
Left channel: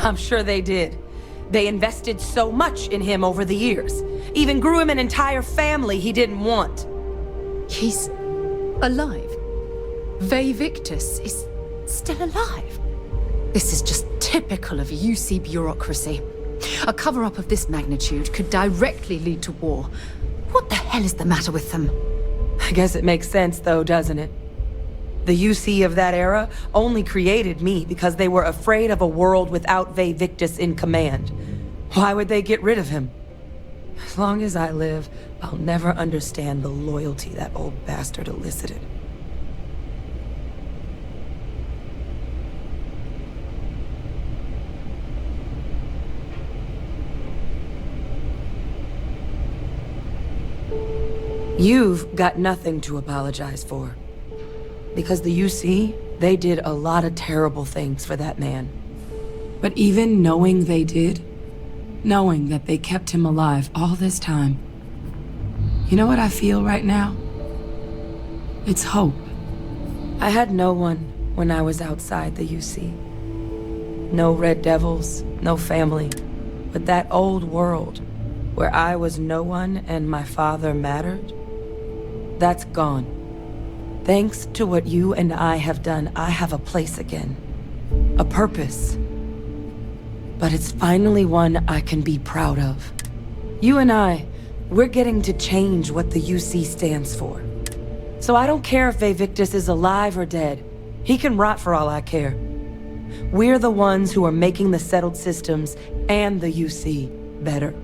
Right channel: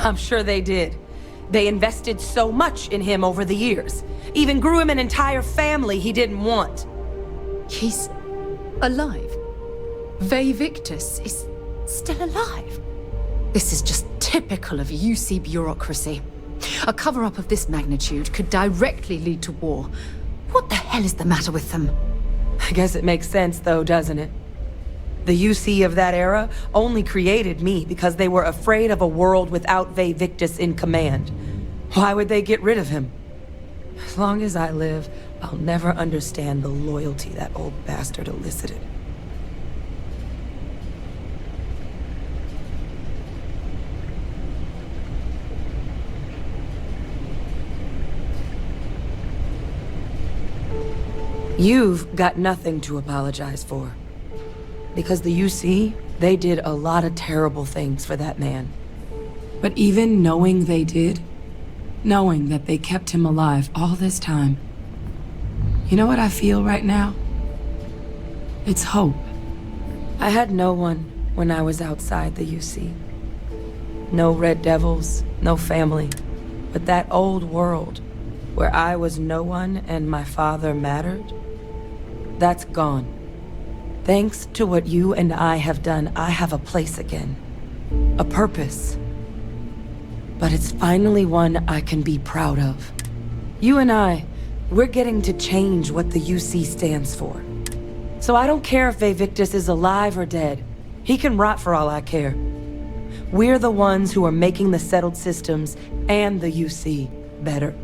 I'm sure they did. They invested so much in him over the years. Even grew him an entire family he didn't want. He's alive. Ve Victus is still alive. This is just typical of UC bureaucracy. A cover-up of this magnitude could directly lead to war. What the hell is the matter with them? I guess it makes sense though, doesn't it? The UC of that era only created me because they were afraid of a world without Ve Victus in command. Why would they get rid of him? As long as I live, I'll never understand the loyalty that old bastard elicited. You've got nothing to apologize for. Because the UC, they did a lot of terrible things for that man. But even knowing they did, knowing that they kept him alive all this time, you know what I feel right now? It's hope. I had no one when I was outside the UC. No Red Devils, no family. But that old world, where I was no one and my father mattered, that's gone. Thanks to what you and I have done, I have a place again. A purpose. But it's finally one I can be proud of. You and I, we're getting to change what the UC stands for. So I don't care if Ve Victus is alive or dead. He can rot for all I care. We're the ones who are making the settled systems and the UC better.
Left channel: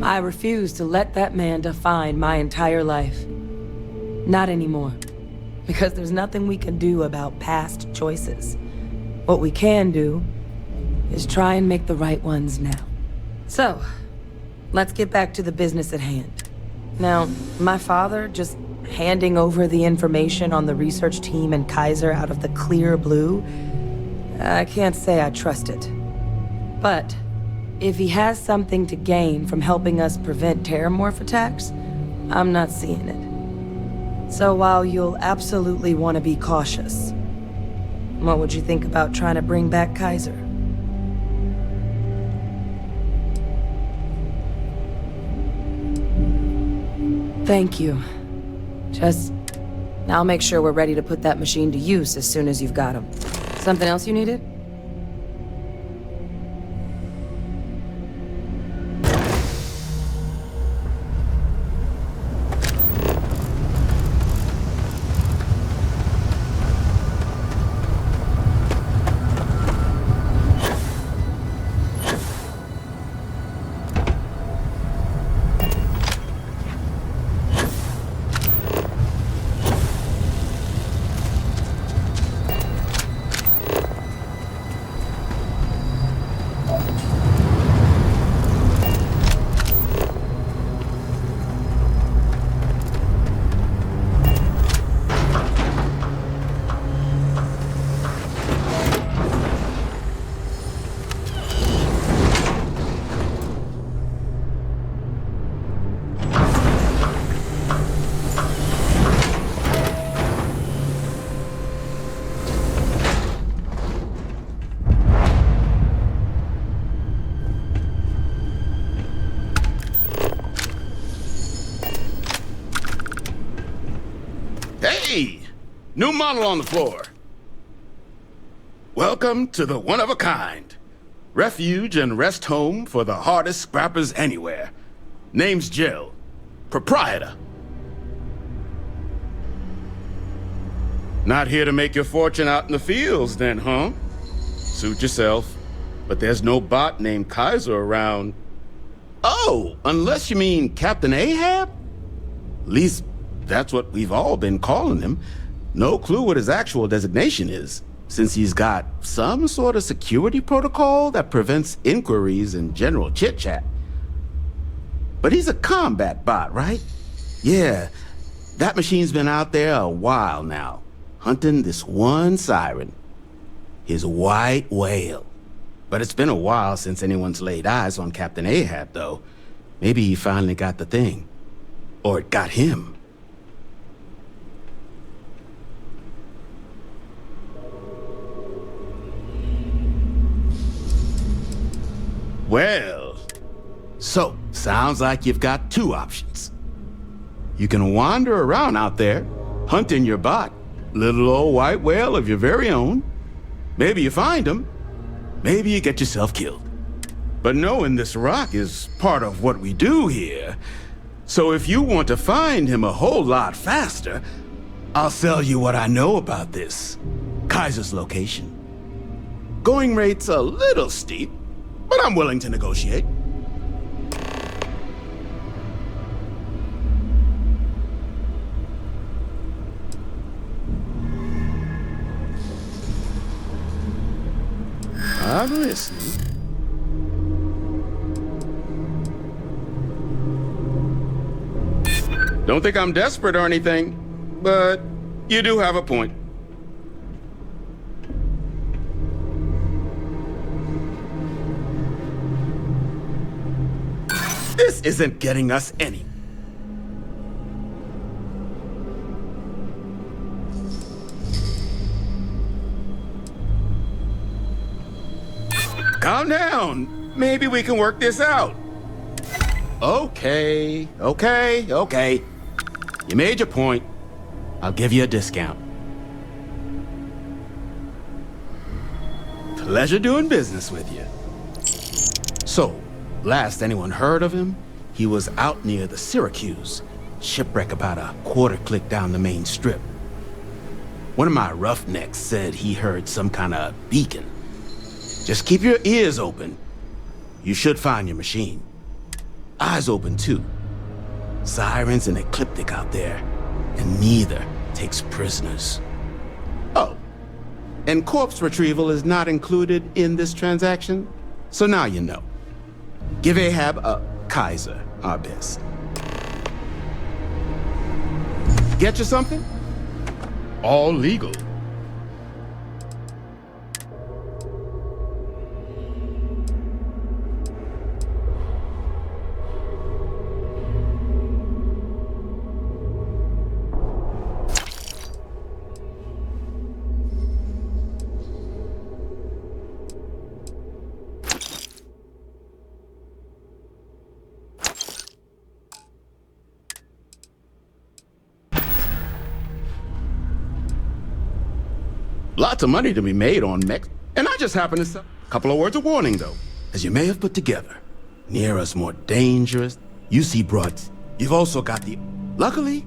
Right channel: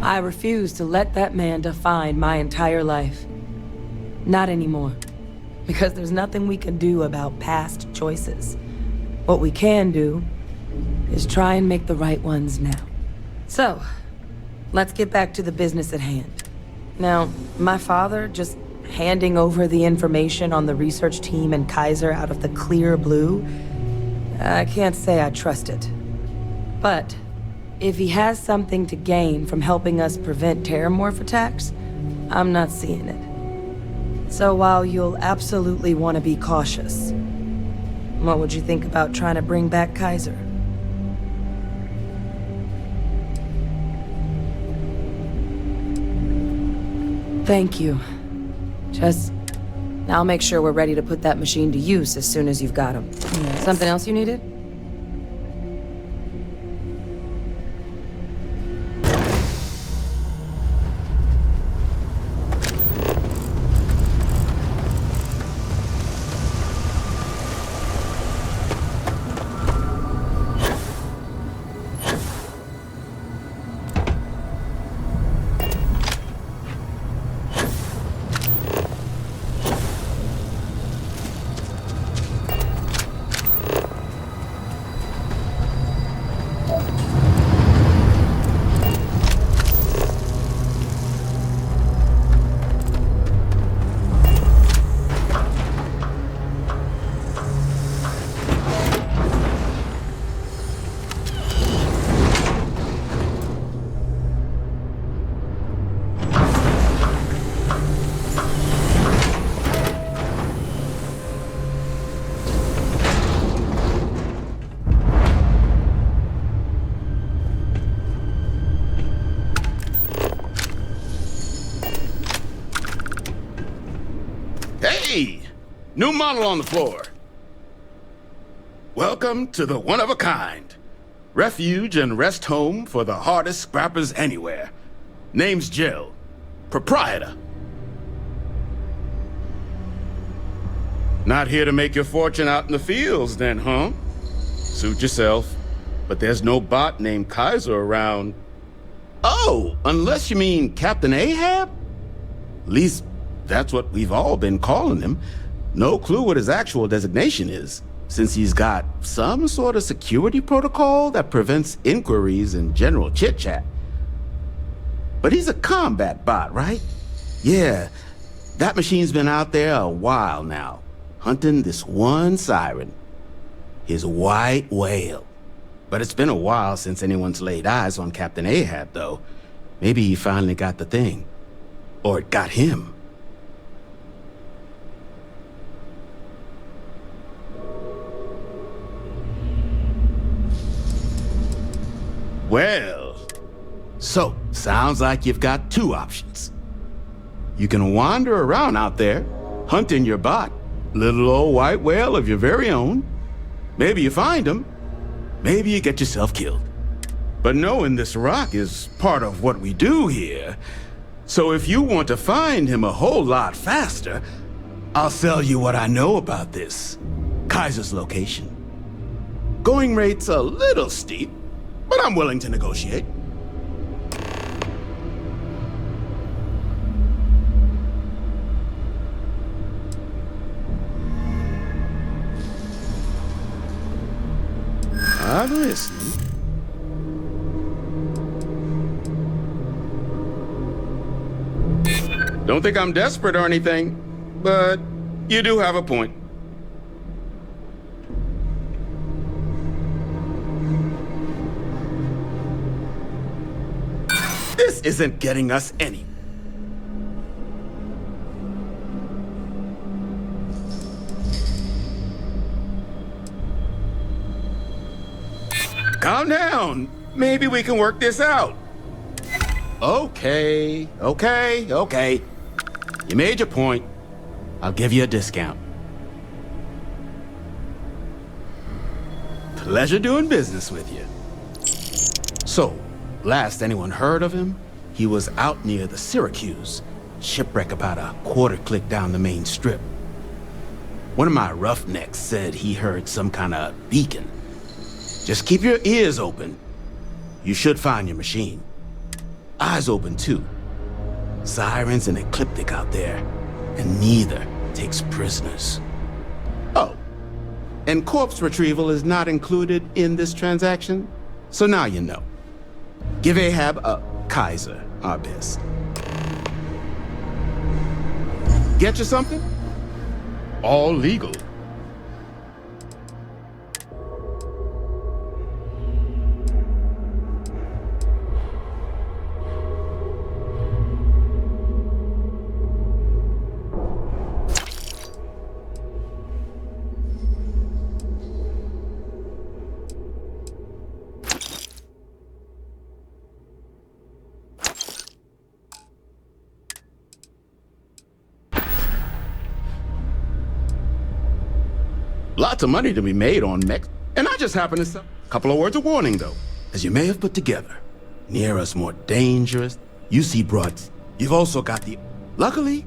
I refuse to let that man define my entire life. Not anymore. Because there's nothing we can do about past choices. What we can do is try and make the right ones now. So, let's get back to the business at hand. Now, my father just handing over the information on the research team and Kaiser out of the clear blue, I can't say I trust it. But if he has something to gain from helping us prevent terramorph attacks, I'm not seeing it. So while you'll absolutely want to be cautious, what would you think about trying to bring back Kaiser? Thank you. I'll make sure we're ready to put that machine to use as soon as you've got him. Something else you needed? Hey! New model on the floor. Welcome to the one-of-a-kind. Refuge and rest home for the hardest scrappers anywhere. Name's Jill. Proprietor. Not here to make your fortune out in the fields then, huh? Suit yourself. But there's no bot named Kaiser around. Oh, unless you mean Captain Ahab? At least, that's what we've all been calling him. No clue what his actual designation is, since he's got some sort of security protocol that prevents inquiries and general chit-chat. But he's a combat bot, right? Yeah, that machine's been out there a while now, hunting this one siren. His white whale. But it's been a while since anyone's laid eyes on Captain Ahab, though. Maybe he finally got the thing. Or it got him. Well, so, sounds like you've got two options. You can wander around out there, hunting your bot, little old white whale of your very own. Maybe you find him, maybe you get yourself killed. But knowing this rock is part of what we do here, so if you want to find him a whole lot faster, I'll sell you what I know about this. Kaiser's location. Going rate's a little steep, but I'm willing to negotiate. I'm listening. Don't think I'm desperate or anything, but you do have a point. This isn't getting us any. Calm down. Maybe we can work this out. Okay. You made your point. I'll give you a discount. Pleasure doing business with you. So, last anyone heard of him, he was out near the Syracuse. Shipwreck about a quarter-click down the main strip. One of my roughnecks said he heard some kind of beacon. Just keep your ears open. You should find your machine. Eyes open, too. Sirens and Ecliptic out there, and neither takes prisoners. Oh, and corpse retrieval is not included in this transaction, so now you know. Give Ahab a Kaiser our best. Get you something? All legal. Lots of money to be made on mechs, and I just happen to sell. Couple of words of warning, though. As you may have put together, Niira's more dangerous. You see broads. You've also got the... Luckily...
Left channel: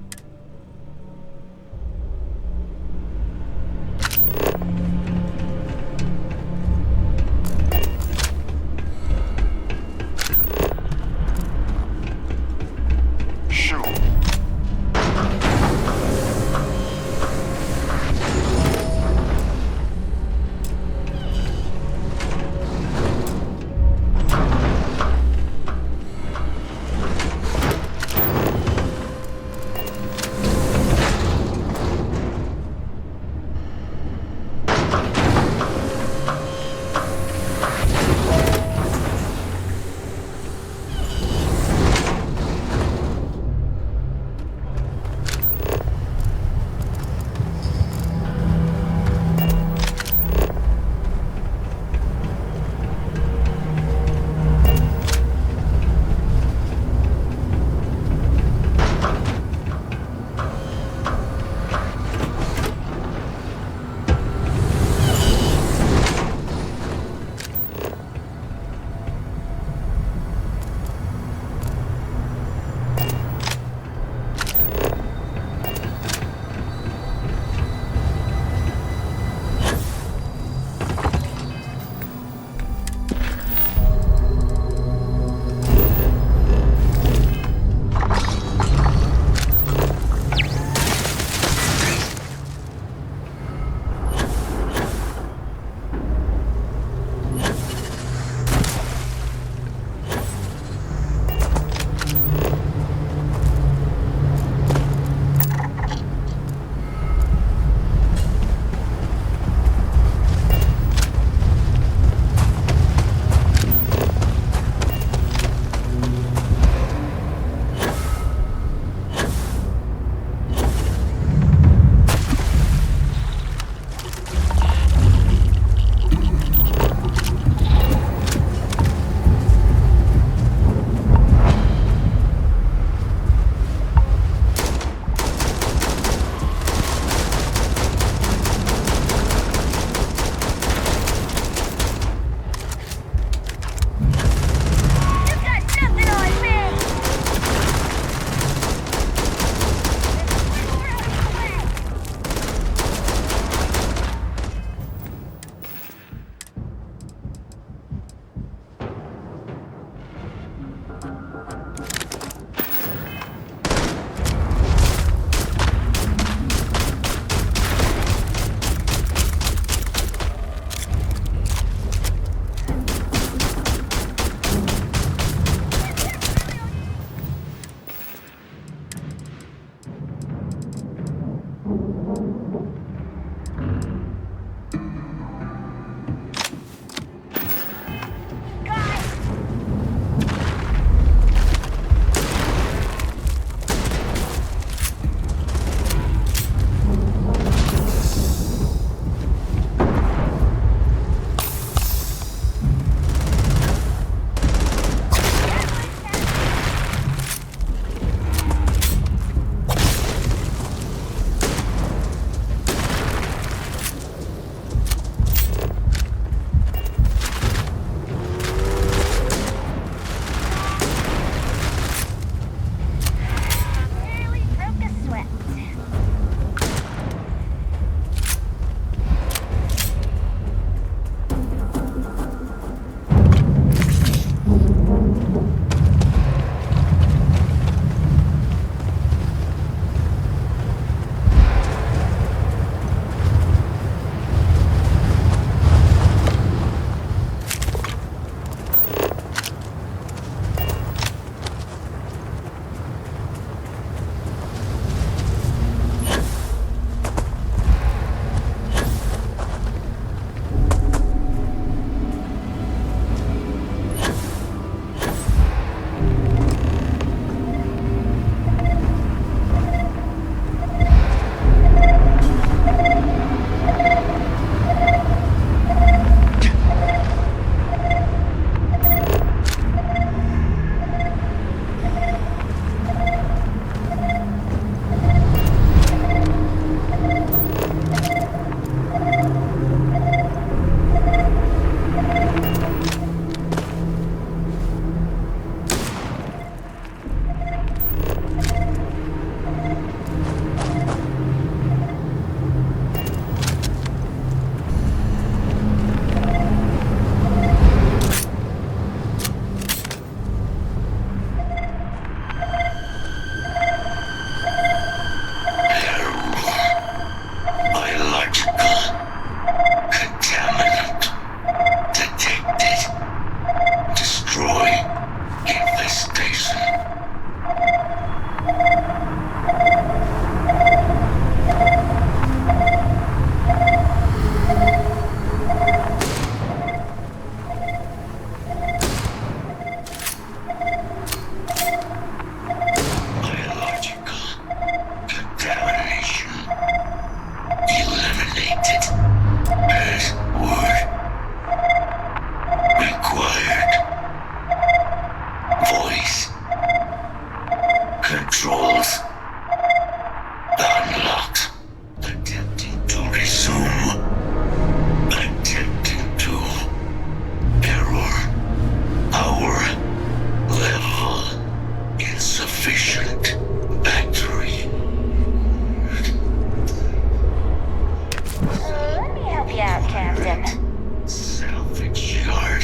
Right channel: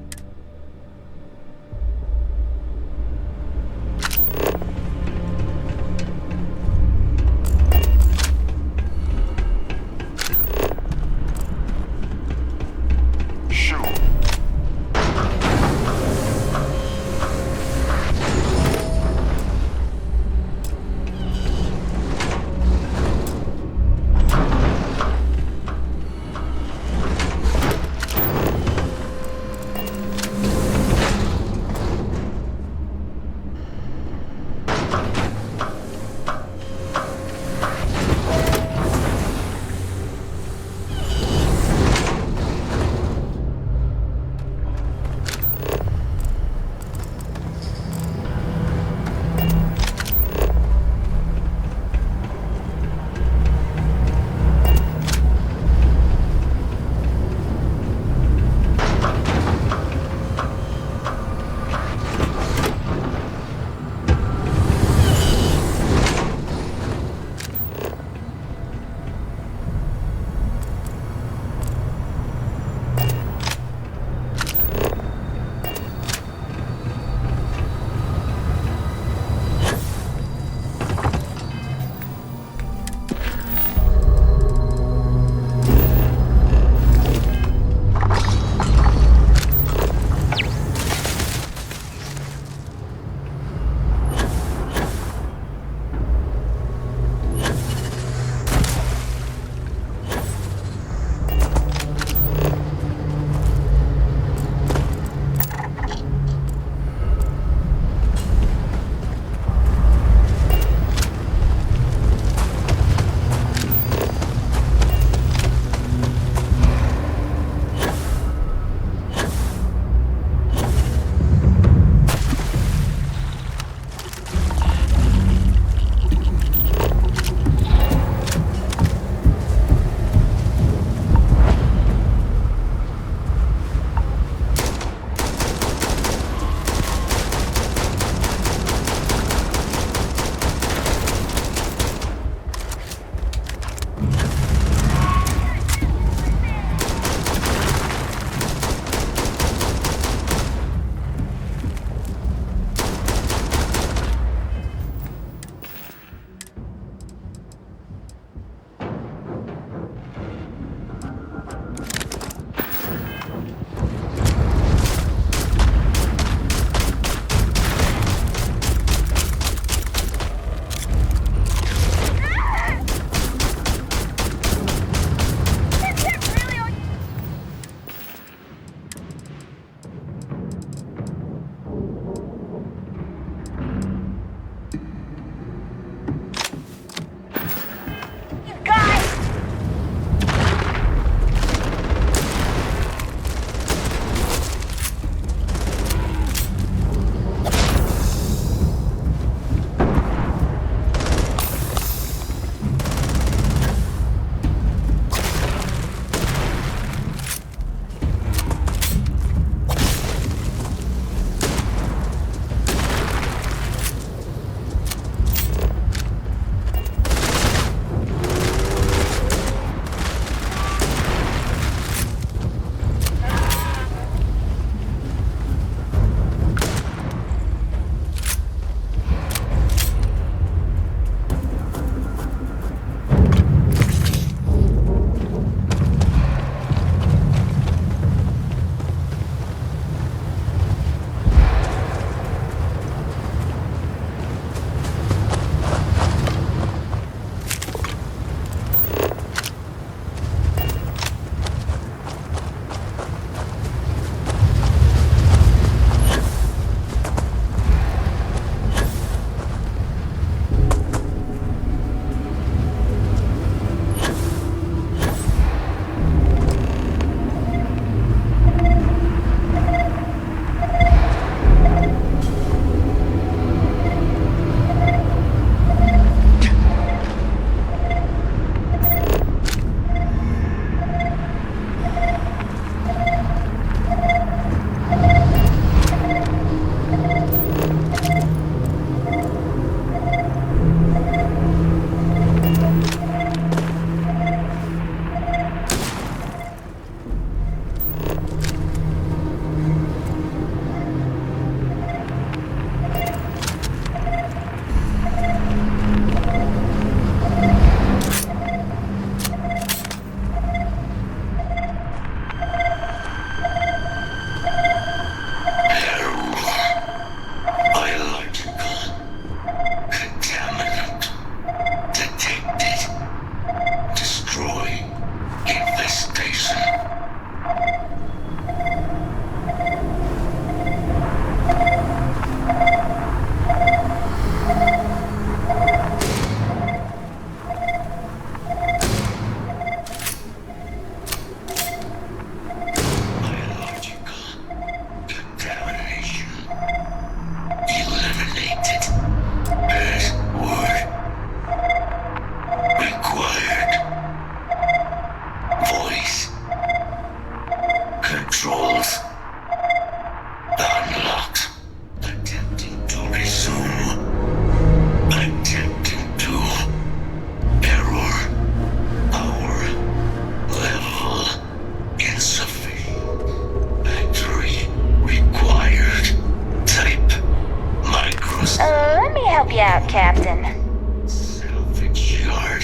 help you out, Captain? Salvage yard.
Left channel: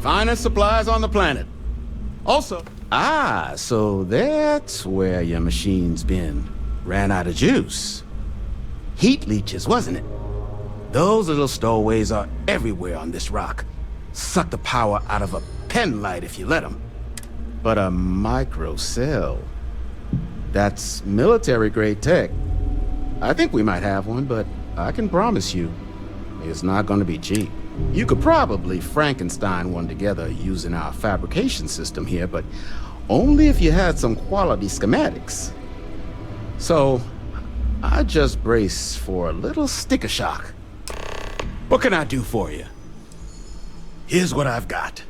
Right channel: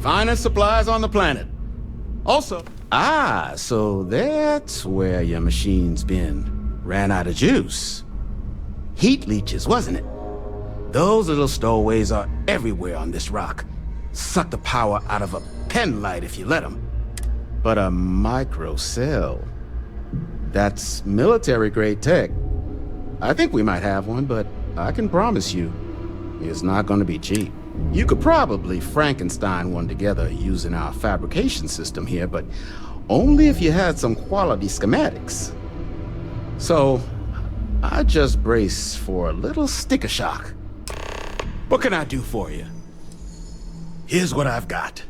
Finest supplies on the planet. Also... so that's where your machine's been. Ran out of juice. Heat leeches, wasn't it? Those little stowaways are everywhere on this rock. Suck the power out of a pen light if you let them. But a micro cell... that's military-grade tech. I think we might have one, but I can promise you, it's not gonna be cheap. You could probably Frankenstein one together using our fabrication system here, but only if you had some quality schematics. So, I just brace for a little sticker shock. What can I do for you? Here's what I've got.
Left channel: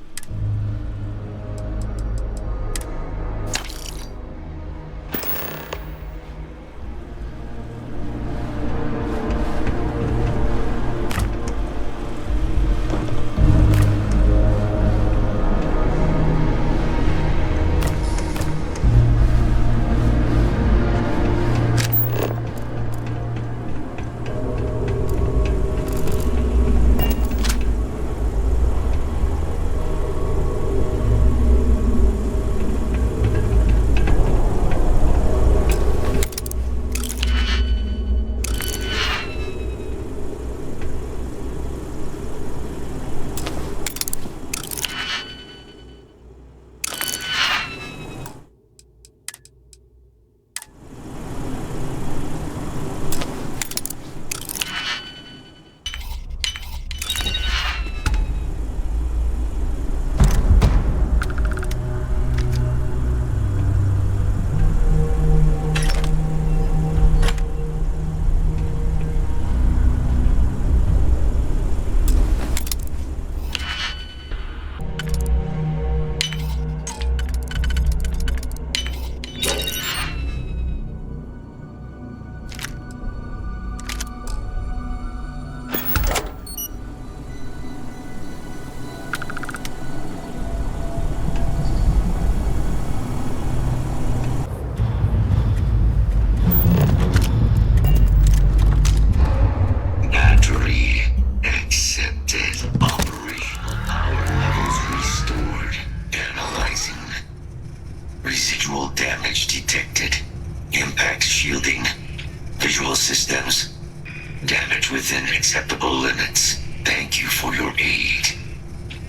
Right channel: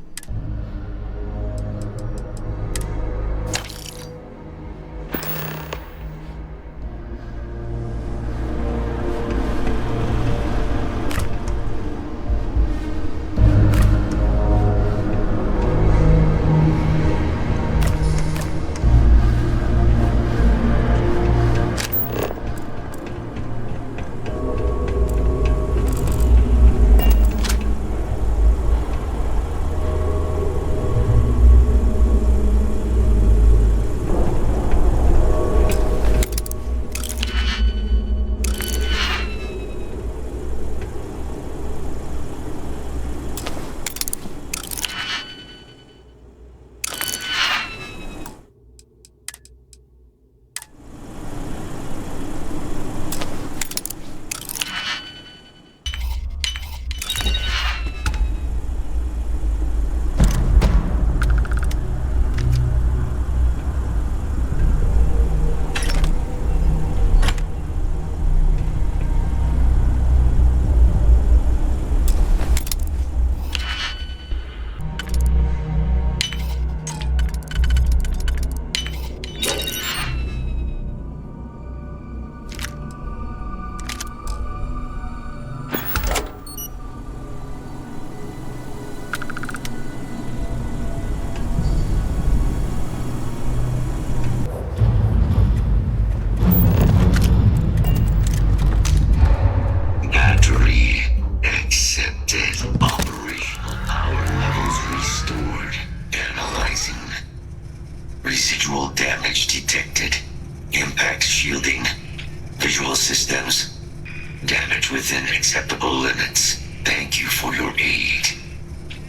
Acceptable limits. Thank you for your aid.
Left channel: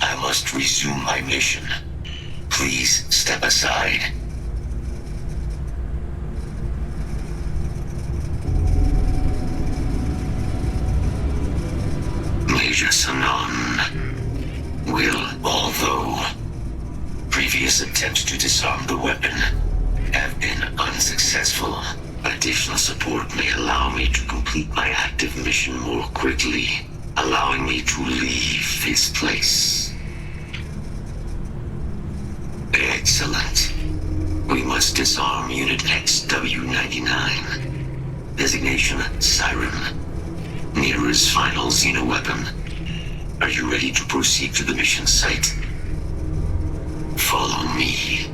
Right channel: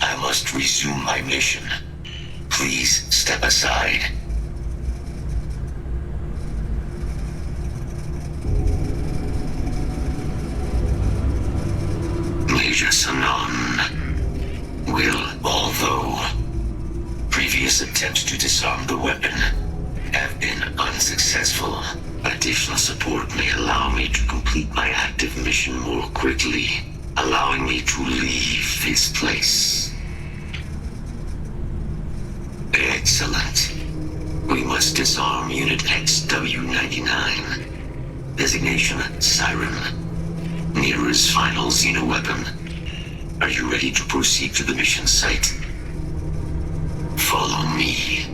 I must resume my mission. Please step aside. Major Sanon will, although previous attempts to disarm the weapon have been unsuccessful, additional support may allow me to complete my active mission more quickly, allowing me to leave this place. Excellent. We must disarm Unit XW-99. Designation Siren. Niira's final xeno-weapon. Are you ready to proceed to the mission site? Follow me.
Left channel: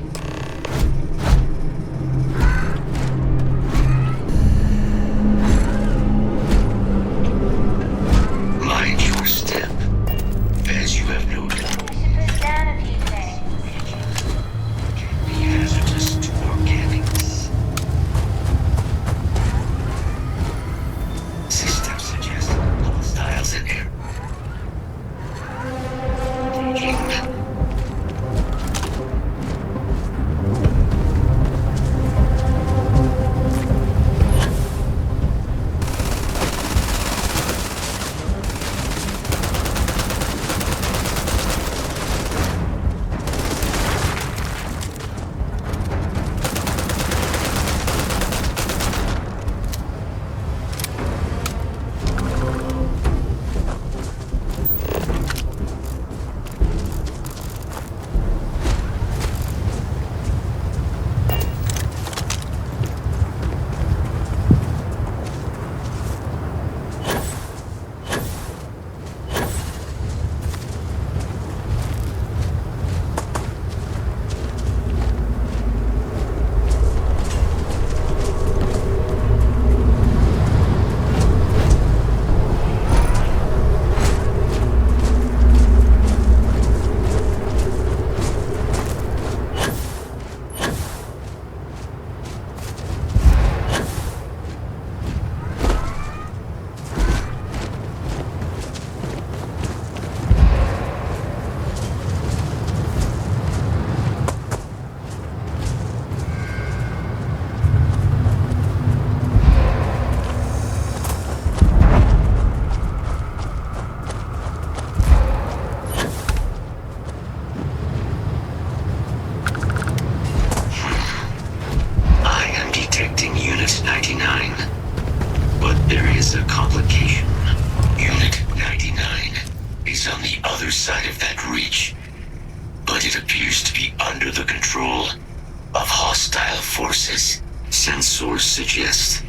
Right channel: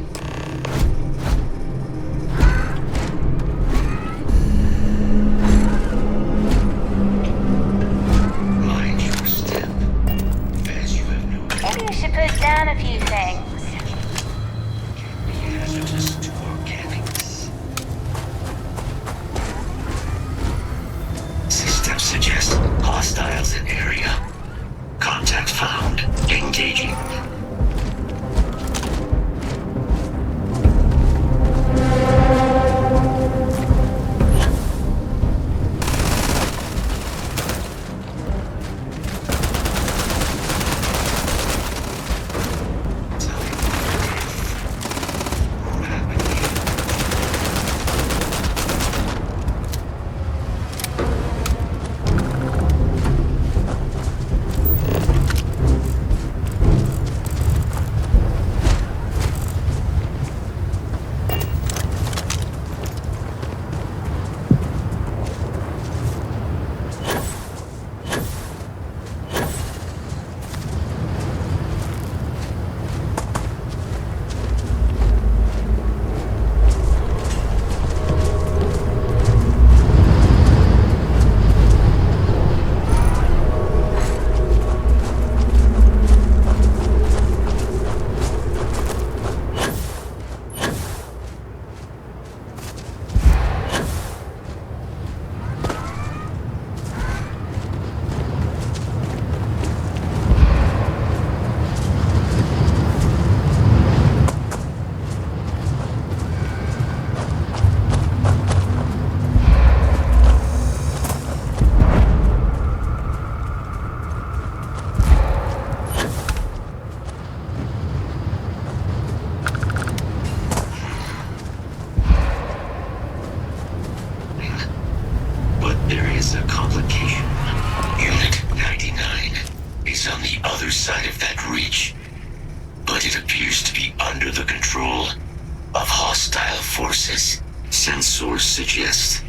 forces. Sensors suggest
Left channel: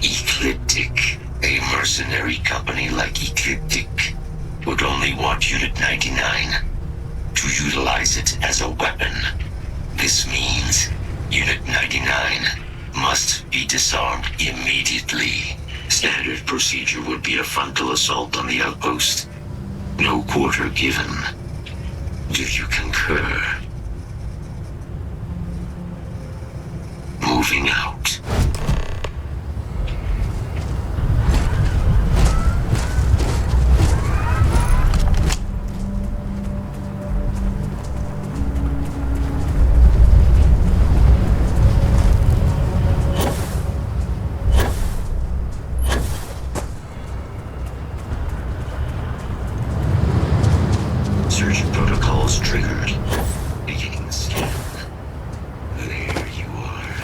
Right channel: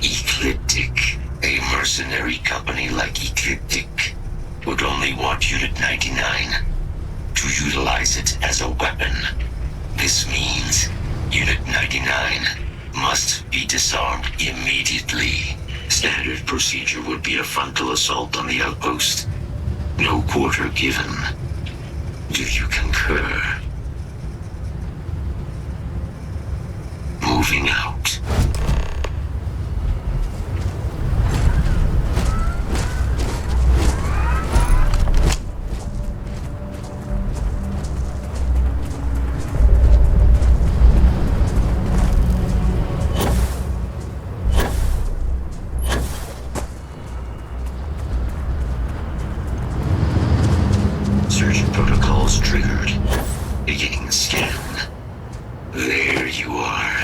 Ecliptic. A mercenary company like Ecliptic would only want Unit 99 to utilize it as a weapon. This means Unit 99 must be disarmed immediately. Standard procedure would be a frontal assault on the outpost. No quarter given. Do you concur? Moving out. Search protocols triggered. Beginning scan. There you are.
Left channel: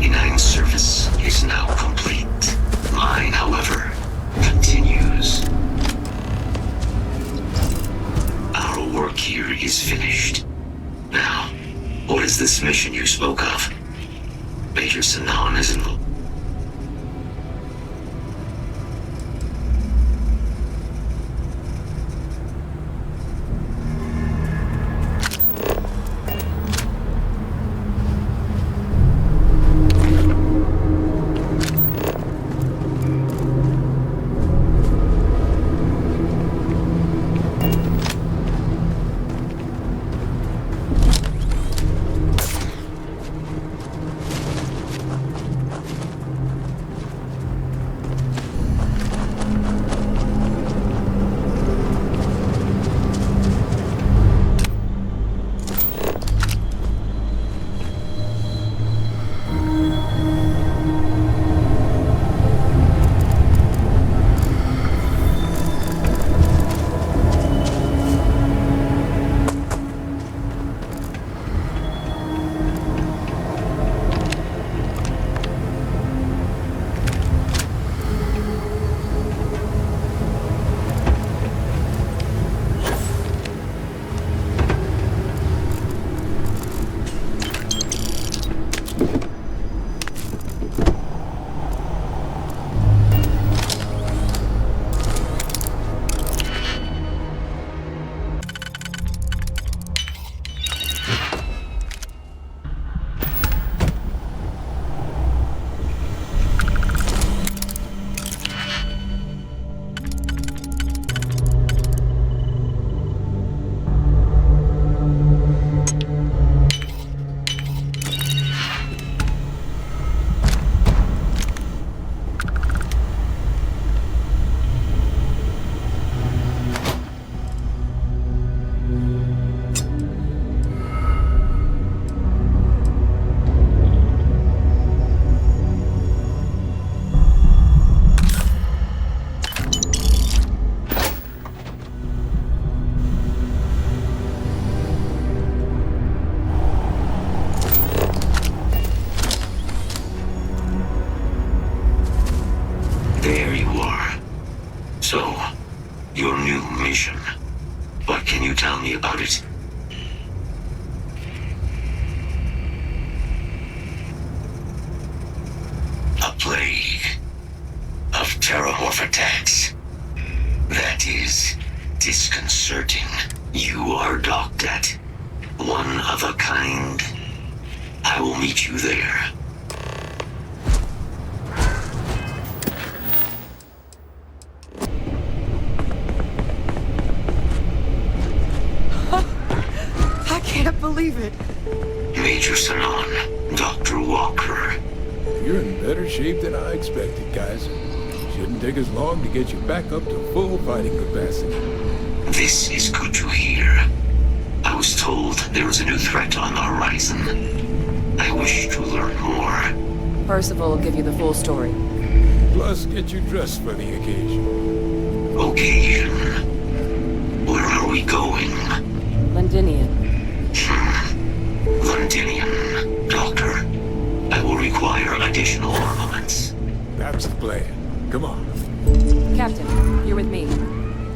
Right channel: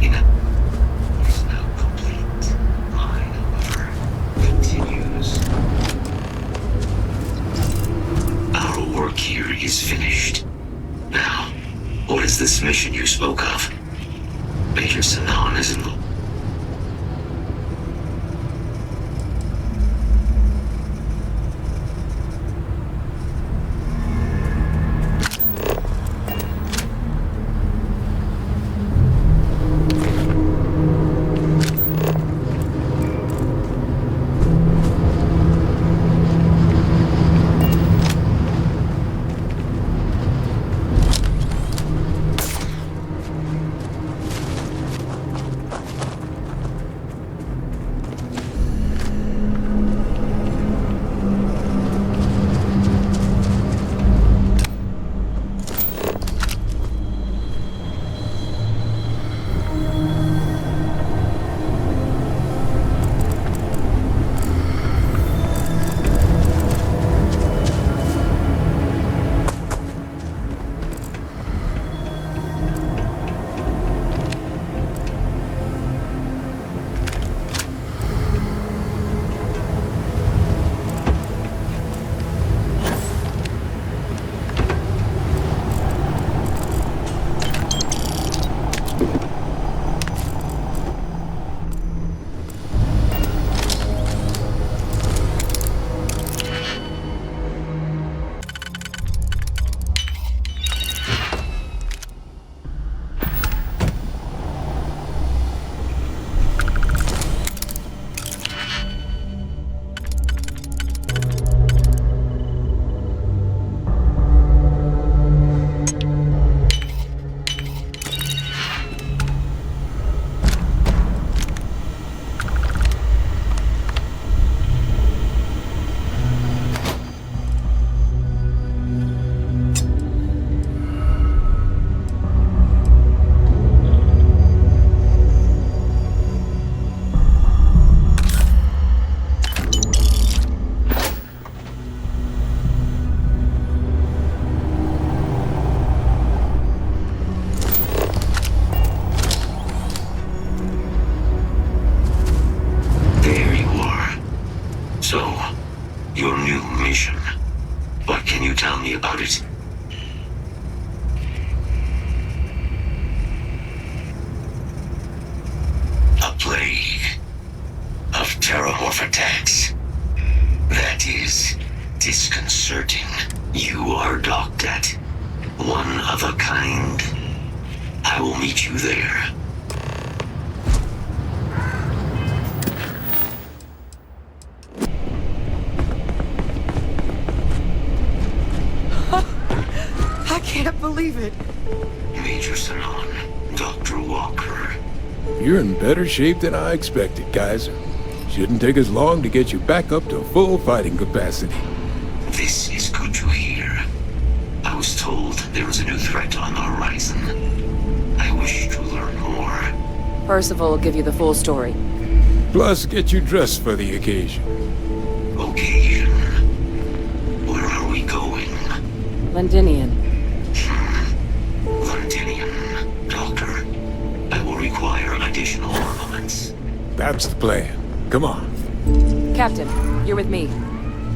99 service is now complete. Mine, however, continues. Our work here is finished. Now, what is this mission you spoke of? Major Sinan is involved. About it. A plague of terramorph attacks. That is disconcerting. You are docked at one of a kind. I will meet you there. I can't believe it. Major Sinan, Dr. Walker. You're in better shape than I expected, Kaiser. Shouldn't take us long to get you back up to full fighting capacity. This is good to hear. I was told there was a new threat on the horizon. I wish to learn more. Parcival will give you the full story. Plus, get you dressed for the occasion. Occasion? Where are we going? Londinian. Londinian, Doctor. I will require additional armaments. That's the plan. Come on. Captain, you're with me.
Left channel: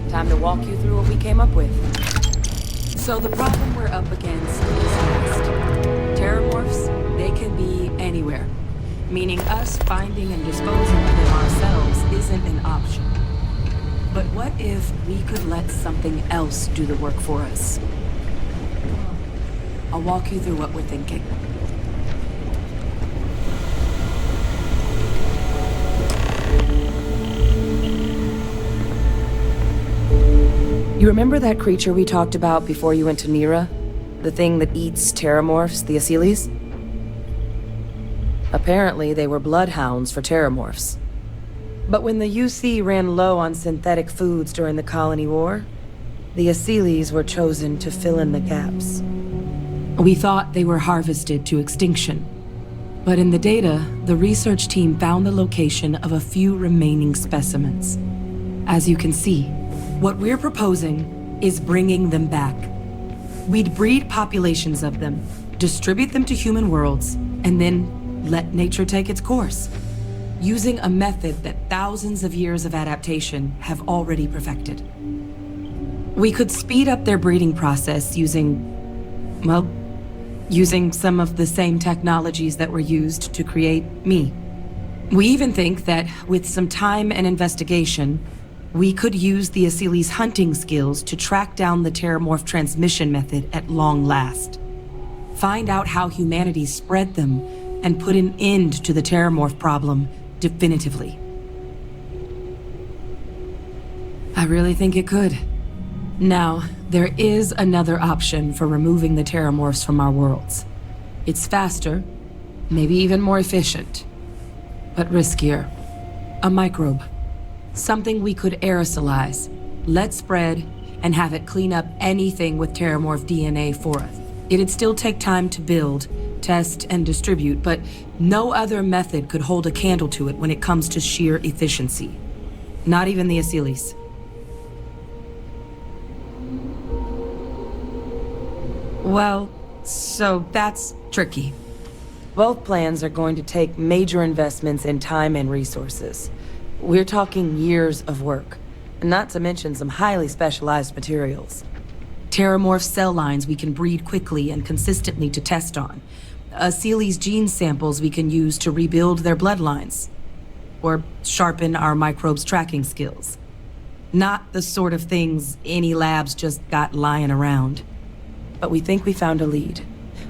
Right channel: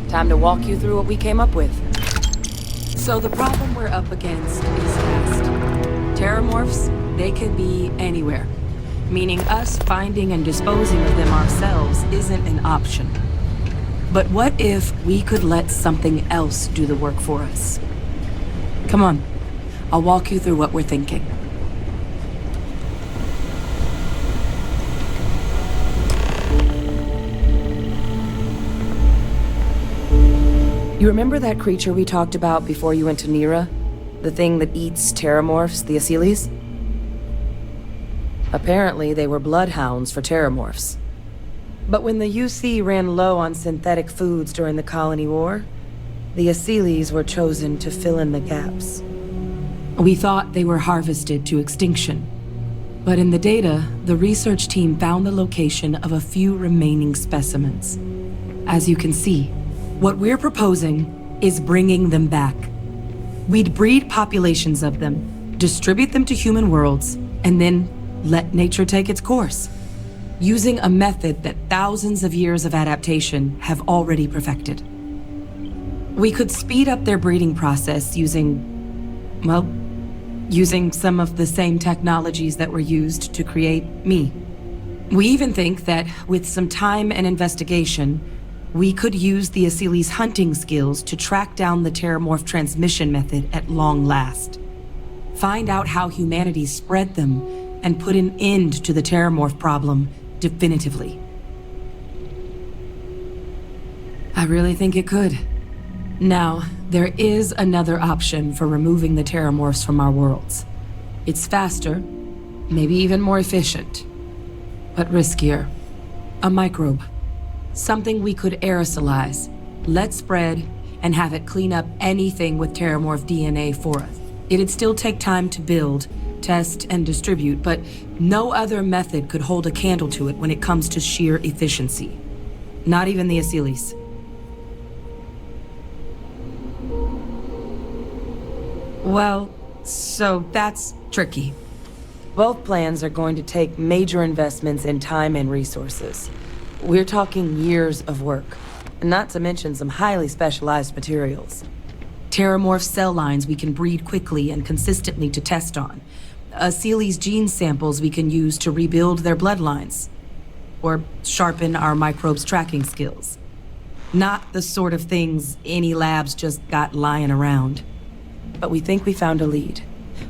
Time to walk you through what we came up with. So the problem we're up against is mast. Terramorphs, they can be anywhere. Meaning us finding and disposing of them ourselves isn't an option. But what if we could let something else do the work for us? Come on. I'll walk you through what we're thinking. You remember that creature we talked about before you went to Niira? The thing that eats terramorphs, the Asyles? Apparently, they were bloodhounds for terramorphs. But when the UC ran low on synthetic foods during the Colony War, the Asyles were chosen to fill in the gaps. We thought they were harvested to extinction. But in the data, the research team found the location of a few remaining specimens. As you can see, what we're proposing is bringing them back. We'd breed populations of them, distribute them to human worlds, and then let nature take its course, using a method that thousands of years of adaptation have already perfected. We could speed up their breeding process using some of the same technologies that were used to create me. We even think that with some time and investigation, we could use the Asili's hunting skills to track down the terramorph transmission method at long last. Find out how humanity spread them and put an end to the terramorph problem definitively. I really think it could. Now, there is another option for removing the terramorphs from our worlds. It's faster, maybe even more efficient, but riskier. A microbe. Something we could aerosolize, let spread, and have it clean up anything with terramorph DNA for us. It'd still take time to build, test, and distribute, but no other method could hold a candle to it when it comes to sheer efficiency. Not even the Asilis. Well, so that's tricky. Both plans are going to take major investments in time and resources. We're talking years of work, not to mention some highly specialized materials. Terramorph cell lines we can breed quickly and consistently to test on. Asili's gene samples we can use to rebuild their bloodlines. Or sharpen our microbes' tracking skills. Not the sort of things any labs just got lying around. But we think we found a lead.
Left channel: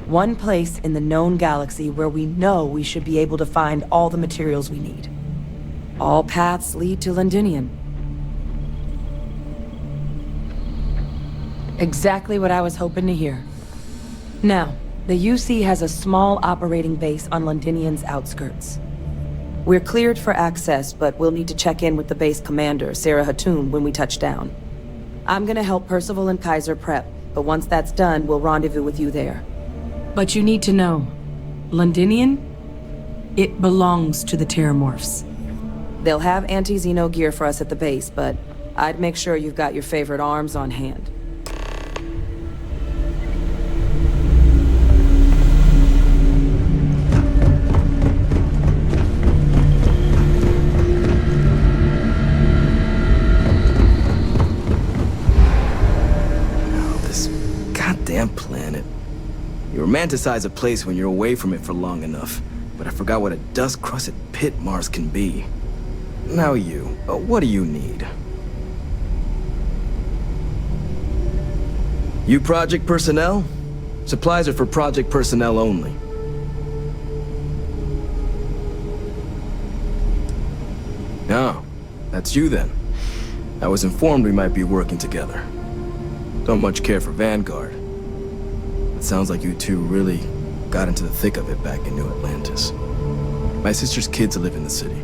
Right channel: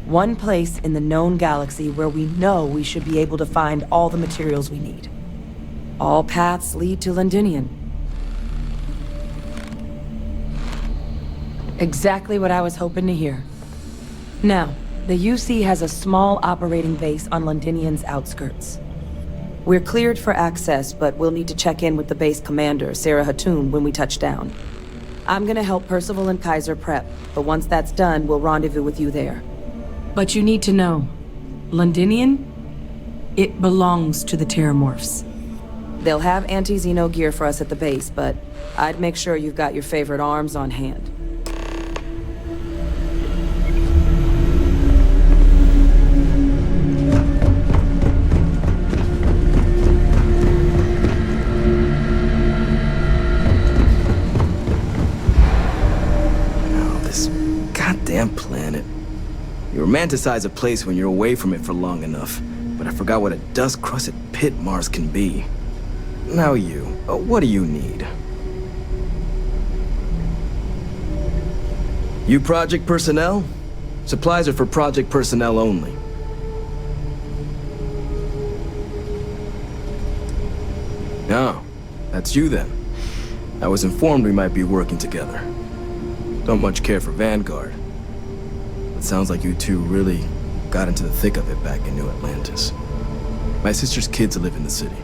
One place in the known galaxy where we know we should be able to find all the materials we need. All paths lead to Londinian. Exactly what I was hoping to hear. Now, the UC has a small operating base on Londinian's outskirts. We're cleared for access, but we'll need to check in with the base commander, Sarah Hatoum, when we touch down. I'm gonna help Parcival and Kaiser prep, but once that's done, we'll rendezvous with you there. But you need to know, Londinian, it belongs to the terramorphs. They'll have anti-Xeno gear for us at the base, but I'd make sure you've got your favorite arms on hand. Goddamn planet. You romanticize a place when you're away from it for long enough, but I forgot what a dust-crusted pit Mars can be. Now you, what do you need? You project personnel? Supplies are for project personnel only. Oh, that's you then. I was informed we might be working together. Don't much care for Vanguard. It sounds like you two really got into the thick of it back in New Atlantis. My sister's kids live in the city,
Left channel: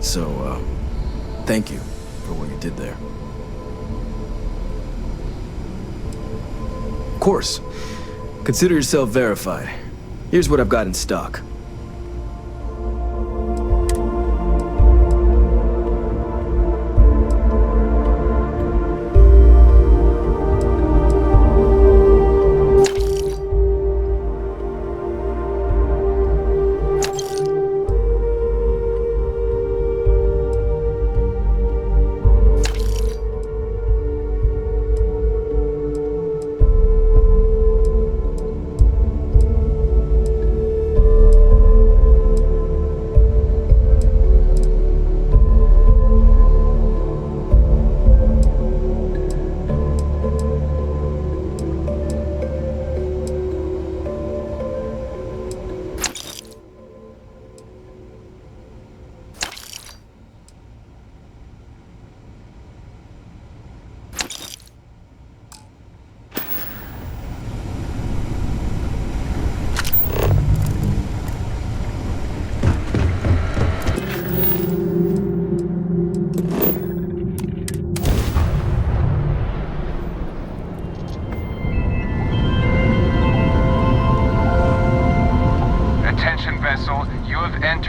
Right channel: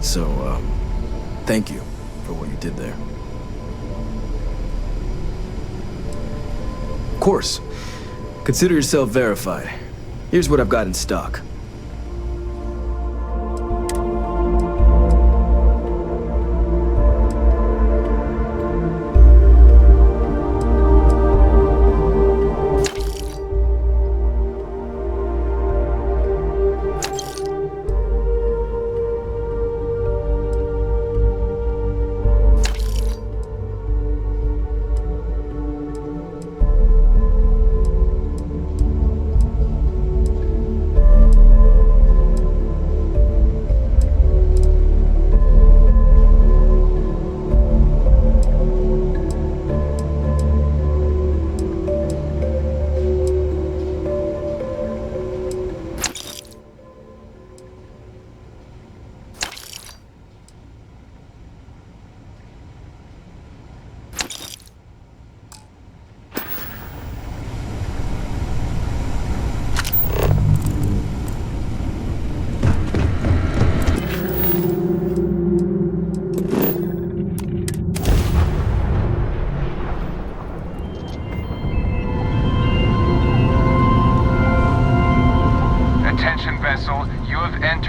so, thank you for what you did there. Of course. Consider yourself verified. Here's what I've got in stock.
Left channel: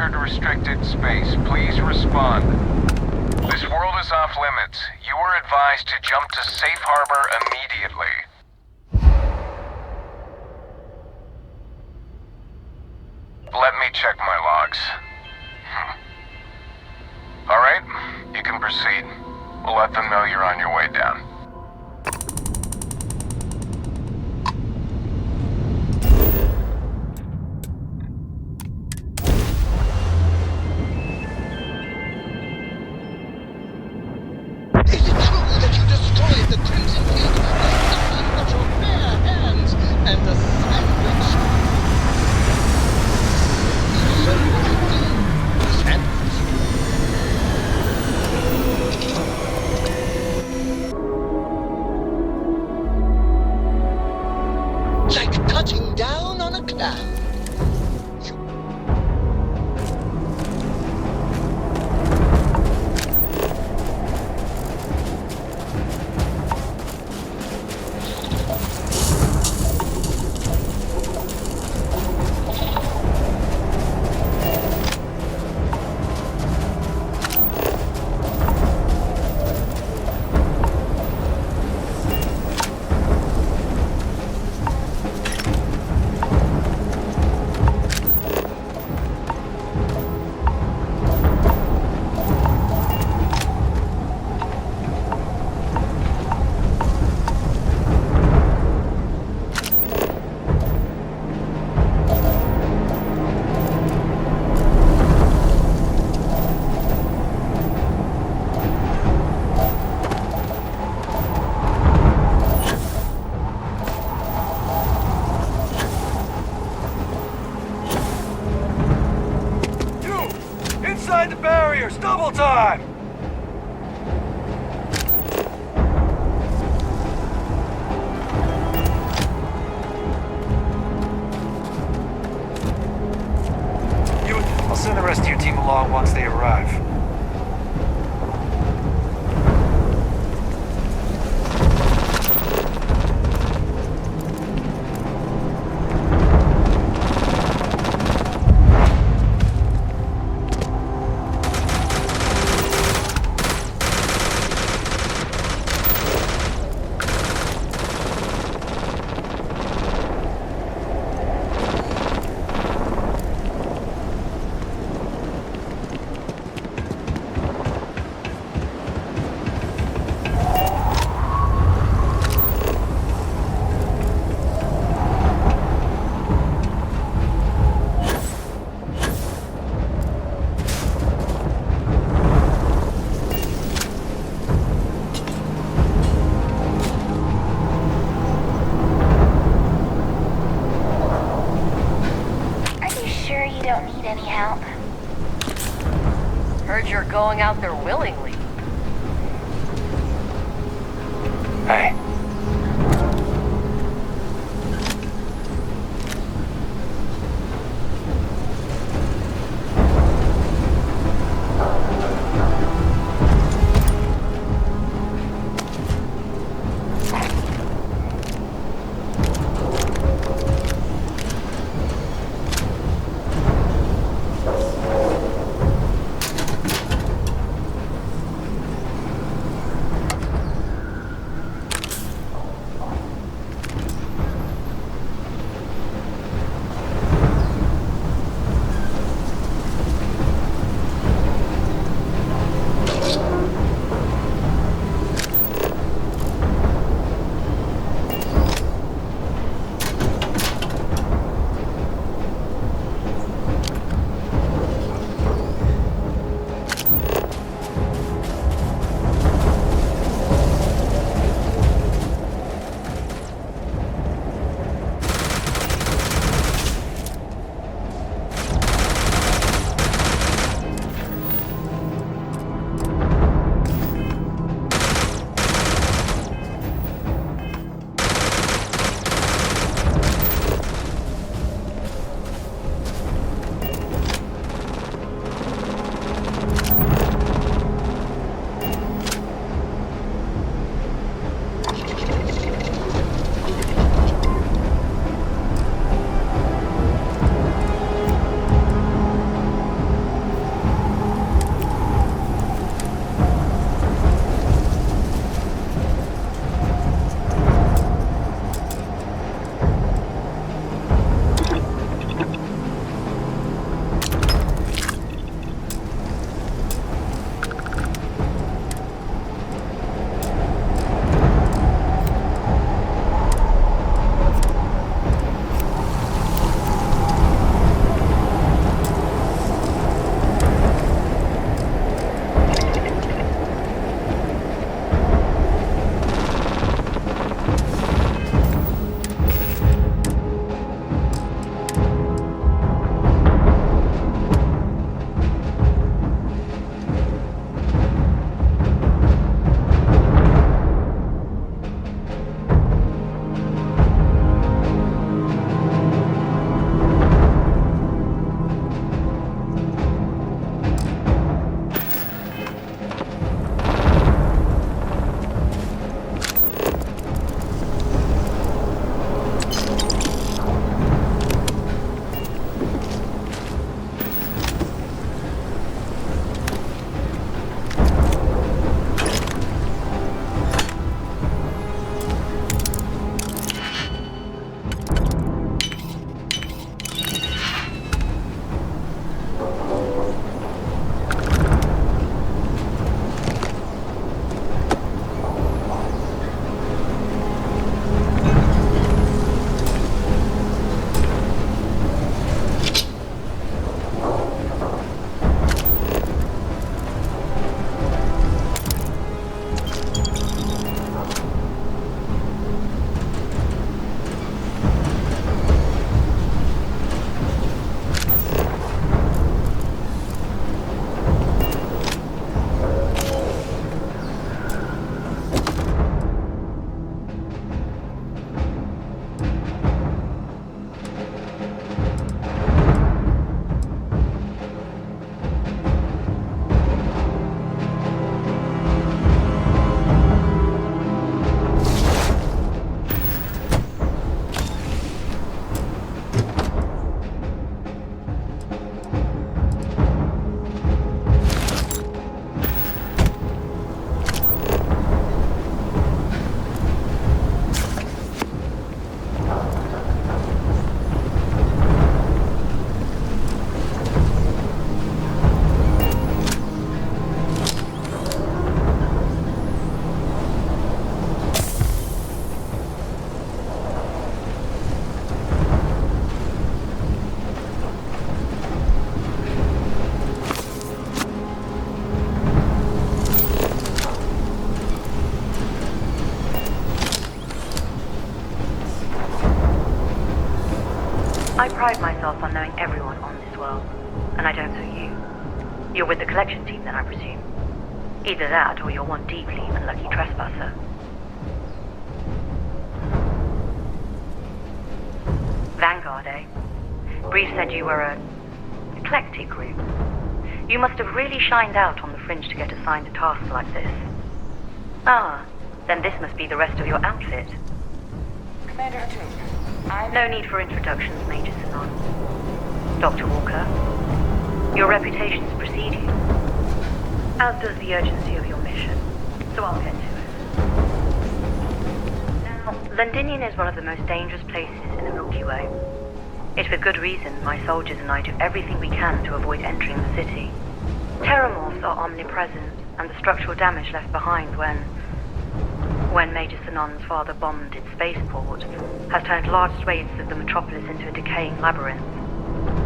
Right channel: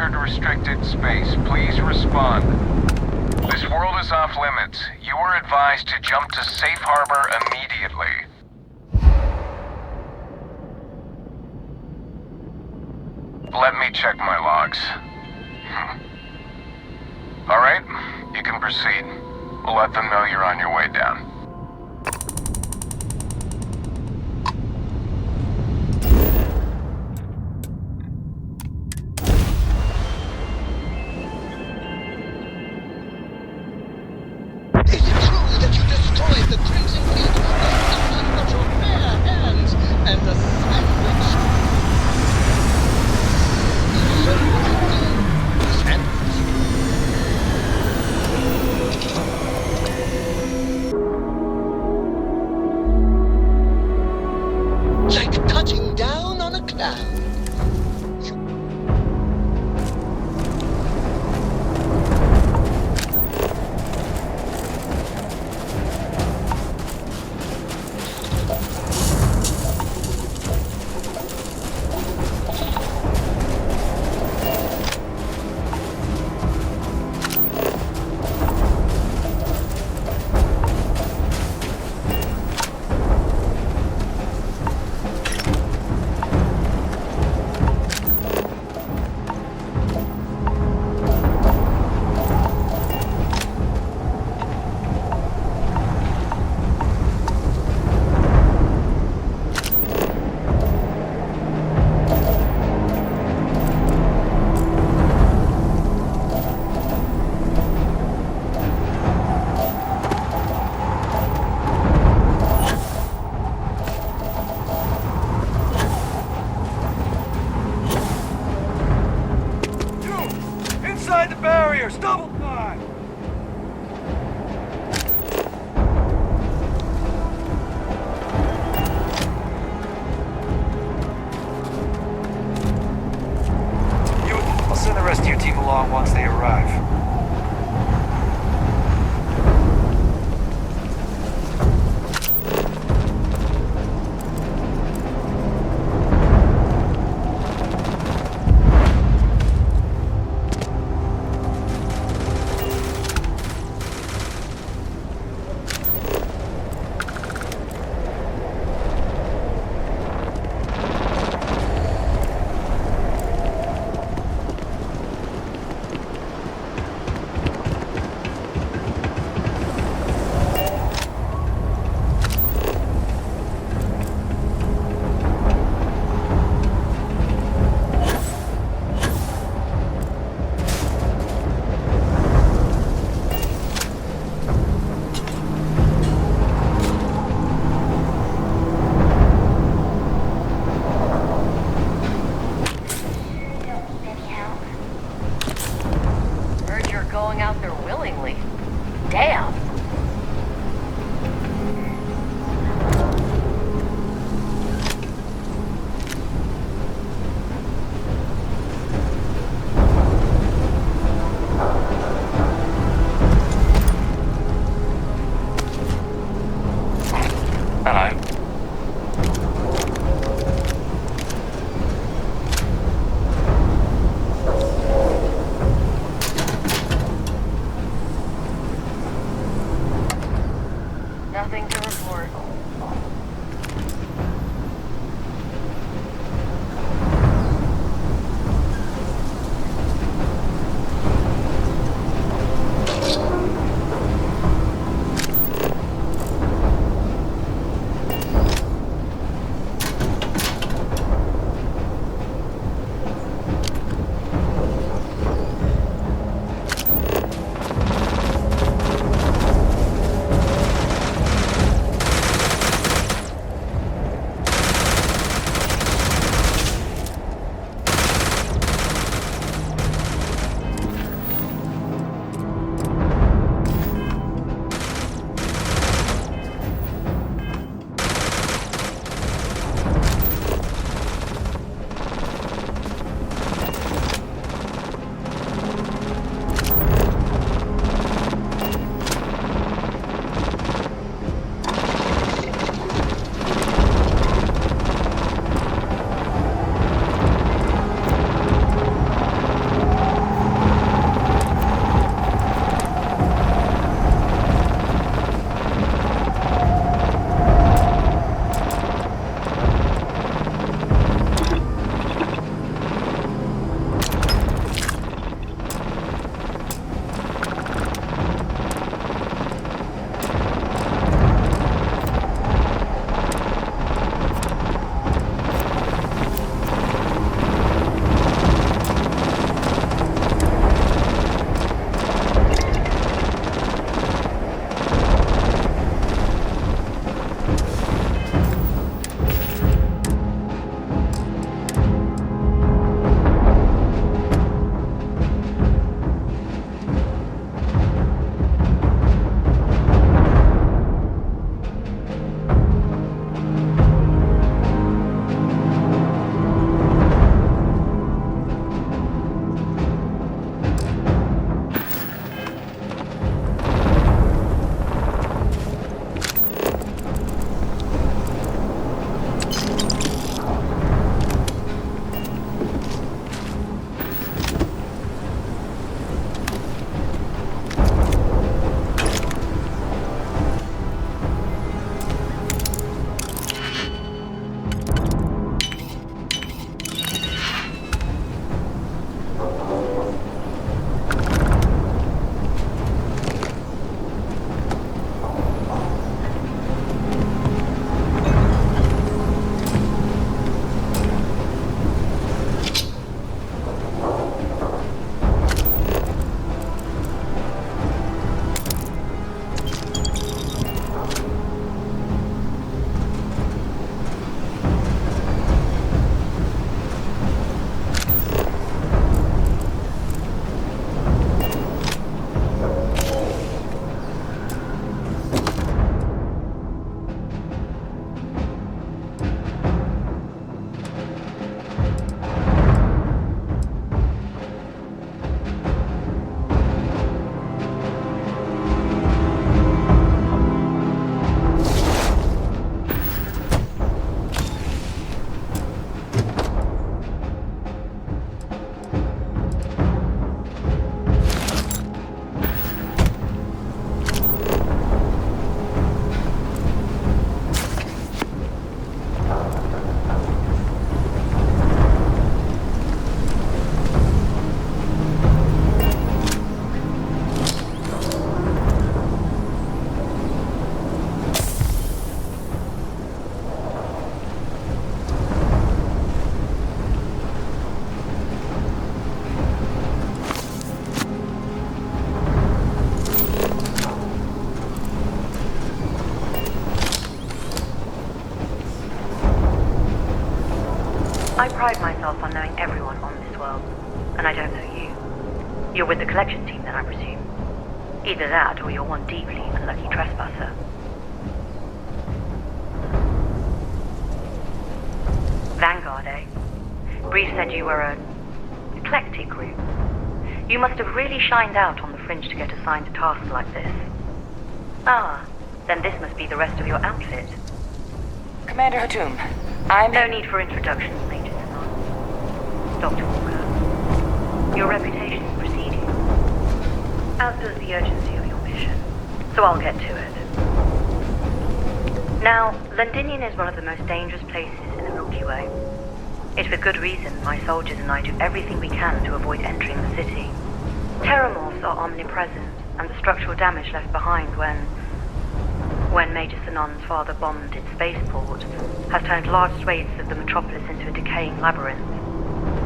Restricted space. Please respond. This world is off limits. You are advised to jump to safe harbor immediately. Let me check my logs. Alright, you can proceed. We'll let them know you're on your way down. Is it true that you destroyed the Crimson Fleet with nothing but your bare hands and a sandwich? So you will sandwich. Like touching down on a cloud. Inside the barriers! Double time! I'll send the rest of your team along once they arrive. Going out there willingly. Damn. Hey. Hello. Nothing to report. I pride myself on knowing everyone on this world, and I don't know you. You're with the collection team then, I presume. Either that, or you're one deeply unlucky trespasser. Vanguard, eh? Brief said you were a eclectic group. You must have really shined out on the fringe to get assigned a task like this. Ah, then this must be the rest of your outfit. Commander Hatoum, No need for introductions, Major Sinon. Dr. Walker, your reputations precede you, as does the urgency of your mission, so I'll get to it. Now, Londinian is one of the most dangerous places in the Milky Way. It's with good reason my soldiers and I do everything we can to avoid entering the city. Terramorphs are omnipresent, and the structural damage left behind when Major Sinon's father bombed its spaceport has turned large swathes of the metropolis into a decaying labyrinth.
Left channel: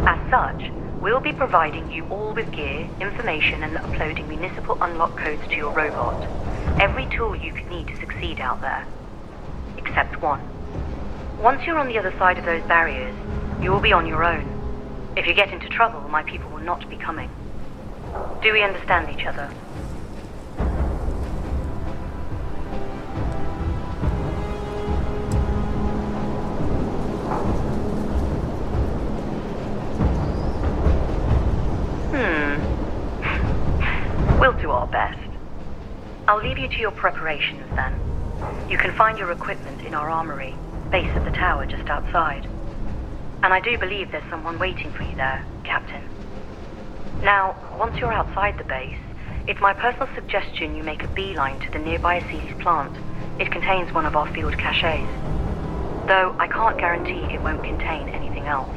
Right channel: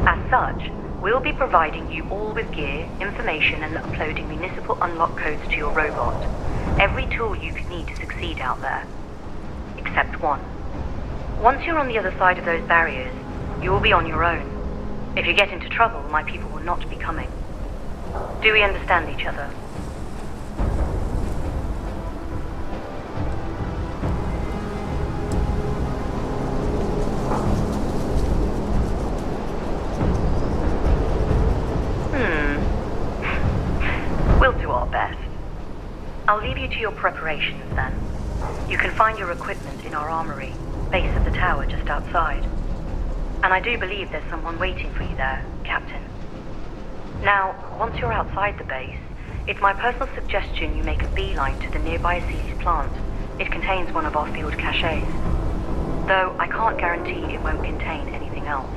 As such, we'll be providing you all with gear, information, and uploading municipal unlock codes to your robot. Every tool you could need to succeed out there. Except one. Once you're on the other side of those barriers, you will be on your own. If you get into trouble, my people will not be coming. Do we understand each other? We'll do our best. I'll leave you to your preparations then. You can find your equipment in our armory, base of the tower just outside. And I do believe there's someone waiting for you there, Captain. Now, once you're outside the base, it's my personal suggestion you make a beeline to the nearby Armistice plant. It contains one of our field caches. Though I can't guarantee it won't contain anything else.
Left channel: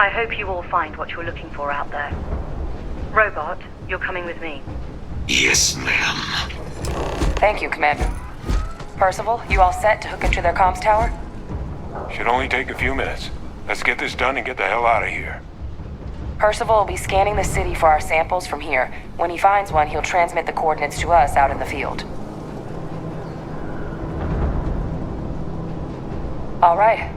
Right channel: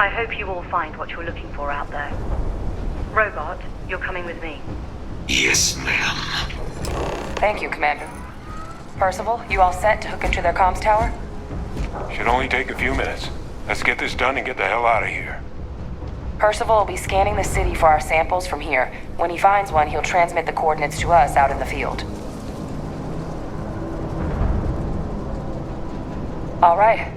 I hope you all find what you're looking for out there. Robot, you're coming with me. Yes, ma'am. Thank you, Commander. Parcival, you all set to hook into their comms tower? Should only take a few minutes. Let's get this done and get the hell out of here. Parcival will be scanning the city for our samples from here. When he finds one, he'll transmit the coordinates to us out in the field. All right.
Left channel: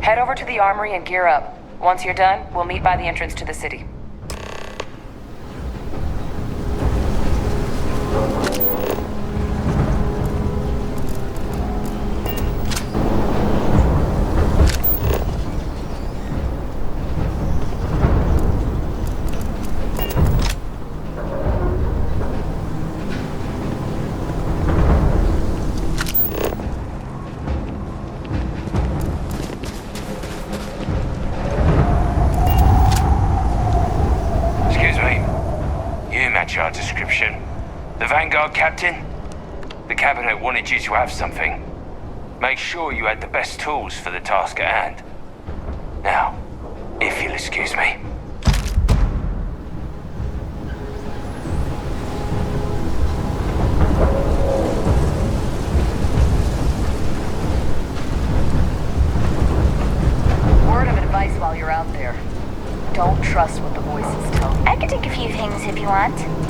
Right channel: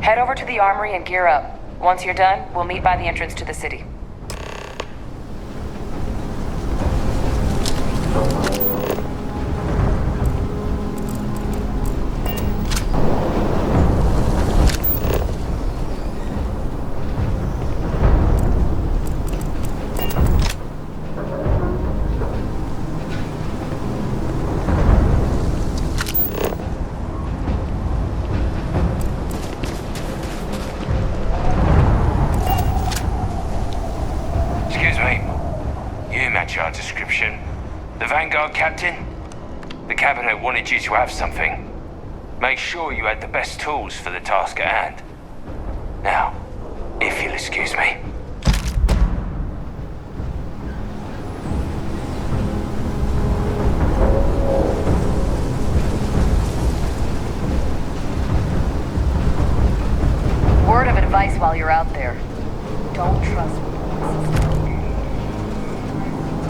Head over to the armory and gear up. Once you're done, we'll meet by the entrance to the city. Our description. The Vanguard captain? The cabinet wanted you to have something. Make sure you had the best tools for the task at hand. Now, if you'll excuse me. Word of advice while you're out there. Don't trust what the voices tell you. I can take a few things if you want.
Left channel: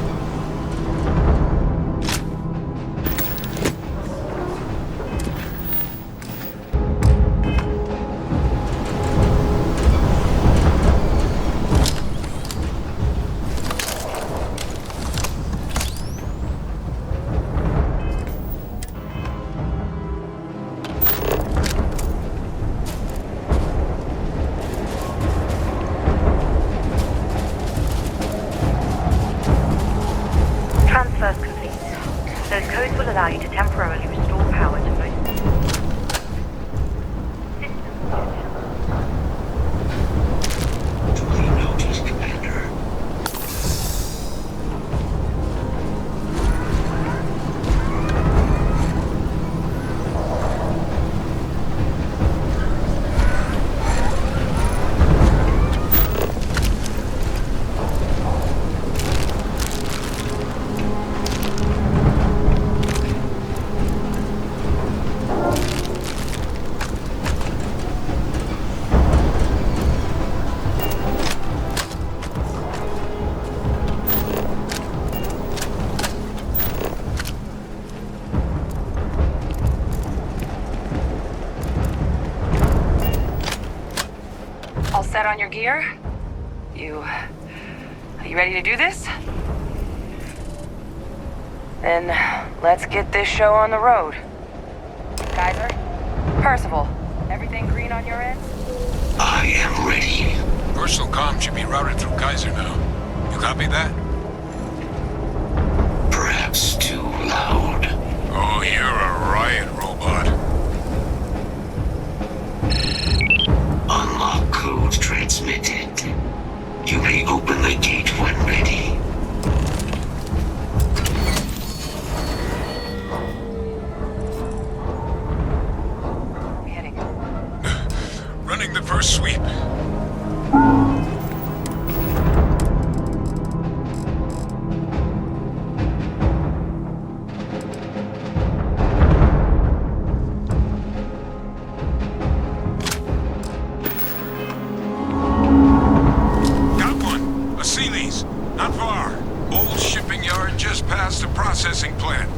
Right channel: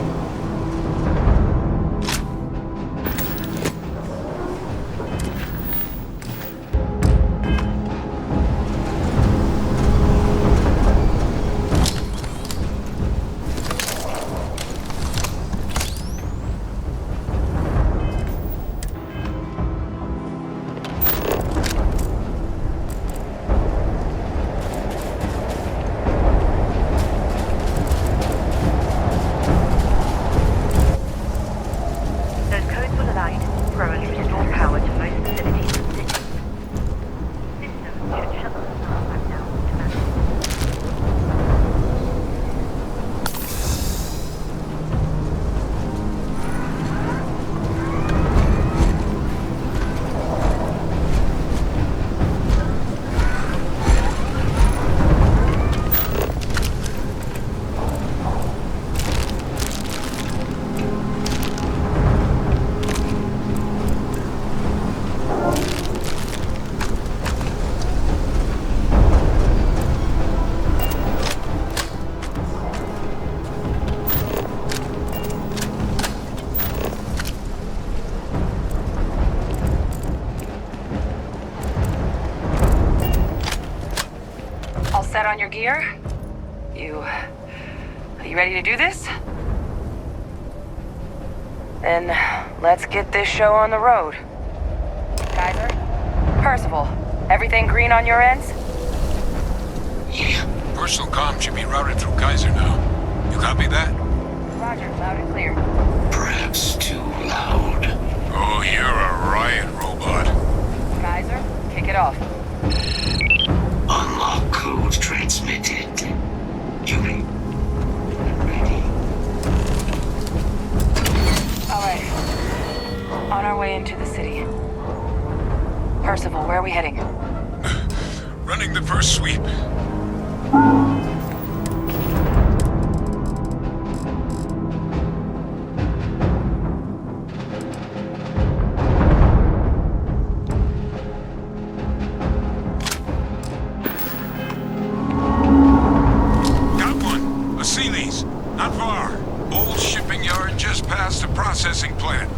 on your gear? Are you ready to do this? Then let's get this show on the road. Kaiser? Parcival, everything green on your ends? I am ready. Personal comm should be routed through Kaiser now. You copy that? Roger, loud and clear. Perhaps too loud. Oh, you're a riot robot. Kaiser, kick it off. Unlock code transmitted. You may open the gate when ready. Alright. On our way into the city. Parcival, where are we heading? Running the first sweep. Processing plant.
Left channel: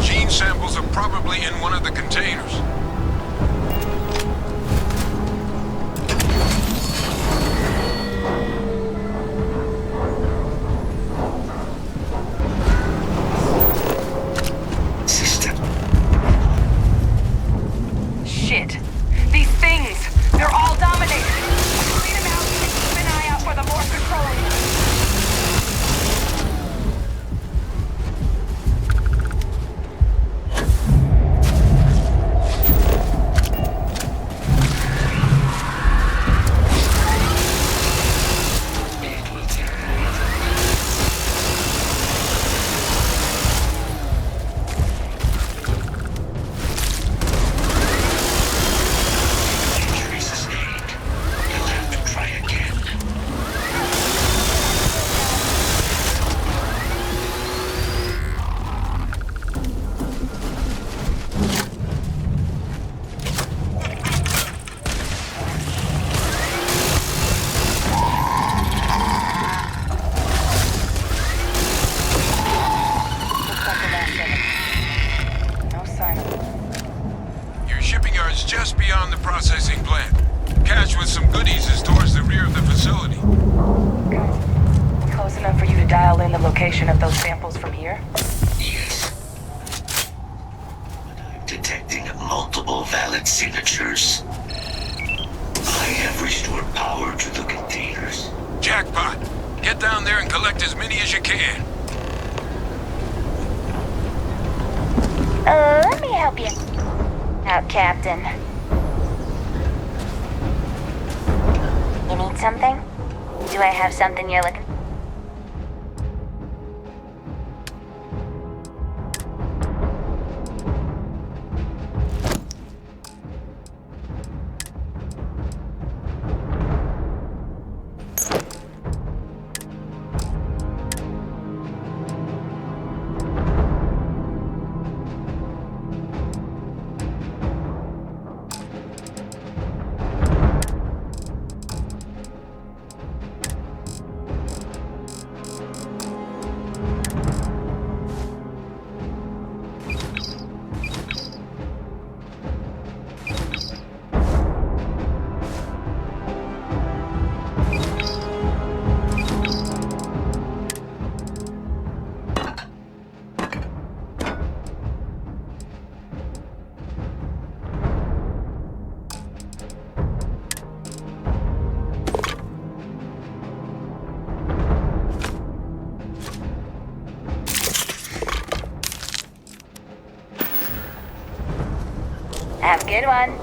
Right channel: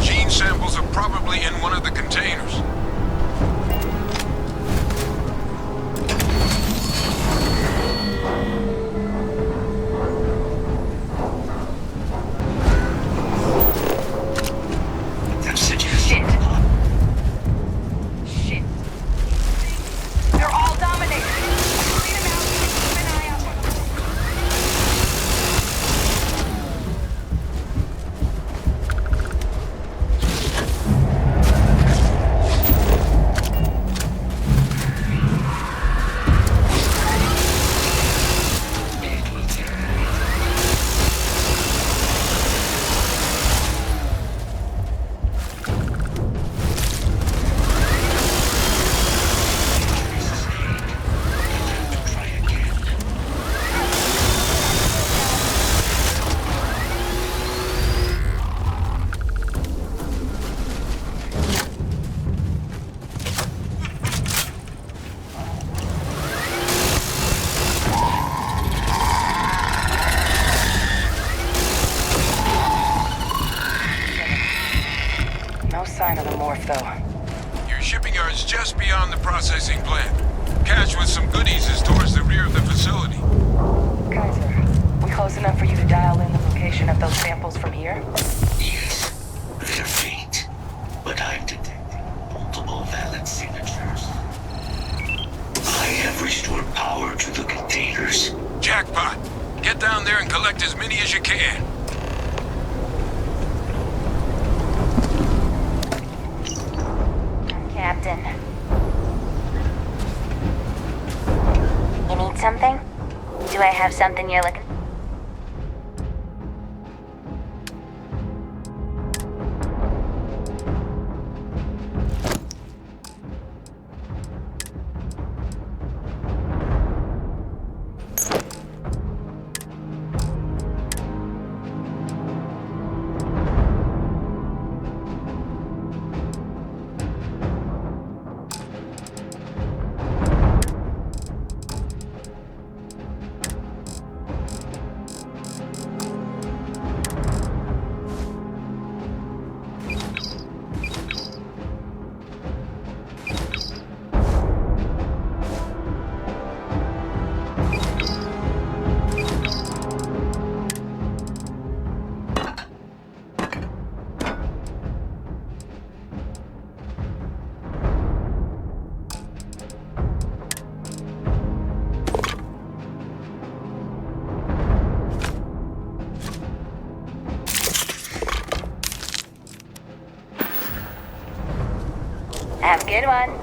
Gene samples are probably in one of the containers. System suggested. Shit. These things, they're all dominated. Clean them out and keep an eye out for the morph control. Just beyond the processing plant. Cache with some goodies is towards the rear of the facility. Kaiser, we close enough for you to dial in the location of those samples from here? Yes, they're faint, but I'm detecting multiple valid signatures. I have restored power to the containers. Jackpot! Get down there and collect as many as you can. Let me help you out, Captain. You need something? Do I have something you're looking? Have a good one.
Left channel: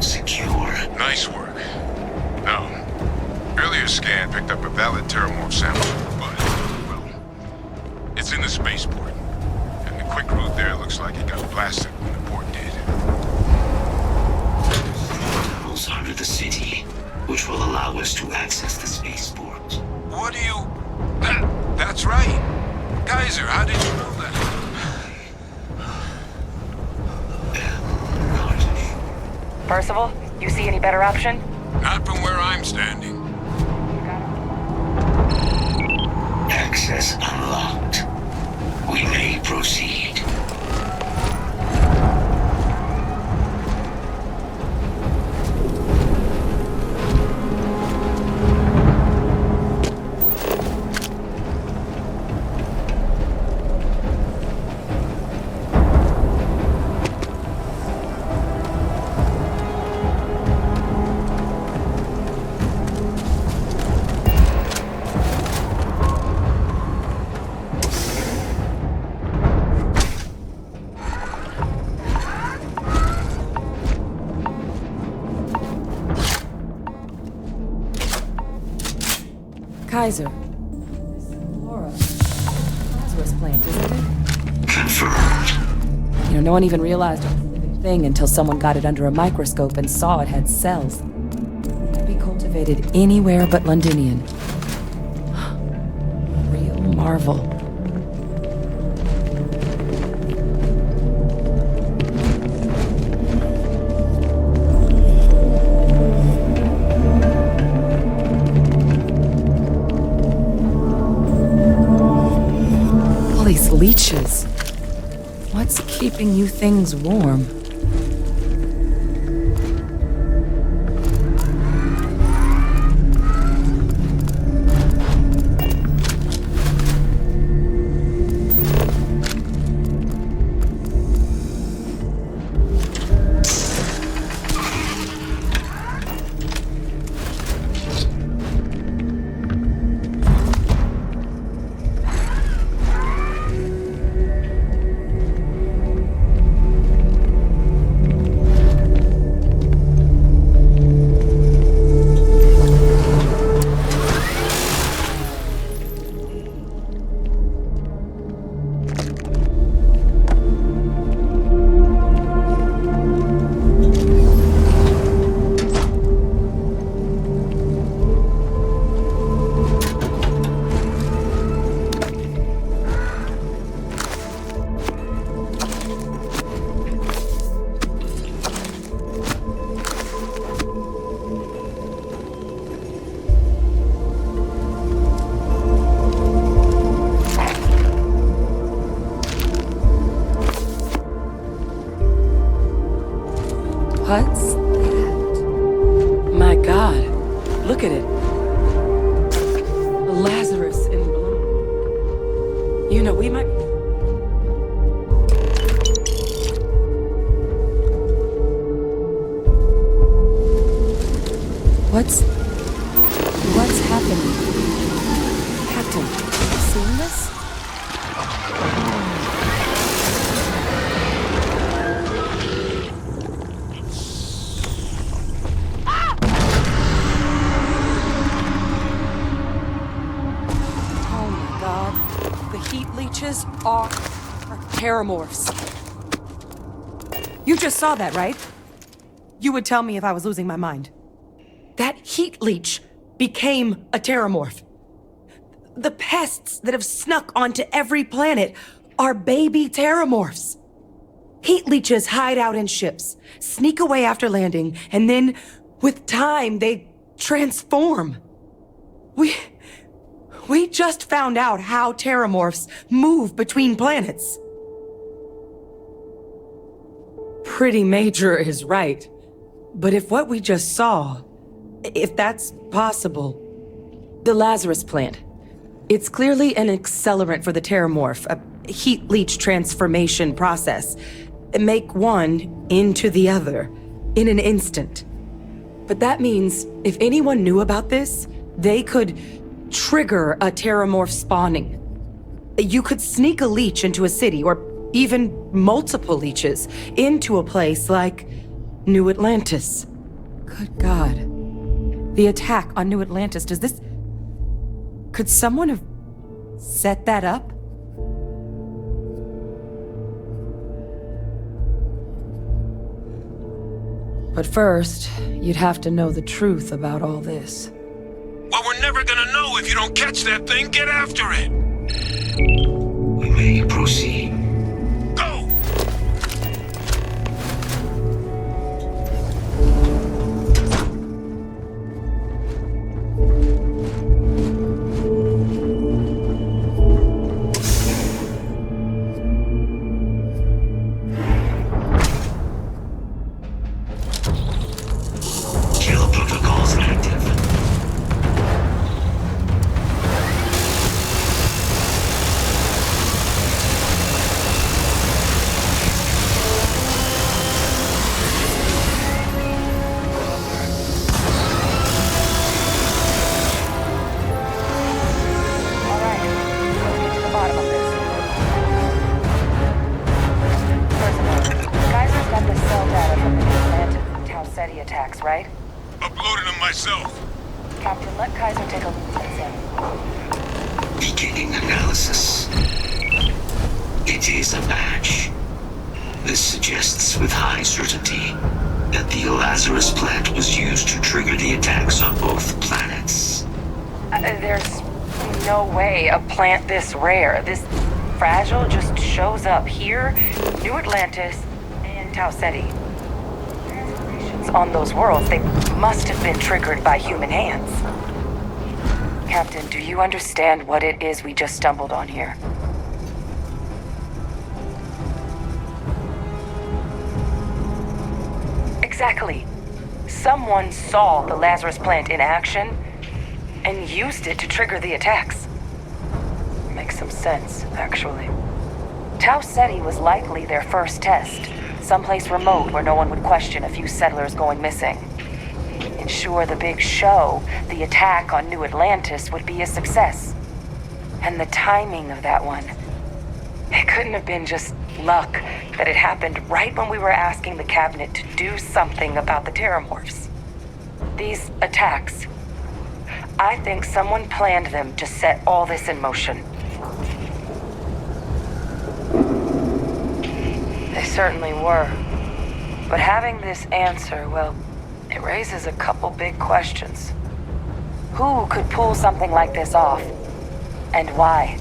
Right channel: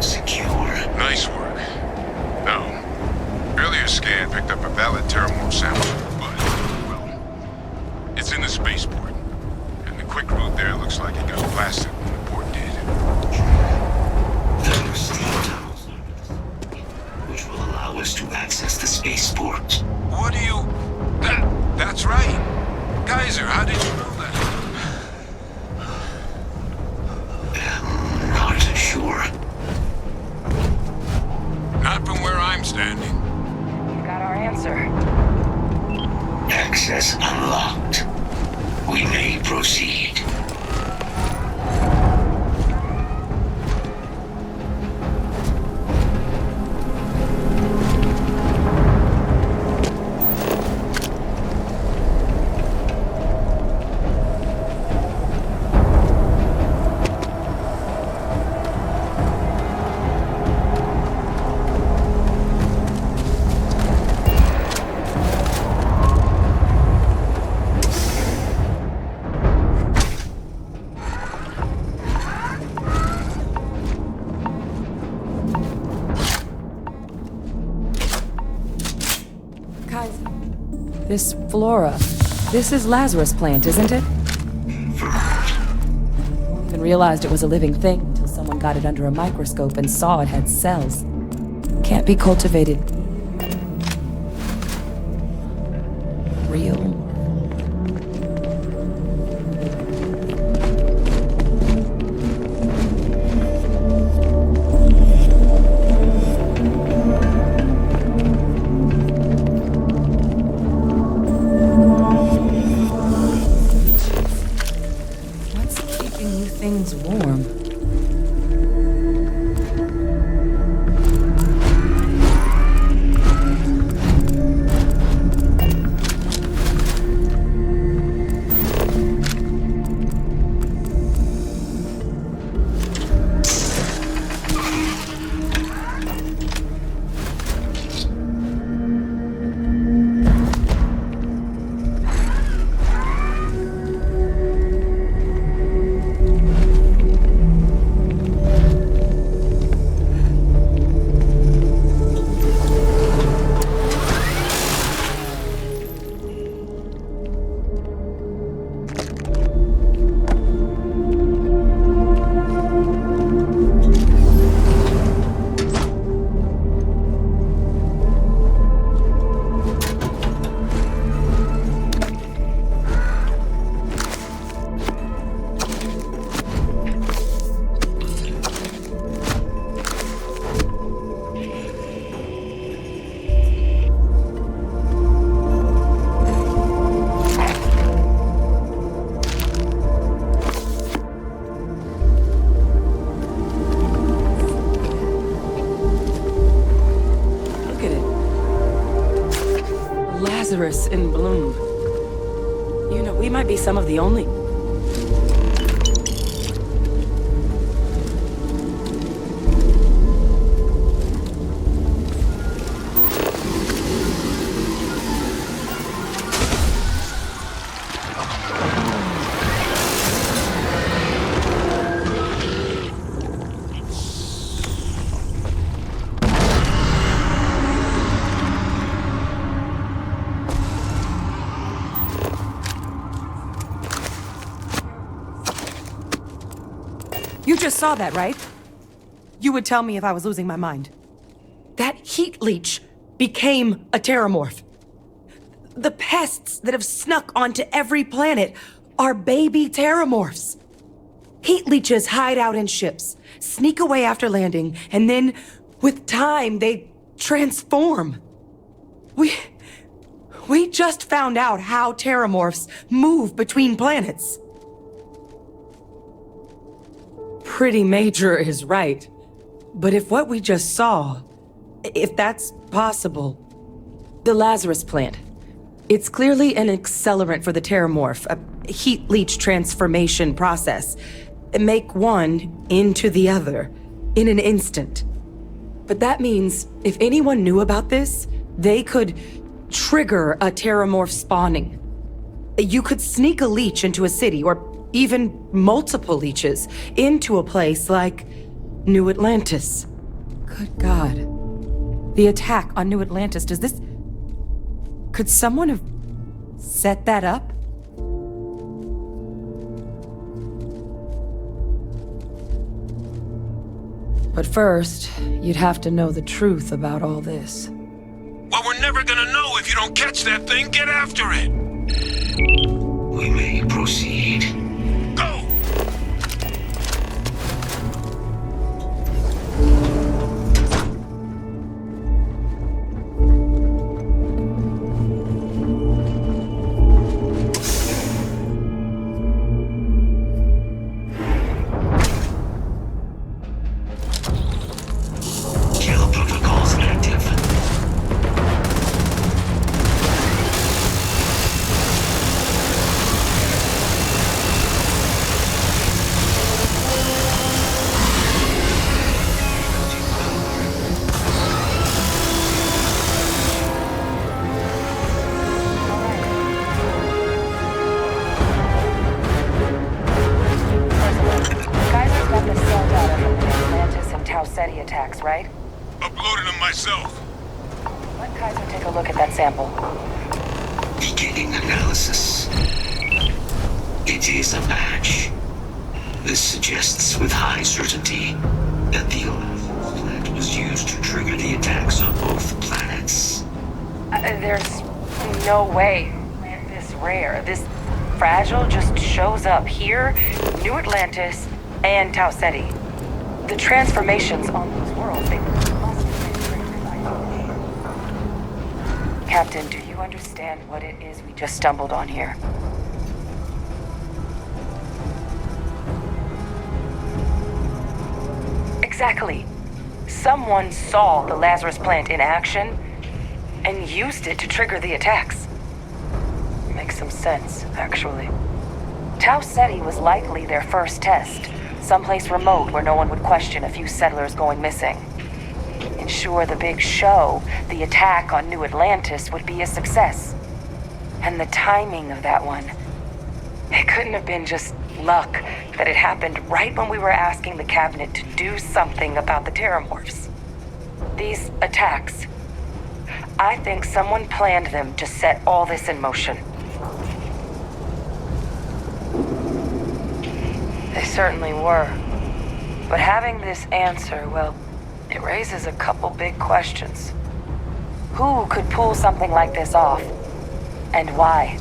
secure. Nice work. No. Earlier scan picked up a valid terramorph sample, but, well, it's in the spaceport. And the quick route there looks like it got blasted when the port did. There's three tunnels under the city, which will allow us to access the spaceport. What do you... That's right. Kaiser, how did you know that? Not sure. Parcival, you see any better option? Not from where I'm standing. You've got our answer. Access unlocked. We may proceed. Kaiser, this flora, this is Lazarus plant, isn't it? Confirmed. You know, no one even realized it was a living thing until someone got it under a microscope and saw it had cells. Can't be cultivated anywhere but Londonian. Real marvel. Leeches. What's keeping you things warm? Some of the only... What's happening? Captain, have you seen this? Are terramorphs. You just saw that, right? You would tell me if I was losing my mind. That heat leech became a terramorph. The pests that have snuck onto every planet are baby terramorphs. Heat leeches hide out in ships, sneak away after landing, and then, with time, they transform. We just found out how terramorphs move between planets. Pretty major is right. But if what we just saw, if that's possible, the Lazarus plant, it's clearly an accelerant for the terramorph, a heat leech transformation process. Make one into the other in an instant. But that means if anyone knew about this, they could trigger a terramorph spawning. You could sneak a leech into a city, or even multiple leeches, into a place like New Atlantis. Good God. The attack on New Atlantis, does this... Could someone have set that up? But first, you'd have to know the truth about all this. Well, we're never gonna know if you don't catch that thing. Get after it! We may proceed. Go! Kill protocols active. Attacks, right? Uploaded them myself. Captain, let Kaiser take a look at that sample. Beginning analysis. It is a match. This suggests with high certainty that the Lazarus plant was used to trigger the attacks on both planets. There's no way a plant this rare, this fragile, just shows up here, New Atlantis, and Tau Ceti. The transformations on those worlds, they must have been triggered by human hands. Captain, do you understand what it is we just stumbled on here? Exactly. Someone saw the Lazarus plant in action and used it to trigger the attacks. Makes some sense, actually. Tau Ceti was likely their first test. Someplace remote where no one would question a few settlers going missing. Ensure the big show, the attack on New Atlantis, would be a success. And the timing of that one, it couldn't have been just luck that it happened right when we were asking the cabinet to do something about the terramorphs. These attacks, I think someone planned them to set all this in motion. They certainly were. But having this answer, well, it raises a couple big questions. Who could pull something like this off? And why?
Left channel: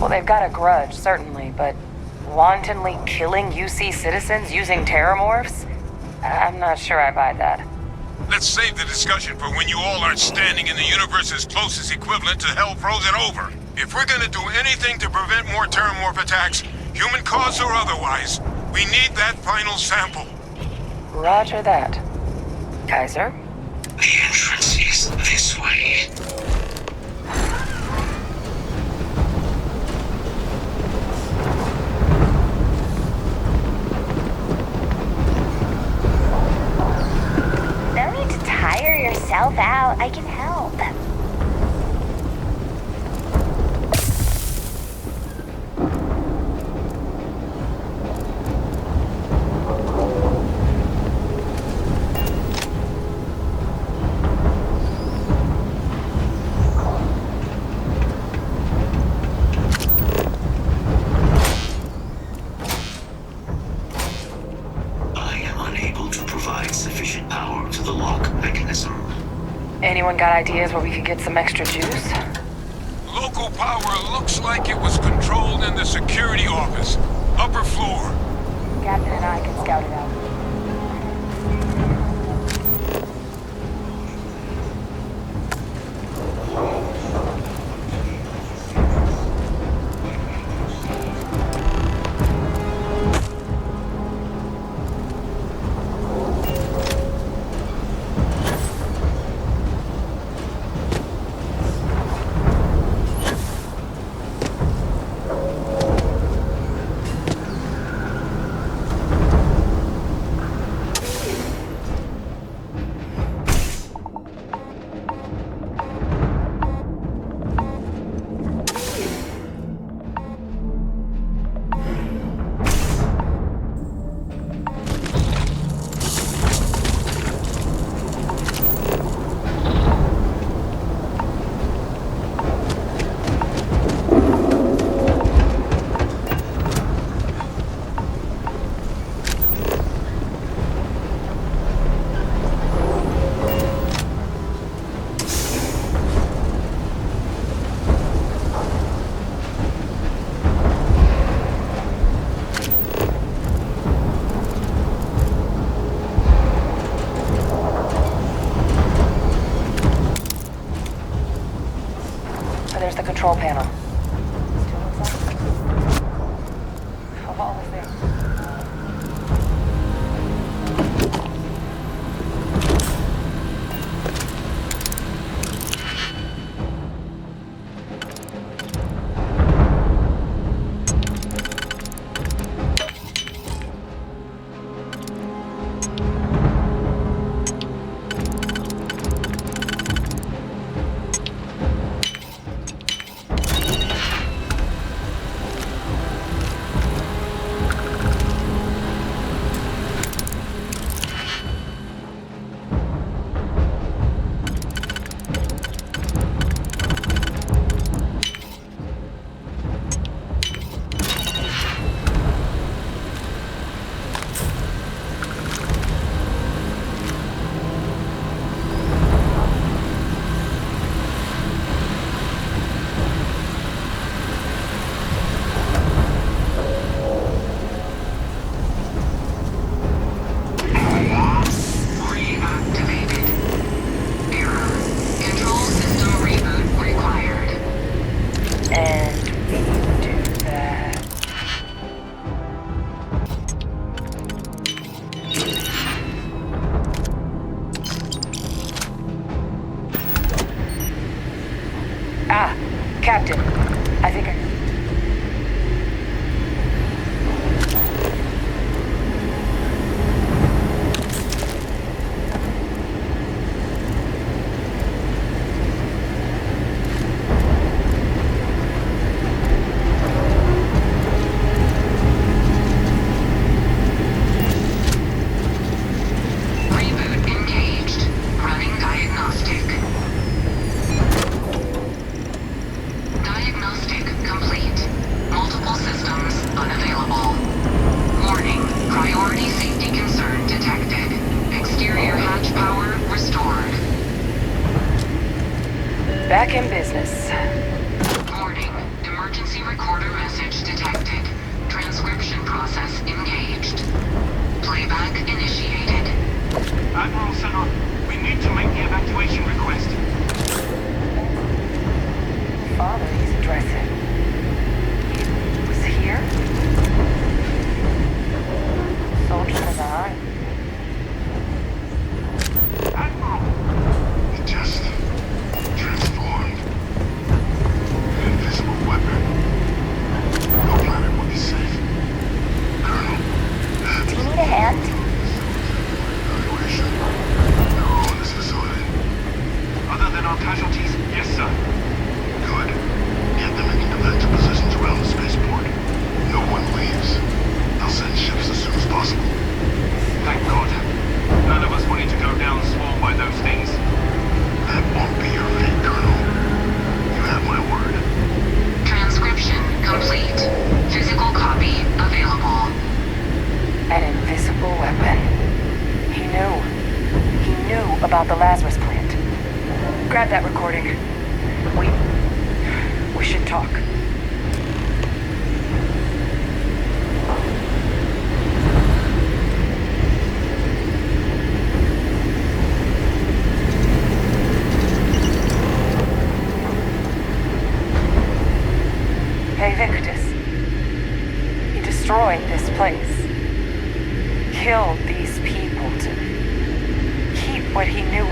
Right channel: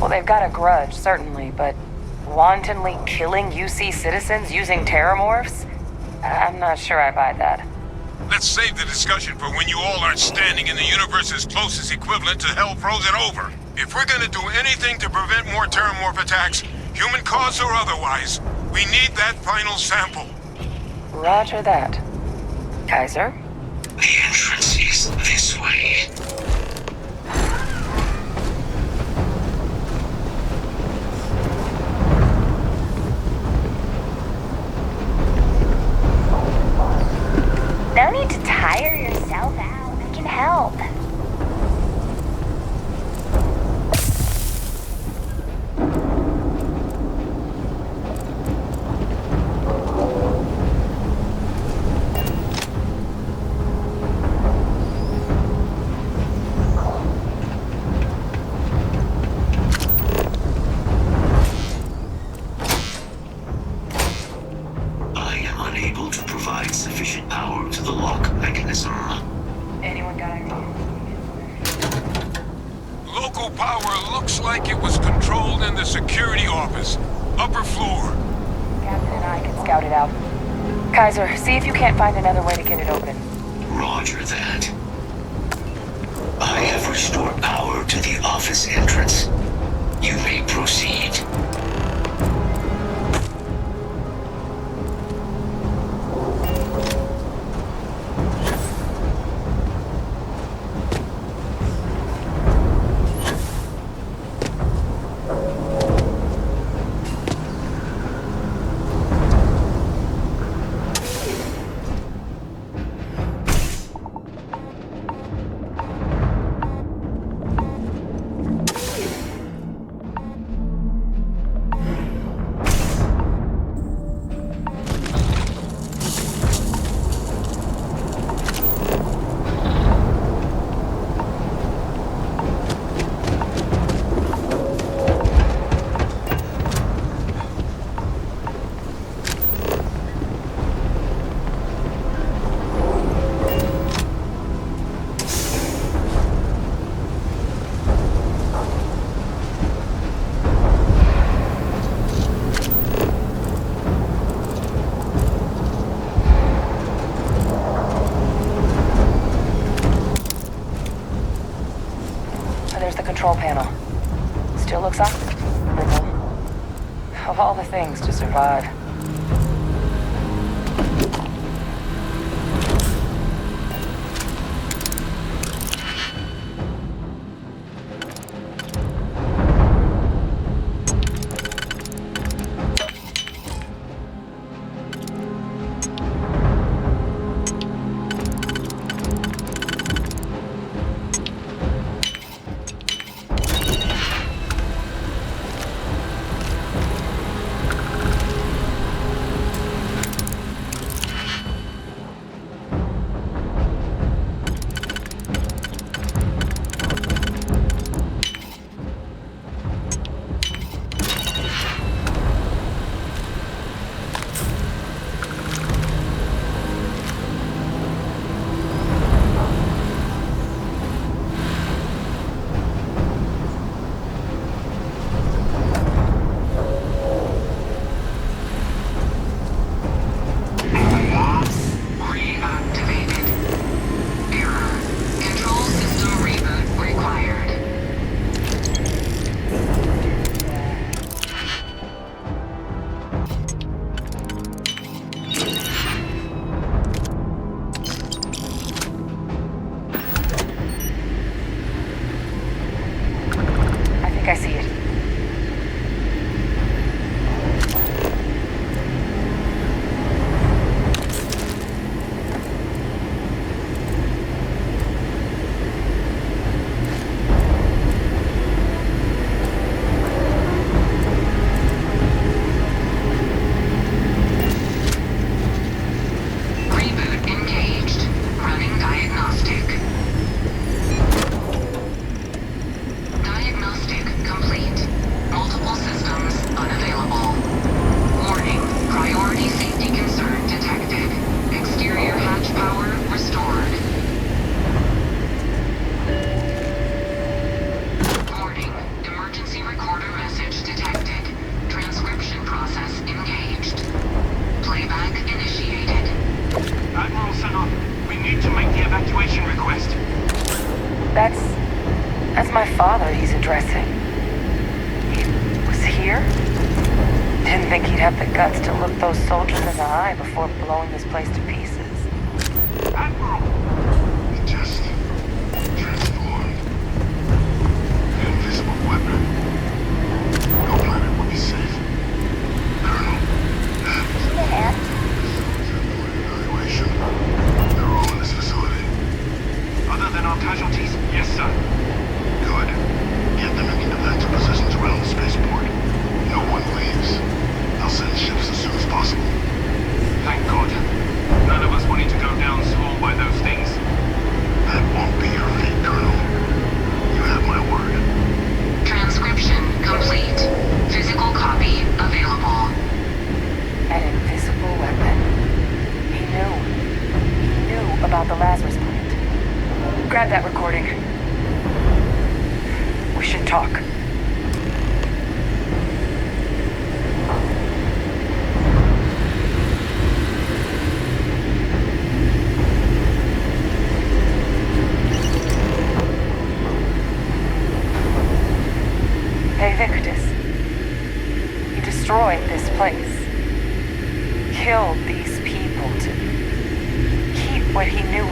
Well, they've got a grudge, certainly, but wantonly killing UC citizens using terramorphs? I'm not sure I buy that. Let's save the discussion for when you all aren't standing in the universe's closest equivalent to hell frozen over. If we're gonna do anything to prevent more terramorph attacks, human cause or otherwise, we need that final sample. Roger that. Kaiser? The entrance is this way. No need to tire yourself out. I can help. Anyone got ideas where we could get some extra juice? Local power looks like it was controlled in the security office. Upper floor. Captain and I can scout it out. Kaiser, see if you can't find another way to get it open. Roger that. I have restored power to the office entrance. You may proceed. control panel. Still looks unstable. Of all the things to survive.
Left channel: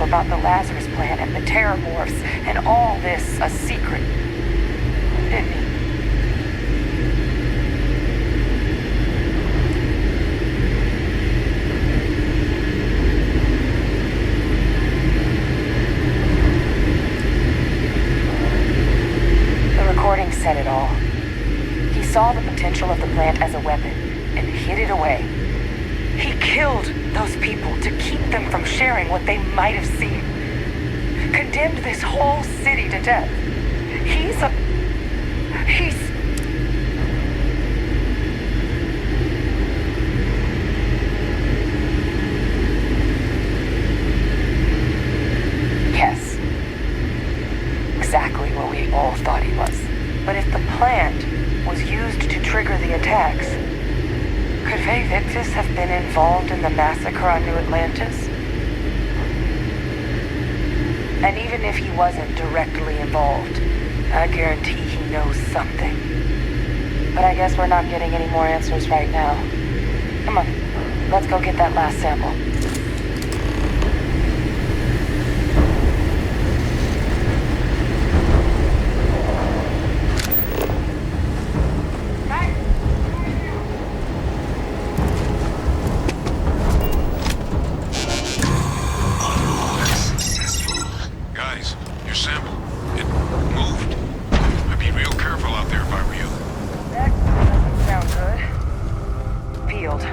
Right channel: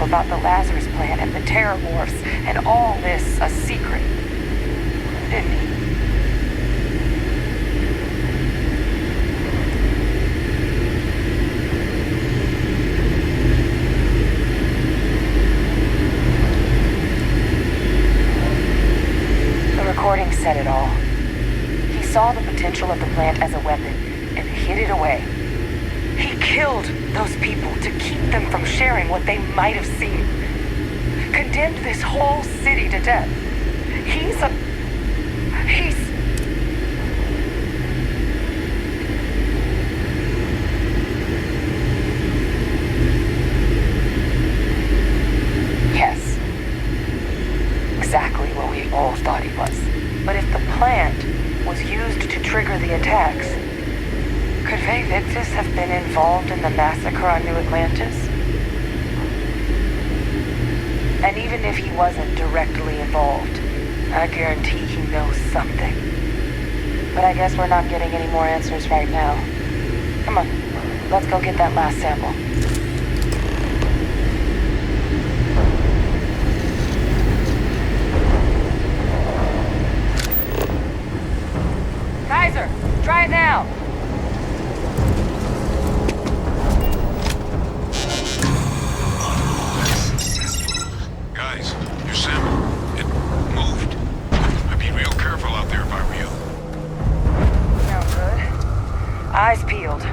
About the Lazarus plant and the terramorphs and all this a secret, didn't he? The recording said it all. He saw the potential of the plant as a weapon and hid it away. He killed those people to keep them from sharing what they might have seen. Condemned this whole city to death. He's... Yes. Exactly what we all thought he was. But if the plant was used to trigger the attacks, could Victus have been involved in the massacre on New Atlantis? And even if he wasn't directly involved, I guarantee he knows something. But I guess we're not getting any more answers right now. Come on, let's go get that last sample. Kaiser, try it now. Guys, your sample, it moved. I'd be real careful out there if I were you. Sounds good. Eyes peeled.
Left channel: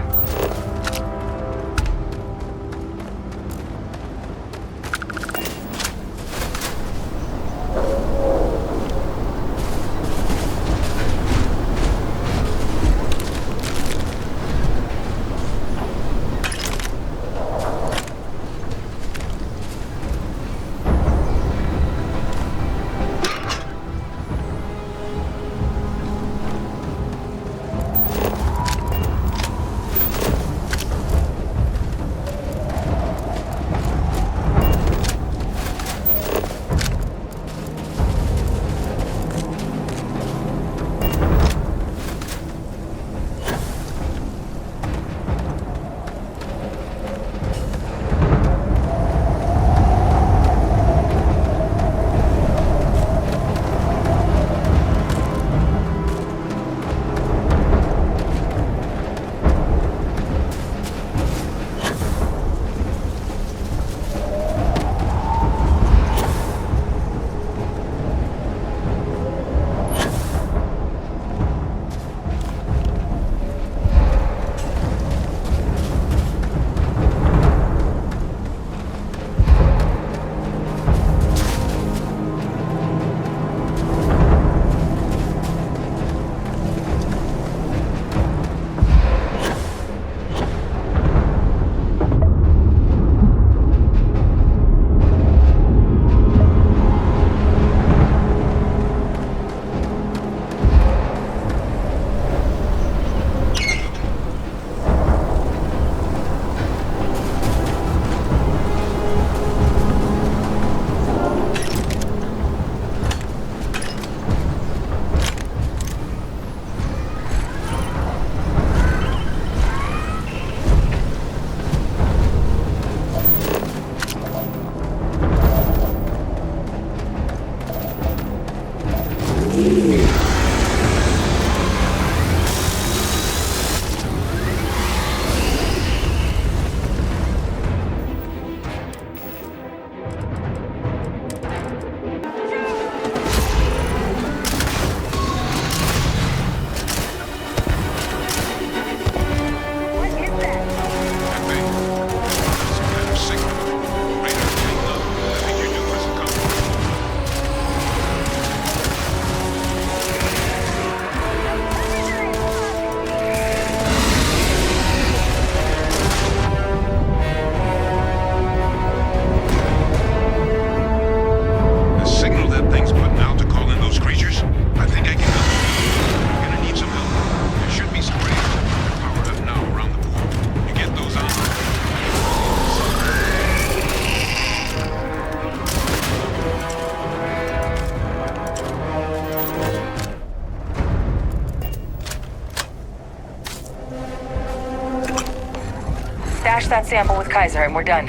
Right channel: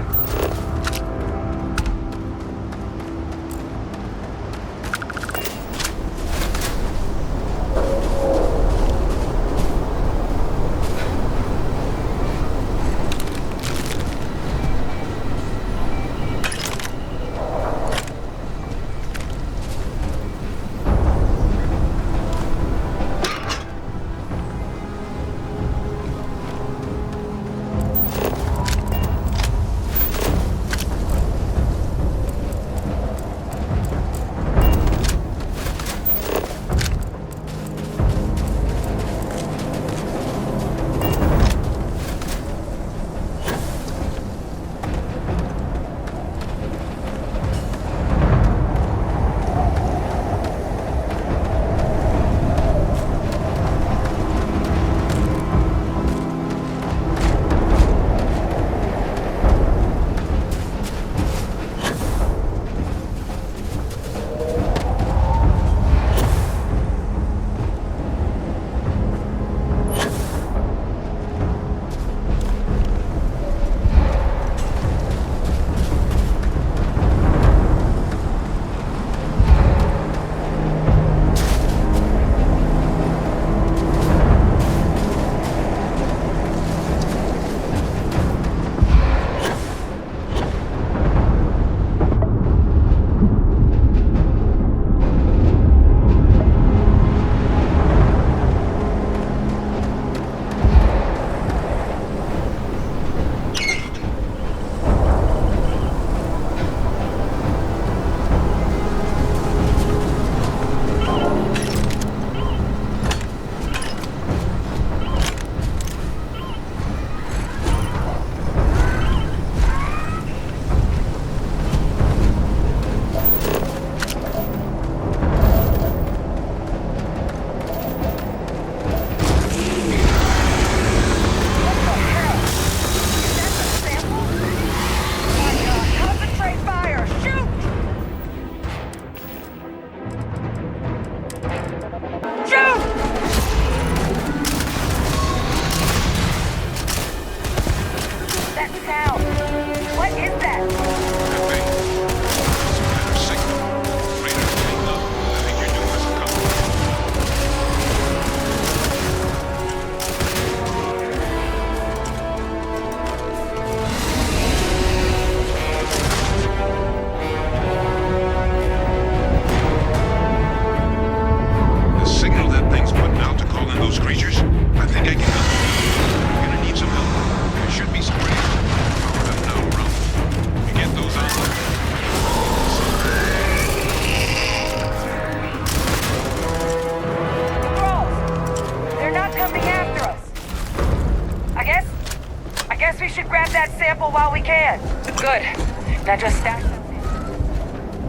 Now just stash that sample with Kaiser and we're done.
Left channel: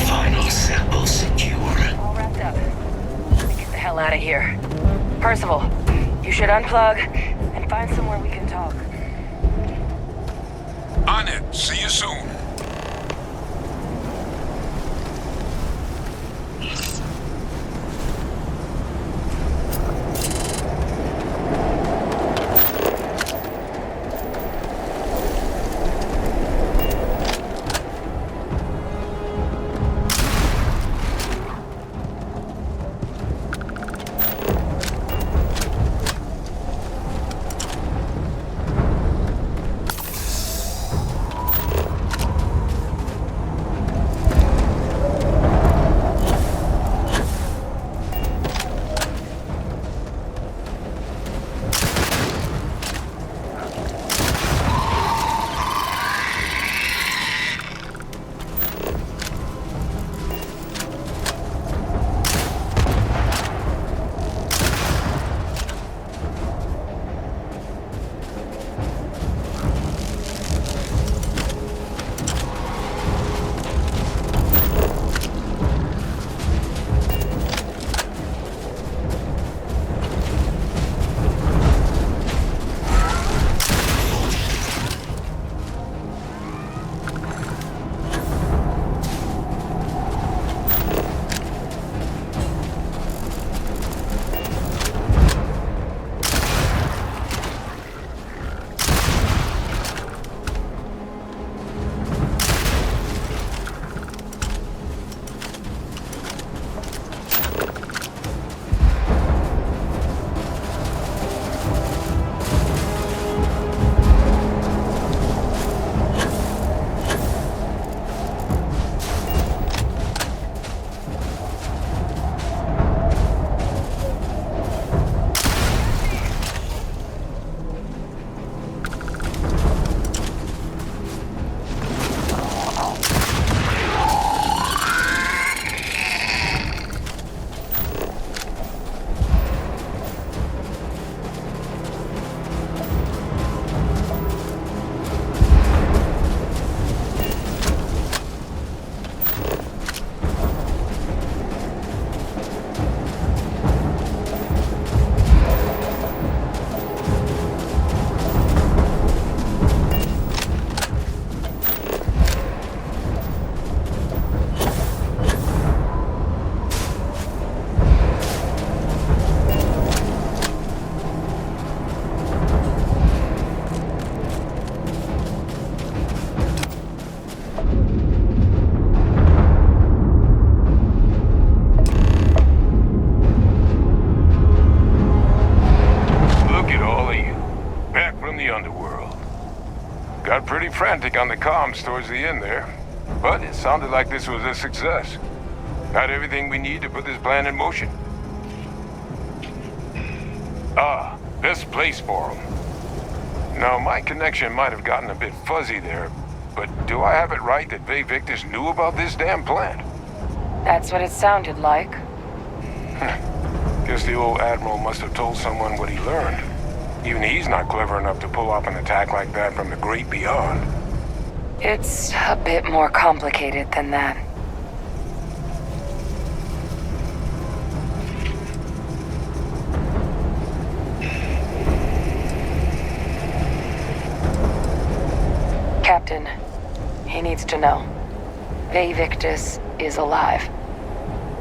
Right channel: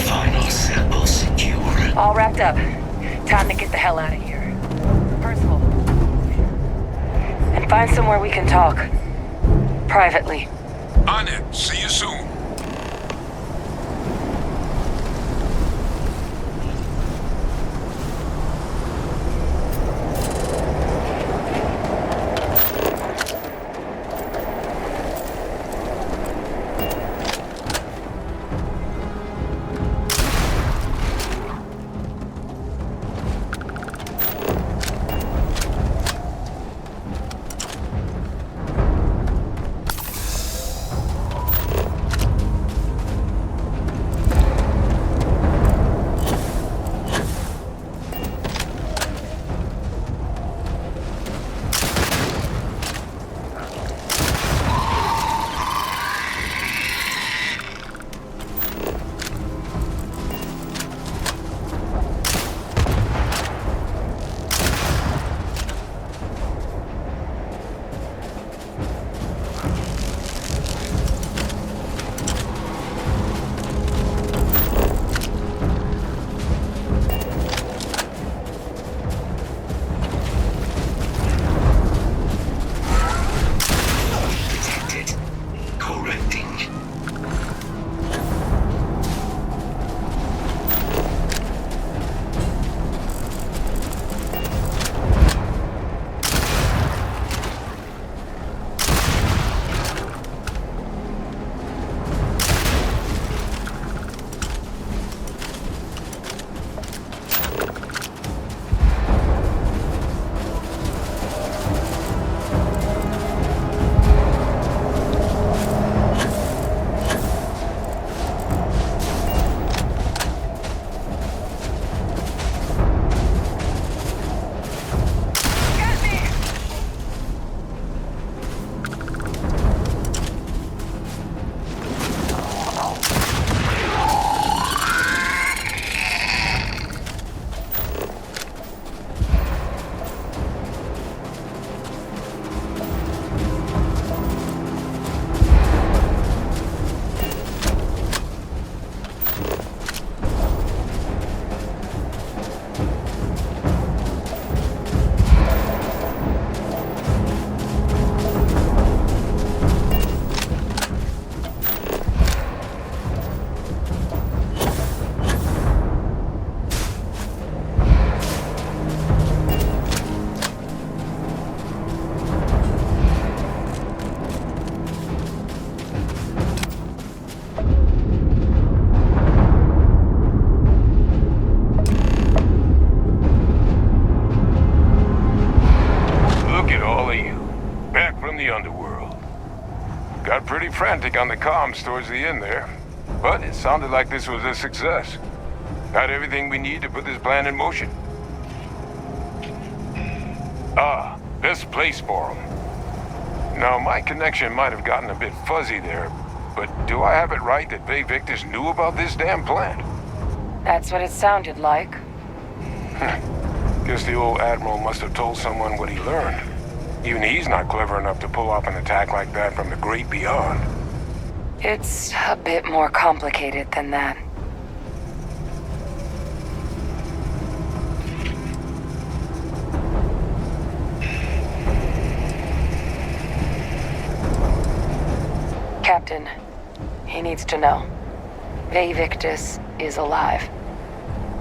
Final sample secure. All wrapped up. Time to get the hell out of here. Parcival, you should unplug and find somewhere we can talk. Privately. On it. See you soon. the underworld. Got pretty frantic on the comms towards the end there, but it sounded like this was a success. Got everything we need to put this plan in motion. Ah, this place for 'em. Now, my connection might have gotten a bit fuzzy there, but do I have it right that Vae Victus knew about this damn plant? That's what it sounded like. Guess the old Admiral must have told someone what he learned. Even he's not clever enough to pull off an attack like that from the great beyond. It's a bit more complicated than that. Captain, he needs to know. Vae Victus is alive,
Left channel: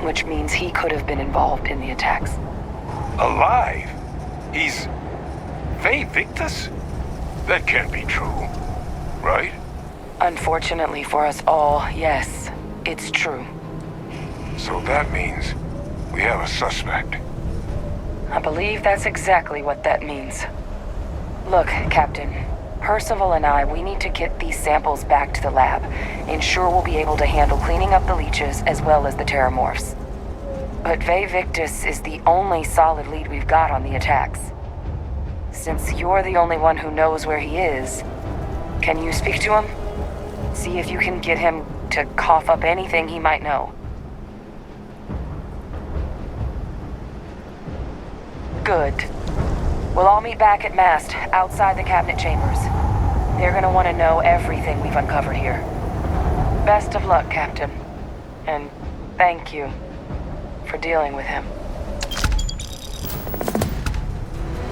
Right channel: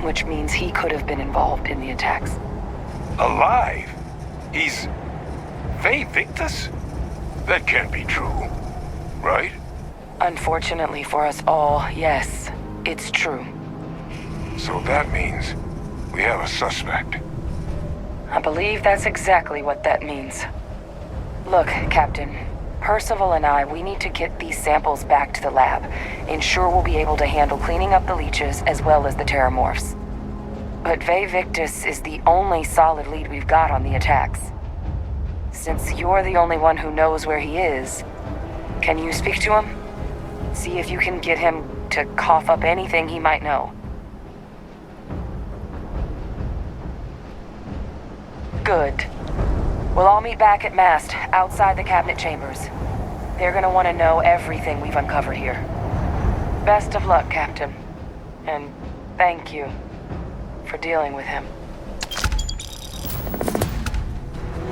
which means he could have been involved in the attacks. Alive? He's... Vae Victus? That can't be true, right? Unfortunately for us all, yes, it's true. So that means we have a suspect. I believe that's exactly what that means. Look, Captain, Parcival and I, we need to get these samples back to the lab. Ensure we'll be able to handle cleaning up the leeches as well as the terramorphs. But Vae Victus is the only solid lead we've got on the attacks. Since you're the only one who knows where he is, can you speak to him? See if you can get him to cough up anything he might know. Good. We'll all meet back at mast, outside the cabinet chambers. They're gonna want to know everything we've uncovered here. Best of luck, Captain. And thank you for dealing with him.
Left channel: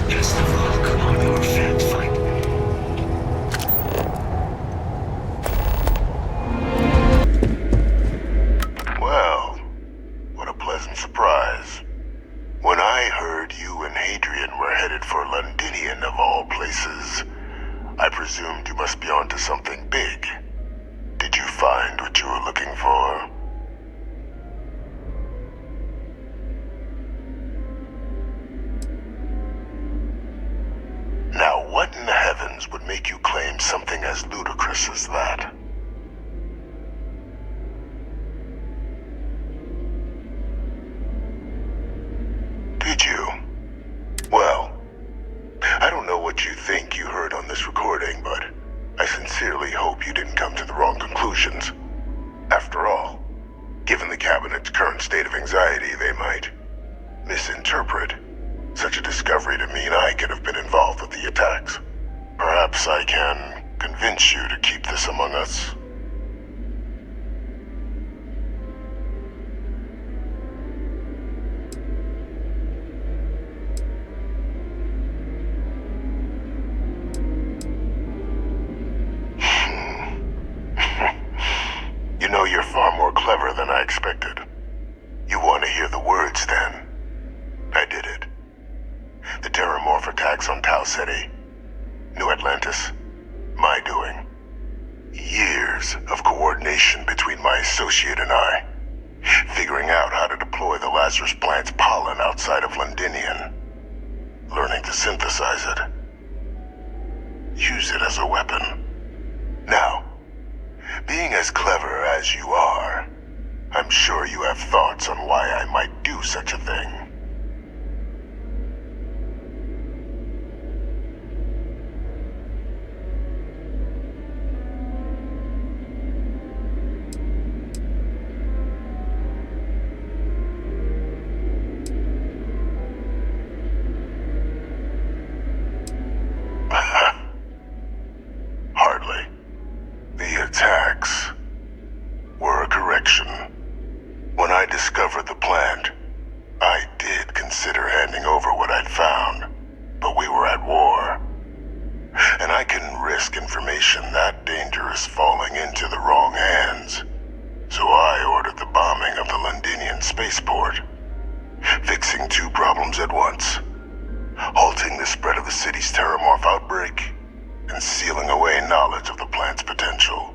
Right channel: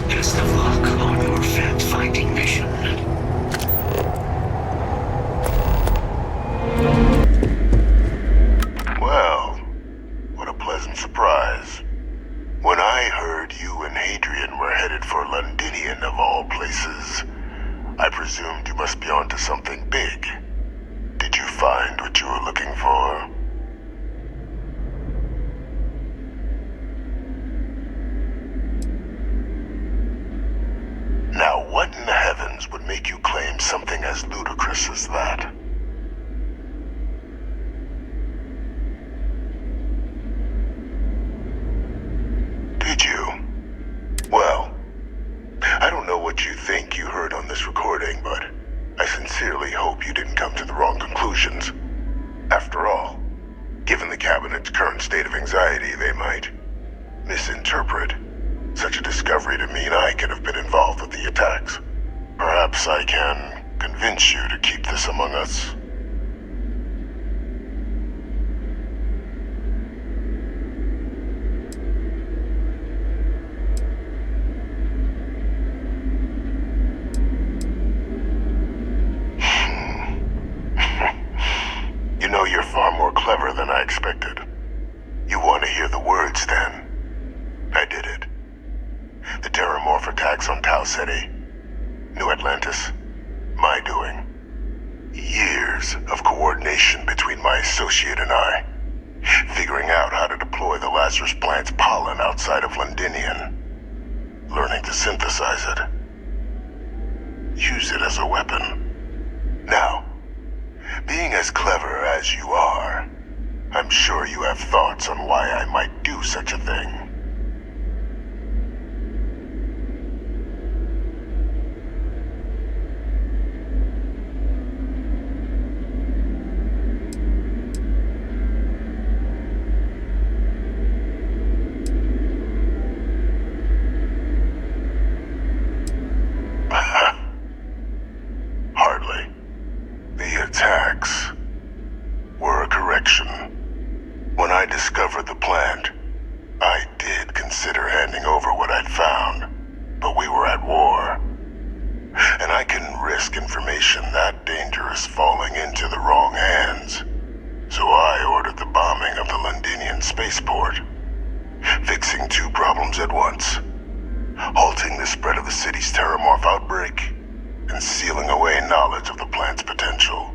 Best of luck on your fact-finding mission. Well, what a pleasant surprise. When I heard you and Hadrian were headed for Londinian of all places, I presumed you must be onto something big. Did you find what you were looking for? Now, what in the heavens would make you claim something as ludicrous as that? Did you? Well, I don't know what you think you heard on this recording, but I sincerely hope you didn't come to the wrong conclusions. After all, given the Cabinet's current state of anxiety, they might misinterpret such a discovery to mean I could have been involved with the attacks. Perhaps I can convince you to keep this among us. You know, you're far more clever than I expected. You want to hear the words, then? I did it. The terramorph attacks on Tau Ceti, New Atlantis, my doing. Years of coordination between my associate and I, figuring out how to deploy the Lazarus plant's pollen outside of Londinian, learning to synthesize it, use it as a weapon. Now, being as clever as you are, I'm sure you have thoughts on why I might do such a thing. Hardly. The attacks were a correction. When I discovered the plant, I did consider handing over what I'd found, but we were at war. And I couldn't risk information that dangerous falling into the wrong hands. So I ordered the bombing of the Londinian spaceport, fixing two problems at once: halting the spread of the city's terramorph outbreak, and sealing away knowledge of the plant's potential.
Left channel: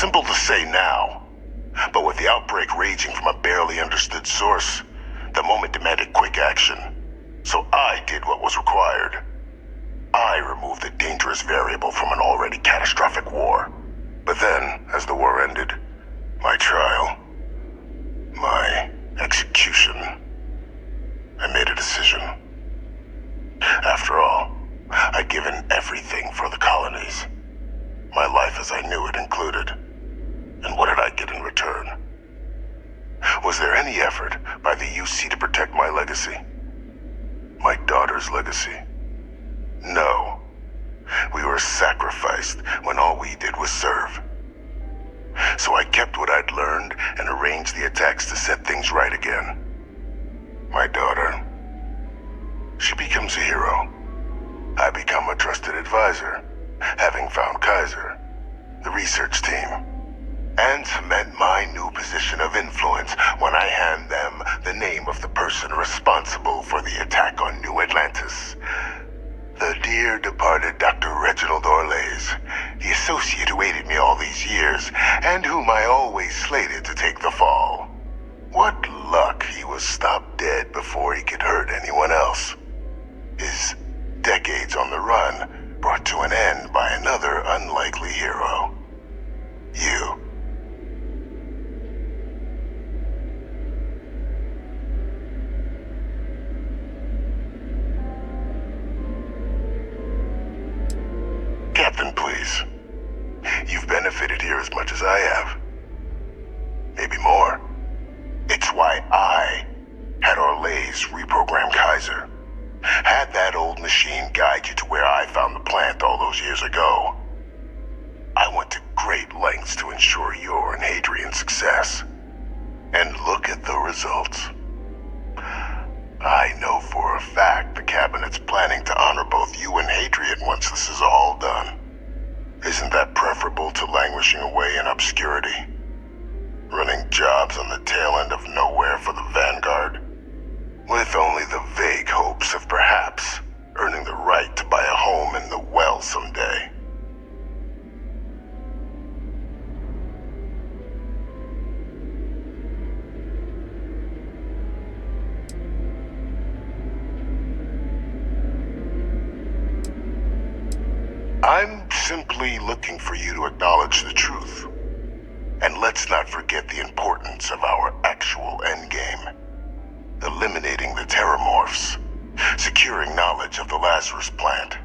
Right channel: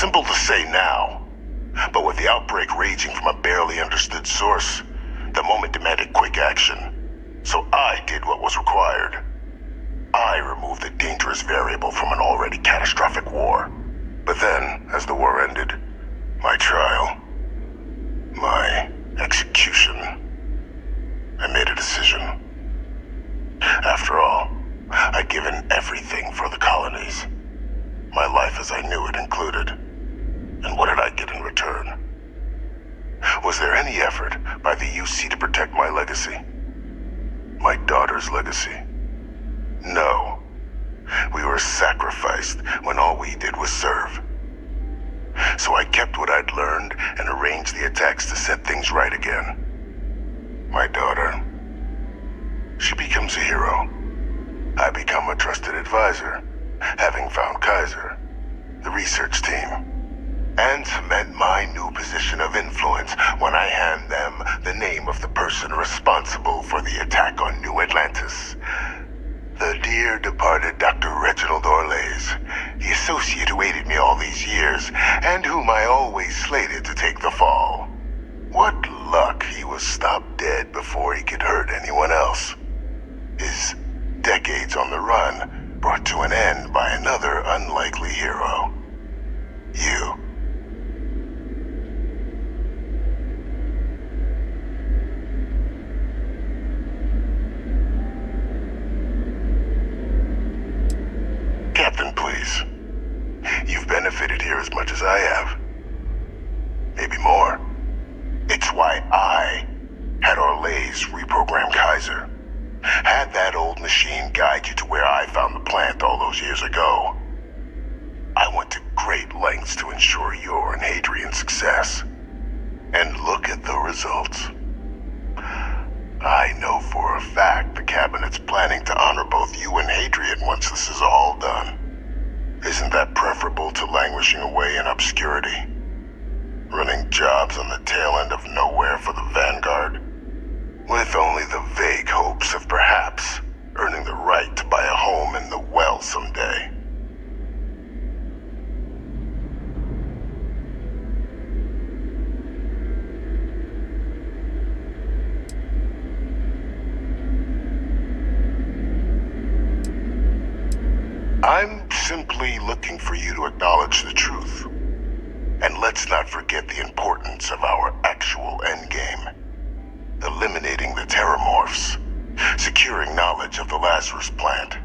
Simple to say now, but with the outbreak raging from a barely understood source, the moment demanded quick action. So I did what was required. I removed the dangerous variable from an already catastrophic war. But then, as the war ended, my trial, my execution, I made a decision. After all, I'd given everything for the colonies. My life as I knew it included. And what did I get in return? Was there any effort by the UC to protect my legacy? My daughter's legacy? No. We were sacrificed when all we did was serve. So I kept what I'd learned and arranged the attacks to set things right again. My daughter, she becomes a hero. I become a trusted advisor, having found Kaiser, the research team, and cement my new position of influence when I hand them the name of the person responsible for the attack on New Atlantis. The dear departed Dr. Reginald Orlays, the associate who aided me all these years, and whom I always slated to take the fall. What luck he was stopped dead before he could hurt anyone else. His decades on the run brought to an end by another unlikely hero. You. Captain, please. You've benefited here as much as I have. Maybe more. It's why I had Orlays reprogram Kaiser. Had that old machine guide you to where I found the plant all those years ago. I went to great lengths to ensure your and Hadrian's success. And look at the results. I know for a fact the Cabinet's planning to honor both you and Hadrian once this is all done. Isn't that preferable to languishing away in obscurity? Running jobs on the tail end of nowhere for the vanguard? With only the vague hopes of perhaps earning the right to buy a home in the well someday. I'm simply looking for you to acknowledge the truth. And let's not forget the importance of our actual endgame. Eliminating the terramorphs. Securing knowledge of the Lazarus plant.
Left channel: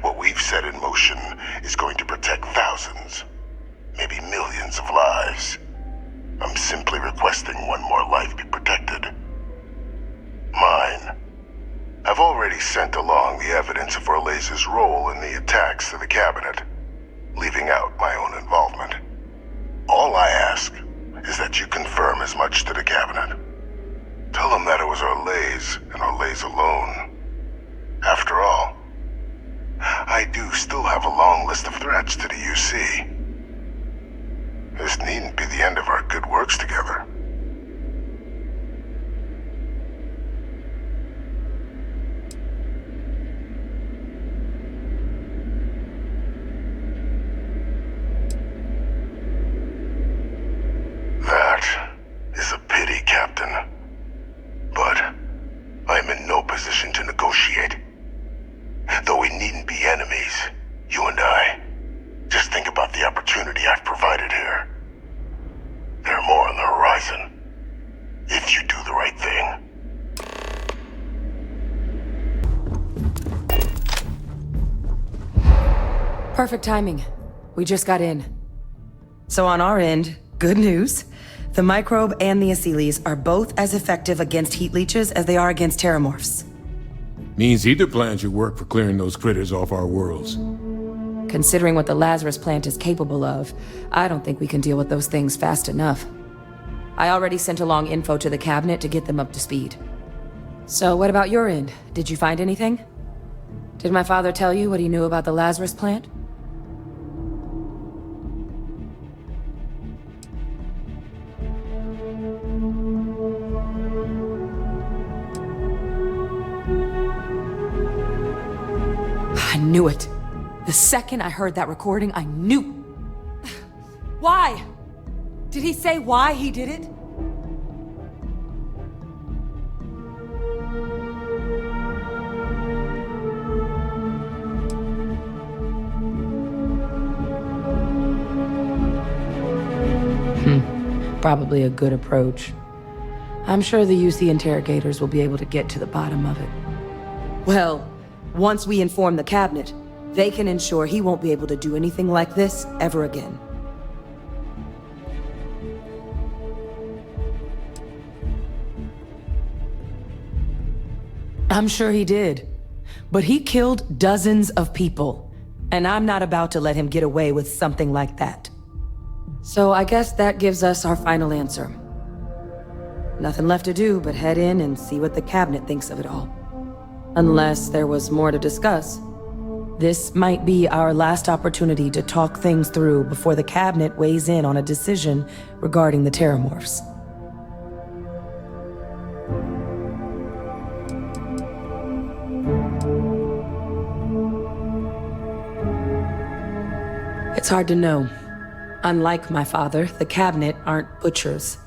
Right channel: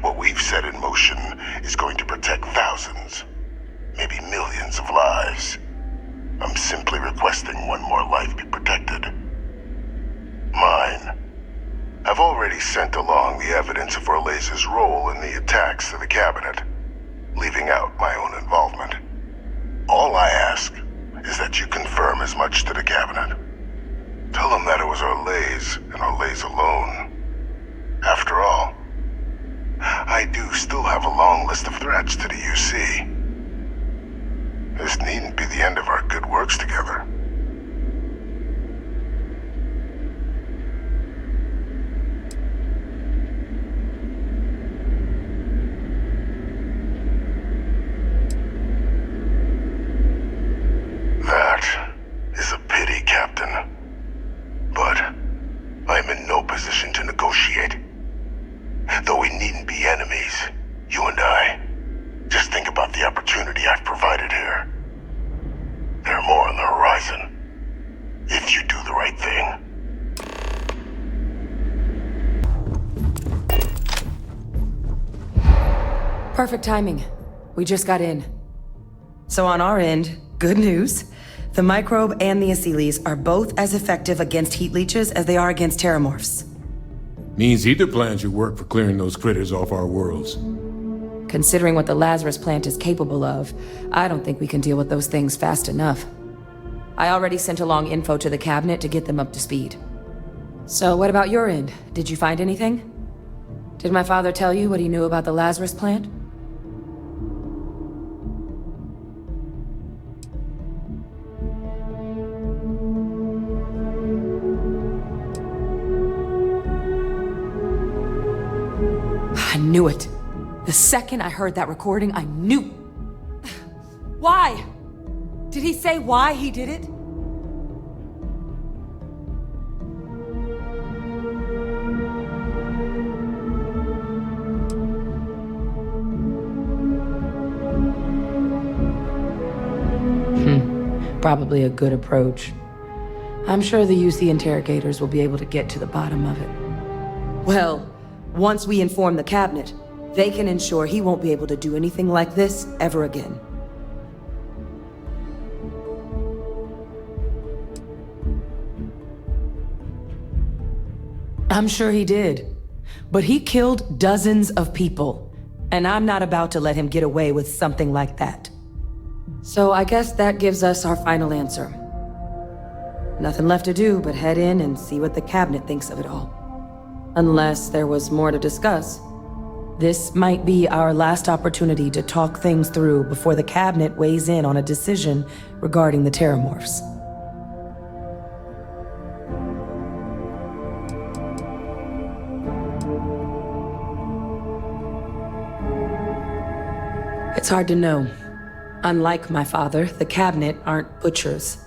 What we've set in motion is going to protect thousands, maybe millions of lives. I'm simply requesting one more life be protected. Mine. I've already sent along the evidence of Orlays' role in the attacks to the Cabinet, leaving out my own involvement. All I ask is that you confirm as much to the Cabinet. Tell them that it was Orlays and Orlays alone. After all, I do still have a long list of threats to the UC. This needn't be the end of our good works together. That is a pity, Captain. But I'm in no position to negotiate. Though we needn't be enemies, you and I. Just think about the opportunity I've provided here. There are more on the horizon. If you do the right thing. Perfect timing. We just got in. So on our end, good news. The microbe and the acyles are both as effective against heat leeches as they are against terramorphs. Means either plan should work for clearing those critters off our worlds. Considering what the Lazarus plant is capable of, I don't think we can deal with those things fast enough. I already sent along info to the Cabinet to get them up to speed. So what about your end? Did you find anything? Did my father tell you what he knew about the Lazarus plant? I knew it. The second I heard that recording, I knew. Why? Did he say why he did it? Probably a good approach. I'm sure the UC interrogators will be able to get to the bottom of it. Well, once we inform the cabinet, they can ensure he won't be able to do anything like this ever again. I'm sure he did. But he killed dozens of people, and I'm not about to let him get away with something like that. So I guess that gives us our final answer. Nothing left to do but head in and see what the cabinet thinks of it all. Unless there was more to discuss. This might be our last opportunity to talk things through before the cabinet weighs in on a decision regarding the terramorphs. It's hard to know. Unlike my father, the cabinet aren't butchers.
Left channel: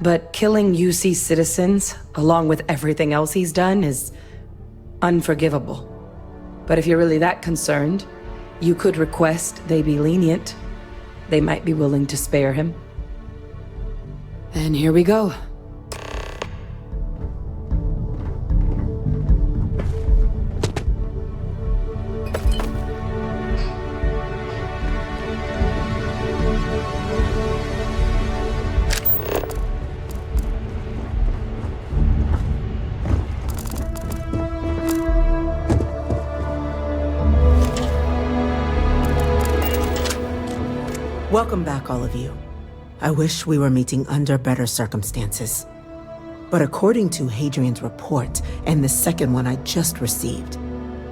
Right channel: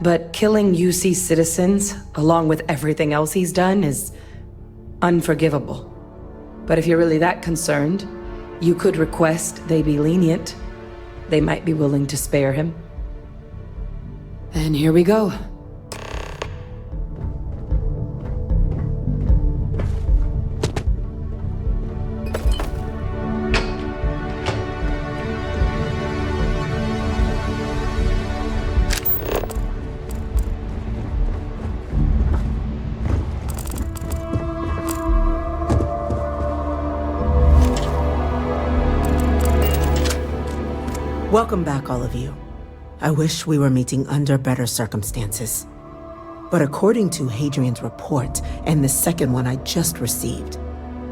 But killing UC citizens, along with everything else he's done, is unforgivable. But if you're really that concerned, you could request they be lenient. They might be willing to spare him. And here we go. Welcome back, all of you. I wish we were meeting under better circumstances. But according to Hadrian's report, and the second one I just received,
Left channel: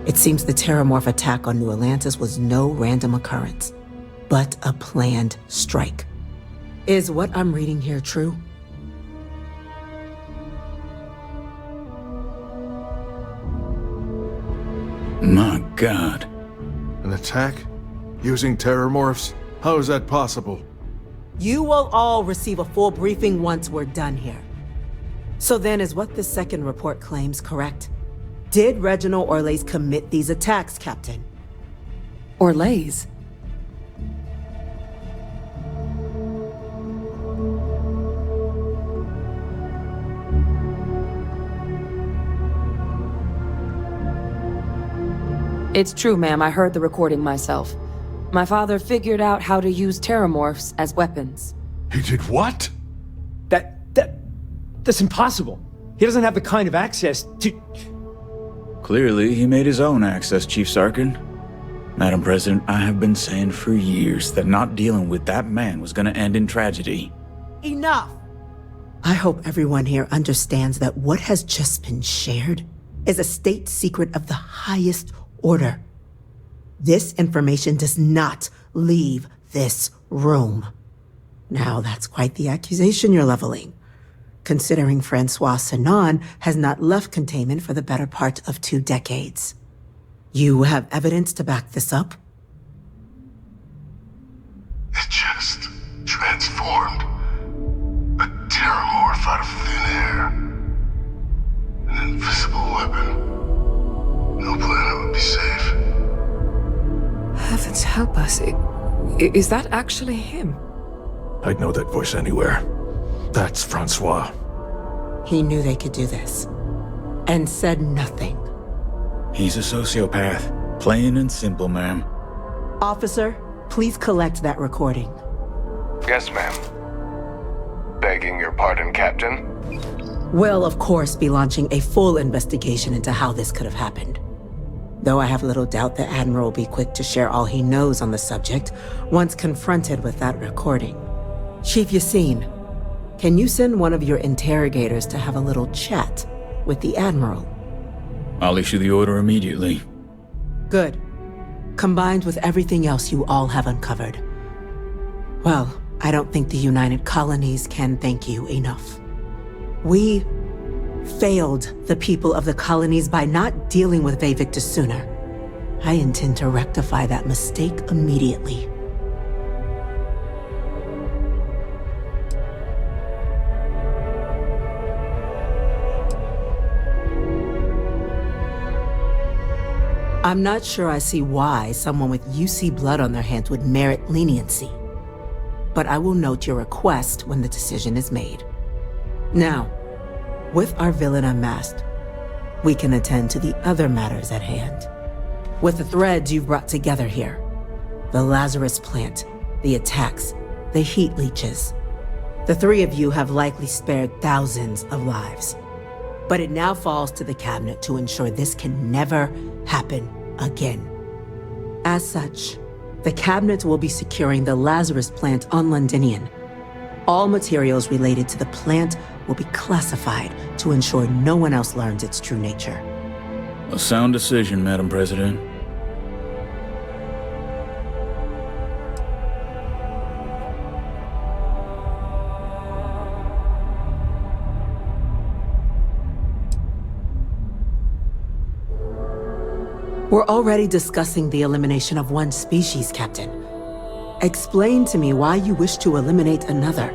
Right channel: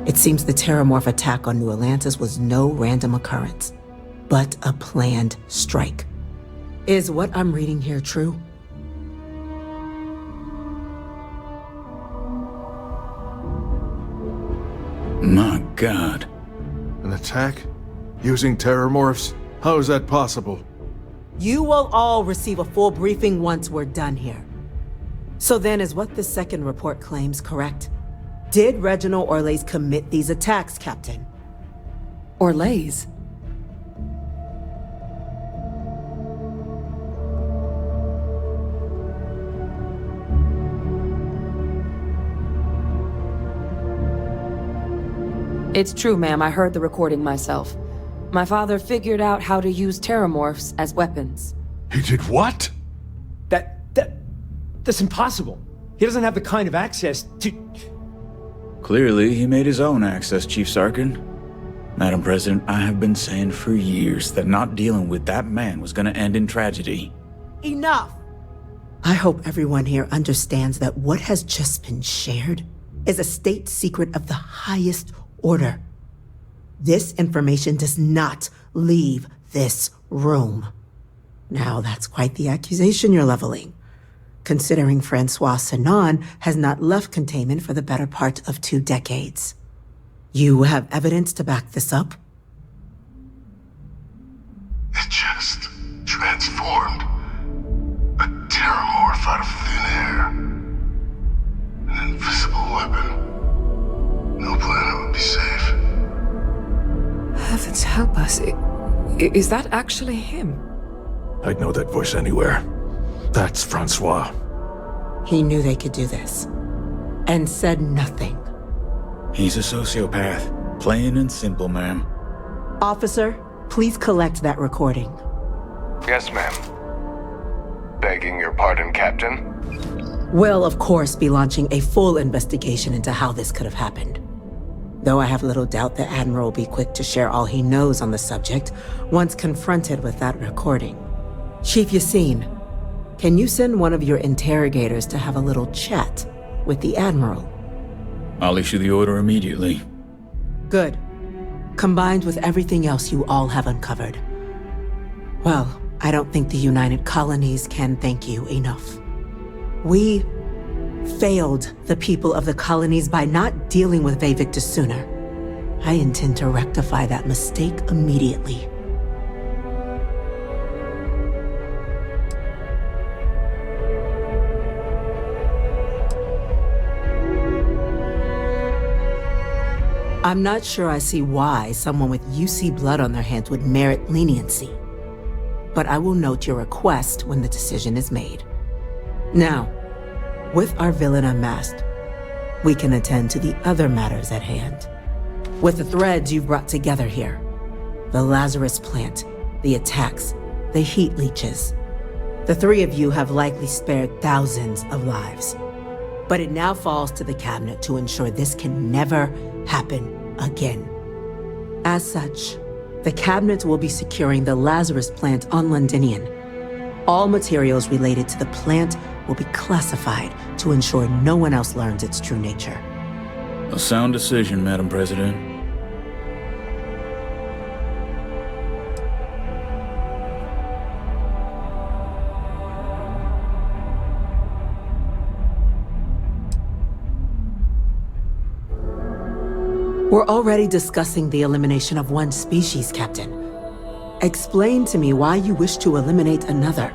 it seems the terramorph attack on New Atlantis was no random occurrence, but a planned strike. Is what I'm reading here true? My God. An attack? Using terramorphs? How is that possible? You will all receive a full briefing once we're done here. So then, is what the second report claims correct? Did Reginald Orlays commit these attacks, Captain? Orlays? It's true, ma'am. I heard the recording myself. My father figured out how to use terramorphs as weapons. He did what? That's impossible. He doesn't have the kind of access to... Clearly, he made his own access, Chief Sarkin. Madam President, I have been saying for years that not dealing with that man was going to end in tragedy. Enough! I hope everyone here understands that what has just been shared is a state secret of the highest order. This information does not leave this room. Now, that's quite the accusation you're leveling, considering Francois Sanon has not left containment for the better part of 2 decades. You have evidence to back this up? It just transformed. A terramorph out of thin air. An invisible weapon. No planet would be safe. Heavens help us. Is that actually him? I'd know that voice anywhere. That's Francois. He knew they could do this, and said nothing. He's a sociopath. Plain and simple, ma'am. Officer, please collect that recording. Yes, ma'am. Begging your pardon, Captain? We'll, of course, be launching a full investigation into how this could have happened. Though I have little doubt the Admiral will be quick to share all he knows on the subject once confronted with that recording. Chief Yassine, can you send one of your interrogators to have a little chat with the Admiral? I'll issue the order immediately. Good. Combined with everything else you all have uncovered. Well, I don't think the United Colonies can thank you enough. We failed the people of the colonies by not dealing with Vevictus sooner. I intend to rectify that mistake immediately. I'm not sure I see why someone with UC blood on their hands would merit leniency. But I will note your request when the decision is made. Now, with our villain unmasked, we can attend to the other matters at hand. With the threads you've brought together here, the Lazarus plant, the attacks, the heat leeches, the three of you have likely spared thousands of lives. But it now falls to the cabinet to ensure this can never happen again. As such, the cabinet will be securing the Lazarus plant on Londinian. All materials related to the plant will be classified to ensure no one else learns its true nature. A sound decision, Madam President. We're already discussing the elimination of one species, Captain. Explain to me why you wish to eliminate another.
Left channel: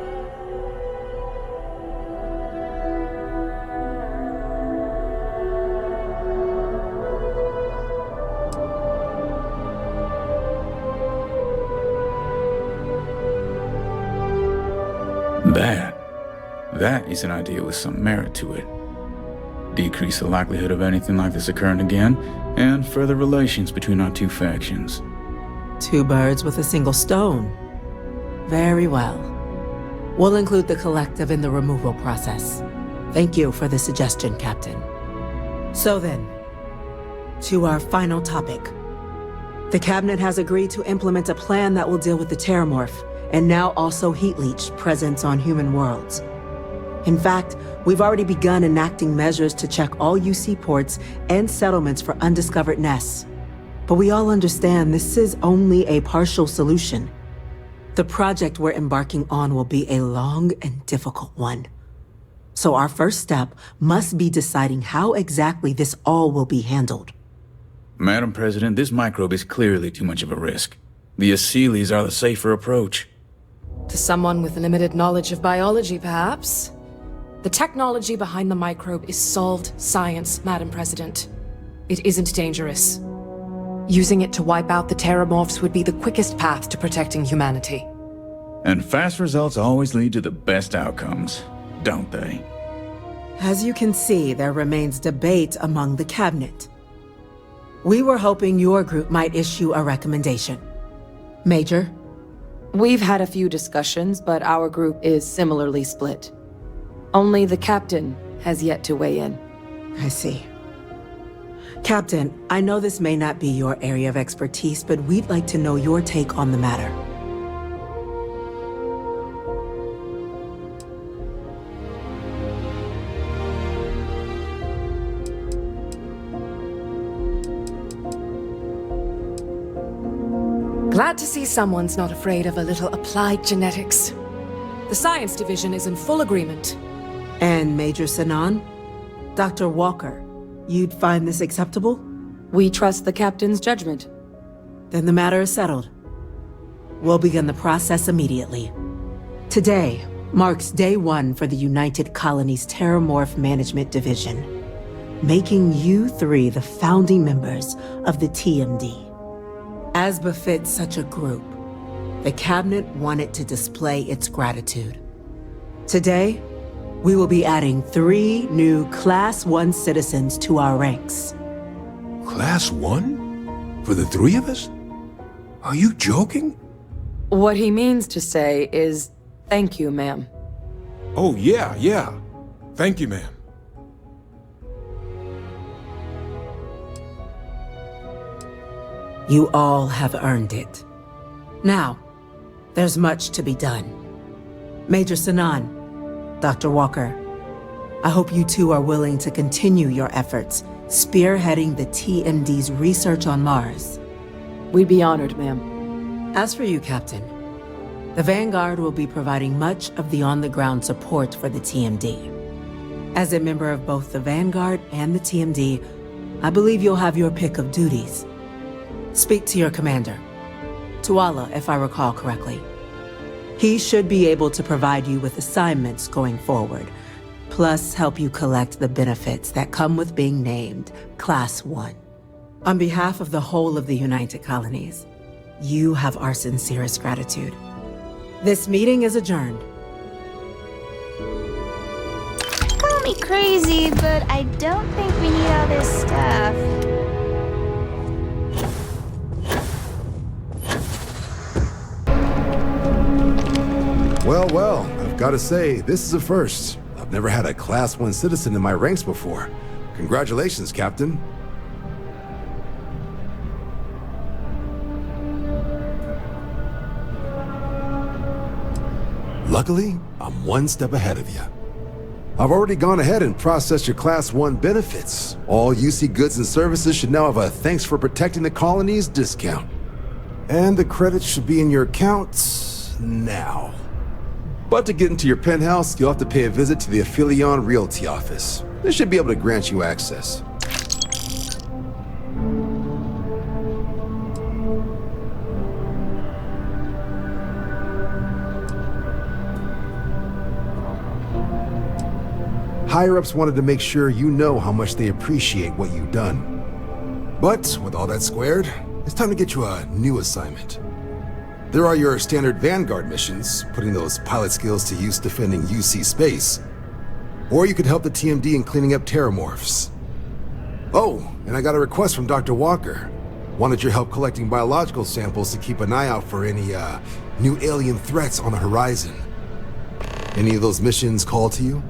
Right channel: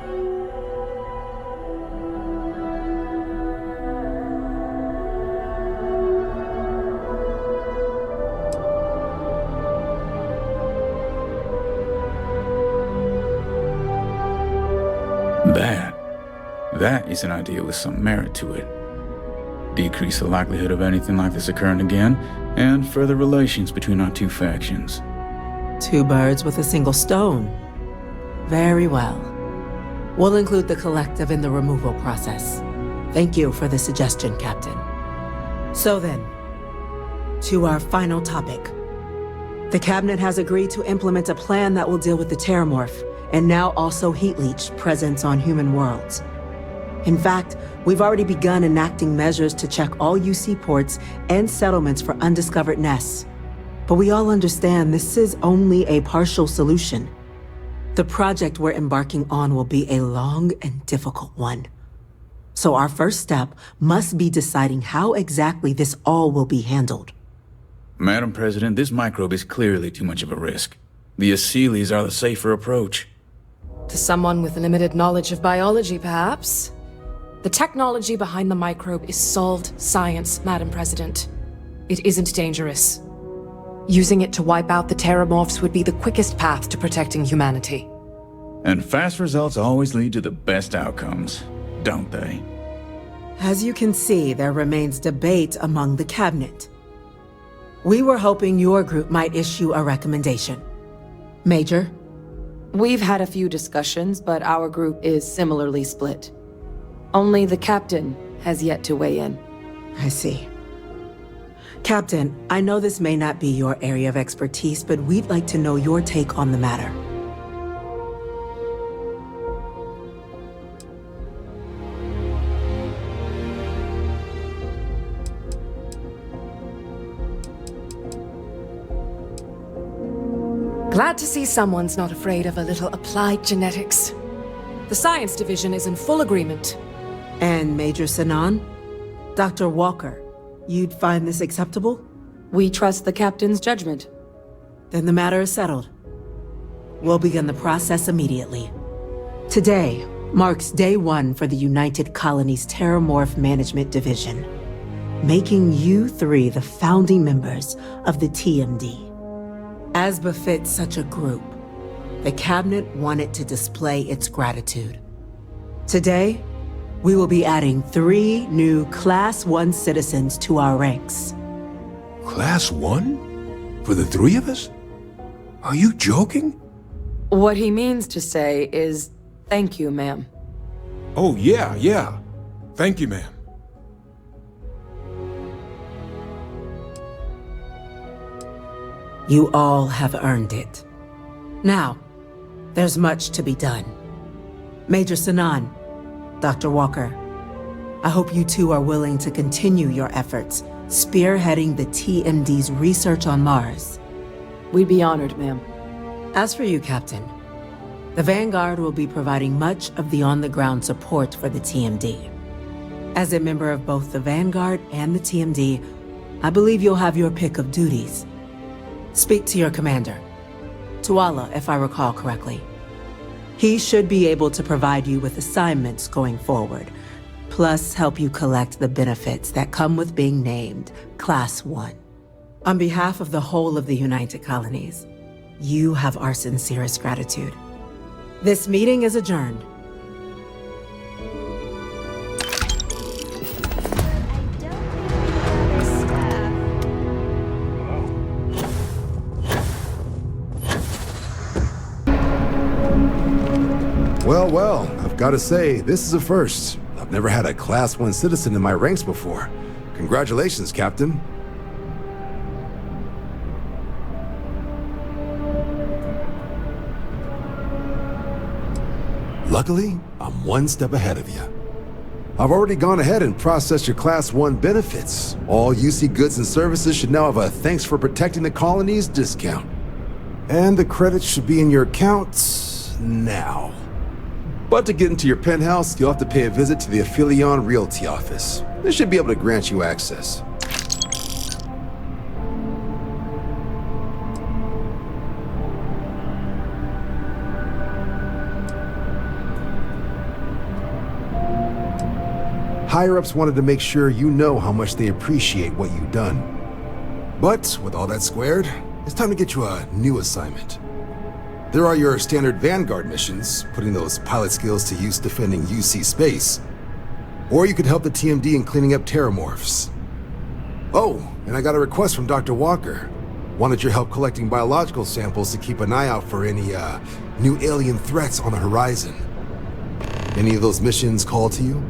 That is an idea with some merit to it. Decrease the likelihood of anything like this occurring again, and further relations between our two factions. Two birds with a single stone. Very well. We'll include the collective in the removal process. Thank you for the suggestion, Captain. So then, to our final topic. The Cabinet has agreed to implement a plan that will deal with the terramorph, and now also heat leech presence on human worlds. In fact, we've already begun enacting measures to check all UC ports and settlements for undiscovered nests. But we all understand this is only a partial solution. The project we're embarking on will be a long and difficult one. So our first step must be deciding how exactly this all will be handled. Madam President, this microbe is clearly too much of a risk. The Aseles are the safer approach. To someone with limited knowledge of biology, perhaps? The technology behind the microbe is solved science, Madam President. It isn't dangerous. Using it to wipe out the terramorphs would be the quickest path to protecting humanity. And fast results always lead to the best outcomes, don't they? As you can see, there remains debate among the Cabinet. We were hoping your group might issue a recommendation. Major? We've had a few discussions, but our group is similarly split. Only the Captain has yet to weigh in. I see. Captain, I know this may not be your area of expertise, but we'd like to know your take on the matter. Glad to see someone's not afraid of a little applied genetics. The science division is in full agreement. And Major Sinan? Dr. Walker, you'd find this acceptable? We trust the Captain's judgment. Then the matter is settled. We'll begin the process immediately. Today marks day one for the United Colonies Terramorph Management Division, making you three the founding members of the TMD. As befits such a group, the Cabinet wanted to display its gratitude. Today, we will be adding 3 new Class 1 citizens to our ranks. Class 1? For the 3 of us? Are you joking? What he means to say is, thank you, ma'am. Oh, yeah. Thank you, ma'am. You all have earned it. Now, there's much to be done. Major Sinan, Dr. Walker, I hope you two are willing to continue your efforts, spearheading the TMD's research on Mars. We'd be honored, ma'am. As for you, Captain, the Vanguard will be providing much of the on-the-ground support for the TMD. As a member of both the Vanguard and the TMD, I believe you'll have your pick of duties. Speak to your commander, Tuala, if I recall correctly. He should be able to provide you with assignments going forward, plus help you collect the benefits that come with being named Class 1. On behalf of the whole of the United Colonies, you have our sincerest gratitude. This meeting is adjourned. Call me crazy, but I don't think we need all this stuff. Well, well, I've got to say, this is a first. I've never had a Class 1 citizen in my ranks before. Congratulations, Captain. Luckily, I'm one step ahead of you. I've already gone ahead and processed your Class 1 benefits. All UC goods and services should now have a thanks for protecting the colonies discount. And the credits should be in your accounts now. But to get into your penthouse, you'll have to pay a visit to the Affilion Realty office. They should be able to grant you access. Higher-ups wanted to make sure you know how much they appreciate what you've done. But with all that squared, it's time to get you a new assignment. There are your standard vanguard missions, putting those pilot skills to use defending UC space. Or you could help the TMD in cleaning up terramorphs. Oh, and I got a request from Dr. Walker. Wanted your help collecting biological samples to keep an eye out for any, new alien threats on the horizon. Any of those missions call to you?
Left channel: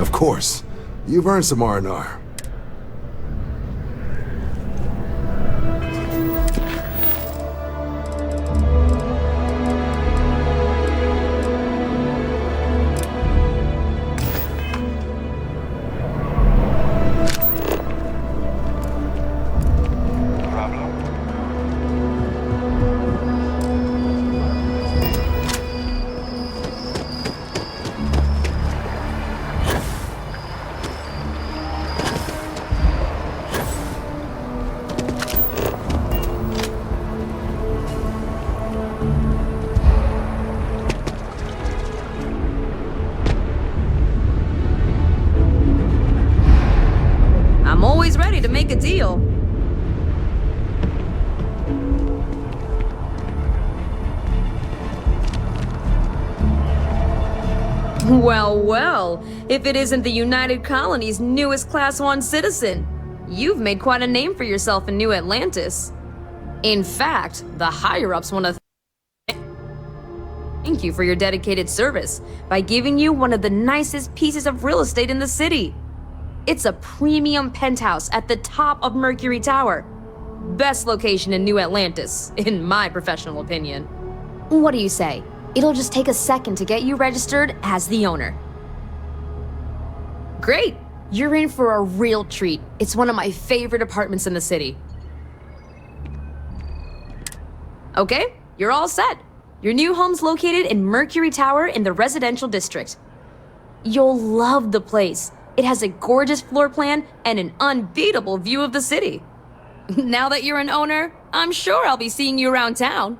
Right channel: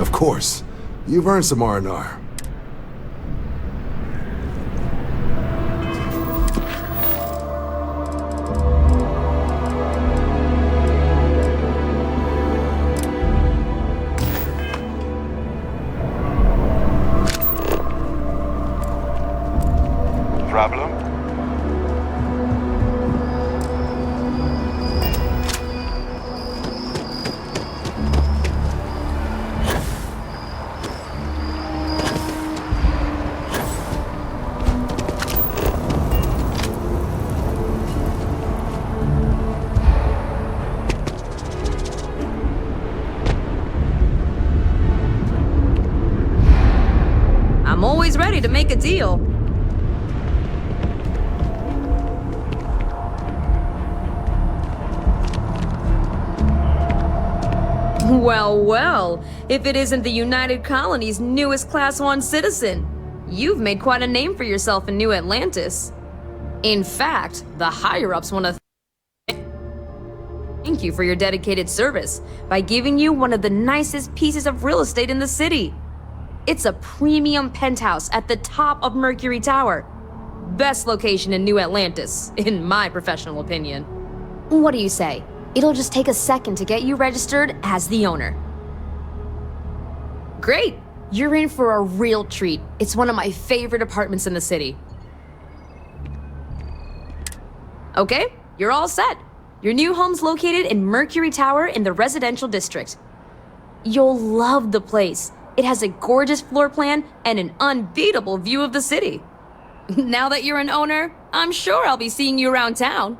Of course. You've earned some R&R. Problem? I'm always ready to make a deal. Well, well, if it isn't the United Colony's newest Class 1 citizen, you've made quite a name for yourself in New Atlantis. In fact, the higher-ups want to thank you for your dedicated service by giving you one of the nicest pieces of real estate in the city. It's a premium penthouse at the top of Mercury Tower. Best location in New Atlantis, in my professional opinion. What do you say? It'll just take a second to get you registered as the owner. Great! You're in for a real treat. It's one of my favorite apartments in the city. Okay, you're all set. Your new home's located in Mercury Tower in the residential district. You'll love the place. It has a gorgeous floor plan and an unbeatable view of the city. Now that you're an owner, I'm sure I'll be seeing you around town.